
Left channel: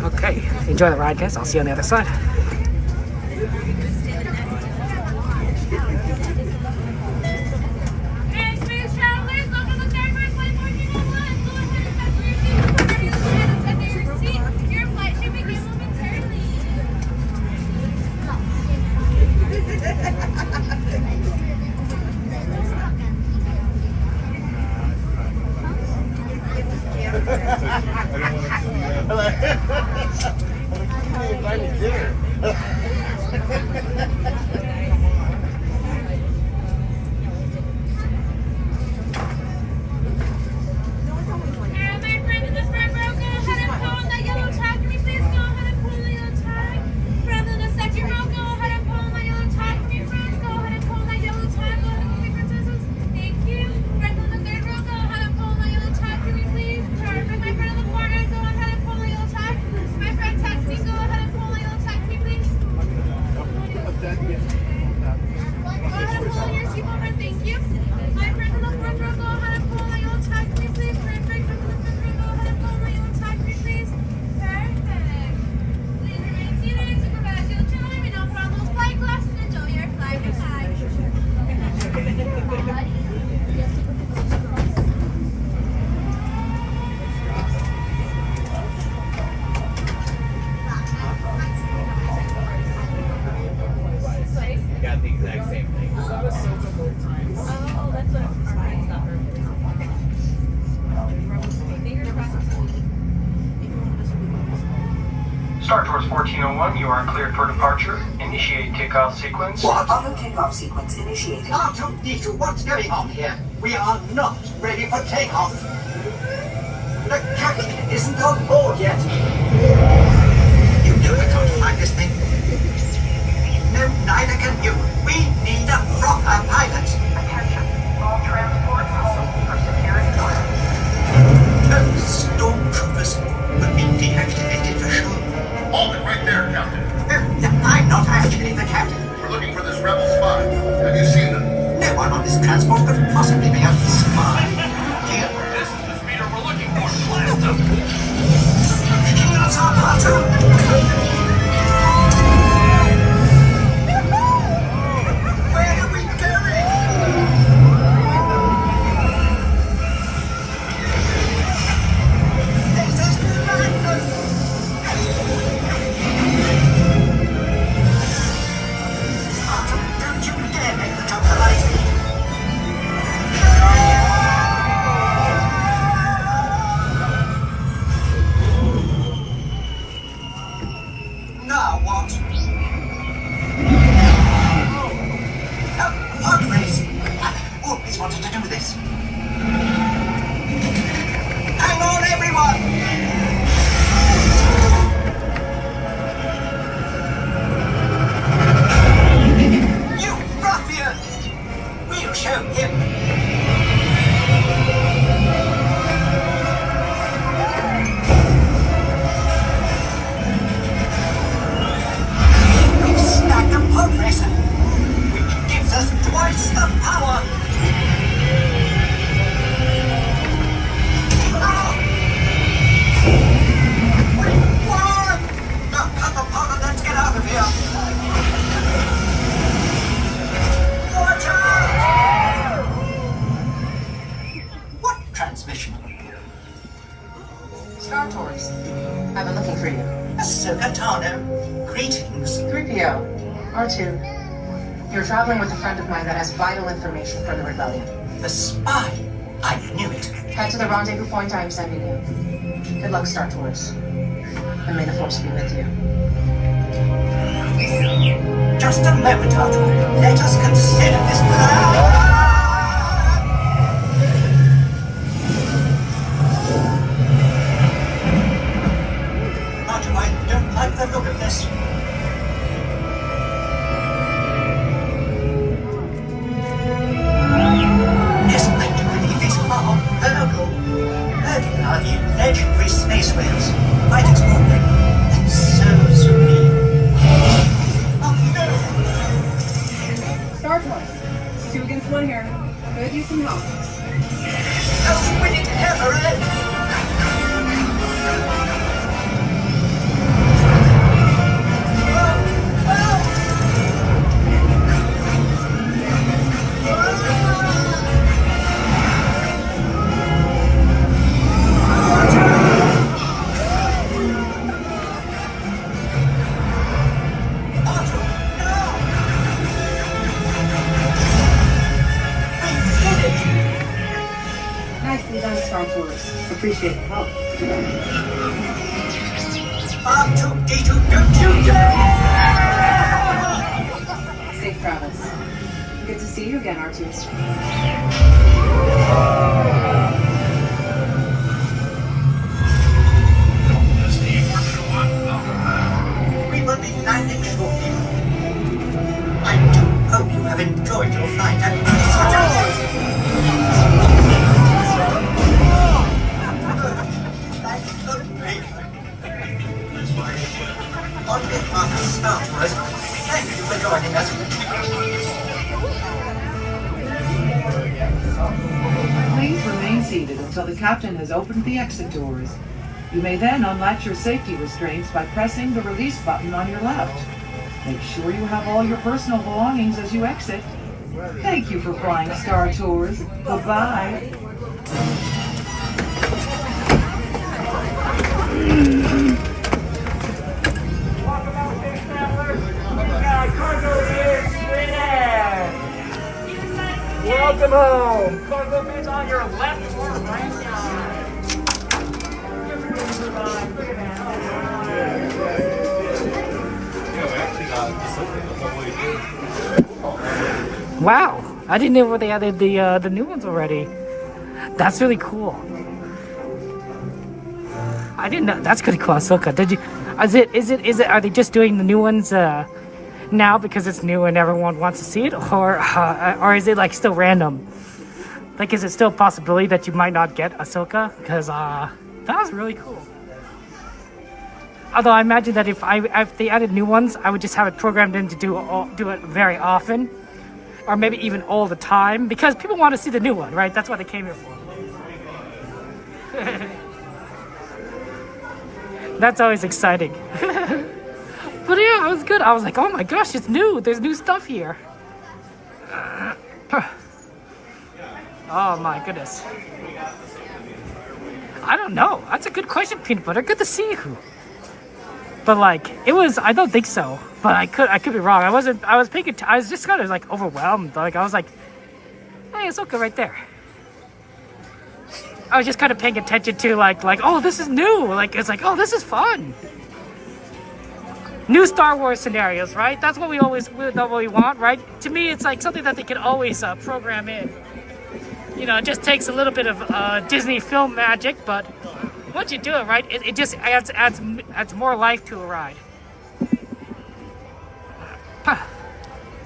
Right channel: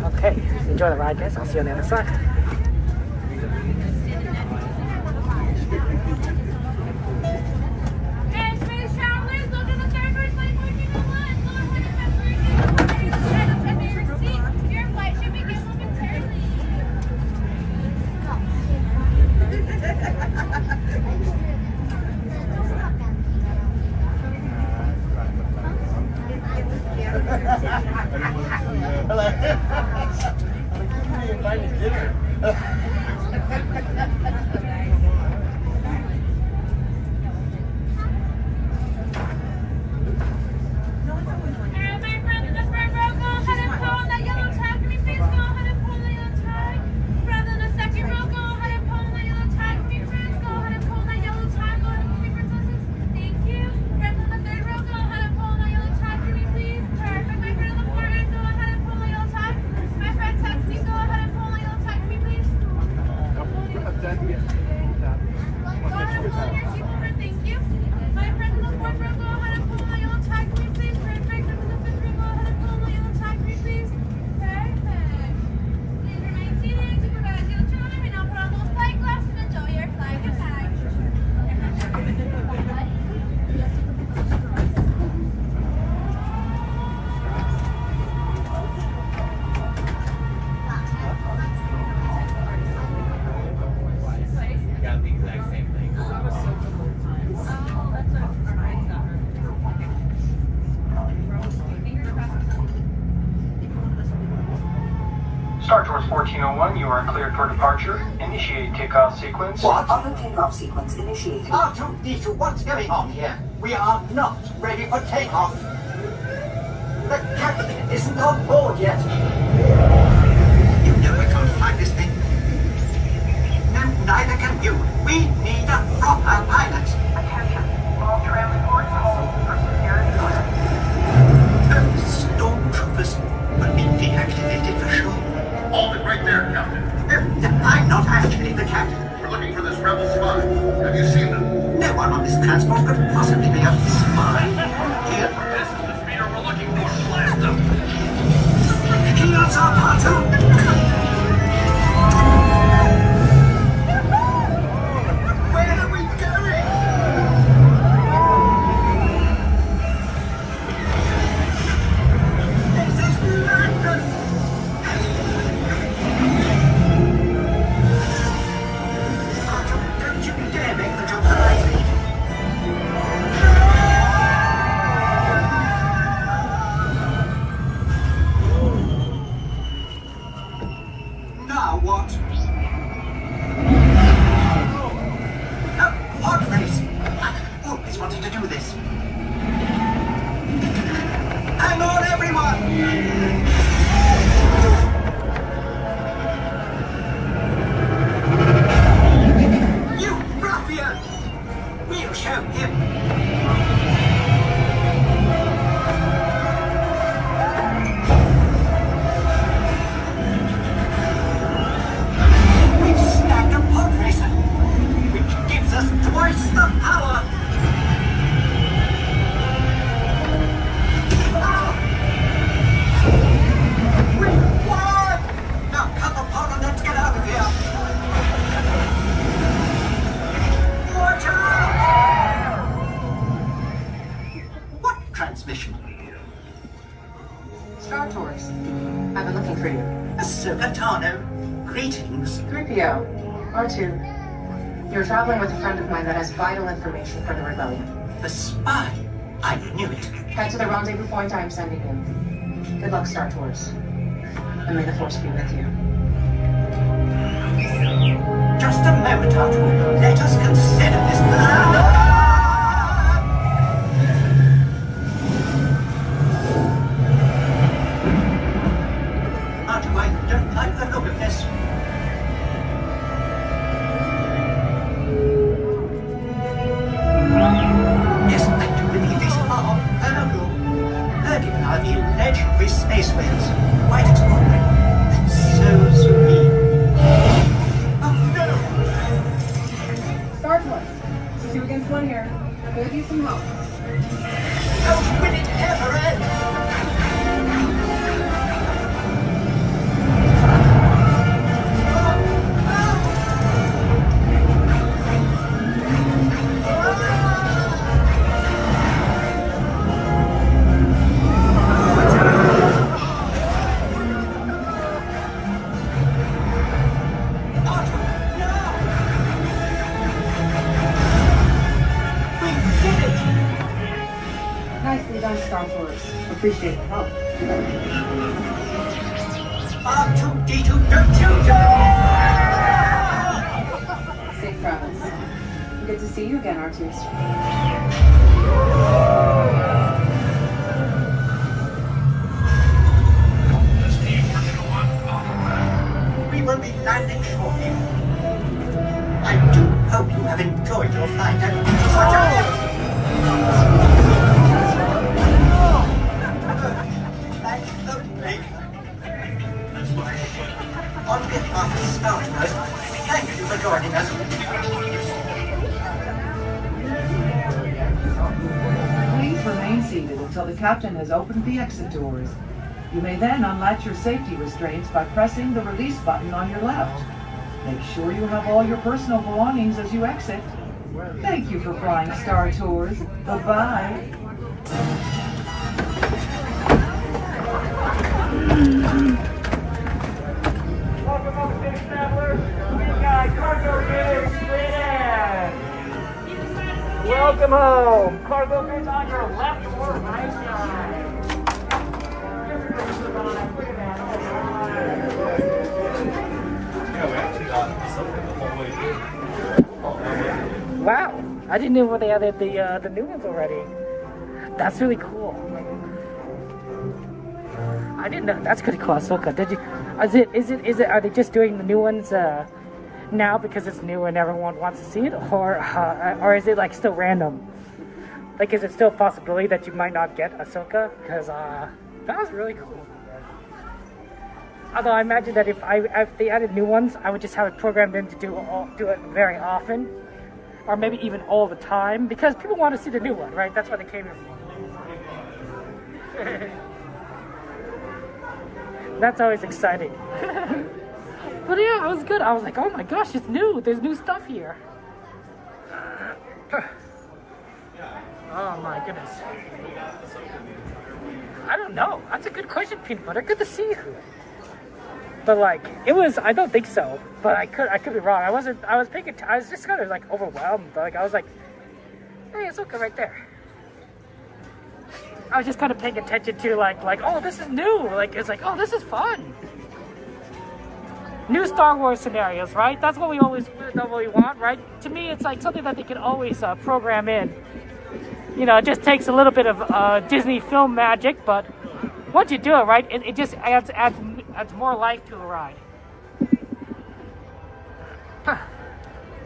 Okay, enjoy the ride, guys. I'll see you on the other side. Star Tours 1401, you are cleared for departure. Initiate takeoff sequence. What? Auto takeoff sequence initiated. R2-D2, what's going on here? We are not ready for takeoff. The captain isn't on board yet. You know we can't fly this thing. No, neither can you. We need a proper pilot. Attention, all transports hold for security order. Those stormtroopers will be deactivated for sure. Hold it right there, Captain. I'm not actually the captain. We're looking for this rebel spy. Have you seen them? No one on this transport could possibly be a spy. Here. This is the speeder we're looking for. Blast them! Shields up, R2! Where are we going? This is madness! Don't you dare make the jump like me! Now what? Pod race! I always wanted to do this. Hang on, everyone! You ruffian! We'll show him! We've snagged a pod racer, which gives us twice the power! Ow! We won! Now cut the pod and let's get out of here! Watch out! What transmission? Star Tours. I've been looking for you. Ahsoka Tano, greetings. 3PO. R2. You're traveling with a friend of mine that has vital information for the rebellion. The spy? I knew it. Head to the rendezvous point I am sending you. Good luck, Star Tours. And may the Force be with you. Just a moment, Arthur. Let us consider this. Arthur, I don't like the look of this. Yes, I do believe these are Virgo. Virgo are the legendary space whales. Quite extraordinary. And so sweet. Star Tours. 2 against 1 here. Could use some help. How will it ever end? Nicely done, Star Tours. Appreciate the help. R2-D2, don't you dare! Safe travels. Good to see you again, R2. We will be landing shortly. I do hope you have enjoyed your flight and such a... On behalf of Star Tours, thank you for joining us. Please remain seated until the captain has opened the exit doors. You may then unlatch your safety restraints by pressing the release button on your left. Make sure you have all your personal belongings as you exit. Thank you for flying Star Tours. Bye-bye. Welcome home. Cargo bins on your left or right side. Wow, I didn't know they added the new ones already. That's really cool. I didn't know. That's pretty cool, Ahsoka. Did you? Is it? Are they just doing the new ones now because it's new and everyone wants to see it, or is it like still random? Like, is it still a possibility that you might not get Ahsoka? Because that was really cool. Although I imagine that if they added new ones, I would just have it programmed in to do it very often, or maybe even all the time, because people want to see the new one, right? That's what they came here for. That's always exciting. But yeah, it was good. I was like, oh my gosh, it's new. There's new stuff here. Oh my goodness. I don't know. That's a good question, Peanut Butter. Good to see you. But like, it was, I don't think so. But I could be wrong. I was just kind of like overwhelmed. Like, I was like, hey, it's okay right there. I was just kind of paying attention to like, oh, this is new. Like, it's like, oh, this is fun. New Star Wars scenarios, right? That's what we want, right? To me, it's like something that they can always program in. You know, it just takes a little bit of Disney film magic, but once you do it, right, it just adds more life to a ride.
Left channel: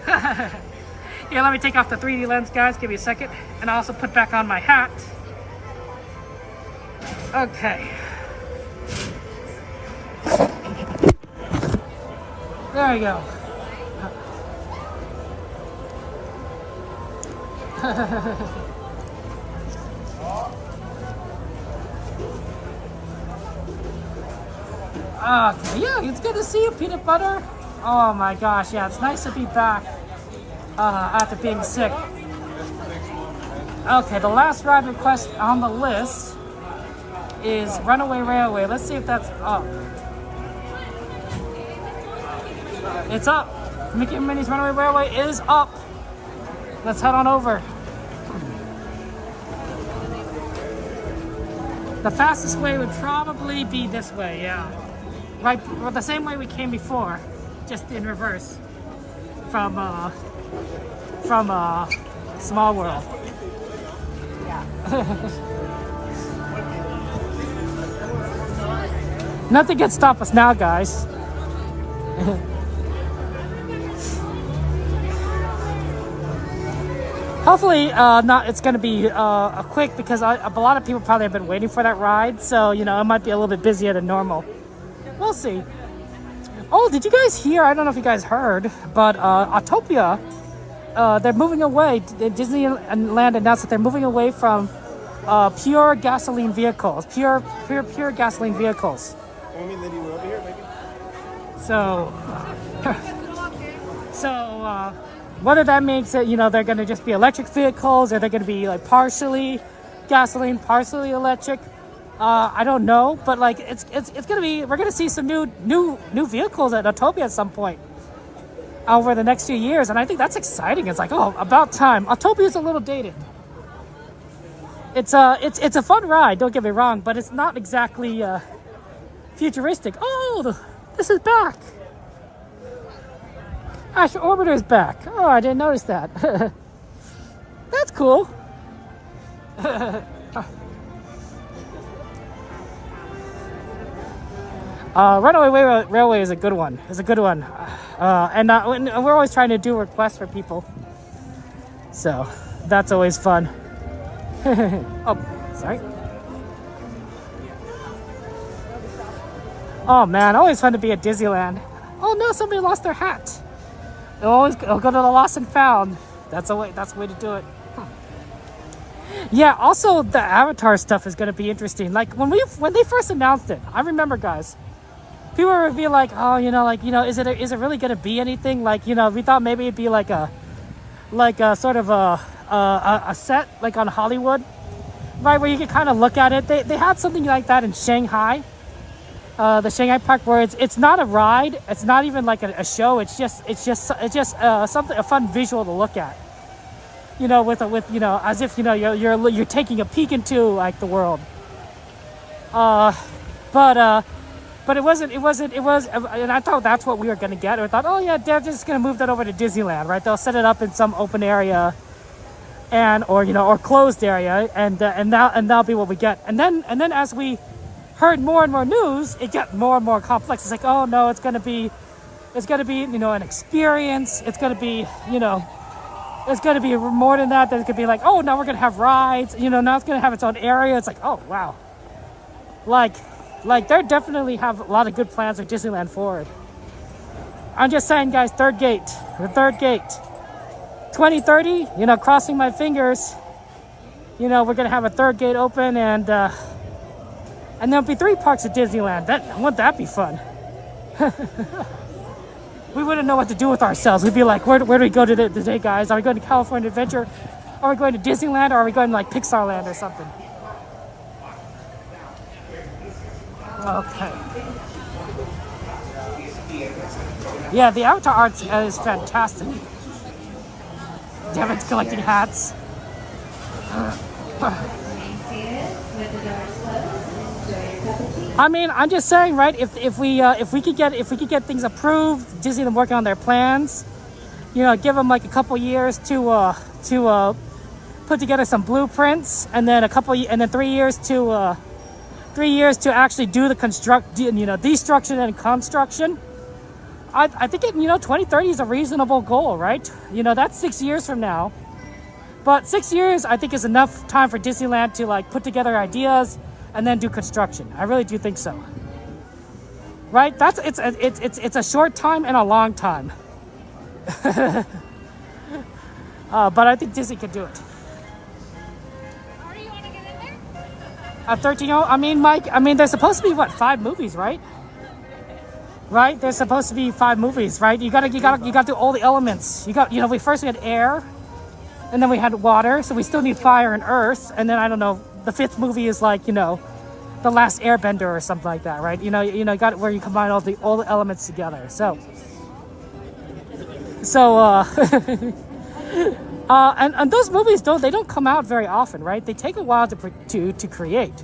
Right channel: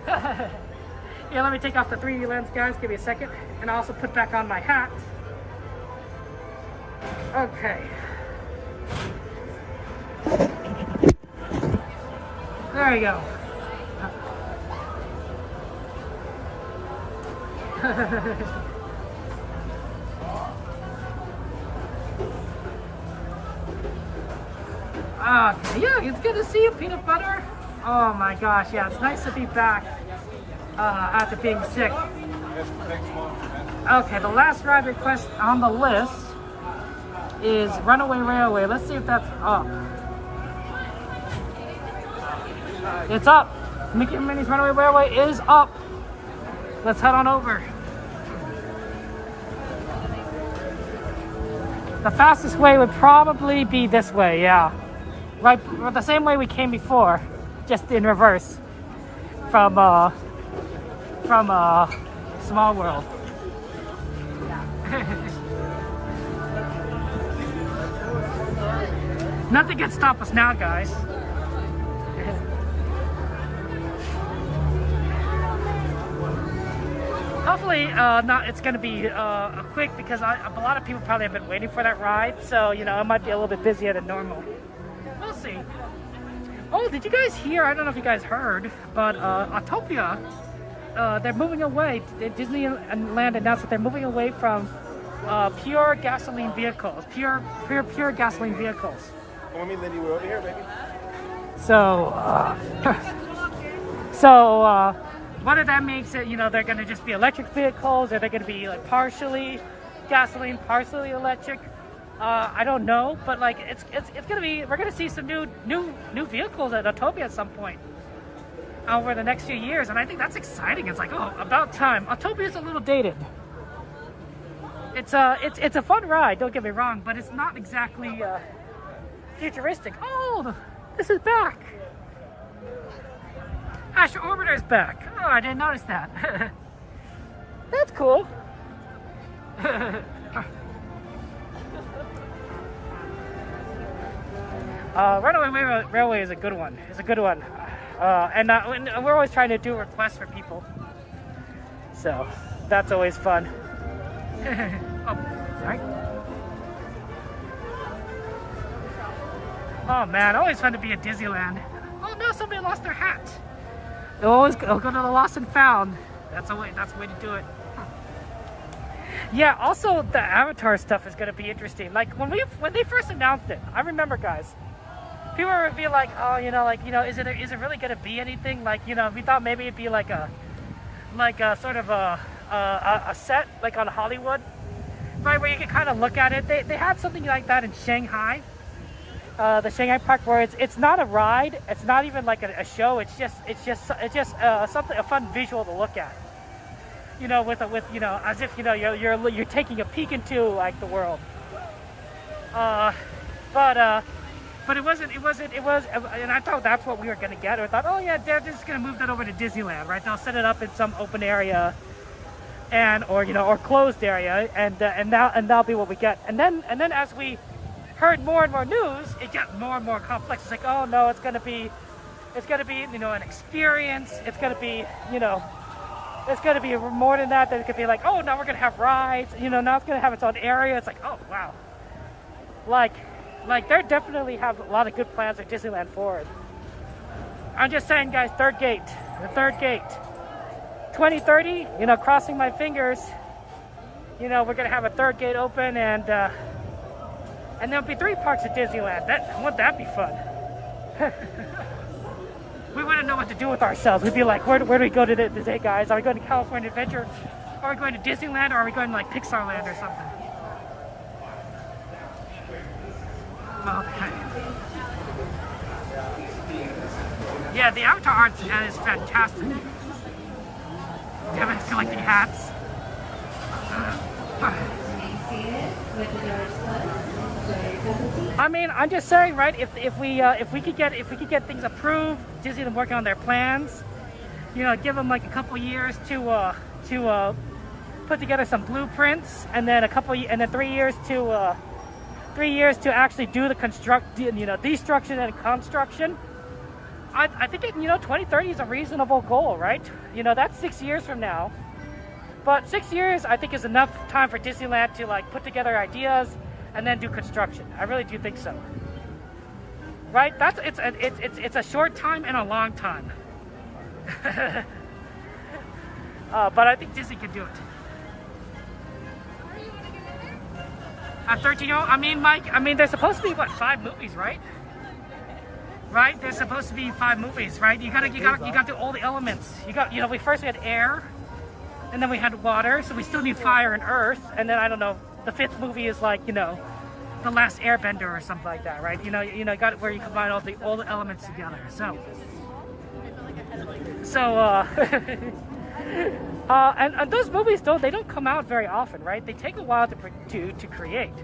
Yeah, let me take off the 3D lens, guys. Give me a second. And I also put back on my hat. Okay. There we go. Okay, yeah, it's good to see you, Peanut Butter. Oh my gosh, yeah, it's nice to be back after being sick. Okay, the last ride request on the list is Runaway Railway. Let's see if that's up. It's up. Mickey and Minnie's Runaway Railway is up. Let's head on over. The fastest way would probably be this way, yeah. Right, the same way we came before, just in reverse. From Small World. Nothing can stop us now, guys. Hopefully, it's going to be a quick, because a lot of people probably have been waiting for that ride. So, you know, it might be a little bit busier than normal. We'll see. Oh, did you guys hear? I don't know if you guys heard, but Autopia, they're moving away. Disneyland announced that they're moving away from pure gasoline vehicles. Pure gasoline vehicles. So, whether that makes it, you know, they're going to just be electric vehicles, or they're going to be like partially gasoline, partially electric. I don't know, but like it's gonna be. We're gonna see some new vehicles at Autopia at some point over the next few years, and I think that's exciting. It's like, oh, about time. Autopia is a little dated. It's a fun ride. Don't get me wrong, but it's not exactly futuristic. Oh, this is back. Astro Orbiter's back. Oh, I didn't notice that. That's cool. Runaway Railway is a good one. It's a good one. And we're always trying to do requests for people. So, that's always fun. Oh, sorry. Oh man, always fun to be at Disneyland. Oh no, somebody lost their hat. It'll go to the lost and found. That's the way to do it. Yeah, also the Avatar stuff is gonna be interesting. Like when they first announced it, I remember, guys, people would be like, oh, is it really gonna be anything? Like, we thought maybe it'd be like a sort of a set like on Hollywood, right, where you could kind of look at it. They had something like that in Shanghai, the Shanghai Park, where it's not a ride, it's not even like a show. It's just something, a fun visual to look at. As if you're taking a peek into like the world. But it wasn't, and I thought that's what we were gonna get. I thought, oh yeah, they're just gonna move that over to Disneyland, right? They'll set it up in some open area, or closed area, and that'll be what we get. And then as we heard more and more news, it got more and more complex. It's like, oh no, it's gonna be an experience. It's gonna be it's going to be more than that. There's going to be like, oh, now we're going to have rides. Now it's going to have its own area. It's like, oh, wow. Like they definitely have a lot of good plans for Disneyland forward. I'm just saying, guys, the third gate. 2030, crossing my fingers, we're going to have a third gate open, and there'll be 3 parks at Disneyland. Wouldn't that be fun? We wouldn't know what to do with ourselves. We'd be like, where do we go today, guys? Are we going to California Adventure? Are we going to Disneyland? Or are we going to like Pixar Land or something? Okay. Yeah, the Avatar art is fantastic. Devin's collecting hats. I mean, I'm just saying, right? If we could get things approved, Disneyland working on their plans, give them like a couple years to put together some blueprints, and then 3 years to actually do the destruction and construction. I think 2030 is a reasonable goal, right? That's 6 years from now, but 6 years I think is enough time for Disneyland to like put together ideas and then do construction. I really do think so. Right? It's a short time and a long time. But I think Disney could do it. At 13, I mean, Mike, there's supposed to be 5 movies, right? Right? There's supposed to be 5 movies, right? You gotta do all the elements. We had air, and then we had water, so we still need fire and earth, and then I don't know. The 5th movie is like, The Last Airbender or something like that, right? Got it where you combine all the elements together. So and those movies they don't come out very often, right? They take a while to create.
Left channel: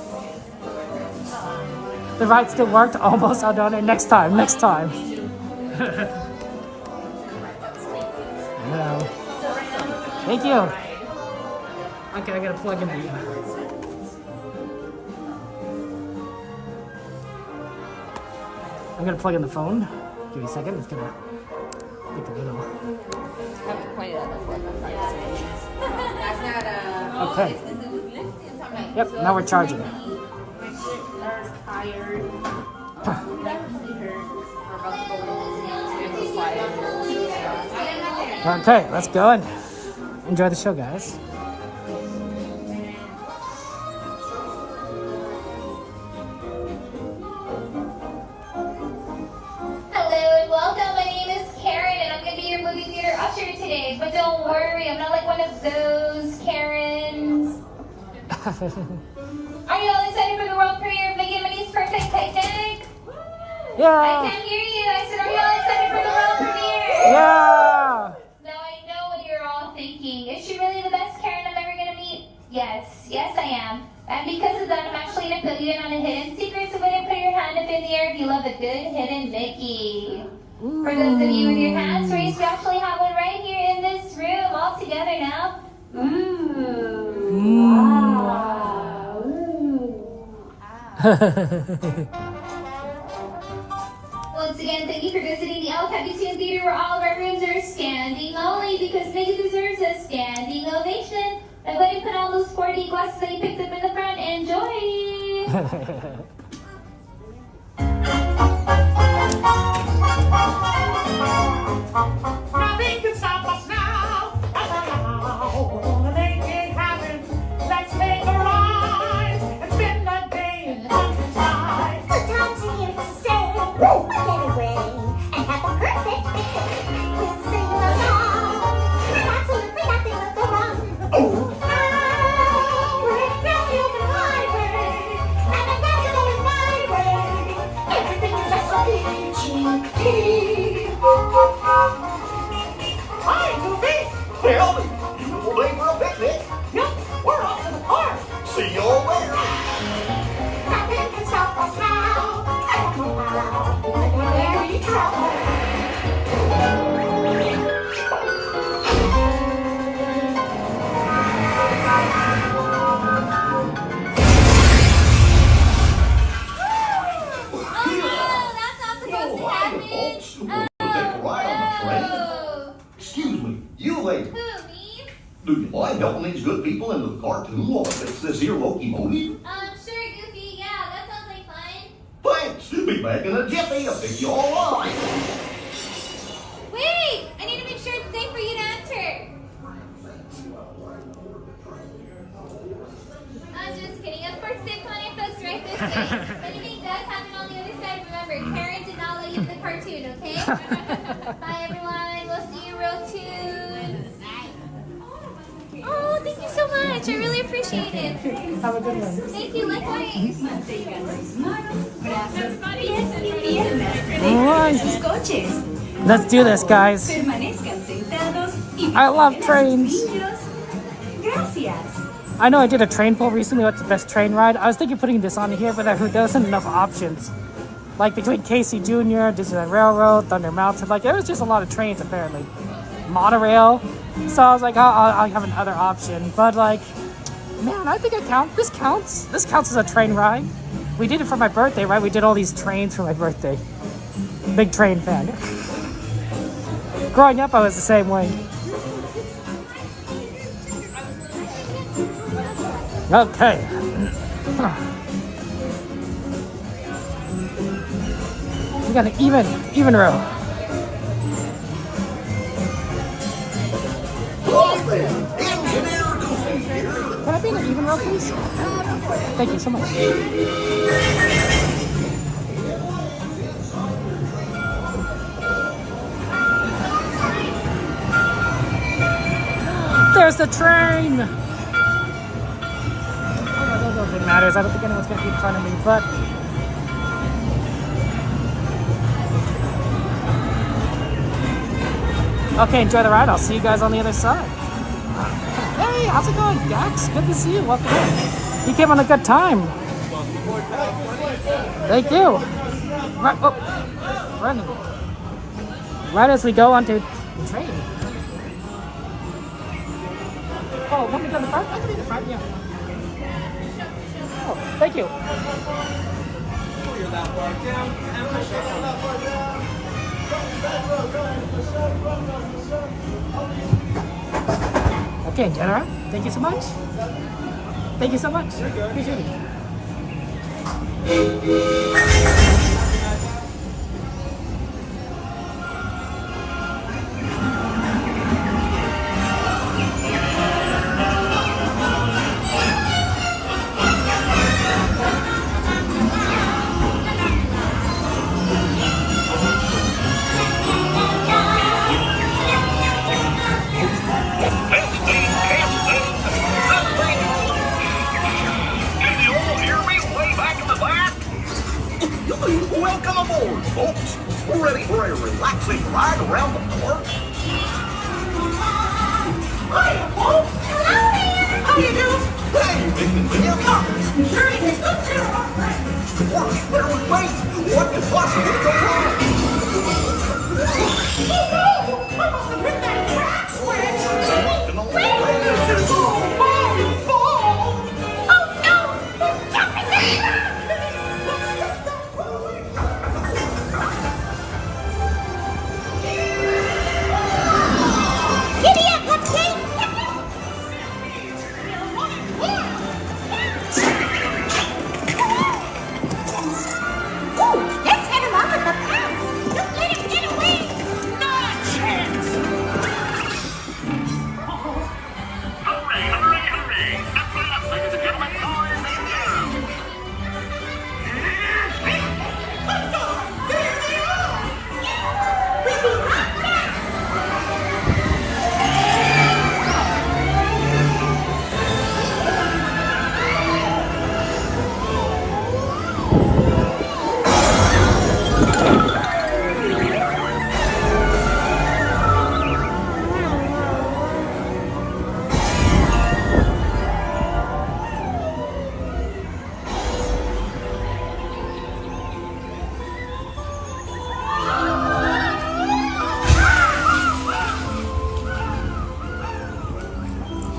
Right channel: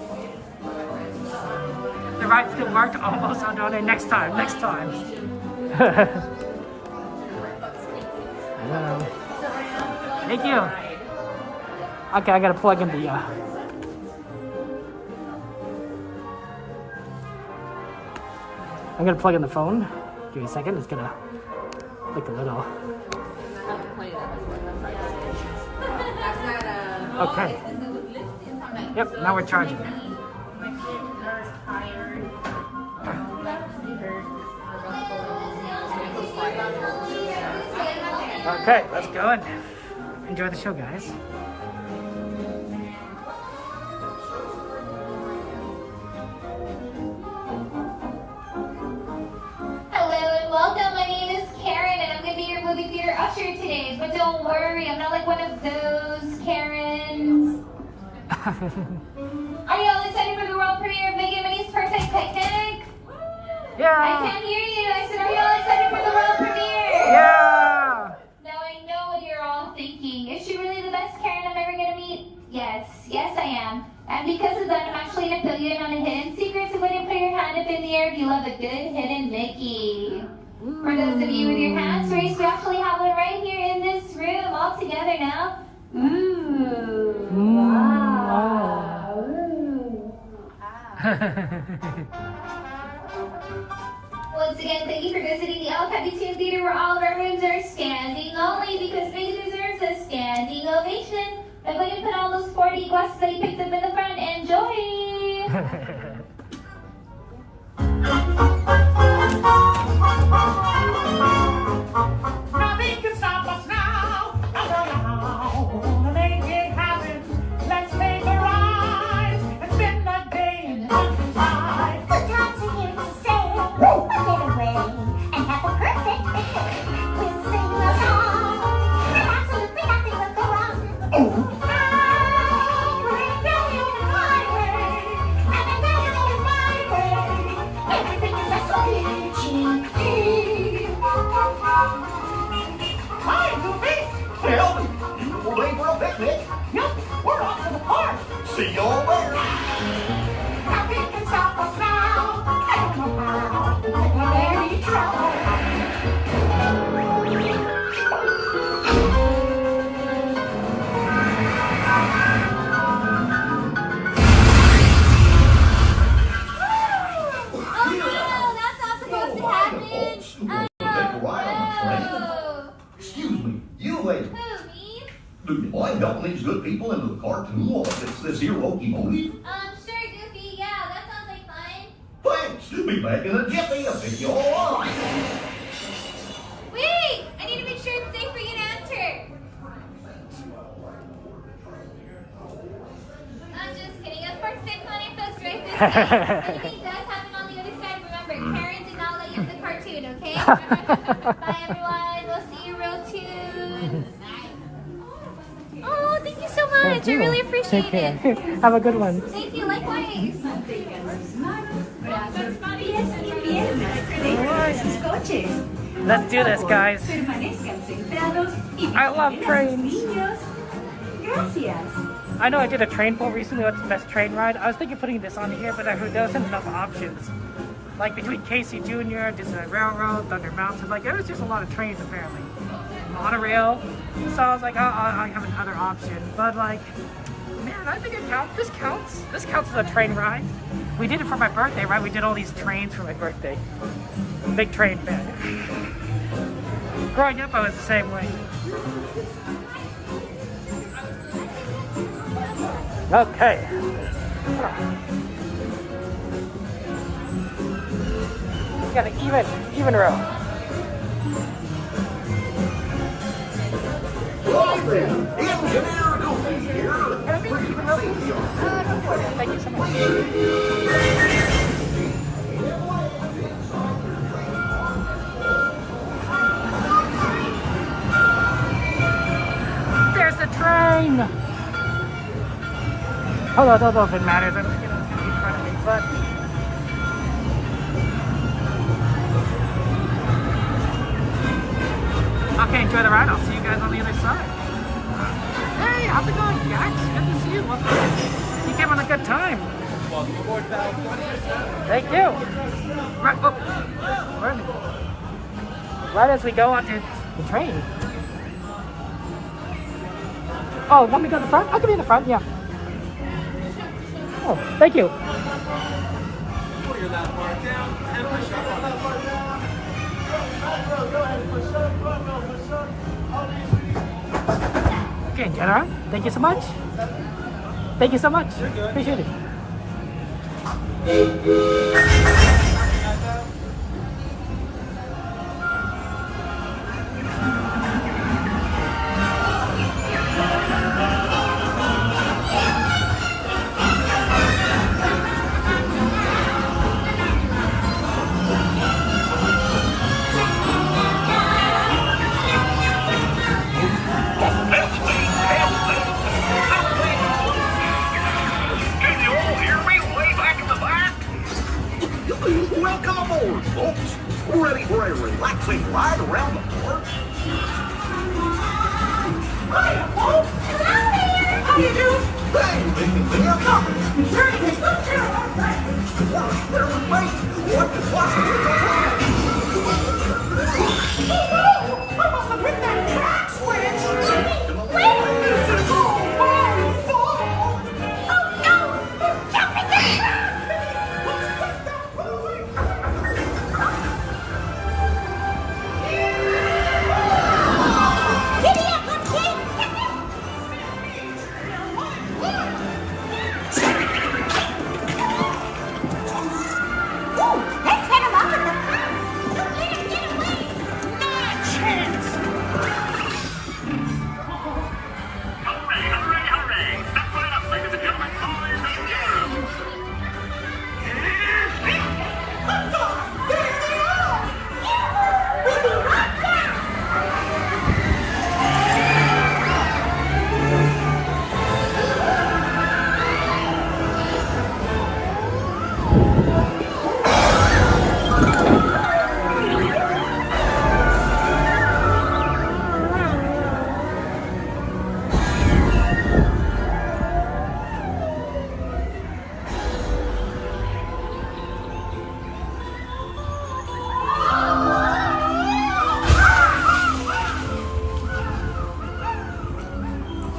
The ride still worked. Almost. I'll donate next time. Next time. Hello. Thank you. Okay, I gotta plug in the. I'm gonna plug in the phone. Give me a second. It's gonna like a little. Okay. Yep. Now we're charging. Okay, let's go and enjoy the show, guys. But don't worry, I'm not like one of those Karens. Are you all excited for the world premiere of Big and Minnie's Perfect Titanic? Yeah! I can't hear you. I said, are you all excited for the world premiere? Yeah! Now I know what you're all thinking. Is she really the best Karen I'm ever going to meet? Yes. Yes, I am. And because of that, I'm actually going to fill you in on a hidden secret, so go ahead and put your hand up in the air if you love a good hidden Mickey. For those of you with your hands raised, we actually have one right here in this room, all together now. Ooh. Wow. Once again, thank you for visiting the El Capitan Theater, where all of our rooms are standing only, because Mickey deserves a standing ovation. Now go ahead and put all those 40 glasses that you picked up in the front. Enjoy! Nothing can stop us now. Wanna make it happen. Let's make a ride and spend the day in the countryside. Put Johnson here to stay. We'll get away and have a perfect day. We'll sing a song and absolutely nothing will go wrong. We're very open highway, and I'm very open my way. Everything is so peachy. Hi, Goofy. Well, beautiful day for a picnic. Yep, we're off to the park. See you all there. Nothing can stop us now. I don't know how, but we're very trouble. Excuse me, you lady. Who, me? Do you mind helping these good people into the cartoon while I fix this here locomotive? Sure, Goofy. Yeah, that sounds like fun. Thanks. Be back in a jiffy. I'll pick you all up. Wait! I need to make sure it's safe for you to enter. I'm just kidding. Of course, safe plenty of folks right this way. If anything does happen on the other side, remember, Karen did not let you in the cartoon, okay? Bye, everyone. We'll see you real soon. Oh, thank you so much. I really appreciate it. Have a good one. Thank you, likewise. Let's do this, guys. I love trains. I know I did a train poll recently. What's the best train ride? I was thinking putting this on here, but there wasn't enough options. Like between Casey Jr., Disneyland Railroad, Thunder Mountain. Like it was just a lot of trains apparently. Monorail. So I was like, I'll have another option. But like, man, I think it counts. This counts. This counts as a train ride. We did it for my birthday, right? We did all these trains for my birthday. Big train fan. Growing up, I was the same way. Okay. We got an even row. Hi there, Engineer Goofy here. Thank you so much. There's the train! Hold on, I don't know if it matters. I don't think anyone's gonna keep telling me that. Okay, enjoy the ride. I'll see you guys on the other side. Hey, how's it going, Gax? Good to see you. Welcome in. You came on a good time. Thank you. Right, oh, right as we go onto the train. Oh, let me go in the front? I can be in the front, yeah. Oh, thank you. Okay, Jenna, thank you so much. Thank you so much. Appreciate it. Welcome aboard, folks. Ready for a relaxing ride around the park? Hiya, folks. Hello there. How you doing? Hey, here comes. Sure, you can look to our friends. Of course, there we wait. What could possibly go wrong? Oh, no! I must have hit that track switch. This is all my fault. Oh, no! Jump in the track! Giddy up, Pepsi! Ooh, let's head him off at the pass. Don't let him get away. Not a chance. Hurry, hurry, hurry! Step right up, ladies and gentlemen, boys and girls. Hold on! There they are! We'll be right back.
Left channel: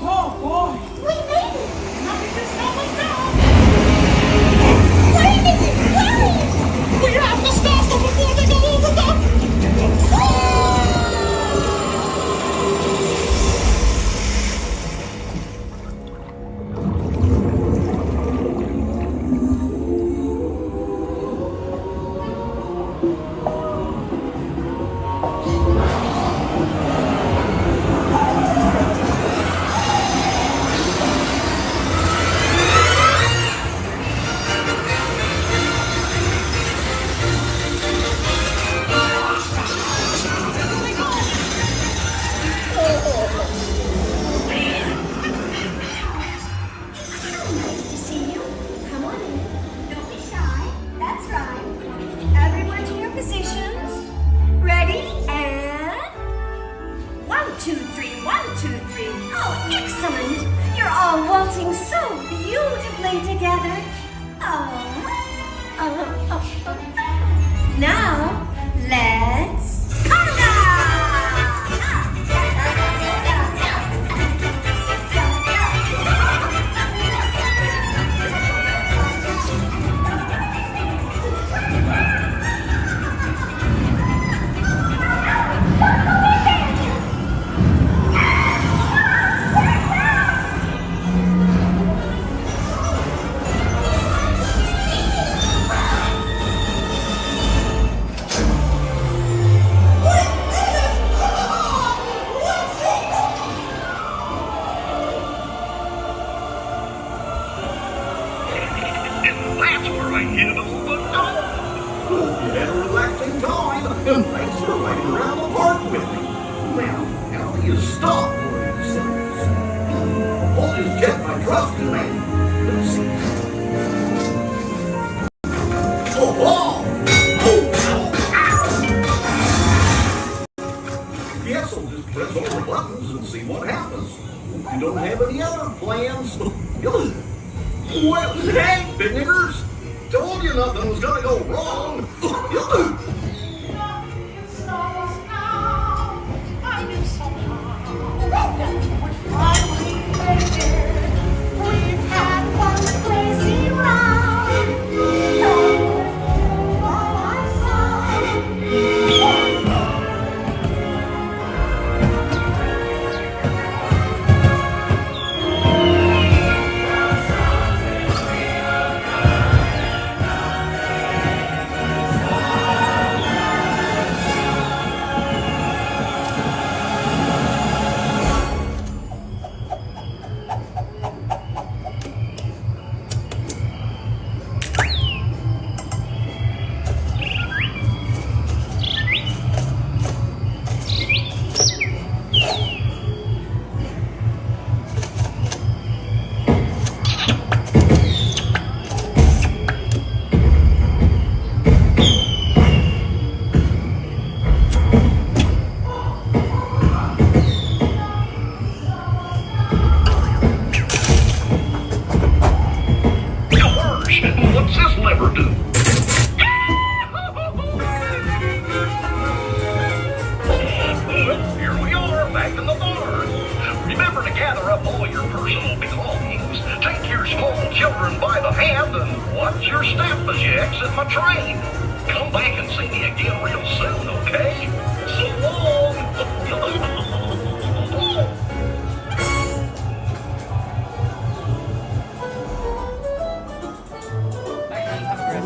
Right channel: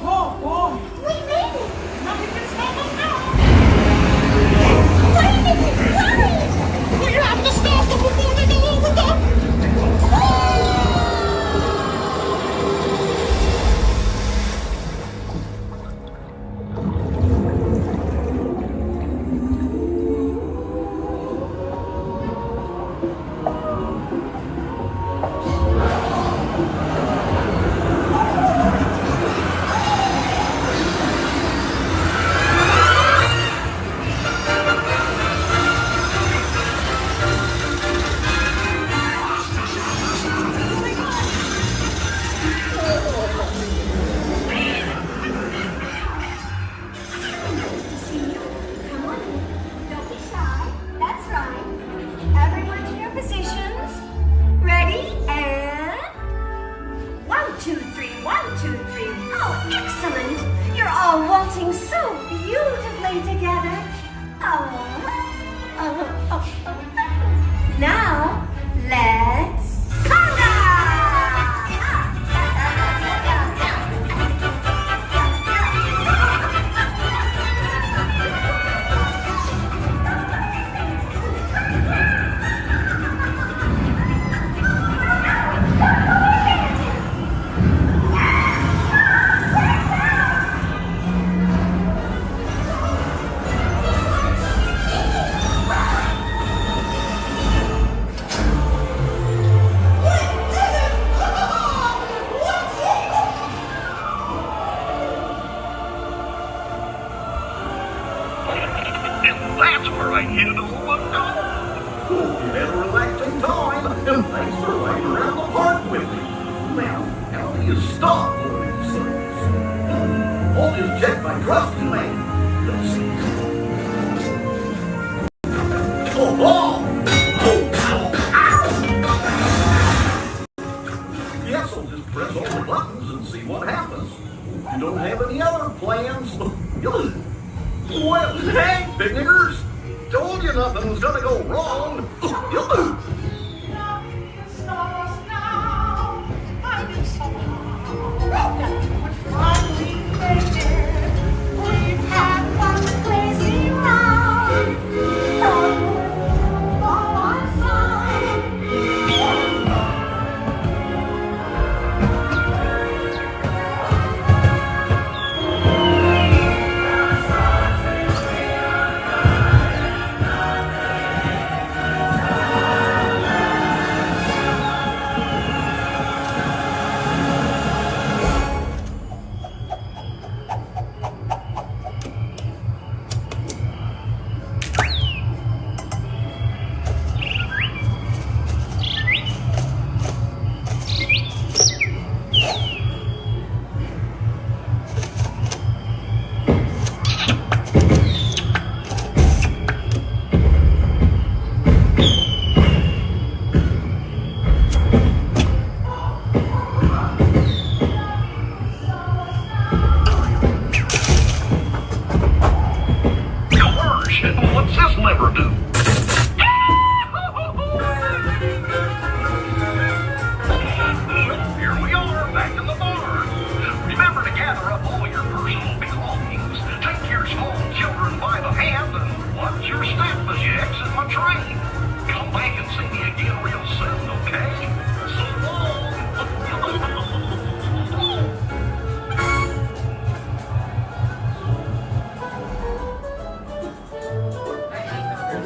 Oh, boy! We made it. Nothing can stop us now! Wait a minute. Hurry. We have to stop them before they go over the... Nice to see you. Come on in. Don't be shy. That's right. Everyone to your positions. Ready? And 1, 2, 3, 1, 2, 3. Oh, excellent. You're all waltzing so beautifully together. Now, let's conga! And that's where I hit all my time. Hope you had a relaxing time, and thanks for riding around the park with me. Now, how do you stop one of these things? I'll just check my trusty man. Let's see. Oh! Yes, I'll just press all the buttons and see what happens. You don't have any other plans? Well, hey, big niggers. Told you nothing was gonna go wrong. We've had one crazy ride. What's this lever do? Here we are, back in the barn. Remember to gather up all your personal belongings. Take your small children by the hand and watch your step as you exit my train. Come back and see me again real soon, okay? So long.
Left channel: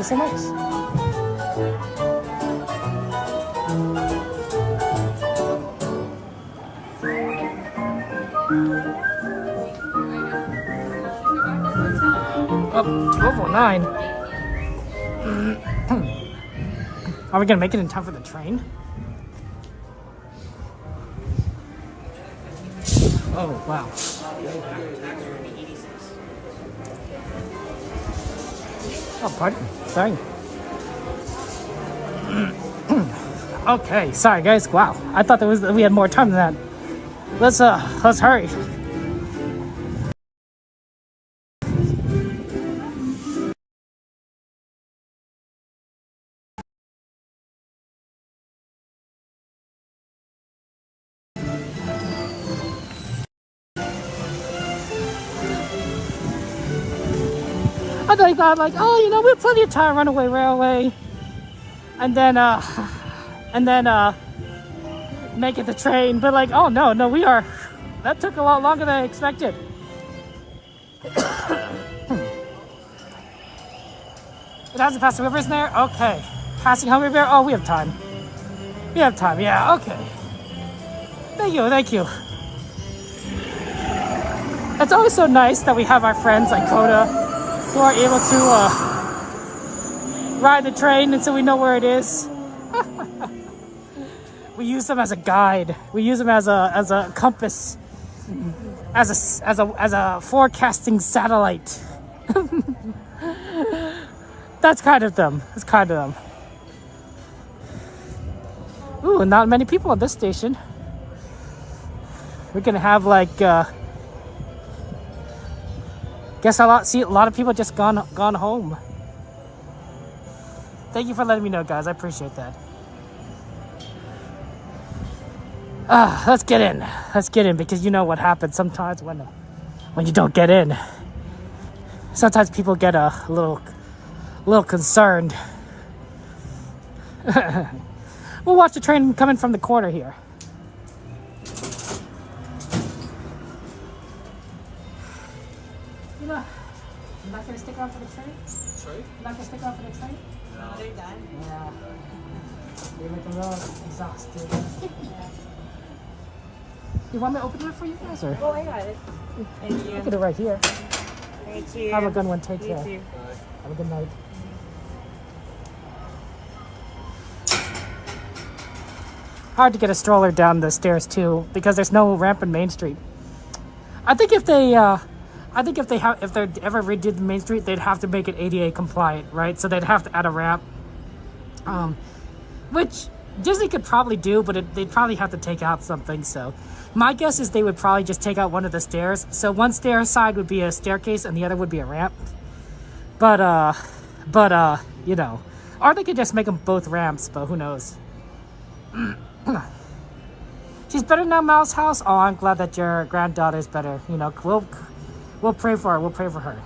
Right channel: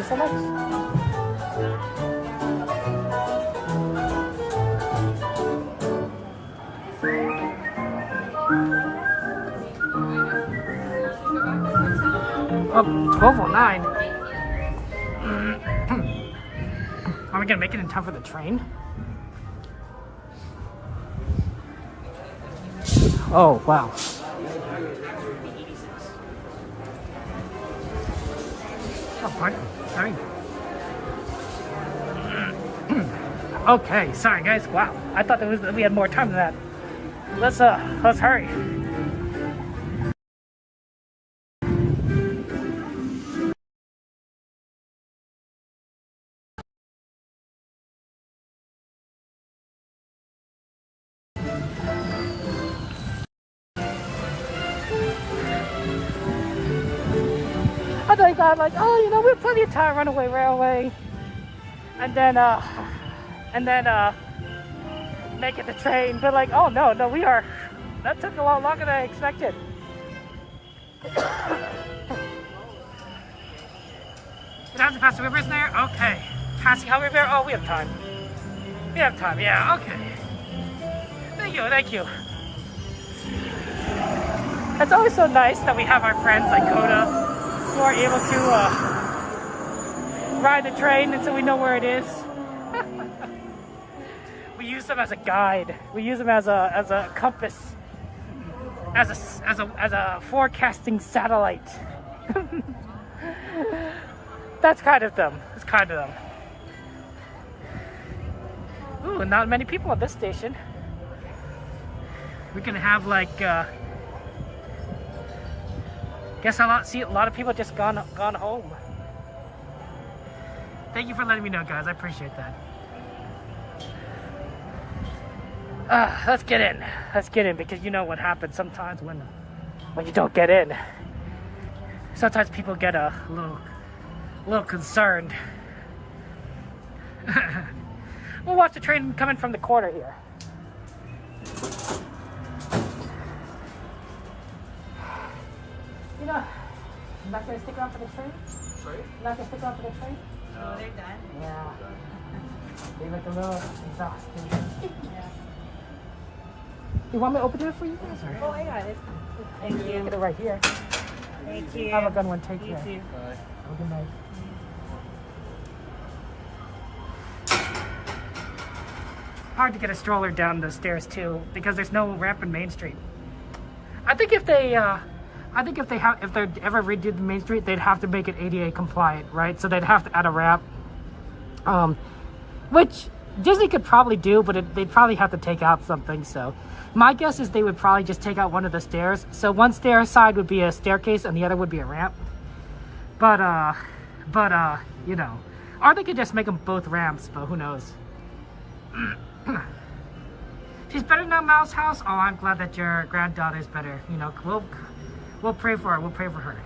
Nice. Up 12:09. Are we gonna make it in time for the train? Oh wow. Oh, pardon. Sorry. Okay, sorry guys. Wow, I thought we had more time than that. Let's hurry. I thought like, oh, you know, we have plenty of time, Runaway Railway, and then make it the train. But like, oh no, we are. That took a lot longer than I expected. It hasn't passed the river, isn't there? Okay. Passing Hungry Bear. Oh, we have time. We have time. Yeah. Okay. Thank you. It's always so nice that we have our friends like Coda who are able to ride the train, and so we know where it is. We use them as a guide. We use them as a compass, as a forecasting satellite. That's kind of them. It's kind of them. Ooh, not many people at this station. We're gonna have like. Guess a lot of people just gone home. Thank you for letting me know, guys. I appreciate that. Let's get in. Let's get in, because you know what happens sometimes when you don't get in. Sometimes people get a little concerned. We'll watch the train coming from the corner here. You know, you're not gonna stick around for the train? Sorry? You're not gonna stick around for the train? No, they're done. Yeah. They look a little exhausted. You want me to open it for you guys, or? Oh, I got it. Thank you. Look at it right here. Thank you. Have a good one. Take care. Have a good night. Hard to get a stroller down the stairs too, because there's no ramp in Main Street. I think if they ever redid the Main Street, they'd have to make it ADA compliant, right? So they'd have to add a ramp, which Disney could probably do, but they'd probably have to take out something. So my guess is they would probably just take out one of the stairs. So one stair side would be a staircase and the other would be a ramp. But you know, or they could just make them both ramps, but who knows. She's better now, Mouse House. Oh, I'm glad that your granddaughter's better. You know, we'll pray for her. We'll pray for her.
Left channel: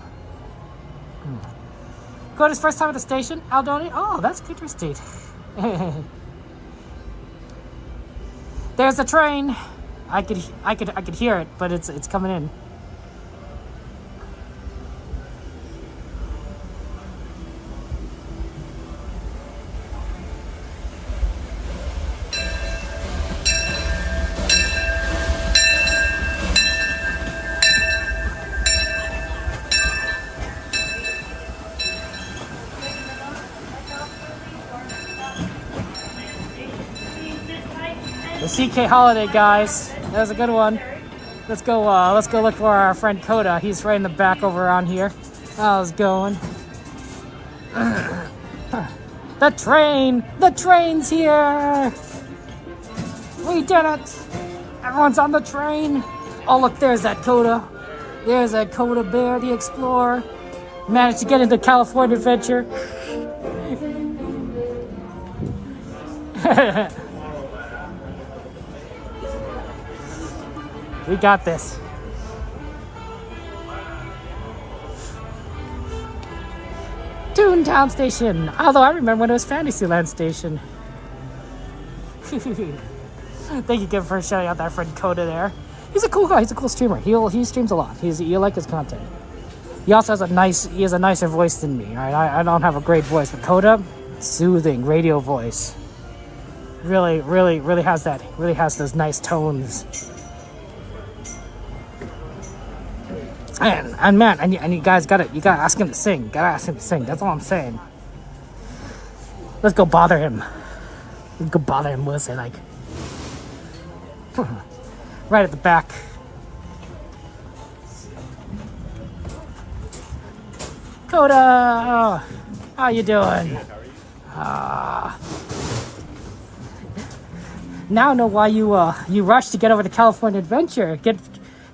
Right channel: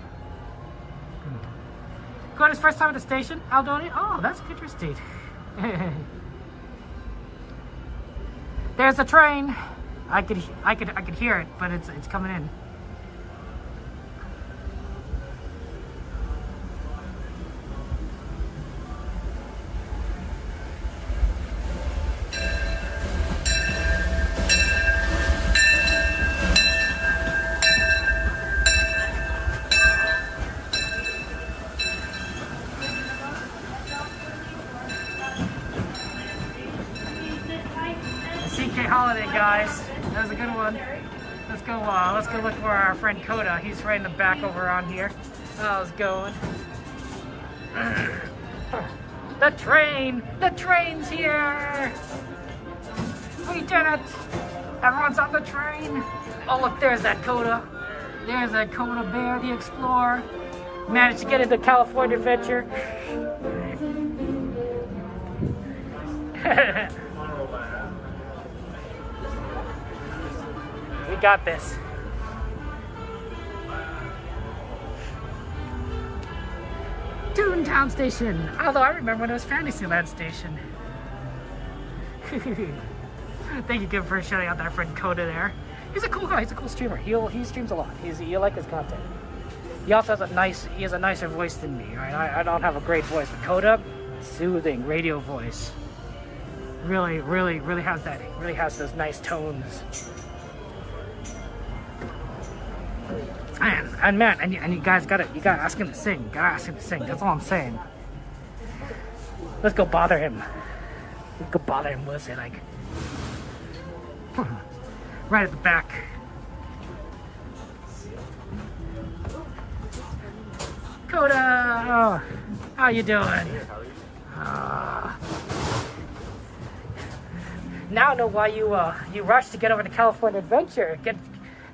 Coda's first time at the station, Aldoni. Oh, that's interesting. There's a train. I could hear it, but it's coming in. CK Holiday, guys. That was a good one. Let's go look for our friend Coda. He's right in the back over on here. How's it going? The train's here. We did it. Everyone's on the train. Oh, look, there's that Coda. There's that Coda Bear, the Explorer. Managed to get into California Adventure. We got this. Toontown Station. Although I remember when it was Fantasyland Station. Thank you, Kim, for shouting out that friend Coda there. He's a cool guy. He's a cool streamer. He streams a lot. You like his content. He also has a nicer voice than me. I don't have a great voice, but Coda, soothing radio voice. Really has that. Really has those nice tones. And man, and you guys gotta ask him to sing. Gotta ask him to sing. That's all I'm saying. Let's go bother him. Let's go bother him. We'll say like, right at the back. Coda, how you doing? Now I know why you rushed to get over to California Adventure. They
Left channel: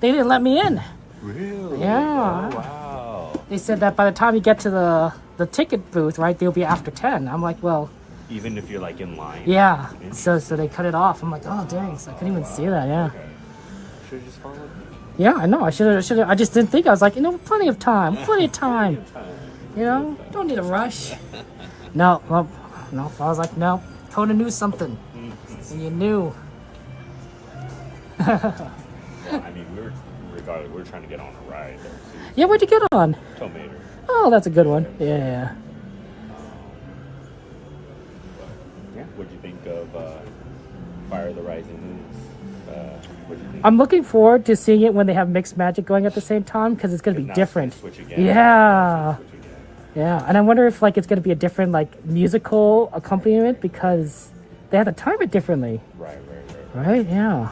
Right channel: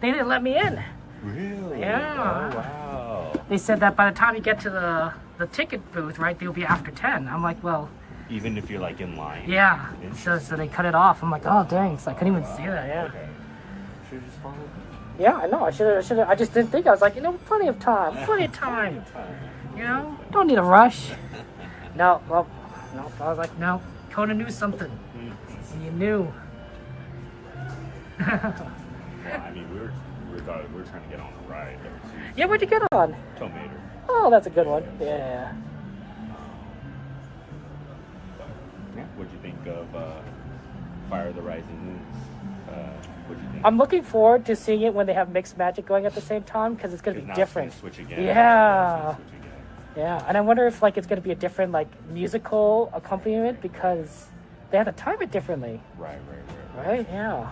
didn't let me in. Really? Yeah. Oh, wow. They said that by the time you get to the ticket booth, right, they'll be after 10. I'm like, well. Even if you're like in line? Yeah. So they cut it off. I'm like, oh, dang. So I couldn't even see that, yeah. Okay. Should have just followed me. Yeah, I know. I should have. I just didn't think. I was like, you know, plenty of time. Plenty of time. You know, don't need a rush. No. I was like, no. Coda knew something. And you knew. I mean, we were trying to get on a ride, though, too. Yeah, what'd you get on? Tomato. Oh, that's a good one. Yeah. But, yeah, what'd you think of Fire of the Rising Moons? What'd you think? I'm looking forward to seeing it when they have mixed magic going at the same time, because it's going to be different. It's gonna switch again. Yeah. Switch again. Yeah, and I wonder if like it's going to be a different like musical accompaniment because they have to time it differently. Right. Right, yeah.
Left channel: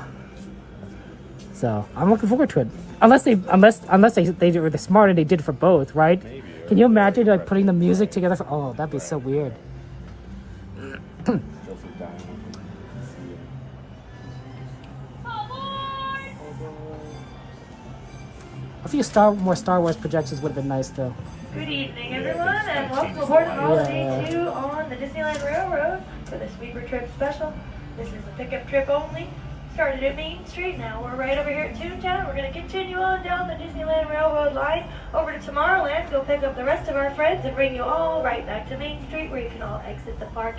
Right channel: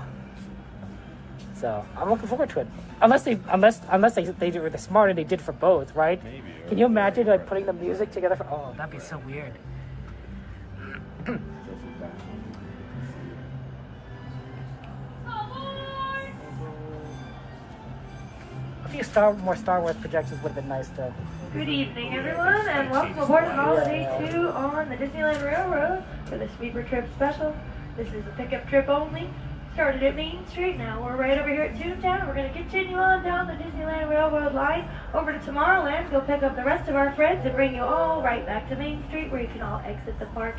So I'm looking forward to it. Unless they were smart and they did it for both, right? Maybe. Can you imagine like putting the music together for? Oh, that'd be so weird. A few more Star Wars projections would have been nice though. Good evening, everyone, and welcome aboard Holiday 2 on the Disneyland Railroad for the Sweeper Trip Special. This is a pickup trip only. Started at Main Street, now we're right over here at Toontown. We're going to continue on down the Disneyland Railroad line over to Tomorrowland, go pick up the rest of our friends and bring you all right back to Main Street where you can all exit the park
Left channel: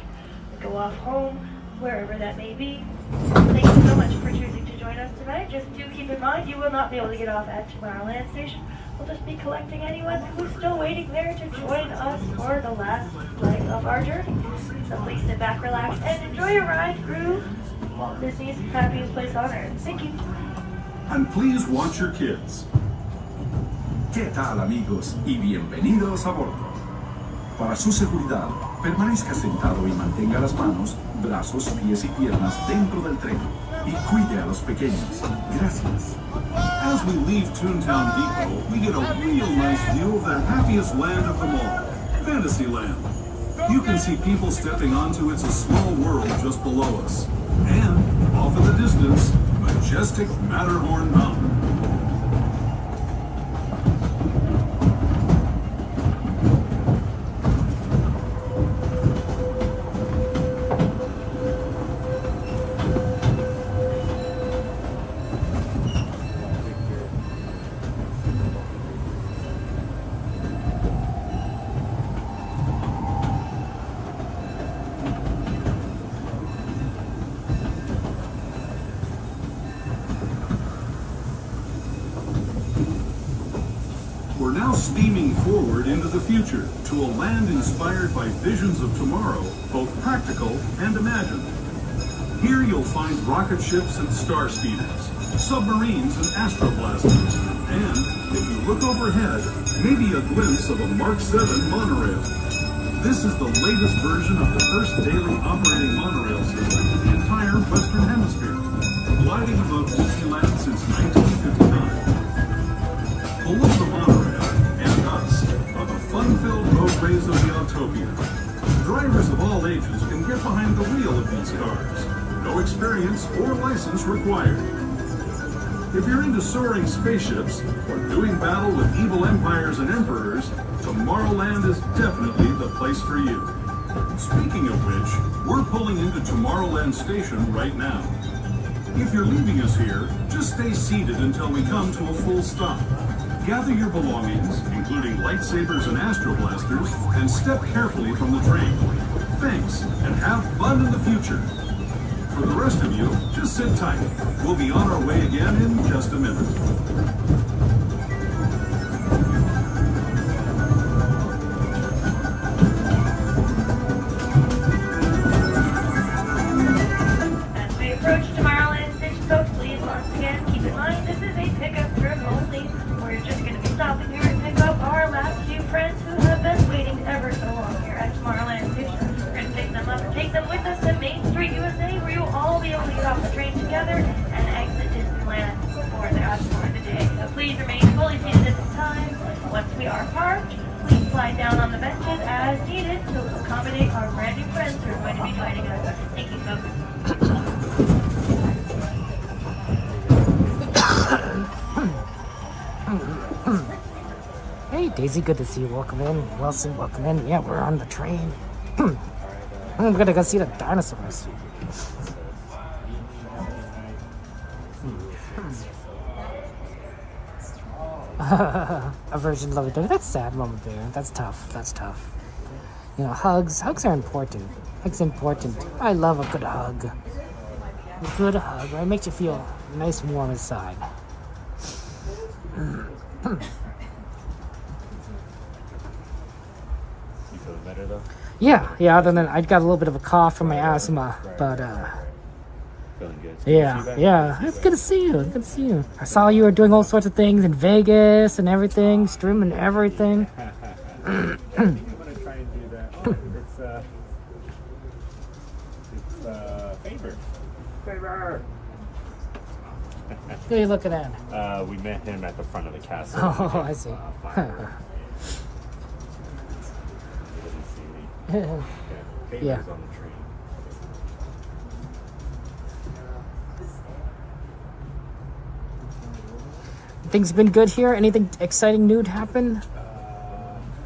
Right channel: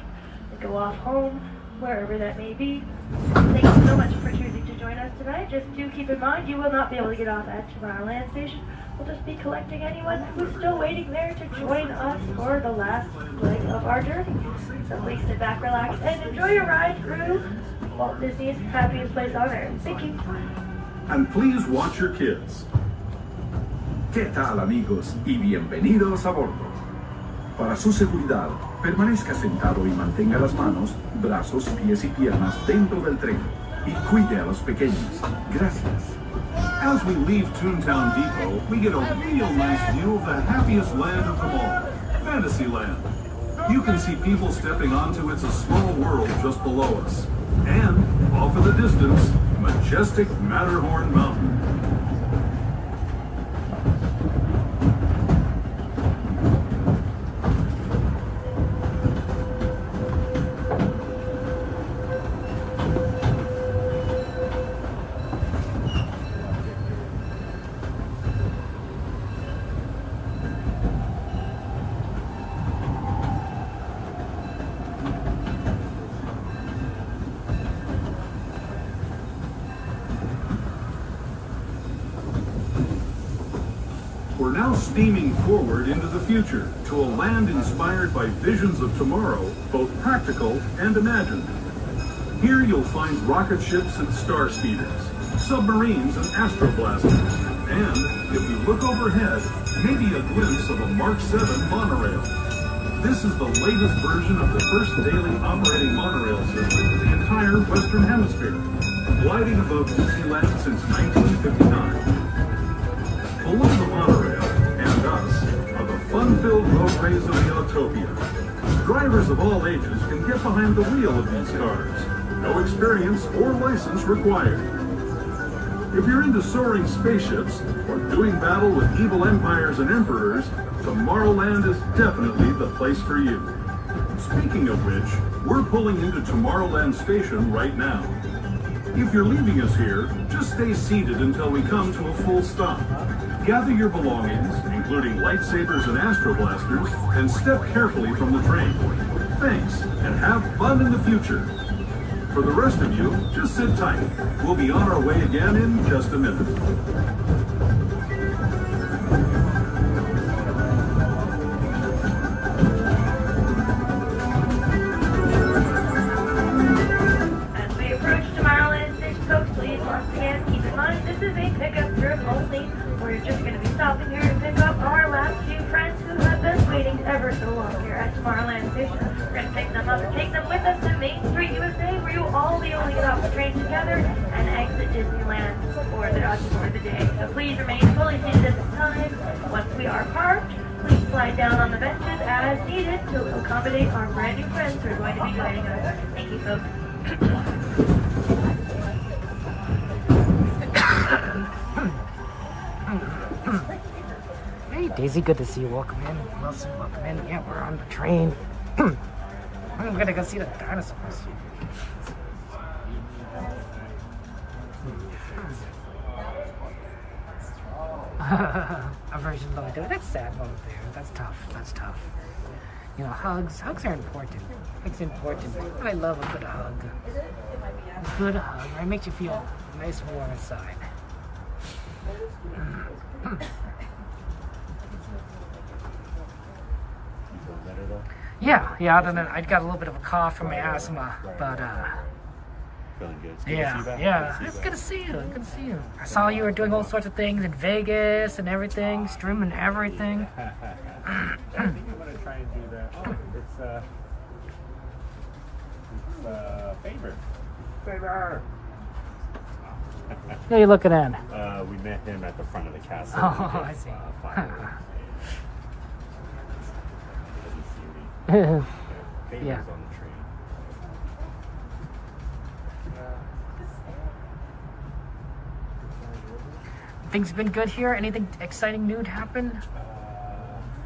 and go off home, wherever that may be. Thank you so much for choosing to join us tonight. Just do keep in mind you will not be able to get off at Tomorrowland Station. We'll just be collecting anyone who's still waiting there to join us for the last leg of our journey. So please sit back, relax, and enjoy your ride through Walt Disney's happiest place on earth. Thank you. And please watch your kids. ¿Qué tal, amigos? Y bienvenidos a bordo. Para su seguridad, permanezca sentado y mantenga las manos, brazos, pies y piernas dentro del tren. Y cuide a los pequeños. Gracias. As we leave Toontown Depot, we get a real nice view of the happiest land of them all, Fantasyland. You can see people stepping onto It's a Small World just below us. And, off in the distance, majestic Matterhorn Mountain. We're now steaming forward into the future to a land inspired by visions of tomorrow, both practical and imagined. Here you'll find rocket ships and star speeders, submarines and astroblasters, and, if you look overhead, maybe a glimpse of a Mark 7 monorail. This is the latest version of the first daily operating monorail system in the entire Western Hemisphere, gliding above Disneyland since 1959. Below the monorail, and us, are the fun-filled roadways of the Autopia. Drivers of all ages can get behind the wheel of these cars. No experience or license required. If you're into soaring spaceships or doing battle with evil empires and emperors, Tomorrowland is definitely the place for you. Speaking of which, we're pulling into Tomorrowland Station right now. If you're leaving us here, just stay seated until we come to a full stop. Gather your belongings, including lightsabers and astroblasters, and step carefully from the train. Thanks, and have fun in the future. For the rest of you, just sit tight. We'll be on our way again in just a minute. As we approach Tomorrowland Station, folks, please once again keep in mind this is a pickup trip only. We're just going to be stopping here to pick up our last few friends who have been waiting ever so long here at Tomorrowland Station. We're going to pick them up and take them with us to Main Street, USA, where you'll all be able to get off the train together and exit Disneyland for the day. So please remain fully seated at this time. Once we are parked, please slide down on the benches as needed to accommodate our brand new friends who are going to be joining us. Thank you, folks. Hey Daisy, good to see you. Welcome in. Wilson, welcome in. Yeah, we're on the train. We're gonna go see the dinosaurs. A version of Lovey-Dovey. That's sad moment there. That's tough. That's tough. You know, hugs are important. Hugs are important. I love a good hug. A good hug, right? Makes you feel nice and warm inside. You feeling better though? Yeah. Other than I got a little bit of a cough from my asthma, but Feeling good. yeah. It's good to see you. Good to see you. I saw you were doing all sorts of things in Vegas and everything, streaming everything. I think I'm gonna try and do that. Oh, it's Favor. Who are you looking at? We met him at the front of the castle. Oh, I see. He doesn't see me. Favor's Yeah. on the train. Things been good here? Anything exciting new happen?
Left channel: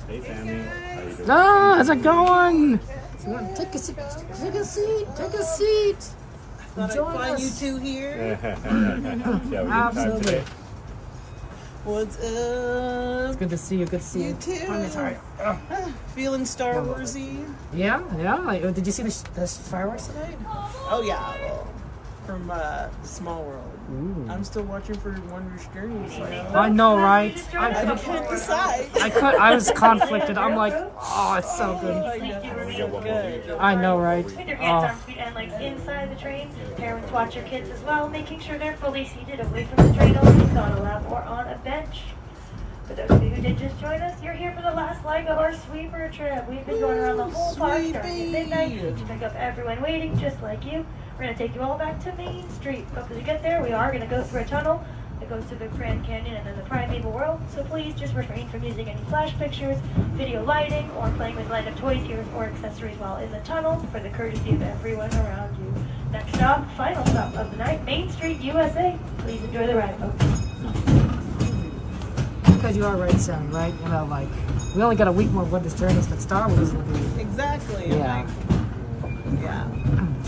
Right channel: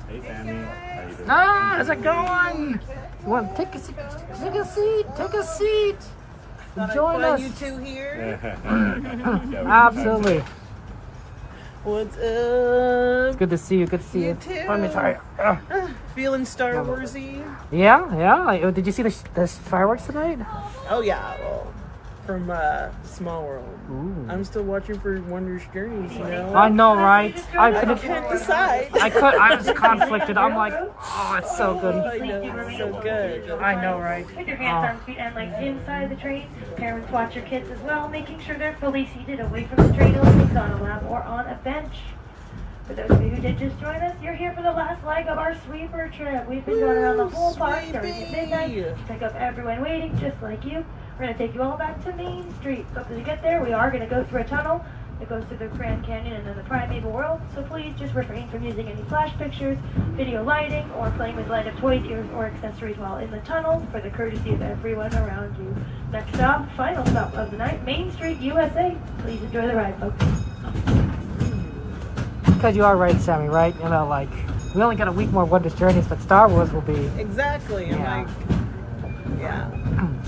Hey, family. How you doing? How's it going? You want to take a seat? Join us. You two here? Absolutely. What's up? It's good to see you. Good to see you. too. I'm sorry. Feeling Star Warsy? Yeah. Did you see the fireworks tonight? Oh yeah. Well, from Small World. Ooh. I'm still watching for Wondrous Journeys. You know? I know, right? I can't couldn't decide. I was conflicted. I'm like, oh, it's so good. I know, it's so good. I know, right? With your hands, arms, feet, and legs inside the train. Parents to watch your kids as well, making sure they're fully seated away from the train openings on a lap or on a bench. For those of you who did just join us, you're here for the last leg of our sweeper trip. We've been going around the whole park starting at midnight to pick up everyone waiting just like you. We're going to take you all back to Main Street. But to get there, we are going to go through a tunnel that goes through the Grand Canyon and then the Primeval World. So please just refrain from using any flash pictures, video lighting, or playing with light-up toys, ears, or accessories while in the tunnel for the courtesy of everyone around you. Next stop, final stop of the night, Main Street, USA. Please enjoy the ride, folks. Because you are right, Sammy, right? You know, like, we only got a week more Wondrous Journeys, but Star Wars will be... Exactly. Yeah.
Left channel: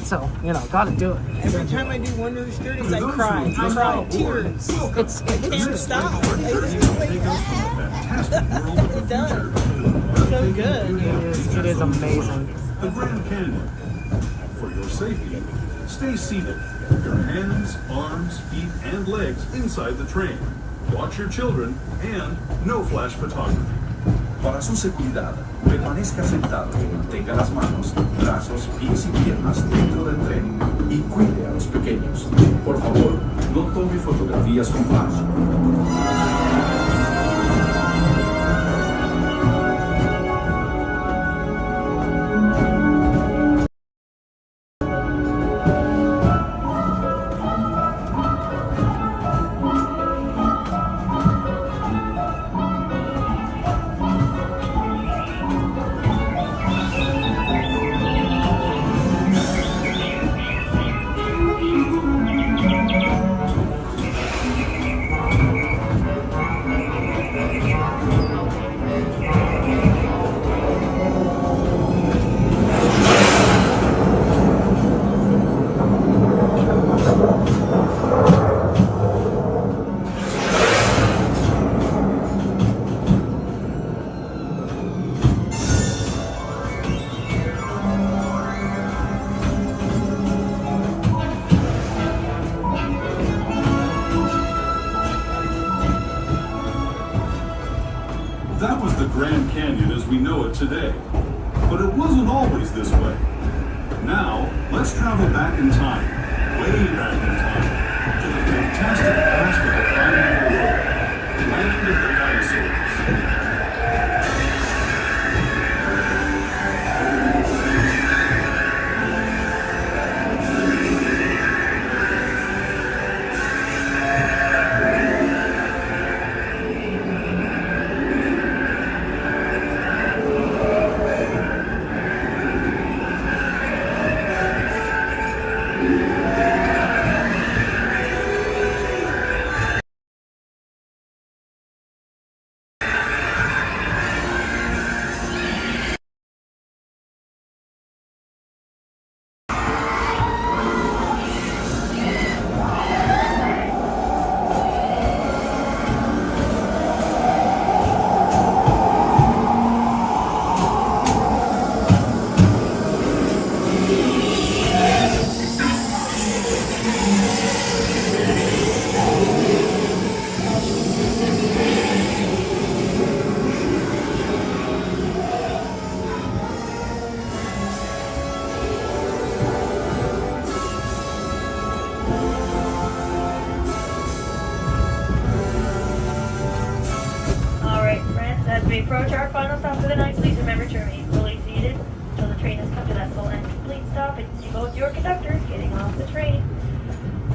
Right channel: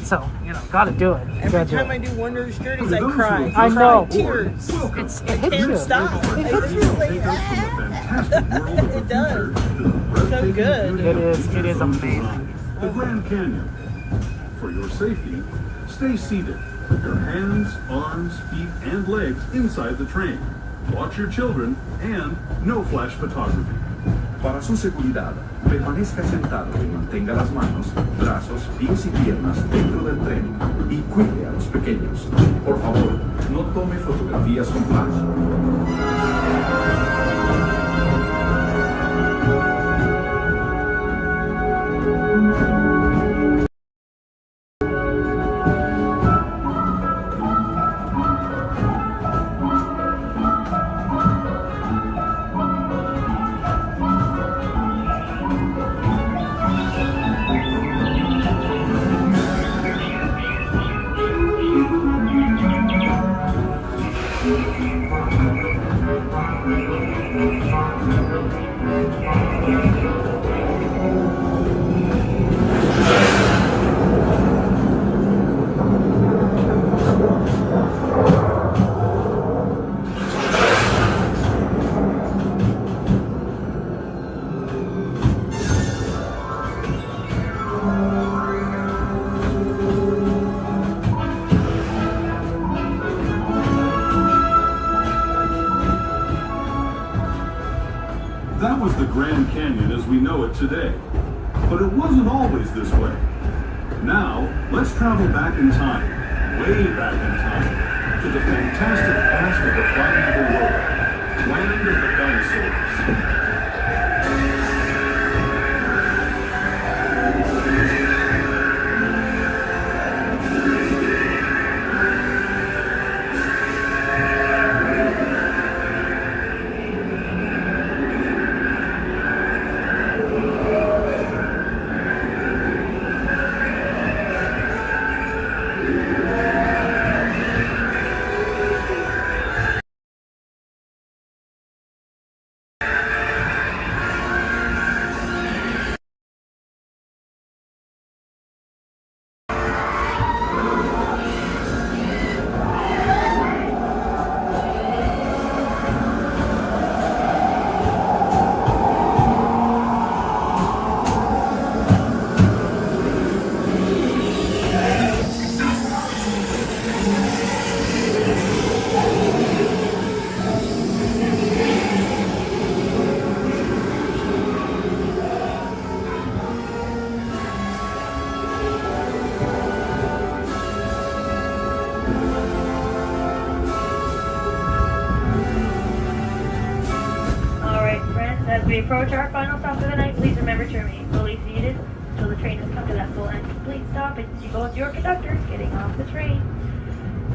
So, you know, gotta do it. Every time I do Wondrous Journeys, I cry. I know. Tears. It hits you. Stop. It hits you. It does. So good. It is amazing. The Grand Canyon. For your safety, stay seated. Your hands, arms, feet, and legs inside the train. watch your children, and no flash photography. Para su seguridad, permanezca sentado y mantenga las manos, brazos, pies y piernas dentro del tren y cuide a los pequeños. Por favor, no tome fotografías con flash. That was the Grand Canyon as we know it today. But it wasn't always this way. Now, let's travel back in time, way back in time, to the fantastic past of the primeval world, land of the dinosaurs. we approach our final stop for the night, please remember to remain fully seated until the train has come to that full and complete stop and you both your conductors getting off the train.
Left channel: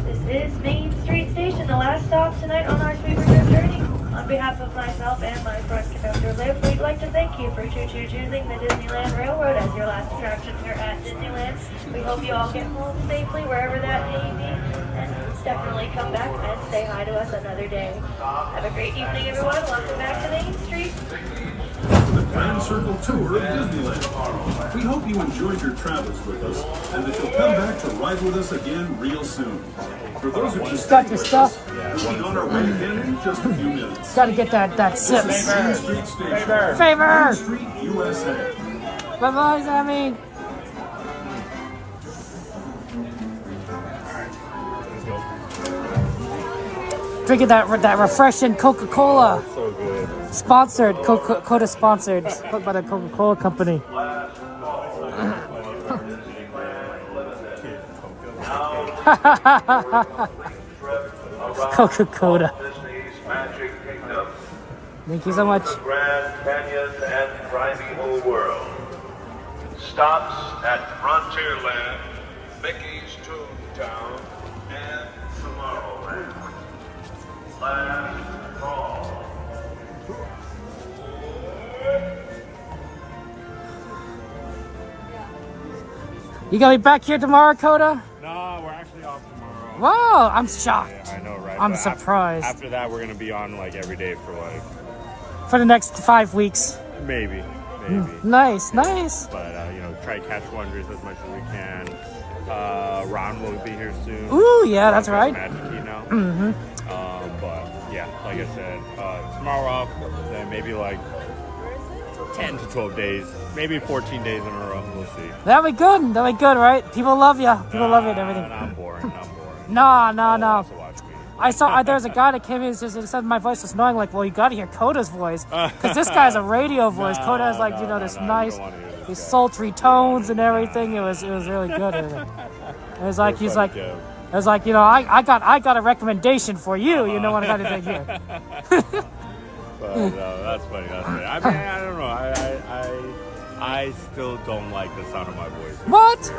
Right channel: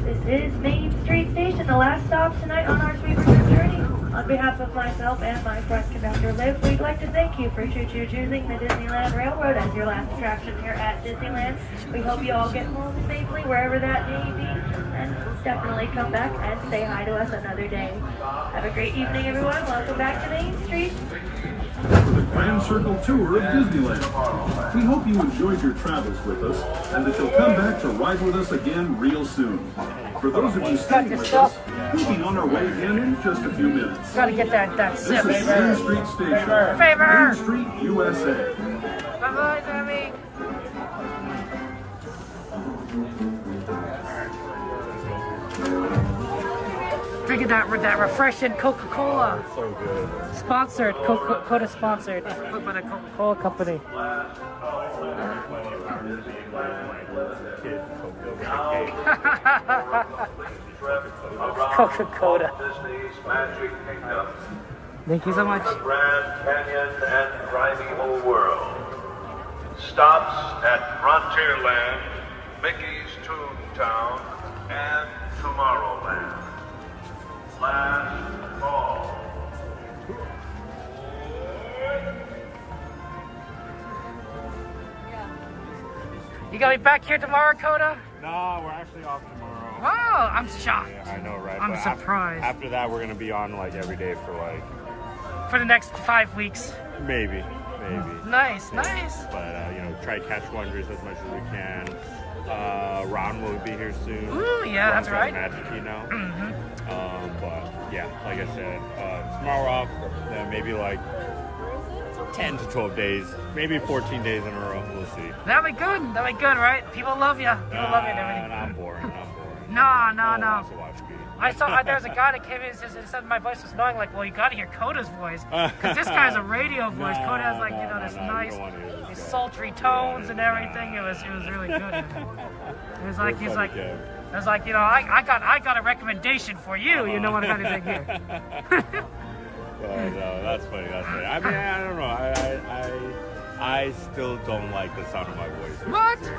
This is Main Street Station, the last stop tonight on our sweet return journey. On behalf of myself and my friend conductor Liv, we'd like to thank you for choosing the Disneyland Railroad as your last attraction here at Disneyland. We hope you all get home safely wherever that may be, and definitely come back and say hi to us another day. Have a great evening, everyone. Welcome back to Main Street. The Grand Circle Tour of Disneyland. We hope you enjoyed your travels with us and that you'll come back to ride with us again real soon. For those of you staying with us, we'll be on our way again in just a few minutes. Gotta get that This is Main Street Station, Favor. Main Street, USA. Bye-bye, Sammy. Drinking that refreshing Coca-Cola. So good. Sponsored, Coca-Cola sponsored by the Coca-Cola company. Coca-Cola. Thank you so much. Grand Canyon and Primeval World. Stops at Frontierland, Mickey's Toontown, and Tomorrowland. Last call. You gonna be back here tomorrow, Coda? No, we're actually off tomorrow. Wow, I'm shocked. Yeah, I know, right? I'm But surprised. After that, we're gonna be on like every day for like For the next 5 weeks. maybe. Nice, Yeah. nice. But try to catch wonders as much as we can. Ron will be here soon. Ooh, yeah, Ron's that's got right. Magic Key now. Mm-hmm. But yeah, like I said, tomorrow off, then maybe like 10 to 12 days, maybe 14 days in a row. We'll see. That'll be good. That'll be good, right? People love you. People love you and everything. I'm boring. No. Also watch me. I saw there's a guy that came in and said my voice was annoying. Like, well, you got to hear Coda's voice because this guy's a radio voice. Coda has like this nice, these sultry tones and everything. It was really good. It was like he's like. It was like, you know, I got a recommendation for you. You know what I got to think here. But that's funny. That's funny. I mean, I don't know. I still don't like the sound of my voice. What?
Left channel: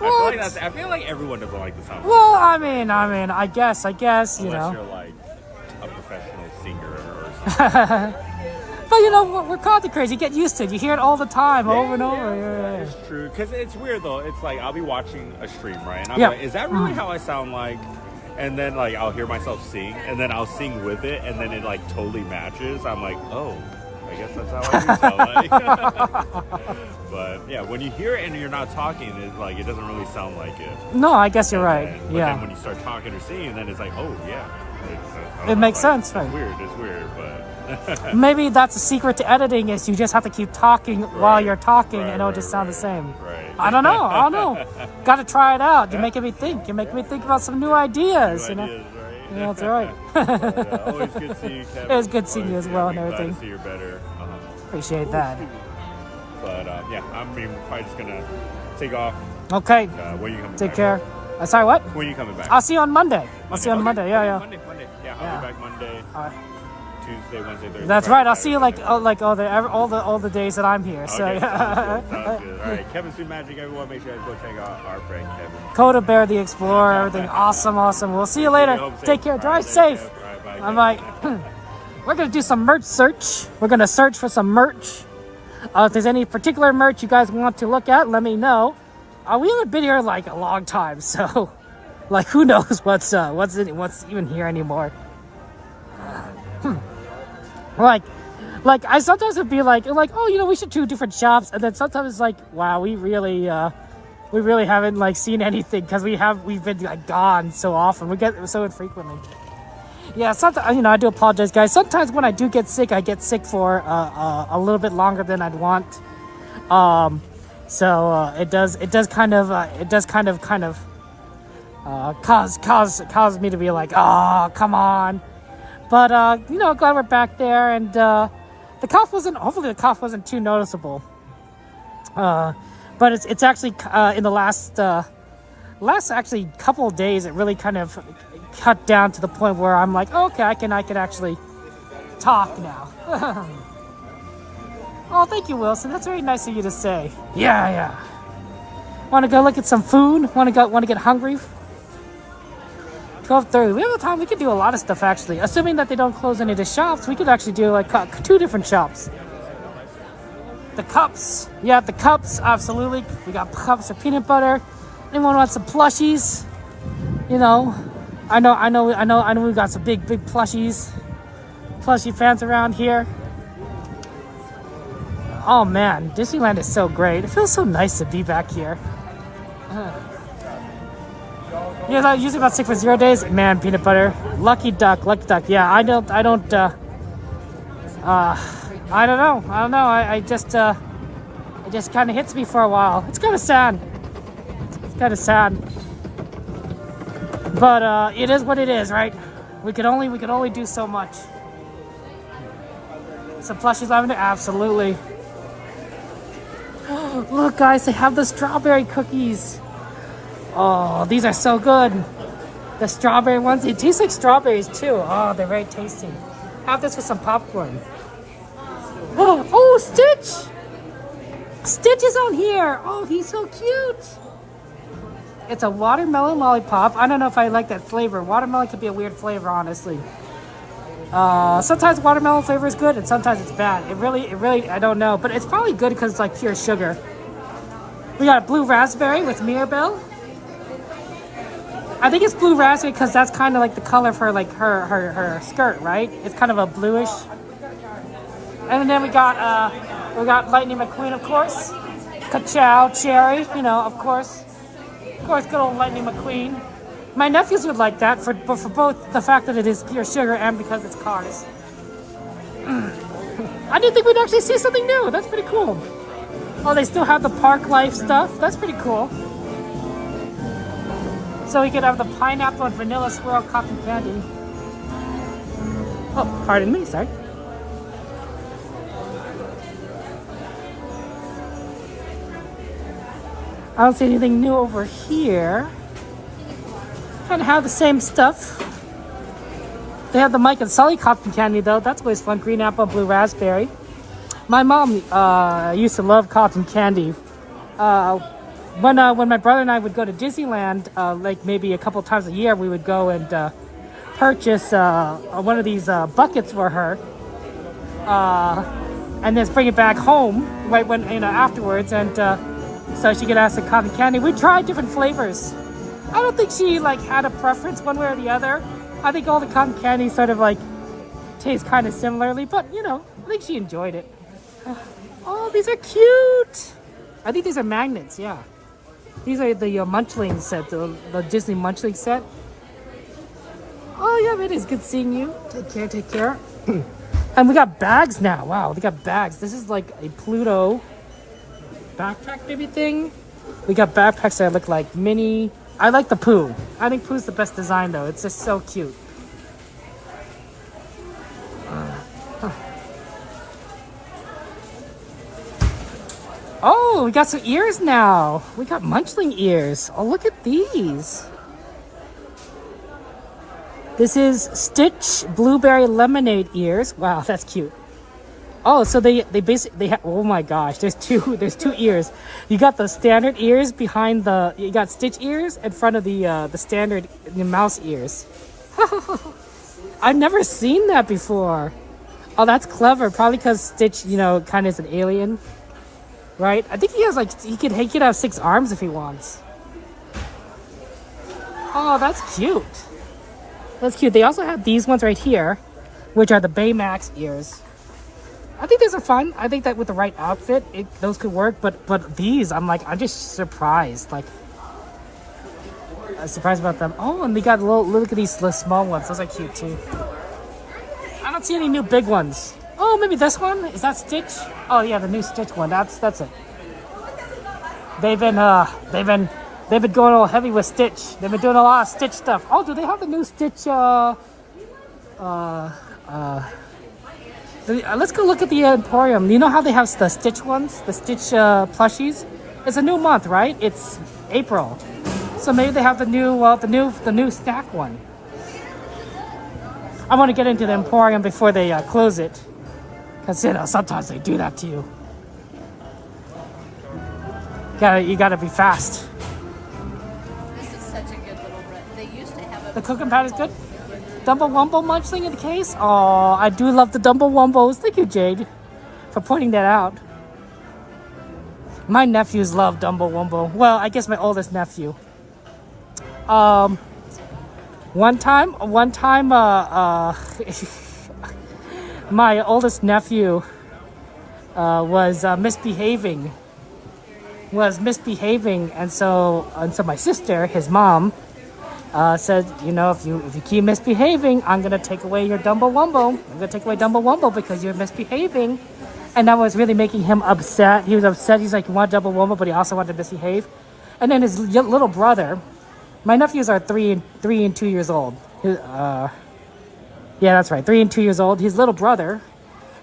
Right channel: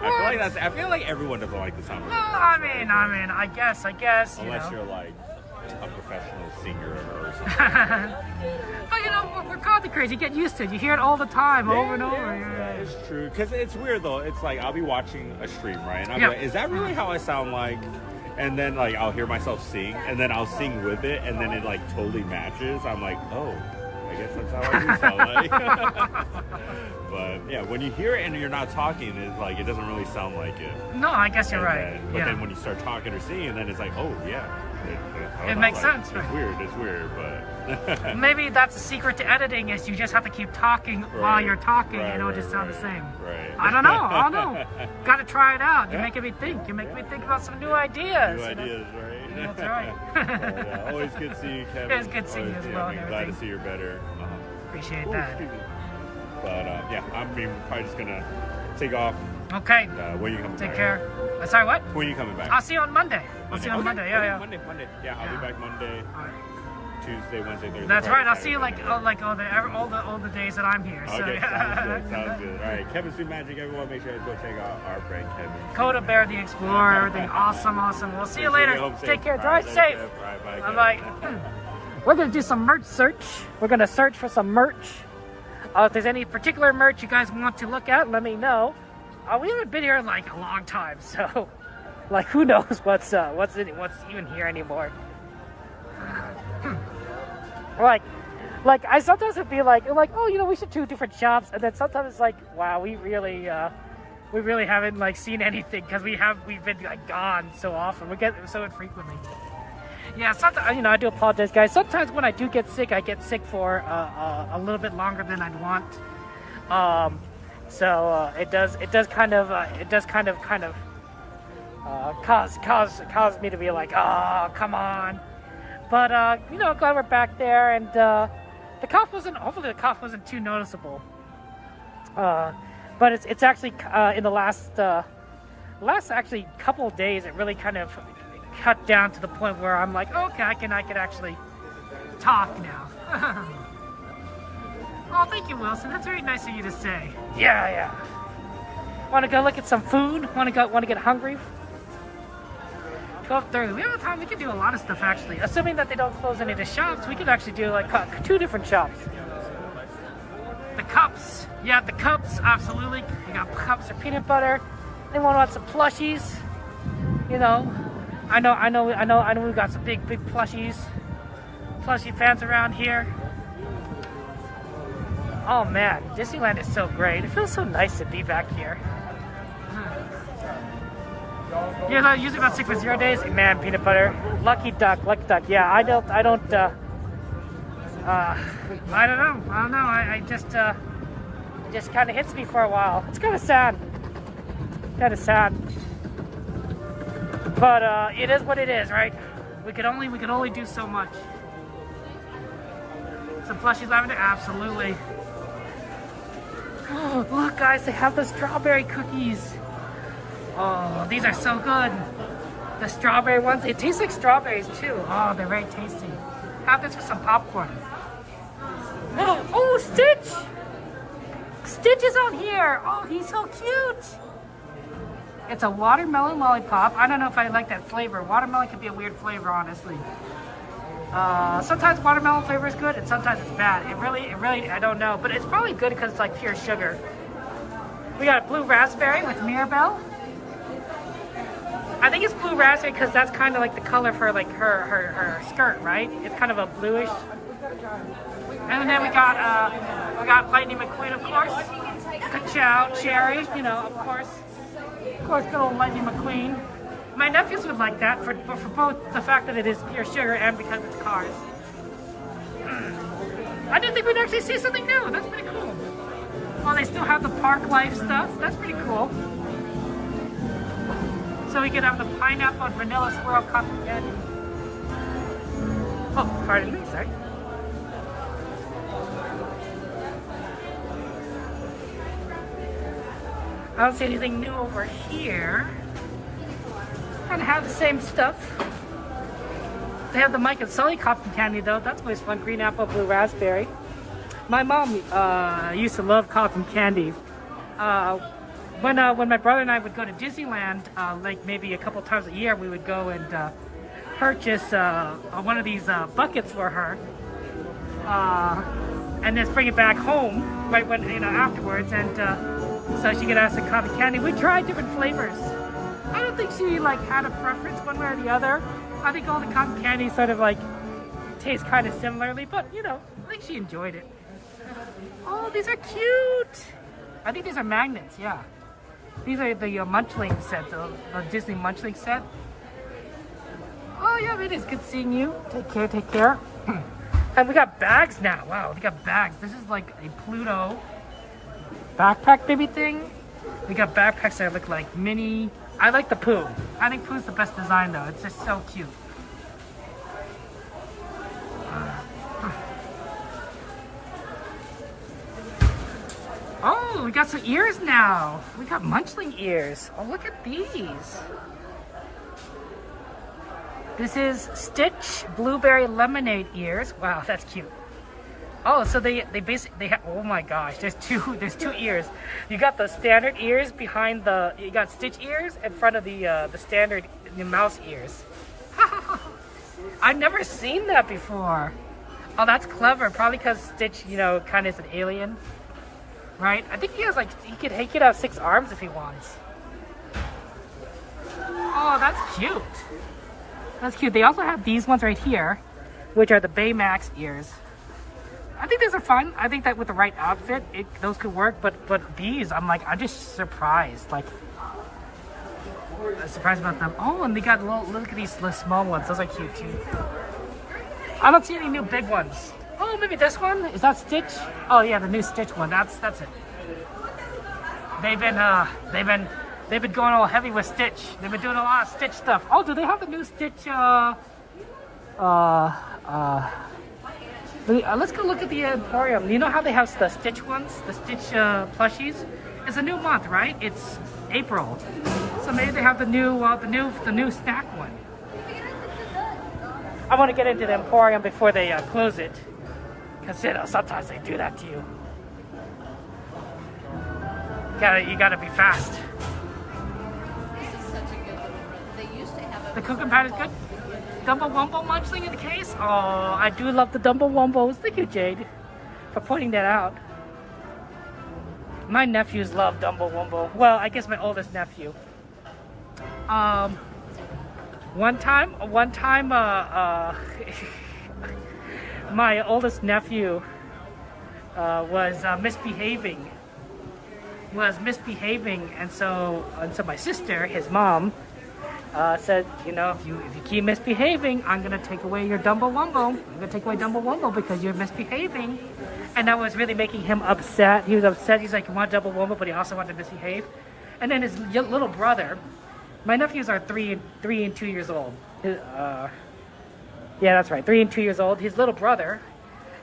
I feel like everyone doesn't like the sound. Well, I mean, I guess. Unless you're like a professional singer or something. But you know, we're content crazy. You get used to it. You hear it all the time, over and over. Yeah, it's true. Because it's weird though. It's like I'll be watching a stream, right? And I'm like, is that really how I sound like? And then like I'll hear myself sing, and then I'll sing with it, and then it like totally matches. I'm like, oh, I guess that's how I do sound like. But yeah, when you hear it and you're not talking, it's like it doesn't really sound like it. No, I guess you're right. But then when you start talking or singing, then it's like, oh yeah. It makes sense, right? It's weird, but maybe that's a secret to editing is you just have to keep talking while you're talking and it'll just sound the same. Right. I don't know. Got to try it out. You're making me think. You're making me think about some new ideas. Right? Yeah, that's right. But, always good to see you, Kevin. It was good seeing you as well. I'm glad to see you're better. Appreciate that. But yeah, I mean, we're probably just gonna take off. Okay. When are you coming Take back? care. Sorry, what? When are you coming back? I'll see you on Monday. I'll see you on Monday. Yeah. Monday. Yeah, I'll be back Monday. Tuesday, Wednesday, Thursday. That's Friday, right. I'll see you Saturday, all the days that I'm here. Okay, So sounds good. All right, Kevin's Food Magic. Everyone, make sure you go check out our friend Kevin. Coda Bear the Explorer. Everything awesome. We'll see you later. Take care. Drive safe. All right, bye. I'm like, we're gonna do some merch search. We're gonna search for some merch. If there's any particular merch you guys want to look at, let me know. We haven't been here like a long time, so like who knows what's even here anymore. Like I sometimes would be like, oh, you know, we should do different shops, and then sometimes it's like, wow, we really haven't like seen anything because we've been like gone so often. We get so infrequently. Yeah, sometimes, you know, I do apologize, guys. Sometimes when I do get sick, I get sick for a little bit longer than I'd want. So it does kind of cause me to be like, oh, come on. But you know, glad we're back there, and hopefully the cough wasn't too noticeable. But it's actually in the last actually couple of days, it really kind of cut down to the point where I'm like, okay, I can actually talk now. Oh, thank you, Wilson. That's very nice of you to say. Yeah. Want to go look at some food? Want to get hungry? 12:30. We have the time. We could do a lot of stuff actually. Assuming that they don't close any of the shops, we could actually do like 2 different shops. The cups. Yeah, the cups. Absolutely. We got cups for peanut butter. Anyone want some plushies? You know, I know. We got some big plushies. Plushie fans around here. Oh man, Disneyland is so great. It feels so nice to be back here. You're not usually about 6 for 0 days? Man, peanut butter. Lucky duck. Yeah, I don't know. I just it just kind of hits me for a while. It's kind of sad. But it is what it is, right? We could only do so much. Some plushies lavender? Absolutely. Look, guys, they have the strawberry cookies. Oh, these are so good. The strawberry ones, it tastes like strawberries too. Oh, they're very tasty. Have this with some popcorn. Oh, Stitch! Stitch is on here. Oh, he's so cute. It's a watermelon lollipop. I don't know if I like that flavor. Watermelon could be a weird flavor, honestly. Sometimes watermelon flavor is good and sometimes it's bad. It really, I don't know. But it's probably good because it's like pure sugar. We got blue raspberry with Mirabelle. I think it's blue raspberry because that's kind of like the color of her skirt, right? It's kind of a bluish. And then we got Lightning McQueen, of course. Ka-chow cherry, you know, of course. Of course, good old Lightning McQueen. My nephews would like that for both the fact that it is pure sugar and because it's cars. I didn't think we'd actually see something new. That's pretty cool. Oh, they still have the park life stuff. That's pretty cool. So we could have the pineapple and vanilla swirl cotton candy. Oh, pardon me, sorry. I don't see anything new over here. Kind of have the same stuff. They have the Mike and Sully cotton candy though. That's always fun. Green apple, blue raspberry. My mom used to love cotton candy. When my brother and I would go to Disneyland, like maybe a couple times a year, we would go and purchase one of these buckets for her, and then bring it back home right when afterwards, and so she could ask the cotton candy. We tried different flavors. I don't think she like had a preference one way or the other. I think all the cotton candy sort of like taste kind of similarly, but I think she enjoyed it. Oh, these are cute. I think these are magnets. Yeah, these are the Munchling set, the Disney Munchling set. Oh yeah, it is good seeing you. Take care, take care. And we got bags now. Wow, we got bags. This is like a Pluto backpack baby thing. We got backpacks that look like Minnie. I like the Pooh. I think Pooh's the best design though. It's just so cute. Oh, we got some ears now. We got Munchling ears. Oh, look at these. This is Stitch Blueberry Lemonade ears. Wow, that's cute. Oh, so they basically have, oh my gosh, there's two ears. You got the standard ears behind you got Stitch ears in front of the standard mouse ears. I've never seen that before. Oh, that's clever. Probably because Stitch, kind of is an alien, right? I think he has he could have 6 arms if he wants. Oh, that's cute. That's cute. They also have these ones right here, which are the Baymax ears. I think these are fun. I think that with the right outfit, those could work. But these, I'm just surprised. I'm surprised about them. Oh, and they got look at these small ones. Those are cute too. I don't see any new big ones. Oh, maybe this one? Is that Stitch? Oh yeah, the new Stitch one. That's it. They've been going all heavy with Stitch. They've been doing a lot of Stitch stuff. Oh, do they have the new Stitch? Let's go look at the Emporium. You know how they have the Stitch ones, the Stitch plushies? It's a new month, right? It's April, so maybe they have the new snack one. I want to get into the Emporium before they close it, because sometimes they do that to you. You gotta be fast. This is such a good little run. They used to have the cooking pad is good. Dumbo Wumbo Munchling in the case. Oh, I do love the Dumbo Wumbos. Thank you, Jade, for pointing that out. My nephews love Dumbo Wumbo. Well, I guess my oldest nephew. One time, my oldest nephew was misbehaving, and so my sister, his mom, said, if you keep misbehaving, I'm gonna take away your Dumbo Wumbo. I'm gonna take away Dumbo Wumbo because you're misbehaving. And that was really making him upset. He was upset. He's like, he wanted Dumbo Wumbo, but he also wanted to misbehave. And then his little brother, my nephews are 3 and 2 years old. Yeah, that's right, 3 and 2 years old. His little brother,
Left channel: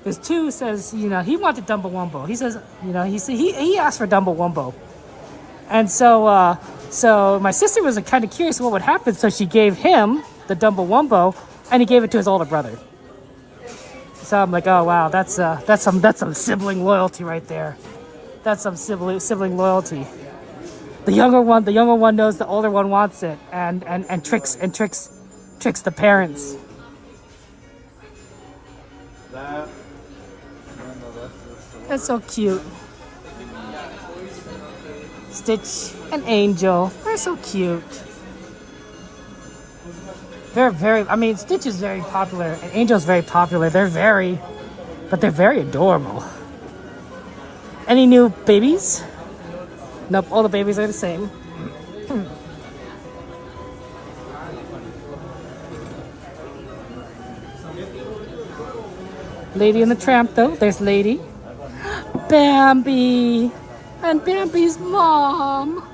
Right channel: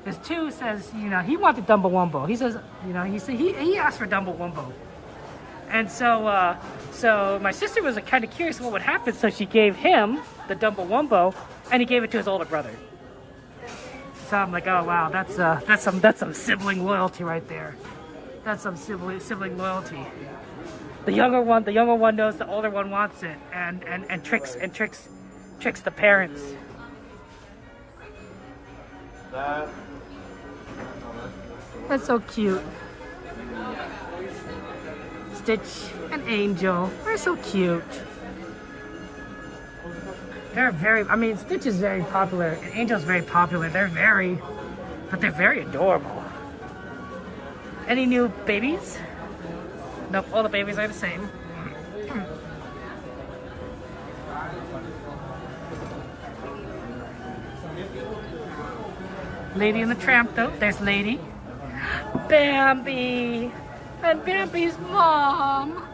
his 2, says, he wanted Dumbo Wumbo. He says, he asked for Dumbo Wumbo. And so my sister was kind of curious what would happen, so she gave him the Dumbo Wumbo, and he gave it to his older brother. So I'm like, oh wow, that's some sibling loyalty right there. That's some sibling loyalty. The younger one knows the older one wants it, and tricks the parents. That's so cute. Stitch and Angel, they're so cute. Stitch is very popular and Angel's very popular. They're very adorable. Any new babies? Nope, all the babies are the same. Lady and the Tramp though, there's Lady. Bambi! And Bambi's mom.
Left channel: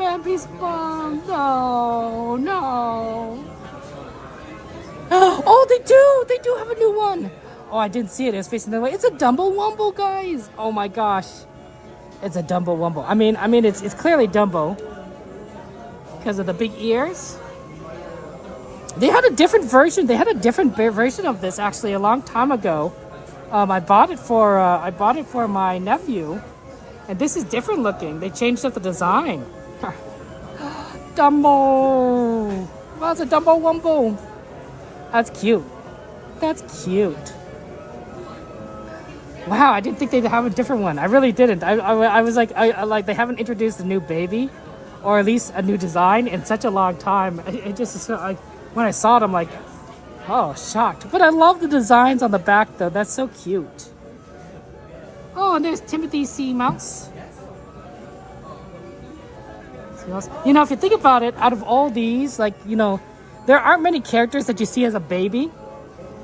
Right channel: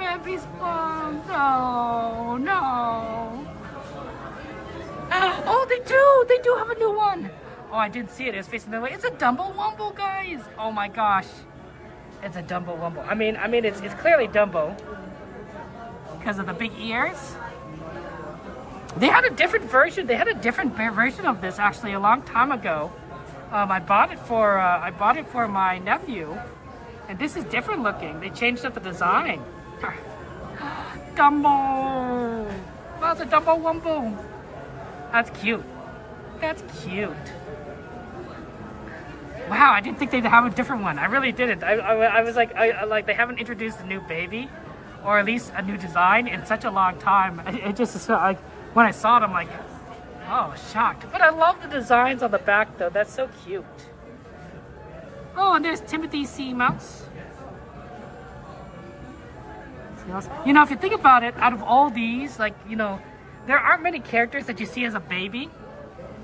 Bambi's mom. No, no. Oh, they do. They do have a new one. Oh, I didn't see it. It's facing the way. It's a Dumbo Wumble, guys. Oh my gosh. It's a Dumbo Wumble. I mean, it's clearly Dumbo because of the big ears. They had a different version. They had a different version of this actually a long time ago. I bought it for my nephew, and this is different looking. They changed up the design. Dumbo. Well, it's a Dumbo Wumble. That's cute. That's cute. Wow, I didn't think they'd have a different one. I really didn't. I was like, like they haven't introduced a new baby, or at least a new design in such a long time. It just like when I saw it, I'm like, oh, shocked. But I love the designs on the back though. That's so cute. Oh, and there's Timothy C. Mouse. You know, if you think about it, out of all these, like, you know, there aren't many characters that you see as a baby.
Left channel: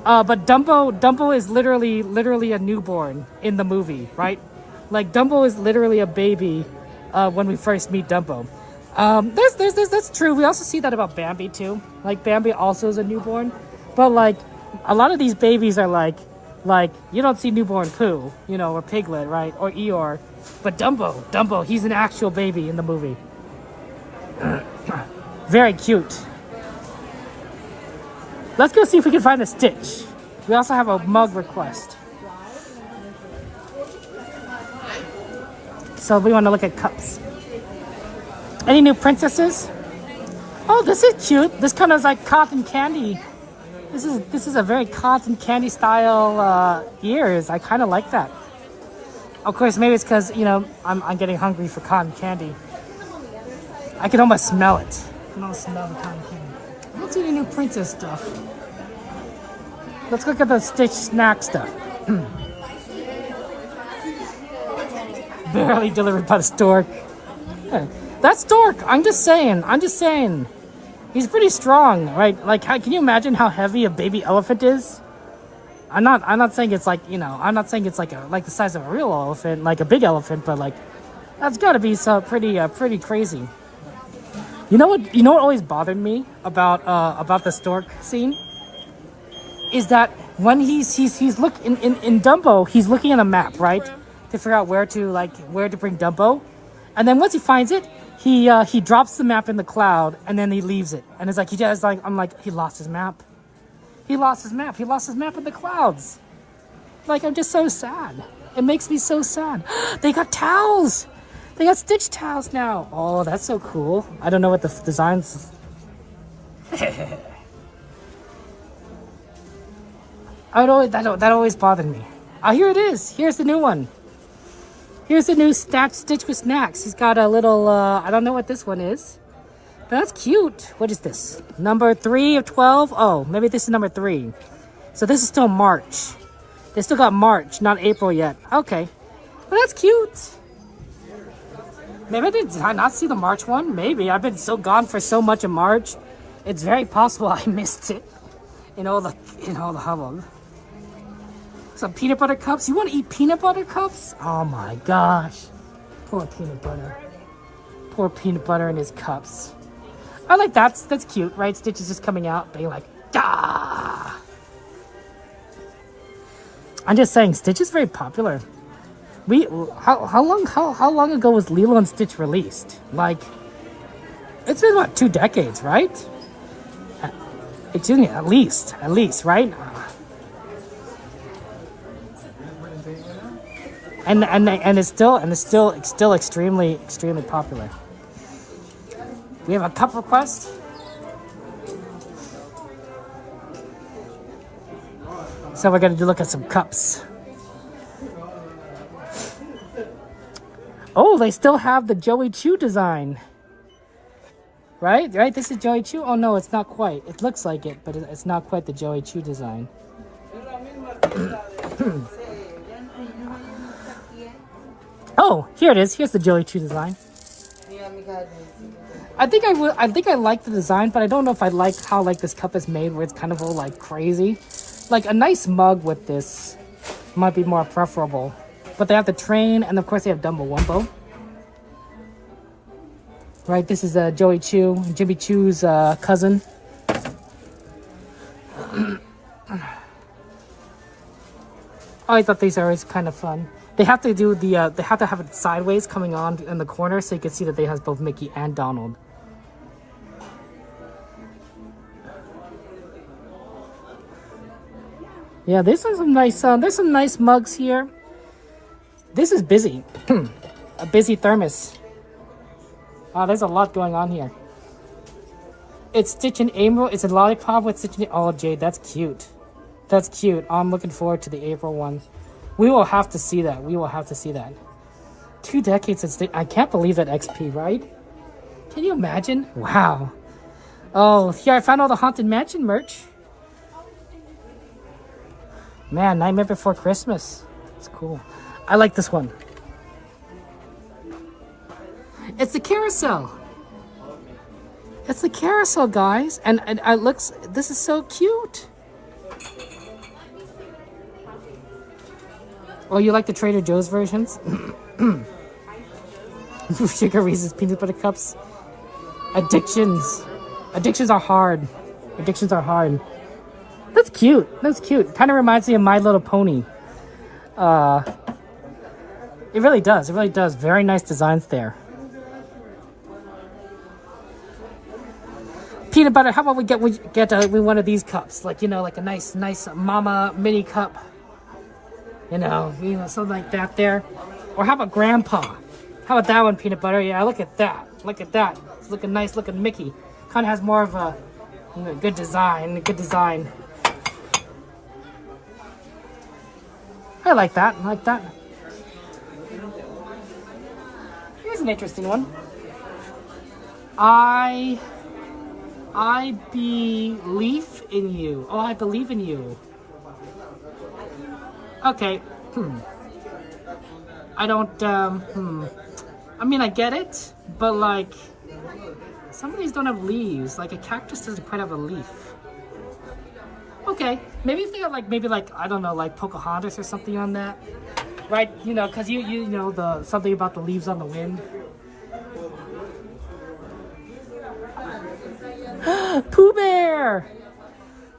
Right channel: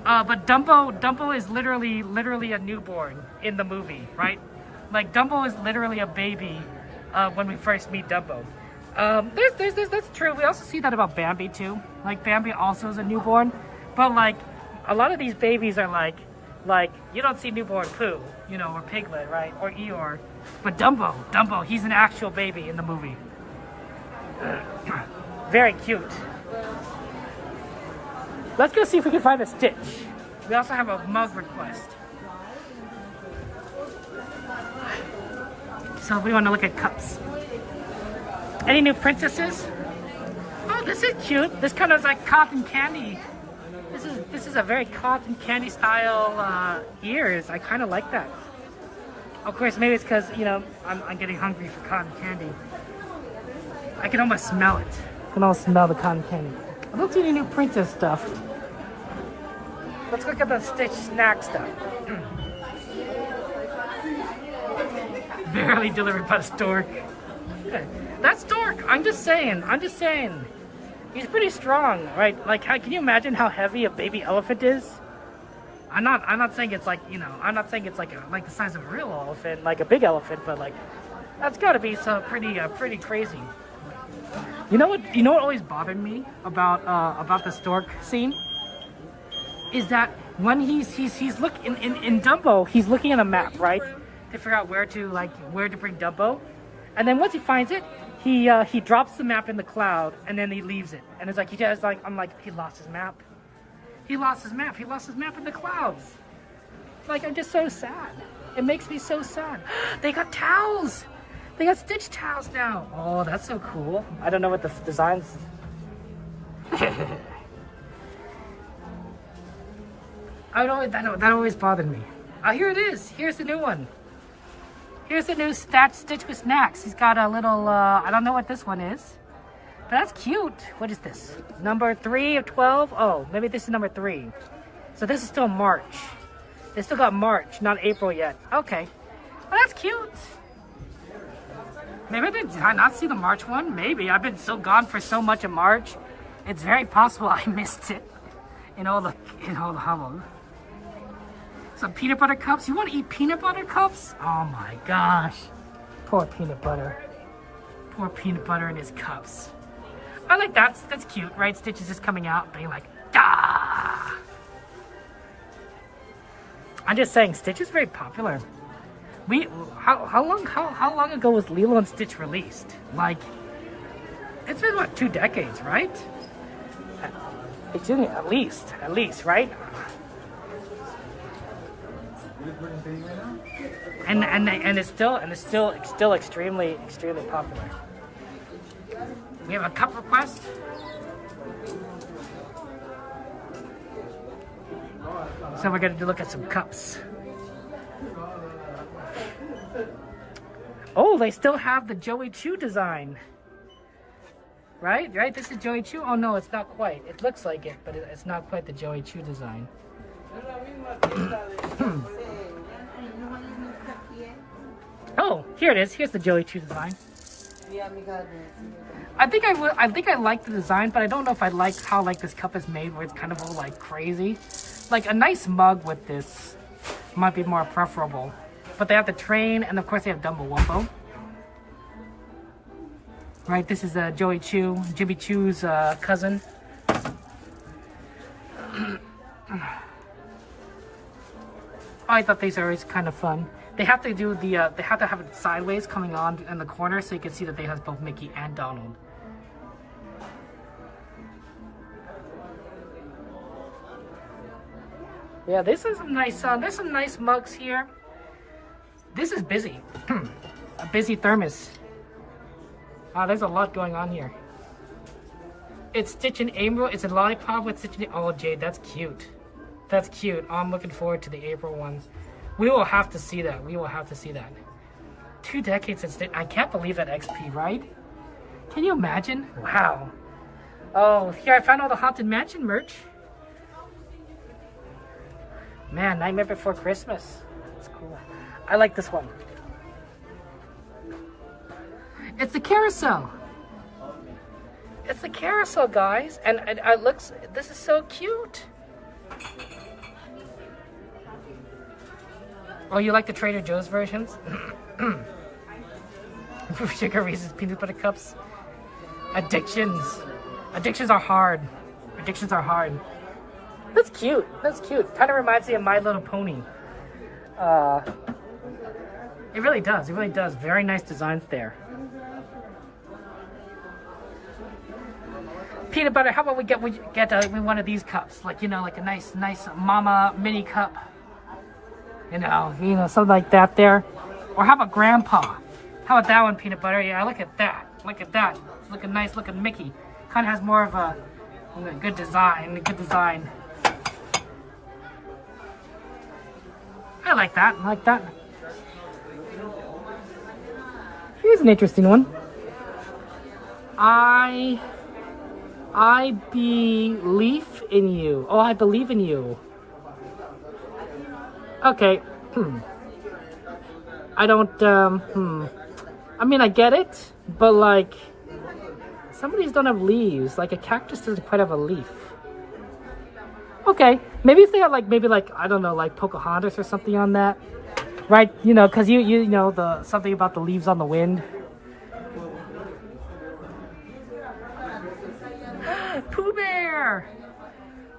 But Dumbo is literally a newborn in the movie, right? Like Dumbo is literally a baby when we first meet Dumbo. That's true. We also see that about Bambi too. Like Bambi also is a newborn, but like a lot of these babies are like you don't see newborn Pooh, you know, or Piglet, right, or Eeyore, but Dumbo, he's an actual baby in the movie. Very cute. Let's go see if we can find a Stitch. We also have a mug request. So we want to look at cups. Any new princesses? Oh, this is cute. This kind of is like cotton candy. This is a very cotton candy style ears. I kind of like that. Of course, maybe it's because, you know, I'm getting hungry for cotton candy. I can almost smell it. I can almost smell the cotton candy. I don't see any new princess stuff. Let's look at the Stitch snack stuff. Barely delivered by the stork. Yeah, that's Stork. I'm just saying. He's pretty strong, right? Like, can you imagine how heavy a baby elephant is? I'm not saying it's like, you know, I'm not saying it's like the size of a real elephant, like a big elephant, but like that's got to be so pretty crazy. You know what always bothered me about the stork scene is that when he's looking in Dumbo, he's looking at a map, right, to figure out where to bring Dumbo, and then once he finds it, he drops the map in the cloud and then he leaves it, and it's like I'm like, he lost his map. He lost his map in the clouds. Like, I'm just so sad. It makes me so sad. They got towels. They got Stitch towels now. Oh, that's so cool. I don't know what the designs. That always bothered me. Oh, here it is. Here's the new one. Here's the new Stitch with snacks. He's got a little, I don't know what this one is. But that's cute. What is this? Number 3 of 12? Oh, maybe this is number 3. So this is still March. They still got March, not April yet. Okay. Well, that's cute. Maybe did I not see the March one? Maybe. I've been so gone for so much of March. It's very possible I missed it in all the hubbub. Some peanut butter cups. You want to eat peanut butter cups? Oh my gosh. Poor peanut butter. Poor peanut butter in his cups. I like that. That's cute, right? Stitch is just coming out being like, ah. I'm just saying, Stitch is very popular. How long ago was Lilo and Stitch released? Like, it's been what, 2 decades, right? It's in at least, right? And it's still extremely popular. We have a cup request. So we're gonna look at some cups. Oh, they still have the Joey Chew design. Right? This is Joey Chew? Oh no, it's not quite. It looks like it, but it's not quite the Joey Chew design. Oh, here it is. Here's the Joey Chew design. I think I like the design, but I don't know if I like how this cup is made, where it's kind of all like crazy. Like a nice mug with this might be more preferable. But they have the train, and of course they have Dumbo Wumbo. Right, this is Joey Choo, Jimmy Choo's cousin. I thought these are always kind of fun. They have to do the they have to have it sideways coming on in the corner so you can see that they has both Mickey and Donald. Yeah, this is some nice. There's some nice mugs here. This is busy. A busy thermos. There's a lot going on here. It's Stitch and April. It's a lollipop with Stitch and... Oh, Jade, that's cute. That's cute. I'm looking forward to the April one. We will have to see that. We will have to see that. 2 decades since... I can't believe that XP, right? Can you imagine? Wow. Oh, here I found all the Haunted Mansion merch. Man, Nightmare Before Christmas. It's cool. I like this one. It's the carousel. It's the carousel, guys. And it looks... This is so cute. Oh, you like the Trader Joe's versions? Sugar Reese's peanut butter cups. Addictions. Addictions are hard. Addictions are hard. That's cute. That's cute. Kind of reminds me of My Little Pony. It really does. It really does. Very nice designs there. Peanut butter. How about we get one of these cups? Like, you know, like a nice Mama mini cup. You know, something like that there. Or how about Grandpa? How about that one, Peanut Butter? Yeah, look at that. Look at that. It's looking nice. Looking Mickey. Kind of has more of a good design. Good design. I like that. I like that. Here's an interesting one. I believe in you. Oh, I believe in you. Okay. I don't, I mean, I get it, but like, some of these don't have leaves. Like a cactus doesn't quite have a leaf. Okay, maybe if they had maybe I don't know, like Pocahontas or something on that, right? You know, because you know something about the leaves on the wind. Pooh Bear!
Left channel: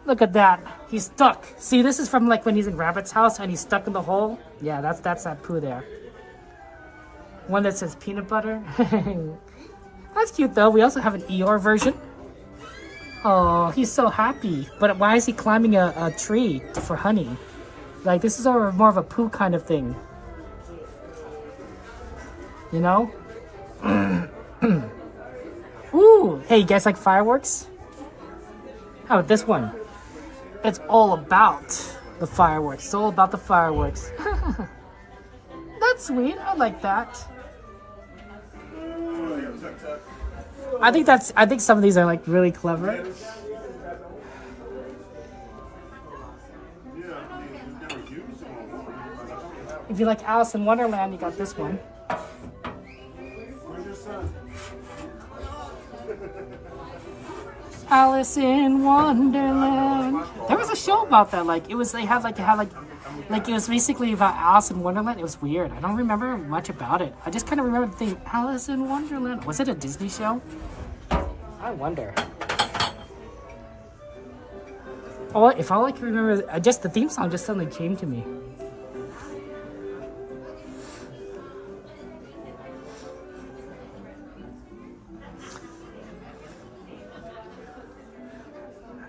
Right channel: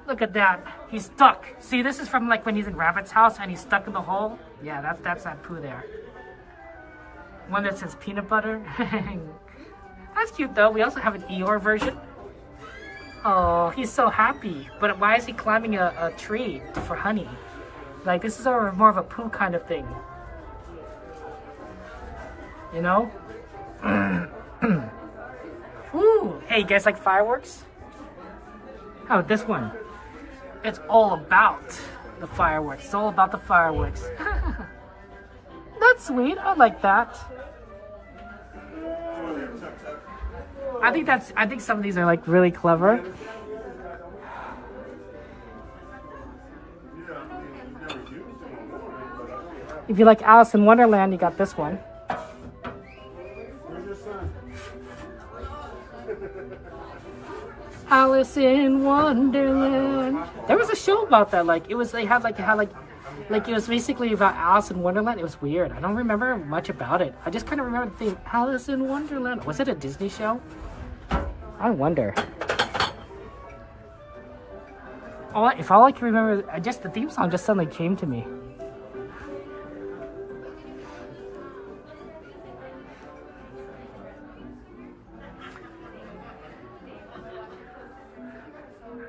Look at that. He's stuck. See, this is from when he's in Rabbit's house and he's stuck in the hole. Yeah, that's that Pooh there. One that says peanut butter. That's cute though. We also have an Eeyore version. Oh, he's so happy. But why is he climbing a tree for honey? Like, this is more of a Pooh kind of thing. You know? Ooh! Hey, you guys like fireworks? How about this one? It's all about the fireworks. It's all about the fireworks. That's sweet. I like that. I think some of these are really clever. If you like Alice in Wonderland, you got this one. Where's your son? Alice in Wonderland. There was a show about that. It was basically about Alice in Wonderland. It was weird. I don't remember much about it. I just kind of remember the theme, Alice in Wonderland. Was it a Disney show? I wonder. Oh, if all I can remember, just the theme song just suddenly came to me.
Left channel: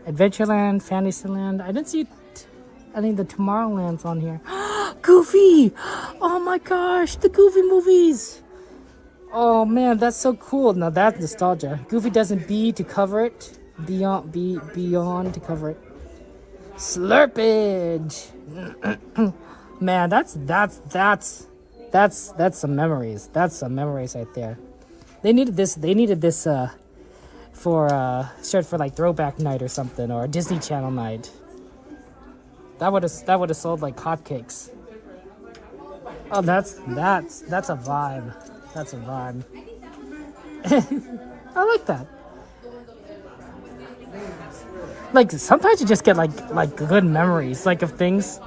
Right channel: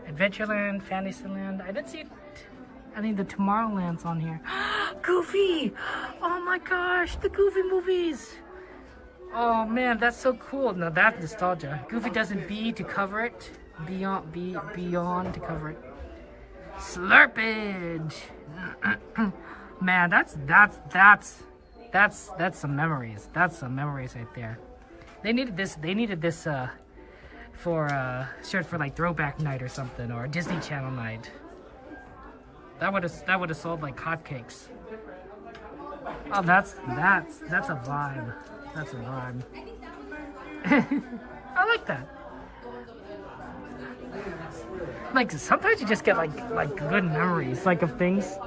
Adventureland, Fantasyland. I didn't see any of the Tomorrowlands on here. Goofy! Oh my gosh, the Goofy movies! Oh man, that's so cool. Now that's nostalgia. Goofy doesn't B to cover it. Beyond to cover it. Slurpage! Man, that's some memories. That's some memories right there. They needed this for throwback night or something, or a Disney Channel night. That would have sold like hotcakes. Oh, that's a vibe. That's a vibe. I like that. Sometimes you just get good memories of things.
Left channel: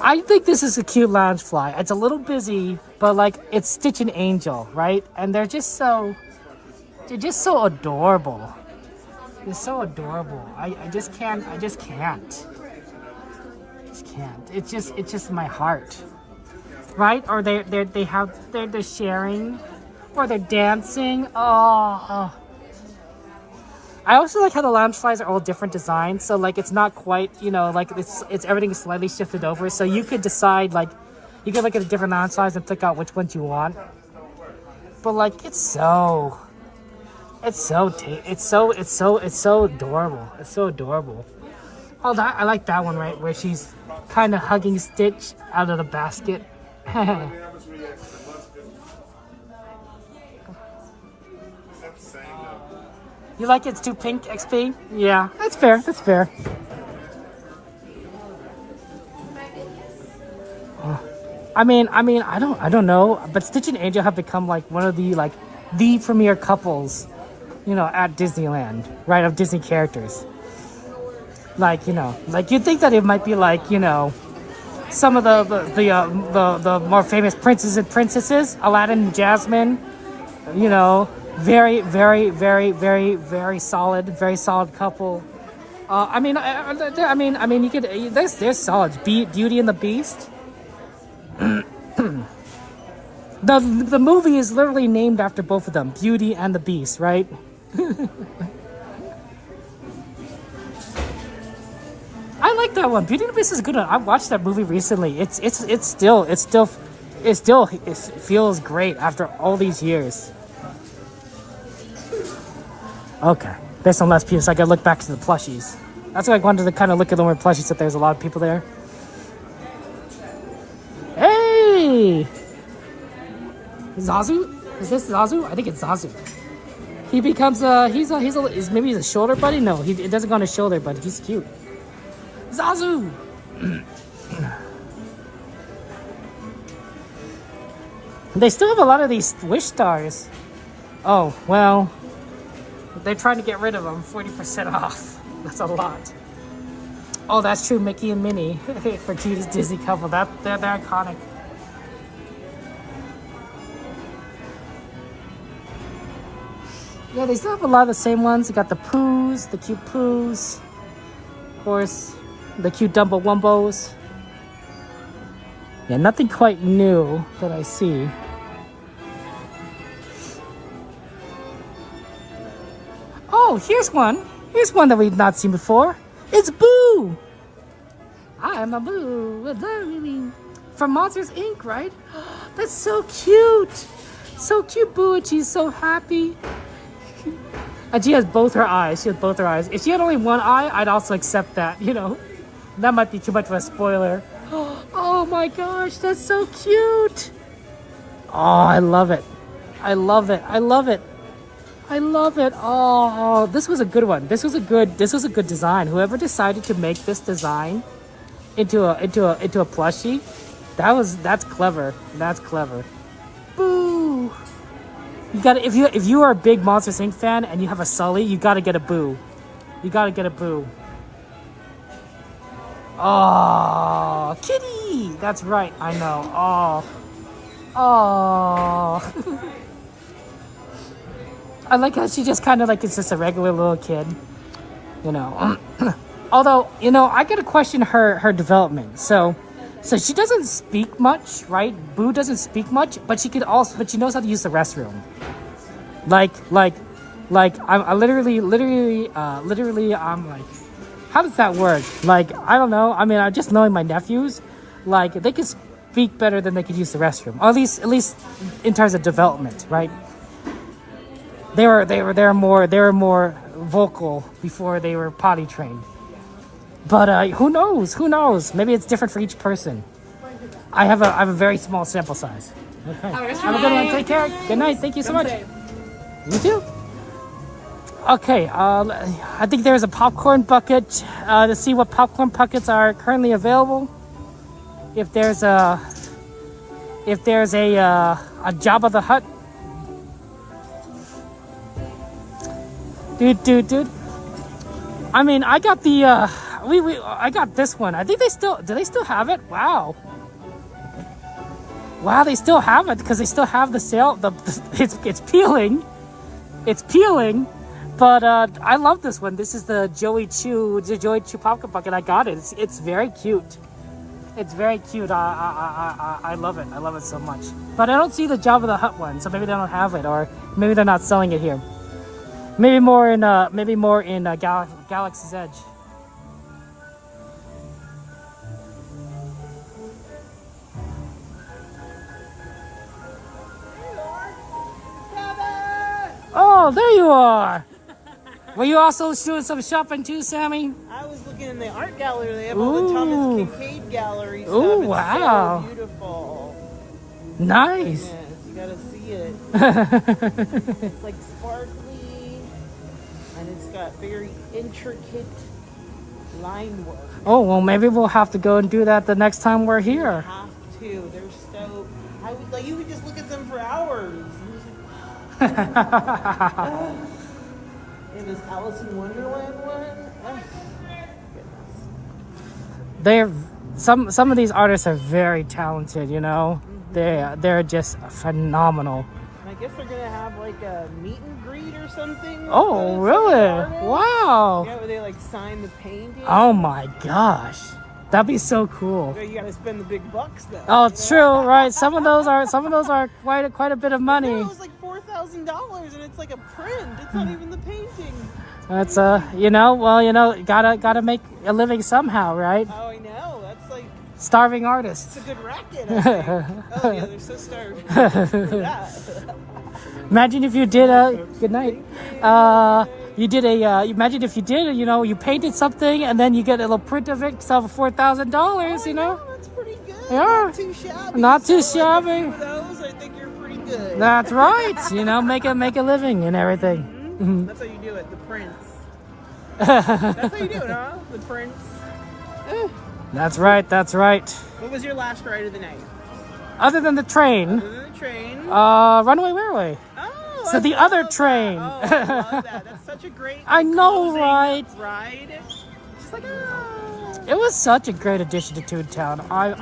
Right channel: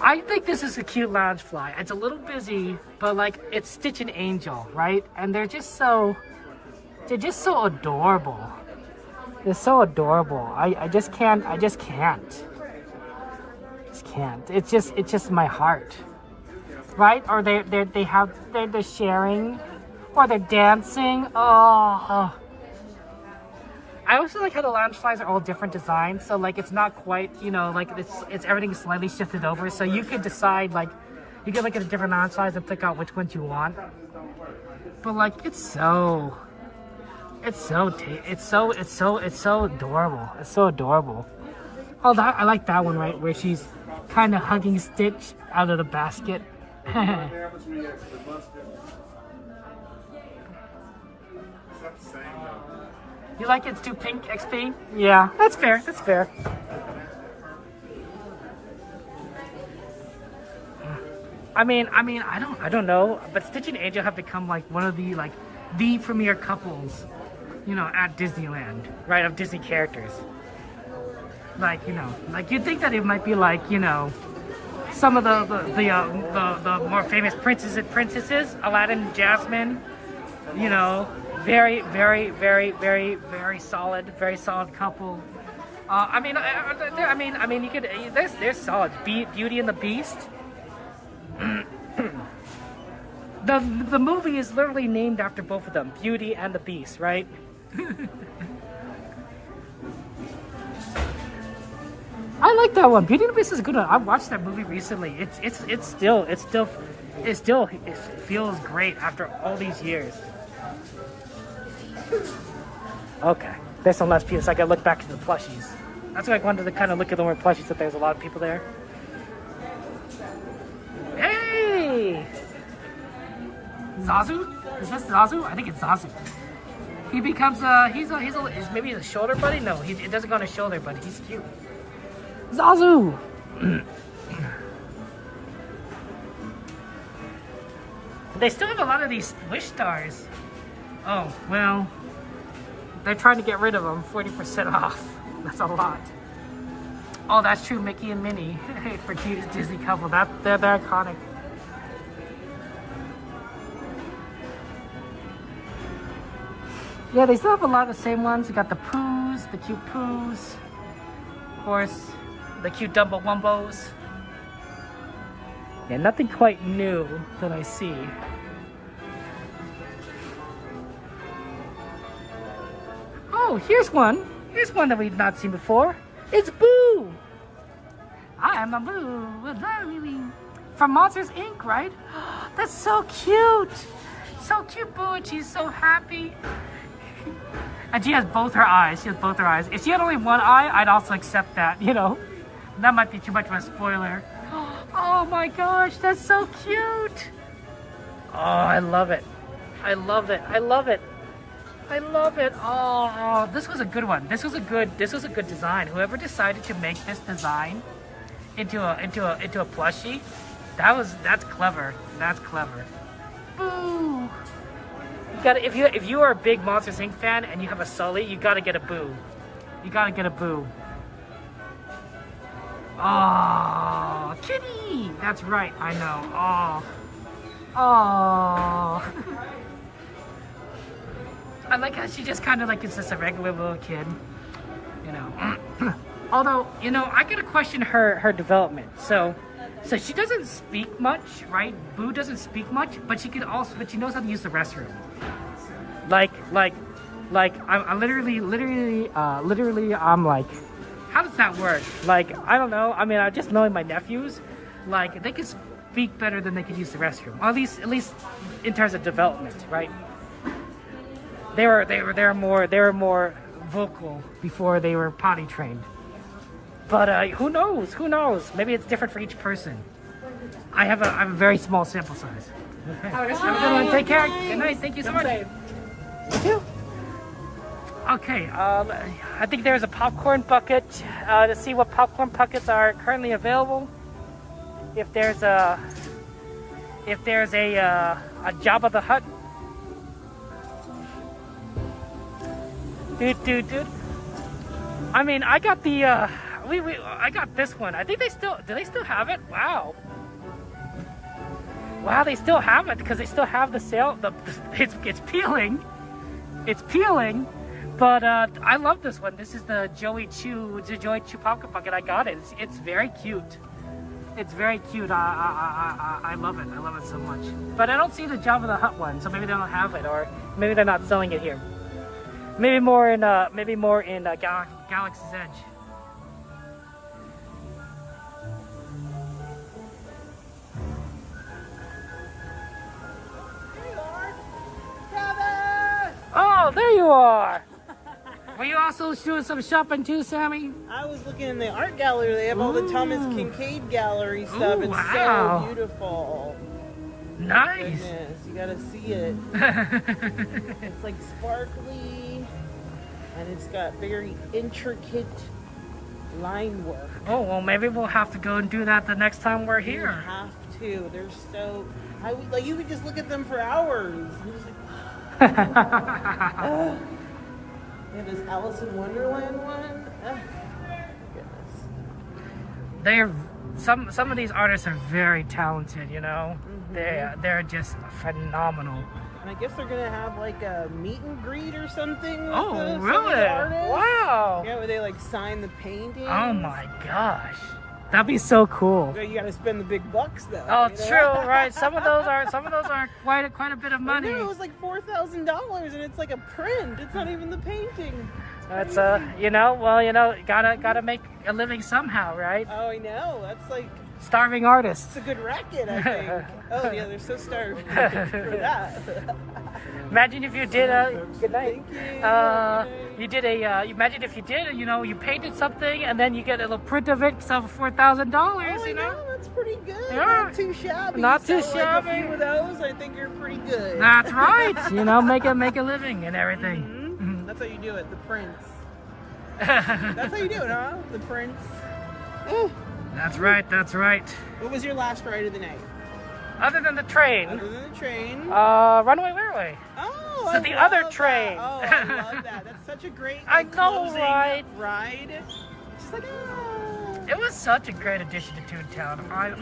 I think this is a cute Loungefly. It's a little busy, but it's Stitch and Angel, right? And they're just so They're just so adorable. They're so adorable. I just can't. Just can't. It's just my heart, right? Or they're sharing, or they're dancing. Oh. I also like how the lounge slides are all different designs. So like it's not quite, you know, like it's everything is slightly shifted over. So you could decide, like, you could look at the different lounge slides and pick out which ones you want. But like it's so adorable. It's so adorable. Oh, I like that one, right, where she's kind of hugging Stitch out of the basket. You like it's too pink, XP? Yeah, that's fair. That's fair. I mean, I don't know, but Stitch and Angel have become like one of the premier couples, you know, at Disneyland, right? Of Disney characters. Like, you know, like you'd think that it might be like, you know, some of the more famous princes and princesses, Aladdin and Jasmine, you know, very solid couple. I mean, you could. There's solid. Beauty and the Beast. The movie is literally named after both of them, Beauty and the Beast, right? I like that one. Beauty and the Beast is a good one. I watched that movie recently. It feels great after all these years. Okay, there's some less people, so I gotta look back to the plushies. That's why I wanted to kind of look at the more plushies, that there's a lot of people there. Hey! Zazu? Is this Zazu? I think it's Zazu. He becomes maybe he's a shoulder buddy? No, it doesn't go on his shoulder, but he's cute. Zazu! They still have a lot of these wish stars. Oh, well, they're trying to get rid of them. 40% off. That's a lot. Oh, that's true. Mickey and Minnie for Disney couple. They're iconic. Yeah, they still have a lot of the same ones. You got the Poohs, the cute Poohs. Of course, the cute Dumbo Wumbos. Yeah, nothing quite new that I see. Oh, here's one. Here's one that we've not seen before. It's Boo. I am a Boo. From Monsters, Inc., right? That's so cute. So cute, Boo, and she's so happy. And she has both her eyes. She has both her eyes. If she had only one eye, I'd also accept that, you know. That might be too much of a spoiler. Oh my gosh, that's so cute. Oh, I love it. I love it. I love it. I love it. Oh, this was a good one. This was a good design. Whoever decided to make this design into a plushie, that's clever. That's clever. Boo. You got if you are a big Monsters Inc. fan and you have a Sully, you gotta get a Boo. You gotta get a Boo. Oh, kitty. That's right. I know. Oh. I like how she just kind of like it's just a regular little kid, you know. Although, you know, I gotta question her development. So she doesn't speak much, right? Boo doesn't speak much, but she knows how to use the restroom. Like I'm literally I'm like, how does that work? Like, I don't know. I mean, I just knowing my nephews, like they could speak better than they could use the restroom. Or at least in terms of development, right? They were more vocal before they were potty trained. But who knows? Who knows? Maybe it's different for each person. I have a very small sample size. Okay. Have a good one. Take care. Good night. Thank you so much. You too. Okay. I think there's a popcorn bucket to see what popcorn buckets are currently available. If there's a Jabba the Hutt. Dude. I mean, I got the I got this one. I think do they still have it? Wow, they still have it because they still have the sale. It's peeling. It's peeling, but I love this one. This is the Joey Chew Pumpkin Puck, and I got it. It's very cute. It's very cute. I love it. I love it so much. But I don't see the Jabba the Hutt one, so maybe they don't have it, or maybe they're not selling it here. Maybe more in Galaxy's Edge. Oh, there you are. Were you also doing some shopping too, Sammy? I was looking in the art gallery. They have all the Thomas Kincaid gallery stuff. Ooh, it's wow. so beautiful. Nice. Yes, you gotta see it. It's like sparkly, and it's got very intricate line work. Oh, well, maybe we'll have to go and do that the next time we're here. You have to. They're so... like, you could just look at them for hours. Yeah, this Alice in Wonderland one. They're some of these artists are very talented, you know. They're just phenomenal. And I guess they're gonna have like a meet and greet or something. Oh, really? Wow. Yeah, where they like sign the painting. Oh my gosh, that'd be so cool. So you gotta spend the big bucks though. Oh, it's true, right? Some of those are quite a bit of money. No, it was like $4,000, and it's like a print. It's not even the painting. It's gotta make a living somehow, right? Oh, I know. That's like starving artists. It's a good racket, I think. Oh yeah, they're so starving for that. Imagine if you did a good night. Imagine if you did, you painted something and then you get a little print of it, sell for $4,000. You know. That's pretty good. Yeah. Not too shabby. Not too So, shabby. Like, a few of those, I think you're pretty good. That's right. Make a living and everything. That's how you do it. The prints. That's how you do it, huh? The prints. That's right. That's right. What was your last ride of the night? Other than the train. Other than the train. Runaway Railroad. Oh, so I the love other train. That. Oh, I love that. That's such a great I know, closing right? ride. Just like It was such a great addition to Toontown. I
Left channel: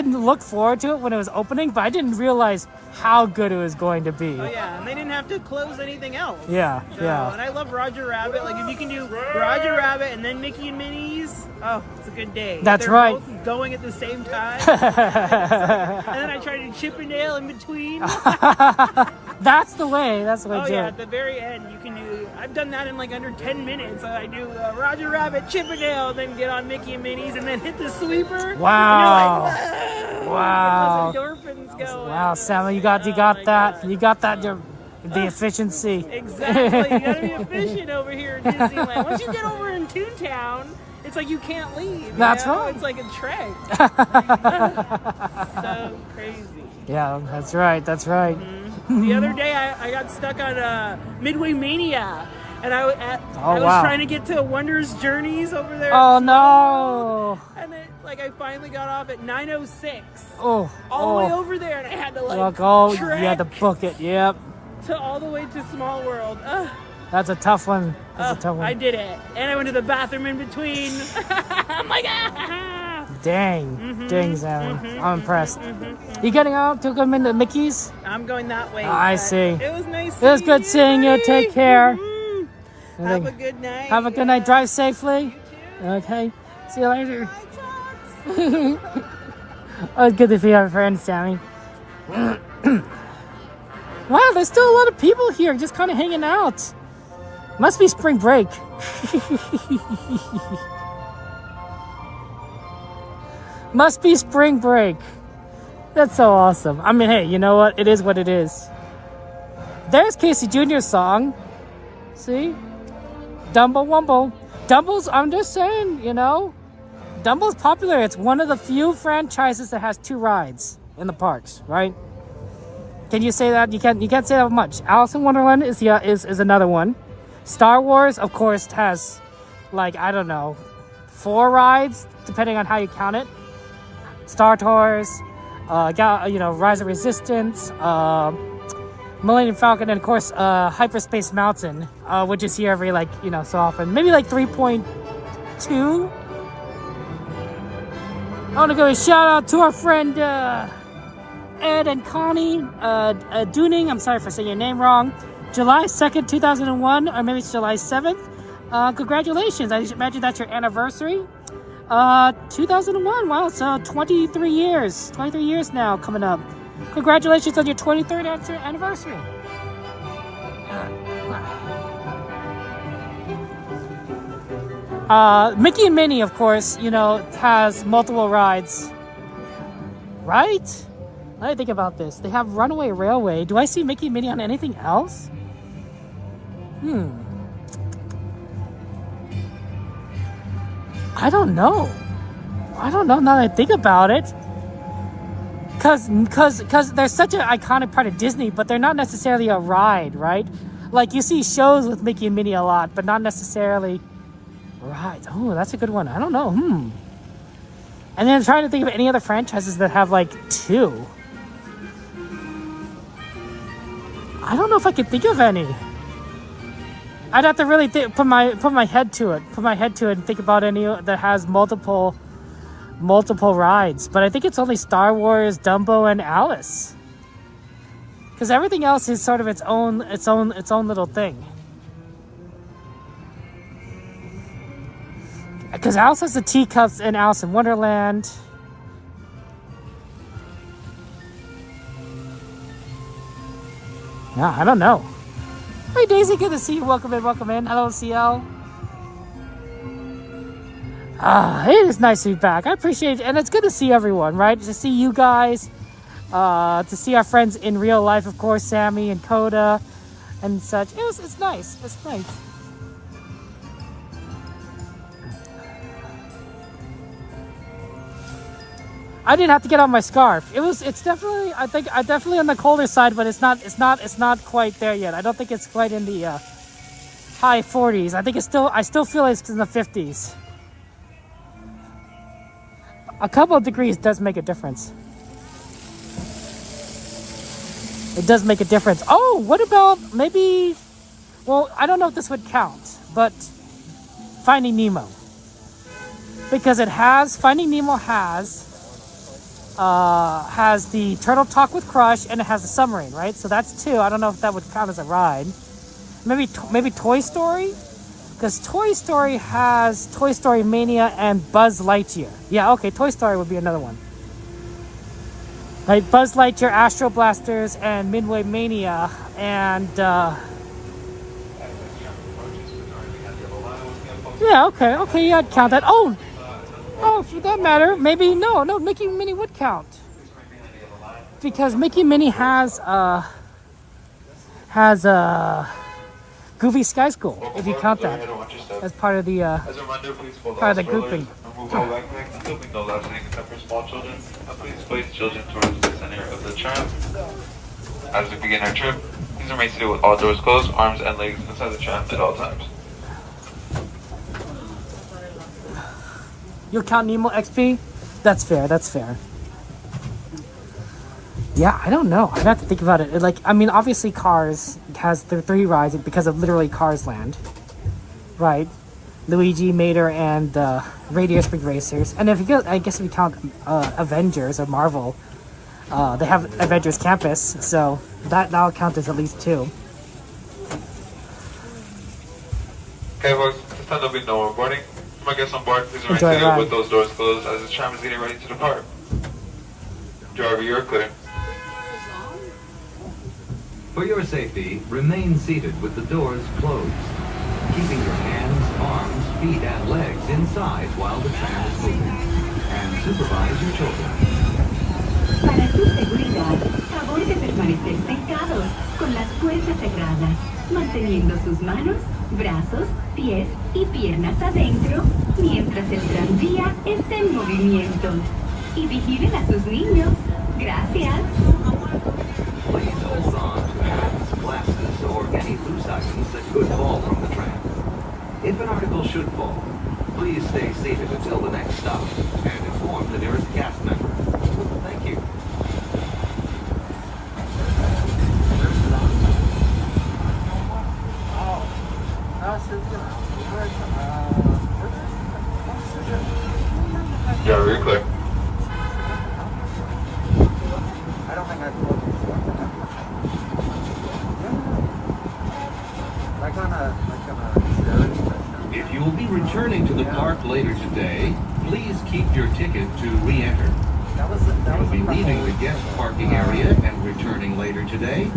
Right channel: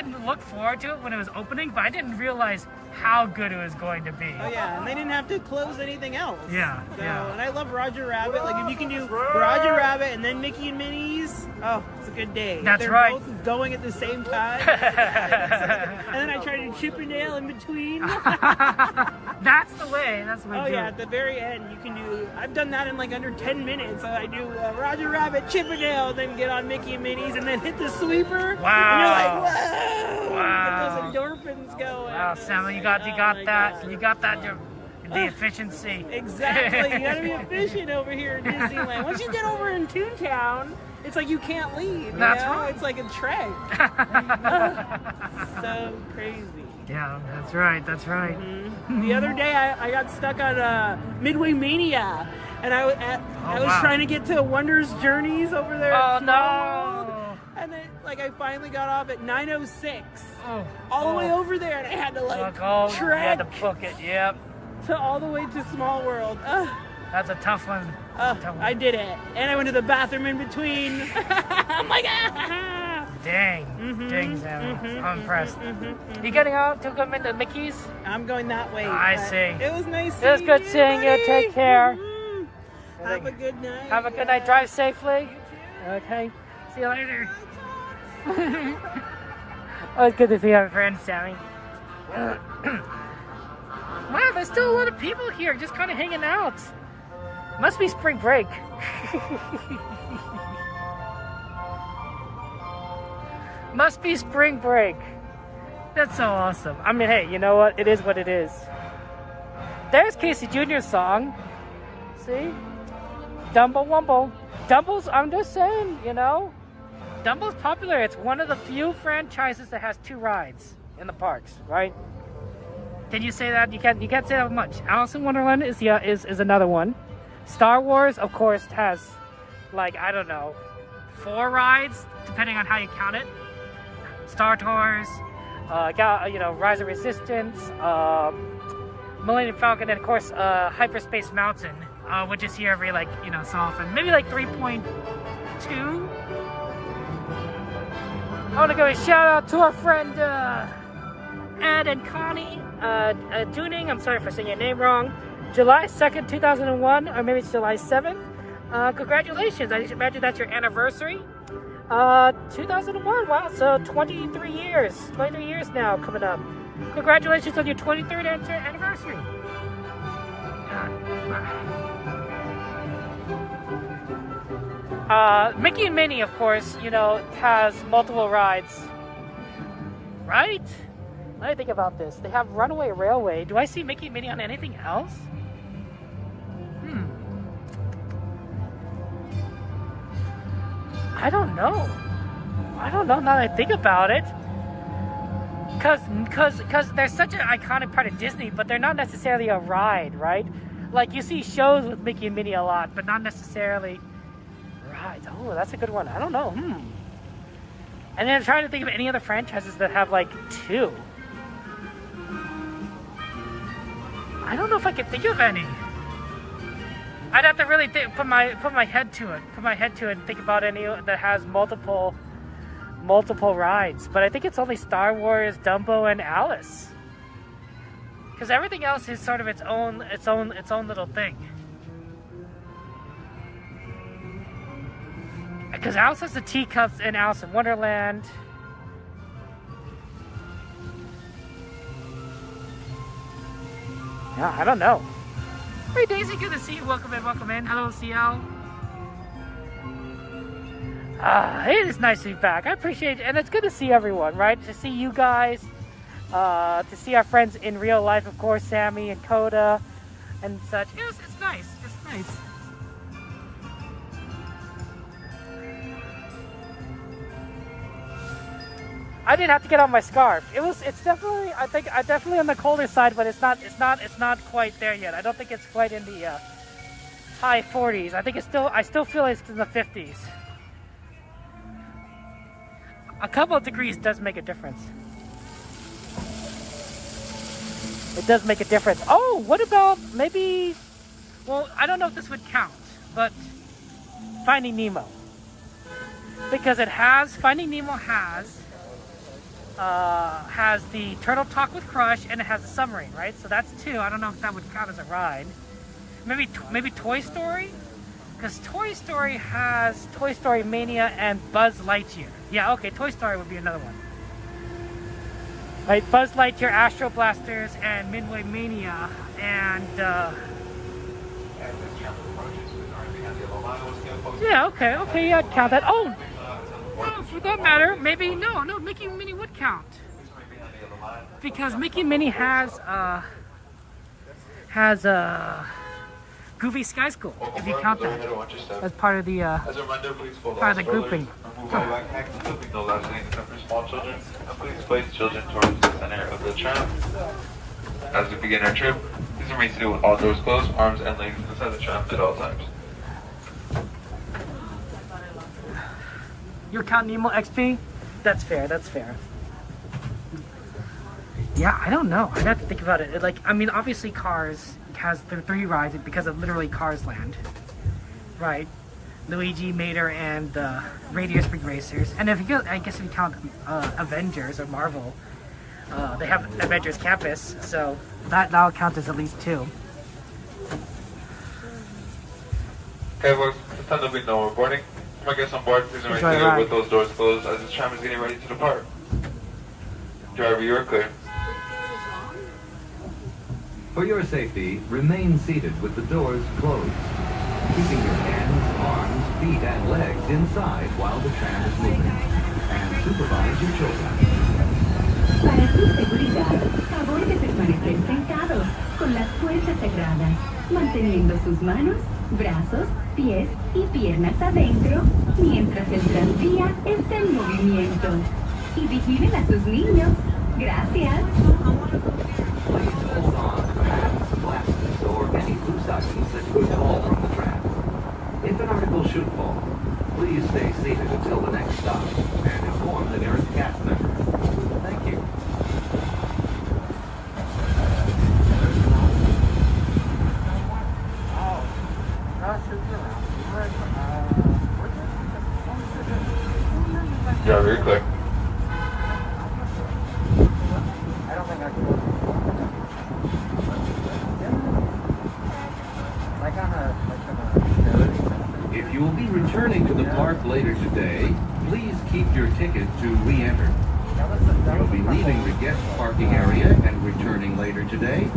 looked forward to it when it was opening, but I didn't realize how good it was going to be. Oh yeah, and they didn't have to close anything else. Yeah, so, yeah. And I love Roger Rabbit. Like if you can do Roger Rabbit and then Mickey and Minnie's, oh, it's a good day. That's They're right. both going at the same time. And then I try to Chippendale in between. That's the way. That's the way. Oh yeah, at the very end you can do. I've done that in like under 10 minutes. I do Roger Rabbit, Chippendale, then get on Mickey and Minnie's, and then hit the sweeper. Wow. And you're like, whoa! Wow. Get those endorphins going. Wow, Sam, you got that. You got that. The efficiency. Exactly. You gotta be efficient over here in Disneyland. Once you get over in Toontown, it's like you can't leave. That's right. It's like a trek. So crazy. Yeah, that's right. That's right. Mm-hmm. The other day, I got stuck on Midway Mania, and I was trying to get to Wonders Journeys over there. Oh no! And then, I finally got off at 9:06. Oh. All the way over there, and I had to you trek. had to book it. Yep. To all the way to Small World. That's a tough one. I did it, and I went to the bathroom in between. I'm like, ah! Dang, dang, Sam. I'm impressed. You getting out to come into Mickey's? I'm going that way. I see. It was nice. It was good seeing you. Take care. Have a good night. Have a good night. Drive safely. You too. Okay. See you later. It was good to see our friend Sammy. Wow, there's still a lot of people here, just kind of hanging out. Must be spring break. Must be spring break. That's so awesome. I mean, hey, you know what? It is what it is. There's Casey Jr.'s song. See? Dumbo Wumbo. Dumbo's, I'm just saying, Dumbo's popular. It's one of the few franchises that has 2 rides in the parks, right? Can you say that? You can't say that much. Alice in Wonderland is another one. Star Wars, of course, has I don't know, 4 rides depending on how you count it. Star Tours, Rise of Resistance, Millennium Falcon, and of course Hyperspace Mountain, which is here every so often. Maybe 3.2. I want to give a shout out to our friend Ed and Connie Dooning, I'm sorry if I say your name wrong, July 2nd, 2001, or maybe it's July 7th. Congratulations, I imagine that's your anniversary. 2001, wow, so 23 years now coming up. Congratulations on your 23rd anniversary. Mickey and Minnie, of course, you know, has multiple rides, right? Let me think about this. They have Runaway Railway. Do I see Mickey and Minnie on anything else? I don't know now that I think about it. Cause they're such an iconic part of Disney, but they're not necessarily a ride, right? Like you see shows with Mickey and Minnie a lot, but not necessarily rides. Oh, that's a good one. I don't know. And then I'm trying to think of any other franchises that have like two. I don't know if I could think of any. I'd have to really put my head to it and think about any that has multiple rides. But I think it's only Star Wars, Dumbo, and Alice. Because everything else is sort of its own little thing. Because Alice has the teacups in Alice in Wonderland. No, I don't know. Hey Daisy, good to see you. Welcome in. Hello, CL. It is nice to be back. I appreciate it, and it's good to see everyone, right? To see you guys, to see our friends in real life, of course, Sammy and Coda, and such. It's nice. It's nice. I didn't have to get on my scarf. It's definitely, I think, definitely on the colder side, but it's not quite there yet. I don't think it's quite in the high 40s. I think I still feel like it's in the 50s. A couple of degrees does make a difference. It does make a difference. Oh, what about maybe, well, I don't know if this would count, but Finding Nemo. Because Finding Nemo has the Turtle Talk with Crush, and it has a submarine, right? So that's two. I don't know if that would count as a ride. Maybe Toy Story? Because Toy Story has Toy Story Mania and Buzz Lightyear. Yeah, okay, Toy Story would be another one. Like Buzz Lightyear, Astro Blasters, and Midway Mania, and yeah, okay, yeah, I'd count that. Oh, for that matter, maybe no, Mickey and Minnie would count. Because Mickey and Minnie has Goofy Sky School, if you count that as part of the grouping. Move all backpacks and moving no loud sitting except for small children. Please place children towards the center of the tram. As we begin our trip, please remain seated with all doors closed, arms and legs inside the tram at all times. You'll count Nemo XP? That's fair. Yeah, I don't know. I'd have to think about it. Obviously Cars has the 3 rides because of literally Cars Land. Right? Luigi, Mater, and Radio Spring Racers. And if you count Avengers or Marvel, they have Avengers Campus, so that'll count as at least 2. Okay, folks, this time there'll be no more boarding. My guests on board, please remain seated with those doors closed as the tram is getting ready to depart. Driver, you are clear. For your safety, remain seated with the doors closed, keeping your hands, arms, feet, and legs inside while the tram is moving, and supervise your children. Para su seguridad, favor de permanecer sentados con las puertas cerradas, manteniendo sus manos, brazos, pies y piernas adentro mientras el tranvía está en movimiento. Y vigilen a sus niños. Gracias. Please hold on to hats, glasses, or any loose items that could fall from the tram. If an article should fall, please stay seated until the next stop and inform the nearest cast member. Thank you. Yeah, very clear. depart later today, please keep your ticket to re-enter. You'll be leaving the guest parking area and returning later today.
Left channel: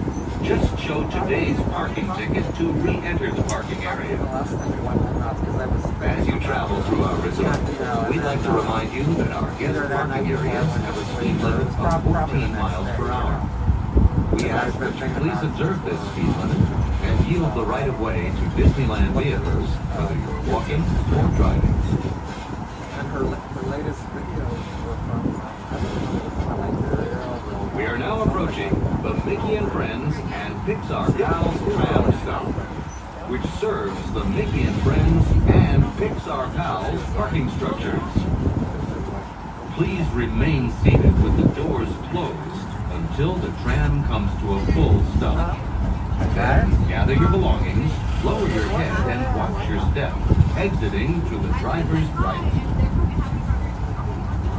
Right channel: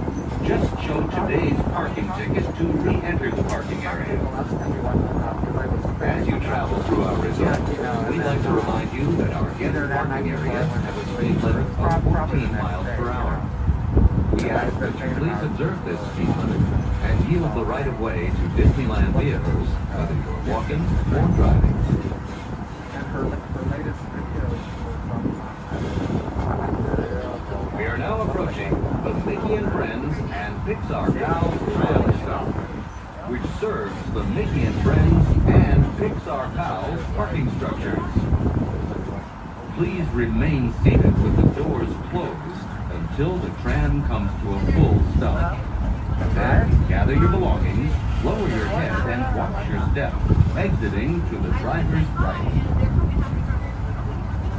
Just show today's parking ticket to re-enter the parking area. As you travel through our resort, we'd like to remind you that our guest parking areas have a speed limit of 14 miles per hour. We ask that you please observe this speed limit and yield the right-of-way to Disneyland vehicles, whether you're walking or driving. We are now approaching the Mickey and Friends and Pixar Pals tram stop, which serves the Mickey and Friends and Pixar Pals parking structures. Please remain seated with the doors closed until the tram comes to a full stop. Then gather your belongings, lower your head, and watch your step, exiting through the driver's right.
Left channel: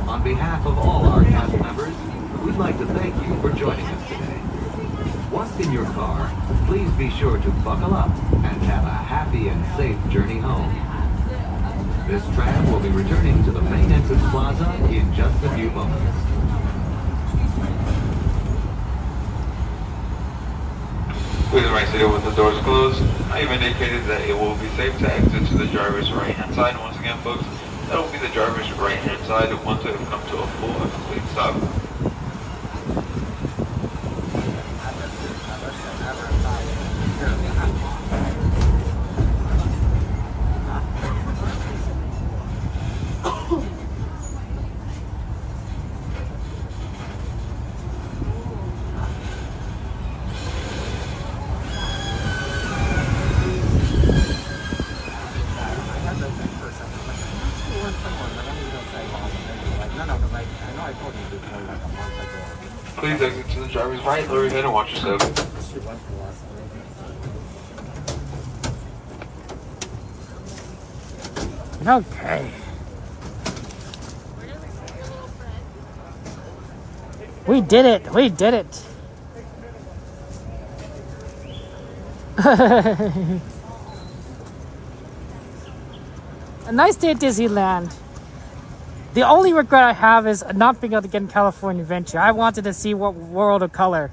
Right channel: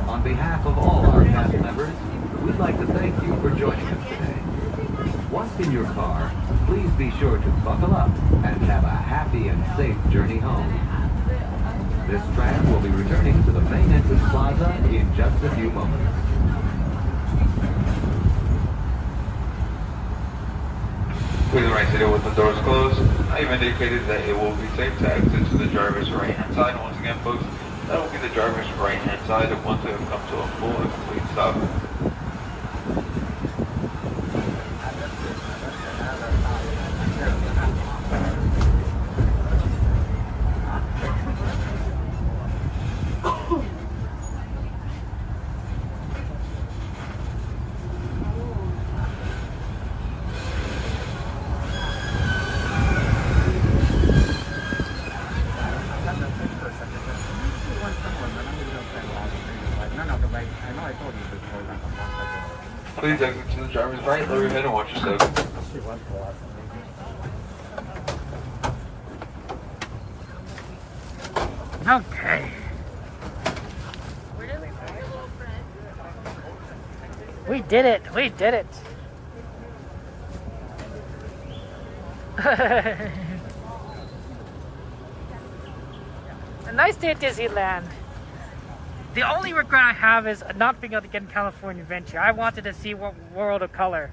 On behalf of all our cast members, we'd like to thank you for joining us today. Once in your car, please be sure to buckle up and have a happy and safe journey home. This tram will be returning to the main entrance plaza in just a few moments. Please remain seated with the doors closed. I've indicated that it will be safe to exit to the driver's right-hand side. Once again, folks, that will be the driver's right-hand side once we have come to a full and complete stop. Please exit to the driver's right, lower your head, and watch your step. Okay. We did it. We did it. A nice day at Disneyland. The only regret I have is not being able to get in California Adventure. I wanted to see what World of Color.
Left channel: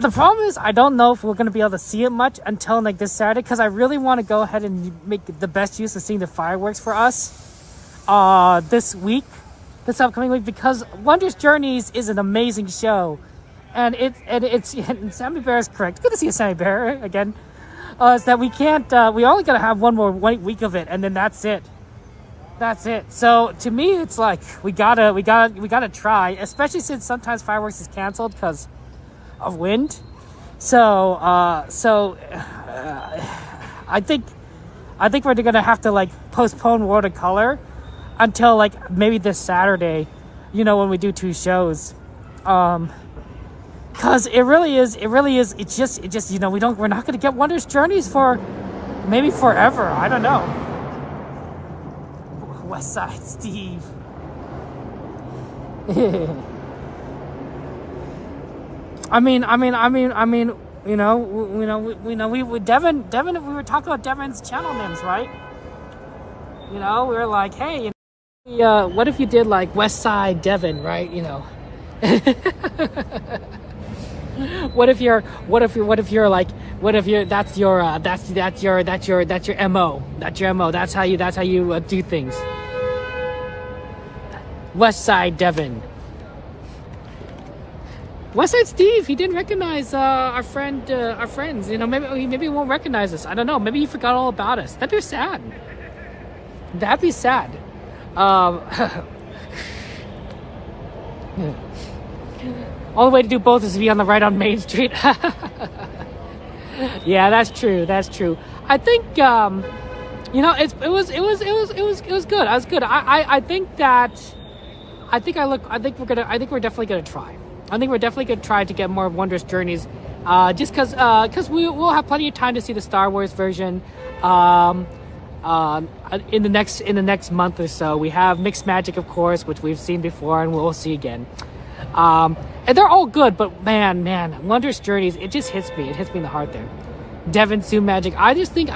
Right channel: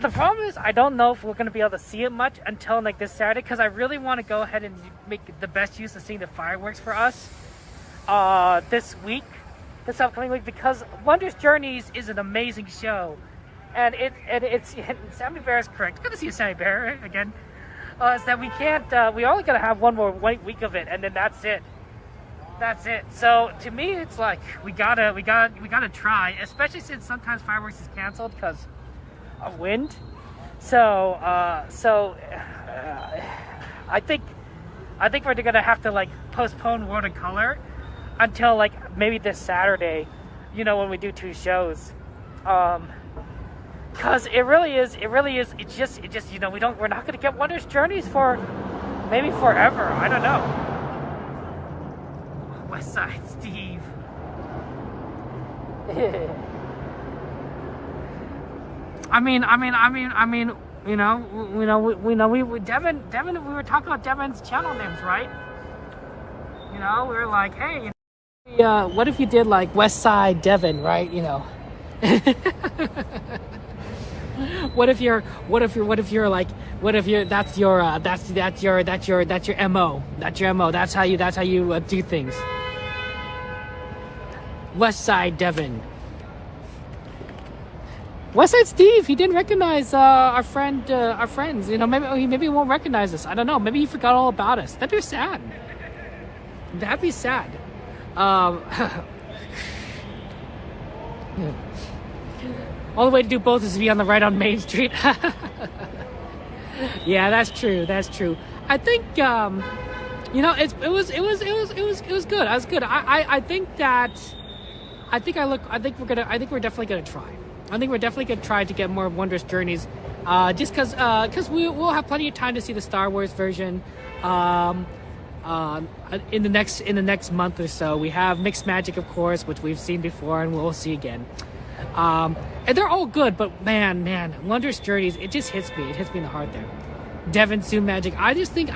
The problem is I don't know if we're going to be able to see it much until like this Saturday, because I really want to go ahead and make the best use of seeing the fireworks for us this upcoming week, because Wondrous Journeys is an amazing show, and Sammy Bear is correct. Good to see you, Sammy Bear, again. Is that we can't we only got to have one more week of it, and then that's it. That's it. So to me, it's like we gotta try, especially since sometimes fireworks is canceled because of wind. So I think we're gonna have to like postpone World of Color until like maybe this Saturday, when we do 2 shows. Cause it really is. It's just we're not gonna get Wondrous Journeys for maybe forever. I don't know. West Side Steve. I mean, Devin, we were talking about Devin's channel names, right? We were like, hey, what if you did like West Side Devin, right? What if you're that's your MO. That's your MO. That's how you do things. West Side Devin. West Side Steve, he didn't recognize our friends. Maybe he won't recognize us. I don't know. Maybe he forgot all about us. That'd be sad. That'd be sad. All the way to do both is to be on the right on Main Street. Yeah, that's true. That's true. I think it was good. I was good. I think we're definitely gonna try. I think we're definitely gonna try to get more Wondrous Journeys, just because we'll have plenty of time to see the Star Wars version. In the next month or so, we have Mixed Magic, of course, which we've seen before and we'll see again. And they're all good, but man, Wondrous Journeys, it just hits me. It hits me in the heart there. Devin Sue Magic. I think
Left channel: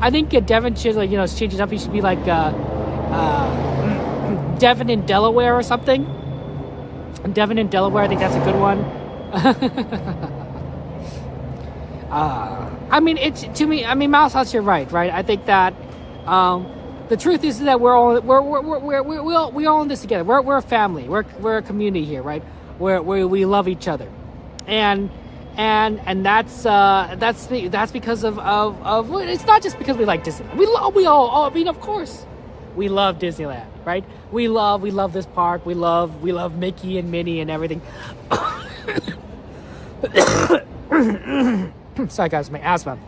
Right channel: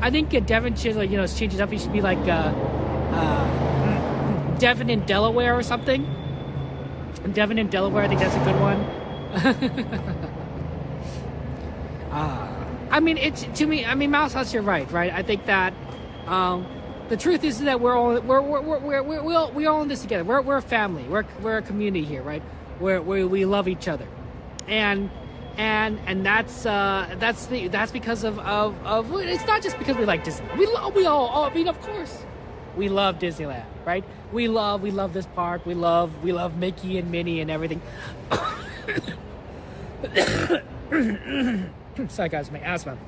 I think Devin should, like, change it up. He should be like Devin in Delaware or something. Devin in Delaware, I think that's a good one. I mean, Mouse House, you're right? I think that the truth is that we're all in this together. We're a family. We're a community here, right? Where we love each other, and that's because of it's not just because we like Disneyland. We all I mean, of course, we love Disneyland, right? We love this park. We love Mickey and Minnie and everything. Sorry guys, my asthma.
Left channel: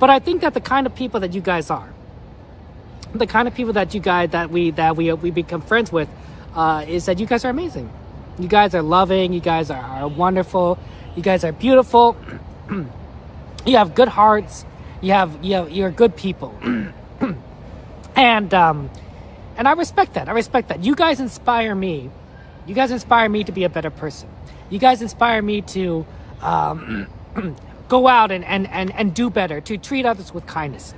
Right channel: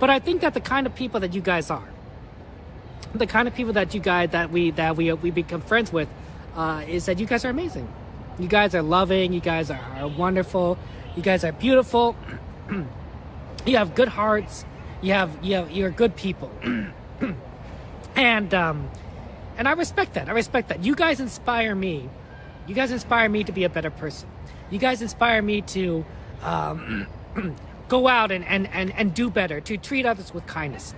But I think that the kind of people that you guys are, the kind of people that we become friends with, is that you guys are amazing. You guys are loving. You guys are wonderful. You guys are beautiful. You have good hearts. You're good people. And I respect that. I respect that. You guys inspire me. You guys inspire me to be a better person. You guys inspire me to go out and do better, to treat others with kindness,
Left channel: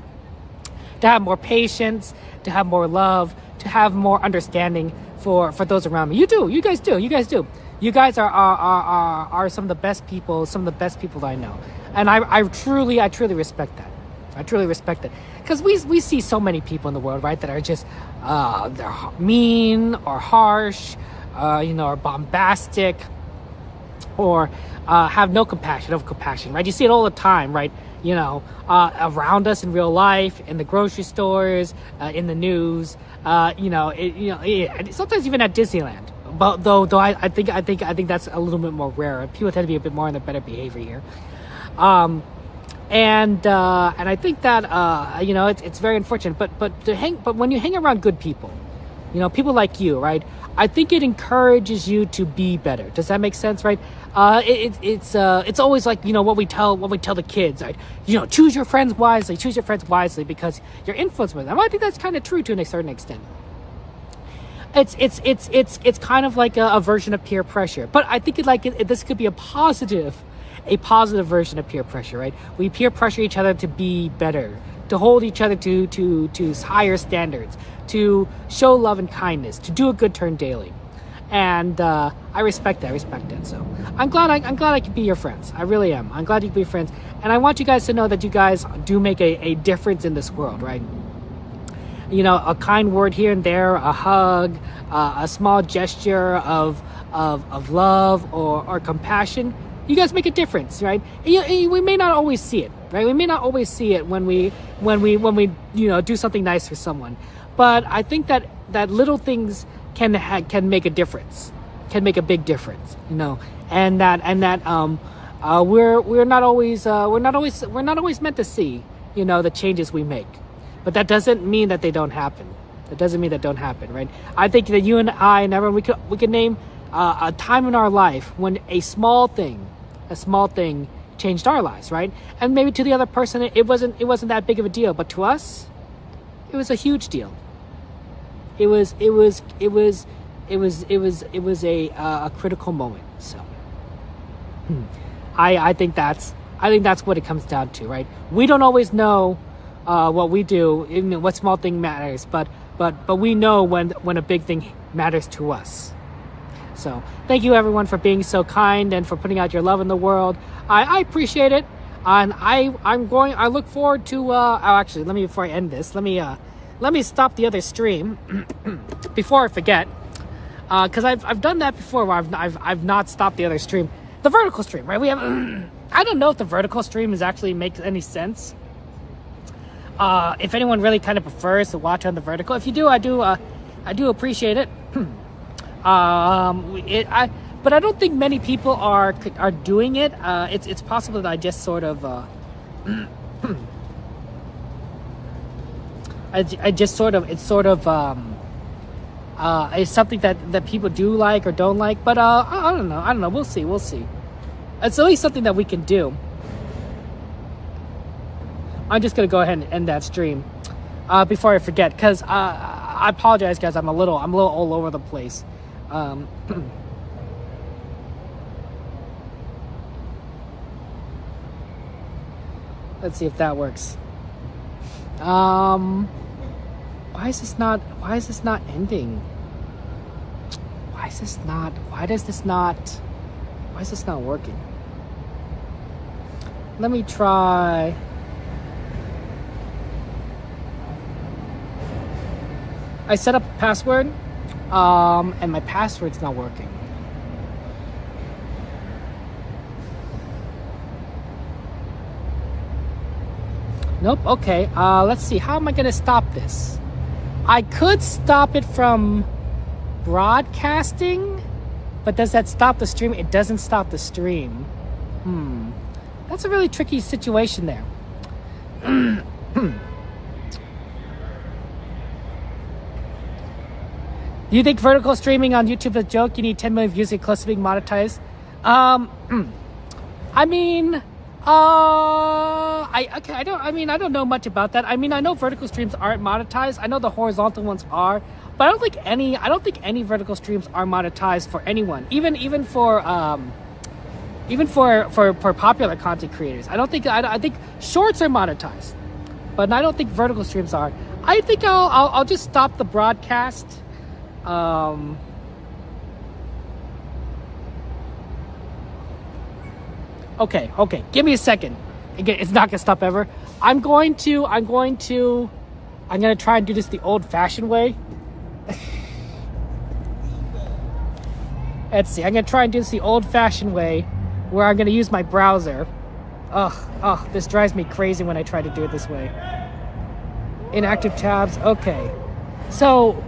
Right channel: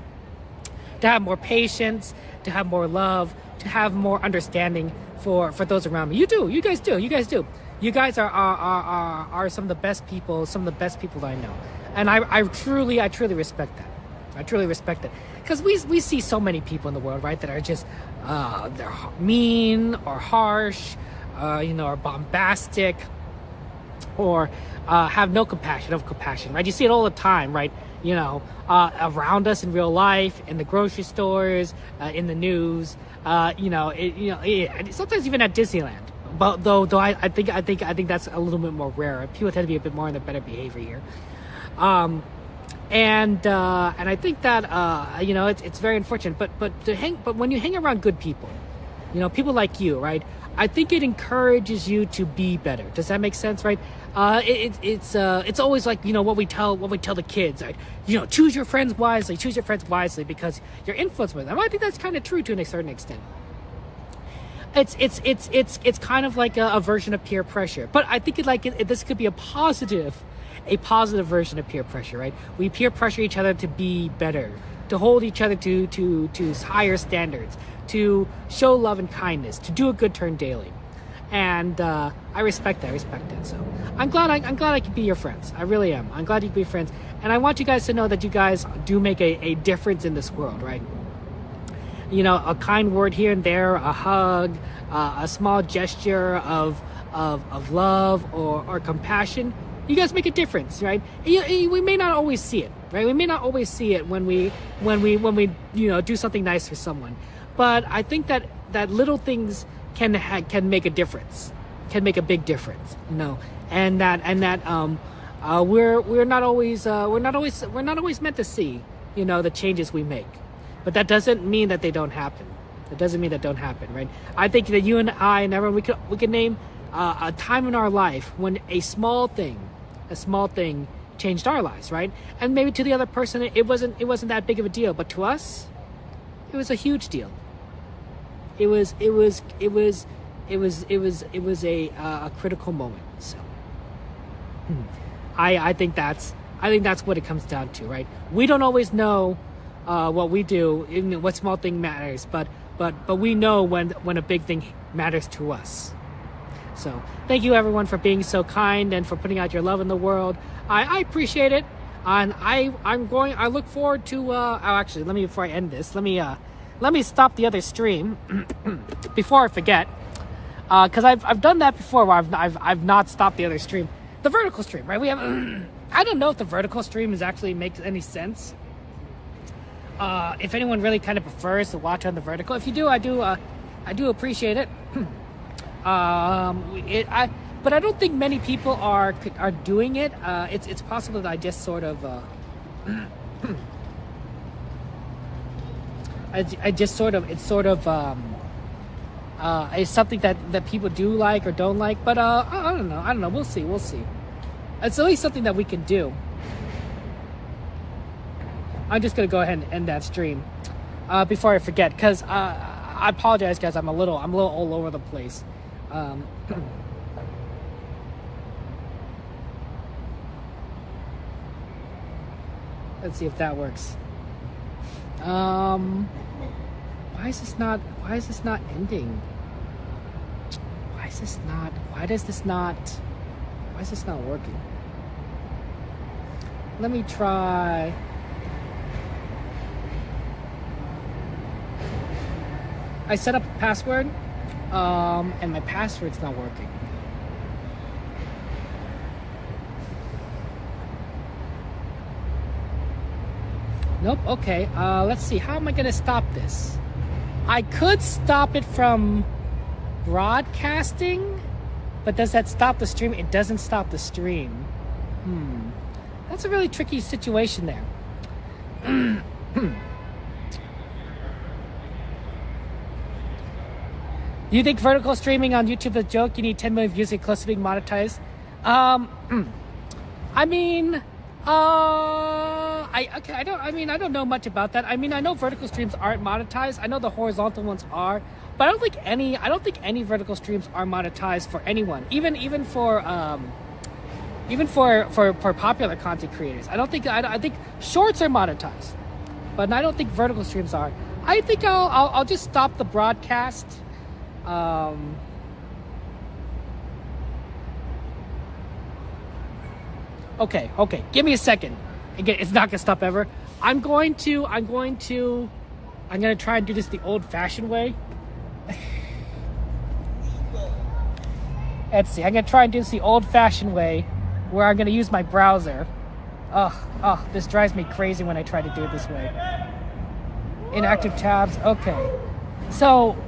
to have more patience, to have more love, to have more understanding for those around me. You do. You guys do. You guys do. You guys are some of the best people, that I know. And I truly respect that. I truly respect that. Because we see so many people in the world, right, that are just they're mean or harsh, or bombastic, or have no compassion, right? You see it all the time, right? Around us in real life, in the grocery stores, in the news, sometimes even at Disneyland. But though I think that's a little bit more rare. People tend to be a bit more in the better behavior here. And I think that it's very unfortunate. But when you hang around good people, people like you, right? I think it encourages you to be better. Does that make sense, right? It's always like, what we tell the kids, right? Choose your friends wisely because you're influenced by them. I think that's kind of true to a certain extent. It's kind of like a version of peer pressure, but I think this could be a positive version of peer pressure, right? We peer pressure each other to be better, to hold each other to higher standards, to show love and kindness, to do a good turn daily. And I respect that. So I'm glad I could be your friends. I really am. I'm glad you could be friends. And I want you guys to know that you guys do make a difference in this world, right? A kind word here and there, a hug, a small gesture of love or compassion. You guys make a difference, right? We may not always see it, right? We may not always see it when we do something nice for someone. But I think that little things can make a difference, can make a big difference, and that we're not always meant to see, the changes we make, but that doesn't mean that they don't happen. Right? I think that you and I and everyone, we could name a time in our life when a small thing changed our lives, right? And maybe to the other person it wasn't that big of a deal, but to us, it was a huge deal. It was a critical moment. So I think that's what it comes down to, right? We don't always know what we do, what small thing matters, but we know when a big thing matters to us. So thank you everyone for being so kind and for putting out your love in the world. I appreciate it, and I look forward to actually, before I end this, let me stop the other stream before I forget, because I've done that before where I've not stopped the other stream, the vertical stream, right? We have I don't know if the vertical stream actually makes any sense. If anyone really kind of prefers to watch on the vertical, if you do, I do appreciate it. But I don't think many people are doing it. It's possible that I just sort of it's something that people do like or don't like, but I don't know. We'll see. It's at least something that we can do. I'm just gonna go ahead and end that stream before I forget, because I apologize, guys. I'm a little all over the place. Let's see if that works. Why is this not ending? Why is this not working? Let me try. I set up a password, and my password's not working. Nope, okay, let's see, how am I gonna stop this? I could stop it from broadcasting, but does that stop the stream? It doesn't stop the stream. That's a really tricky situation there. Do you think vertical streaming on YouTube is a joke? You need 10 million views to get close to being monetized. I don't know much about that. I mean, I know vertical streams aren't monetized. I know the horizontal ones are, but I don't think any vertical streams are monetized for anyone. Even for popular content creators. I think shorts are monetized, but I don't think vertical streams are. I think I'll just stop the broadcast. Okay, give me a second. Again, it's not gonna stop ever. I'm gonna try and do this the old-fashioned way. Let's see, I'm gonna try and do this the old-fashioned way, where I'm gonna use my browser. This drives me crazy when I try to do it this way. Inactive tabs, okay. So,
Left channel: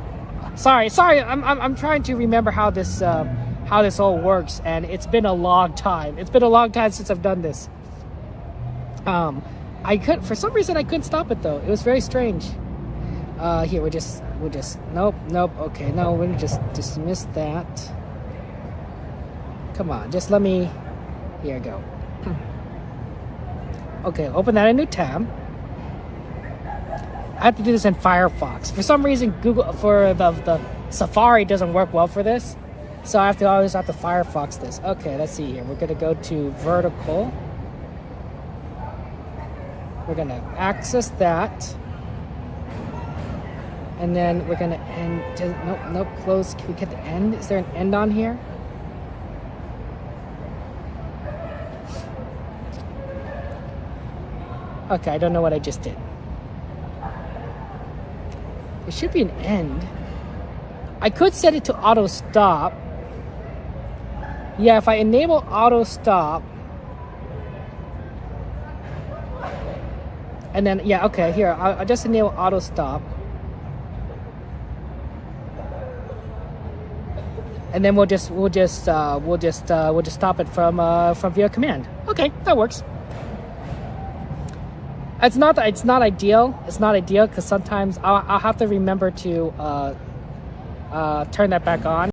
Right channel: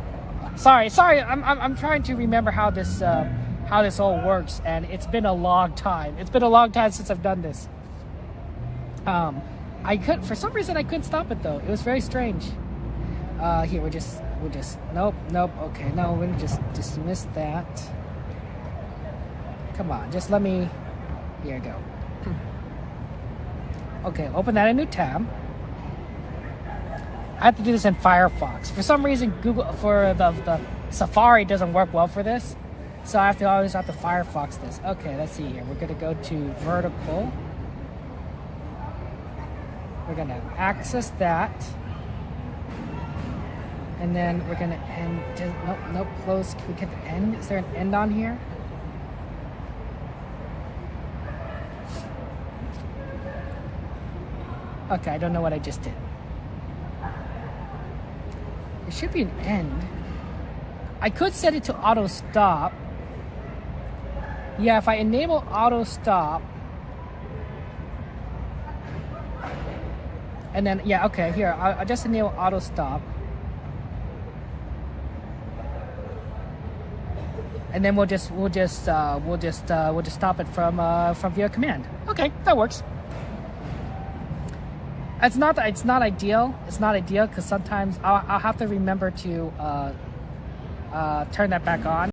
sorry, I'm trying to remember how this all works, and it's been a long time. It's been a long time since I've done this. For some reason I couldn't stop it though. It was very strange. Here, we're just, nope, okay, no, we're gonna just dismiss that. Come on, just let me, here I go. Okay, open that in a new tab. I have to do this in Firefox. For some reason, Google, for the Safari doesn't work well for this. So I always have to Firefox this. Okay, let's see here. We're gonna go to vertical. We're gonna access that. And then we're gonna end, nope, close. Can we get the end? Is there an end on here? Okay, I don't know what I just did. There should be an end. I could set it to auto stop. Yeah, if I enable auto stop. And then, yeah, okay, here, I'll just enable auto stop. And then we'll just stop it from via command. Okay, that works. It's not ideal. It's not ideal because sometimes I'll have to remember to turn that back on.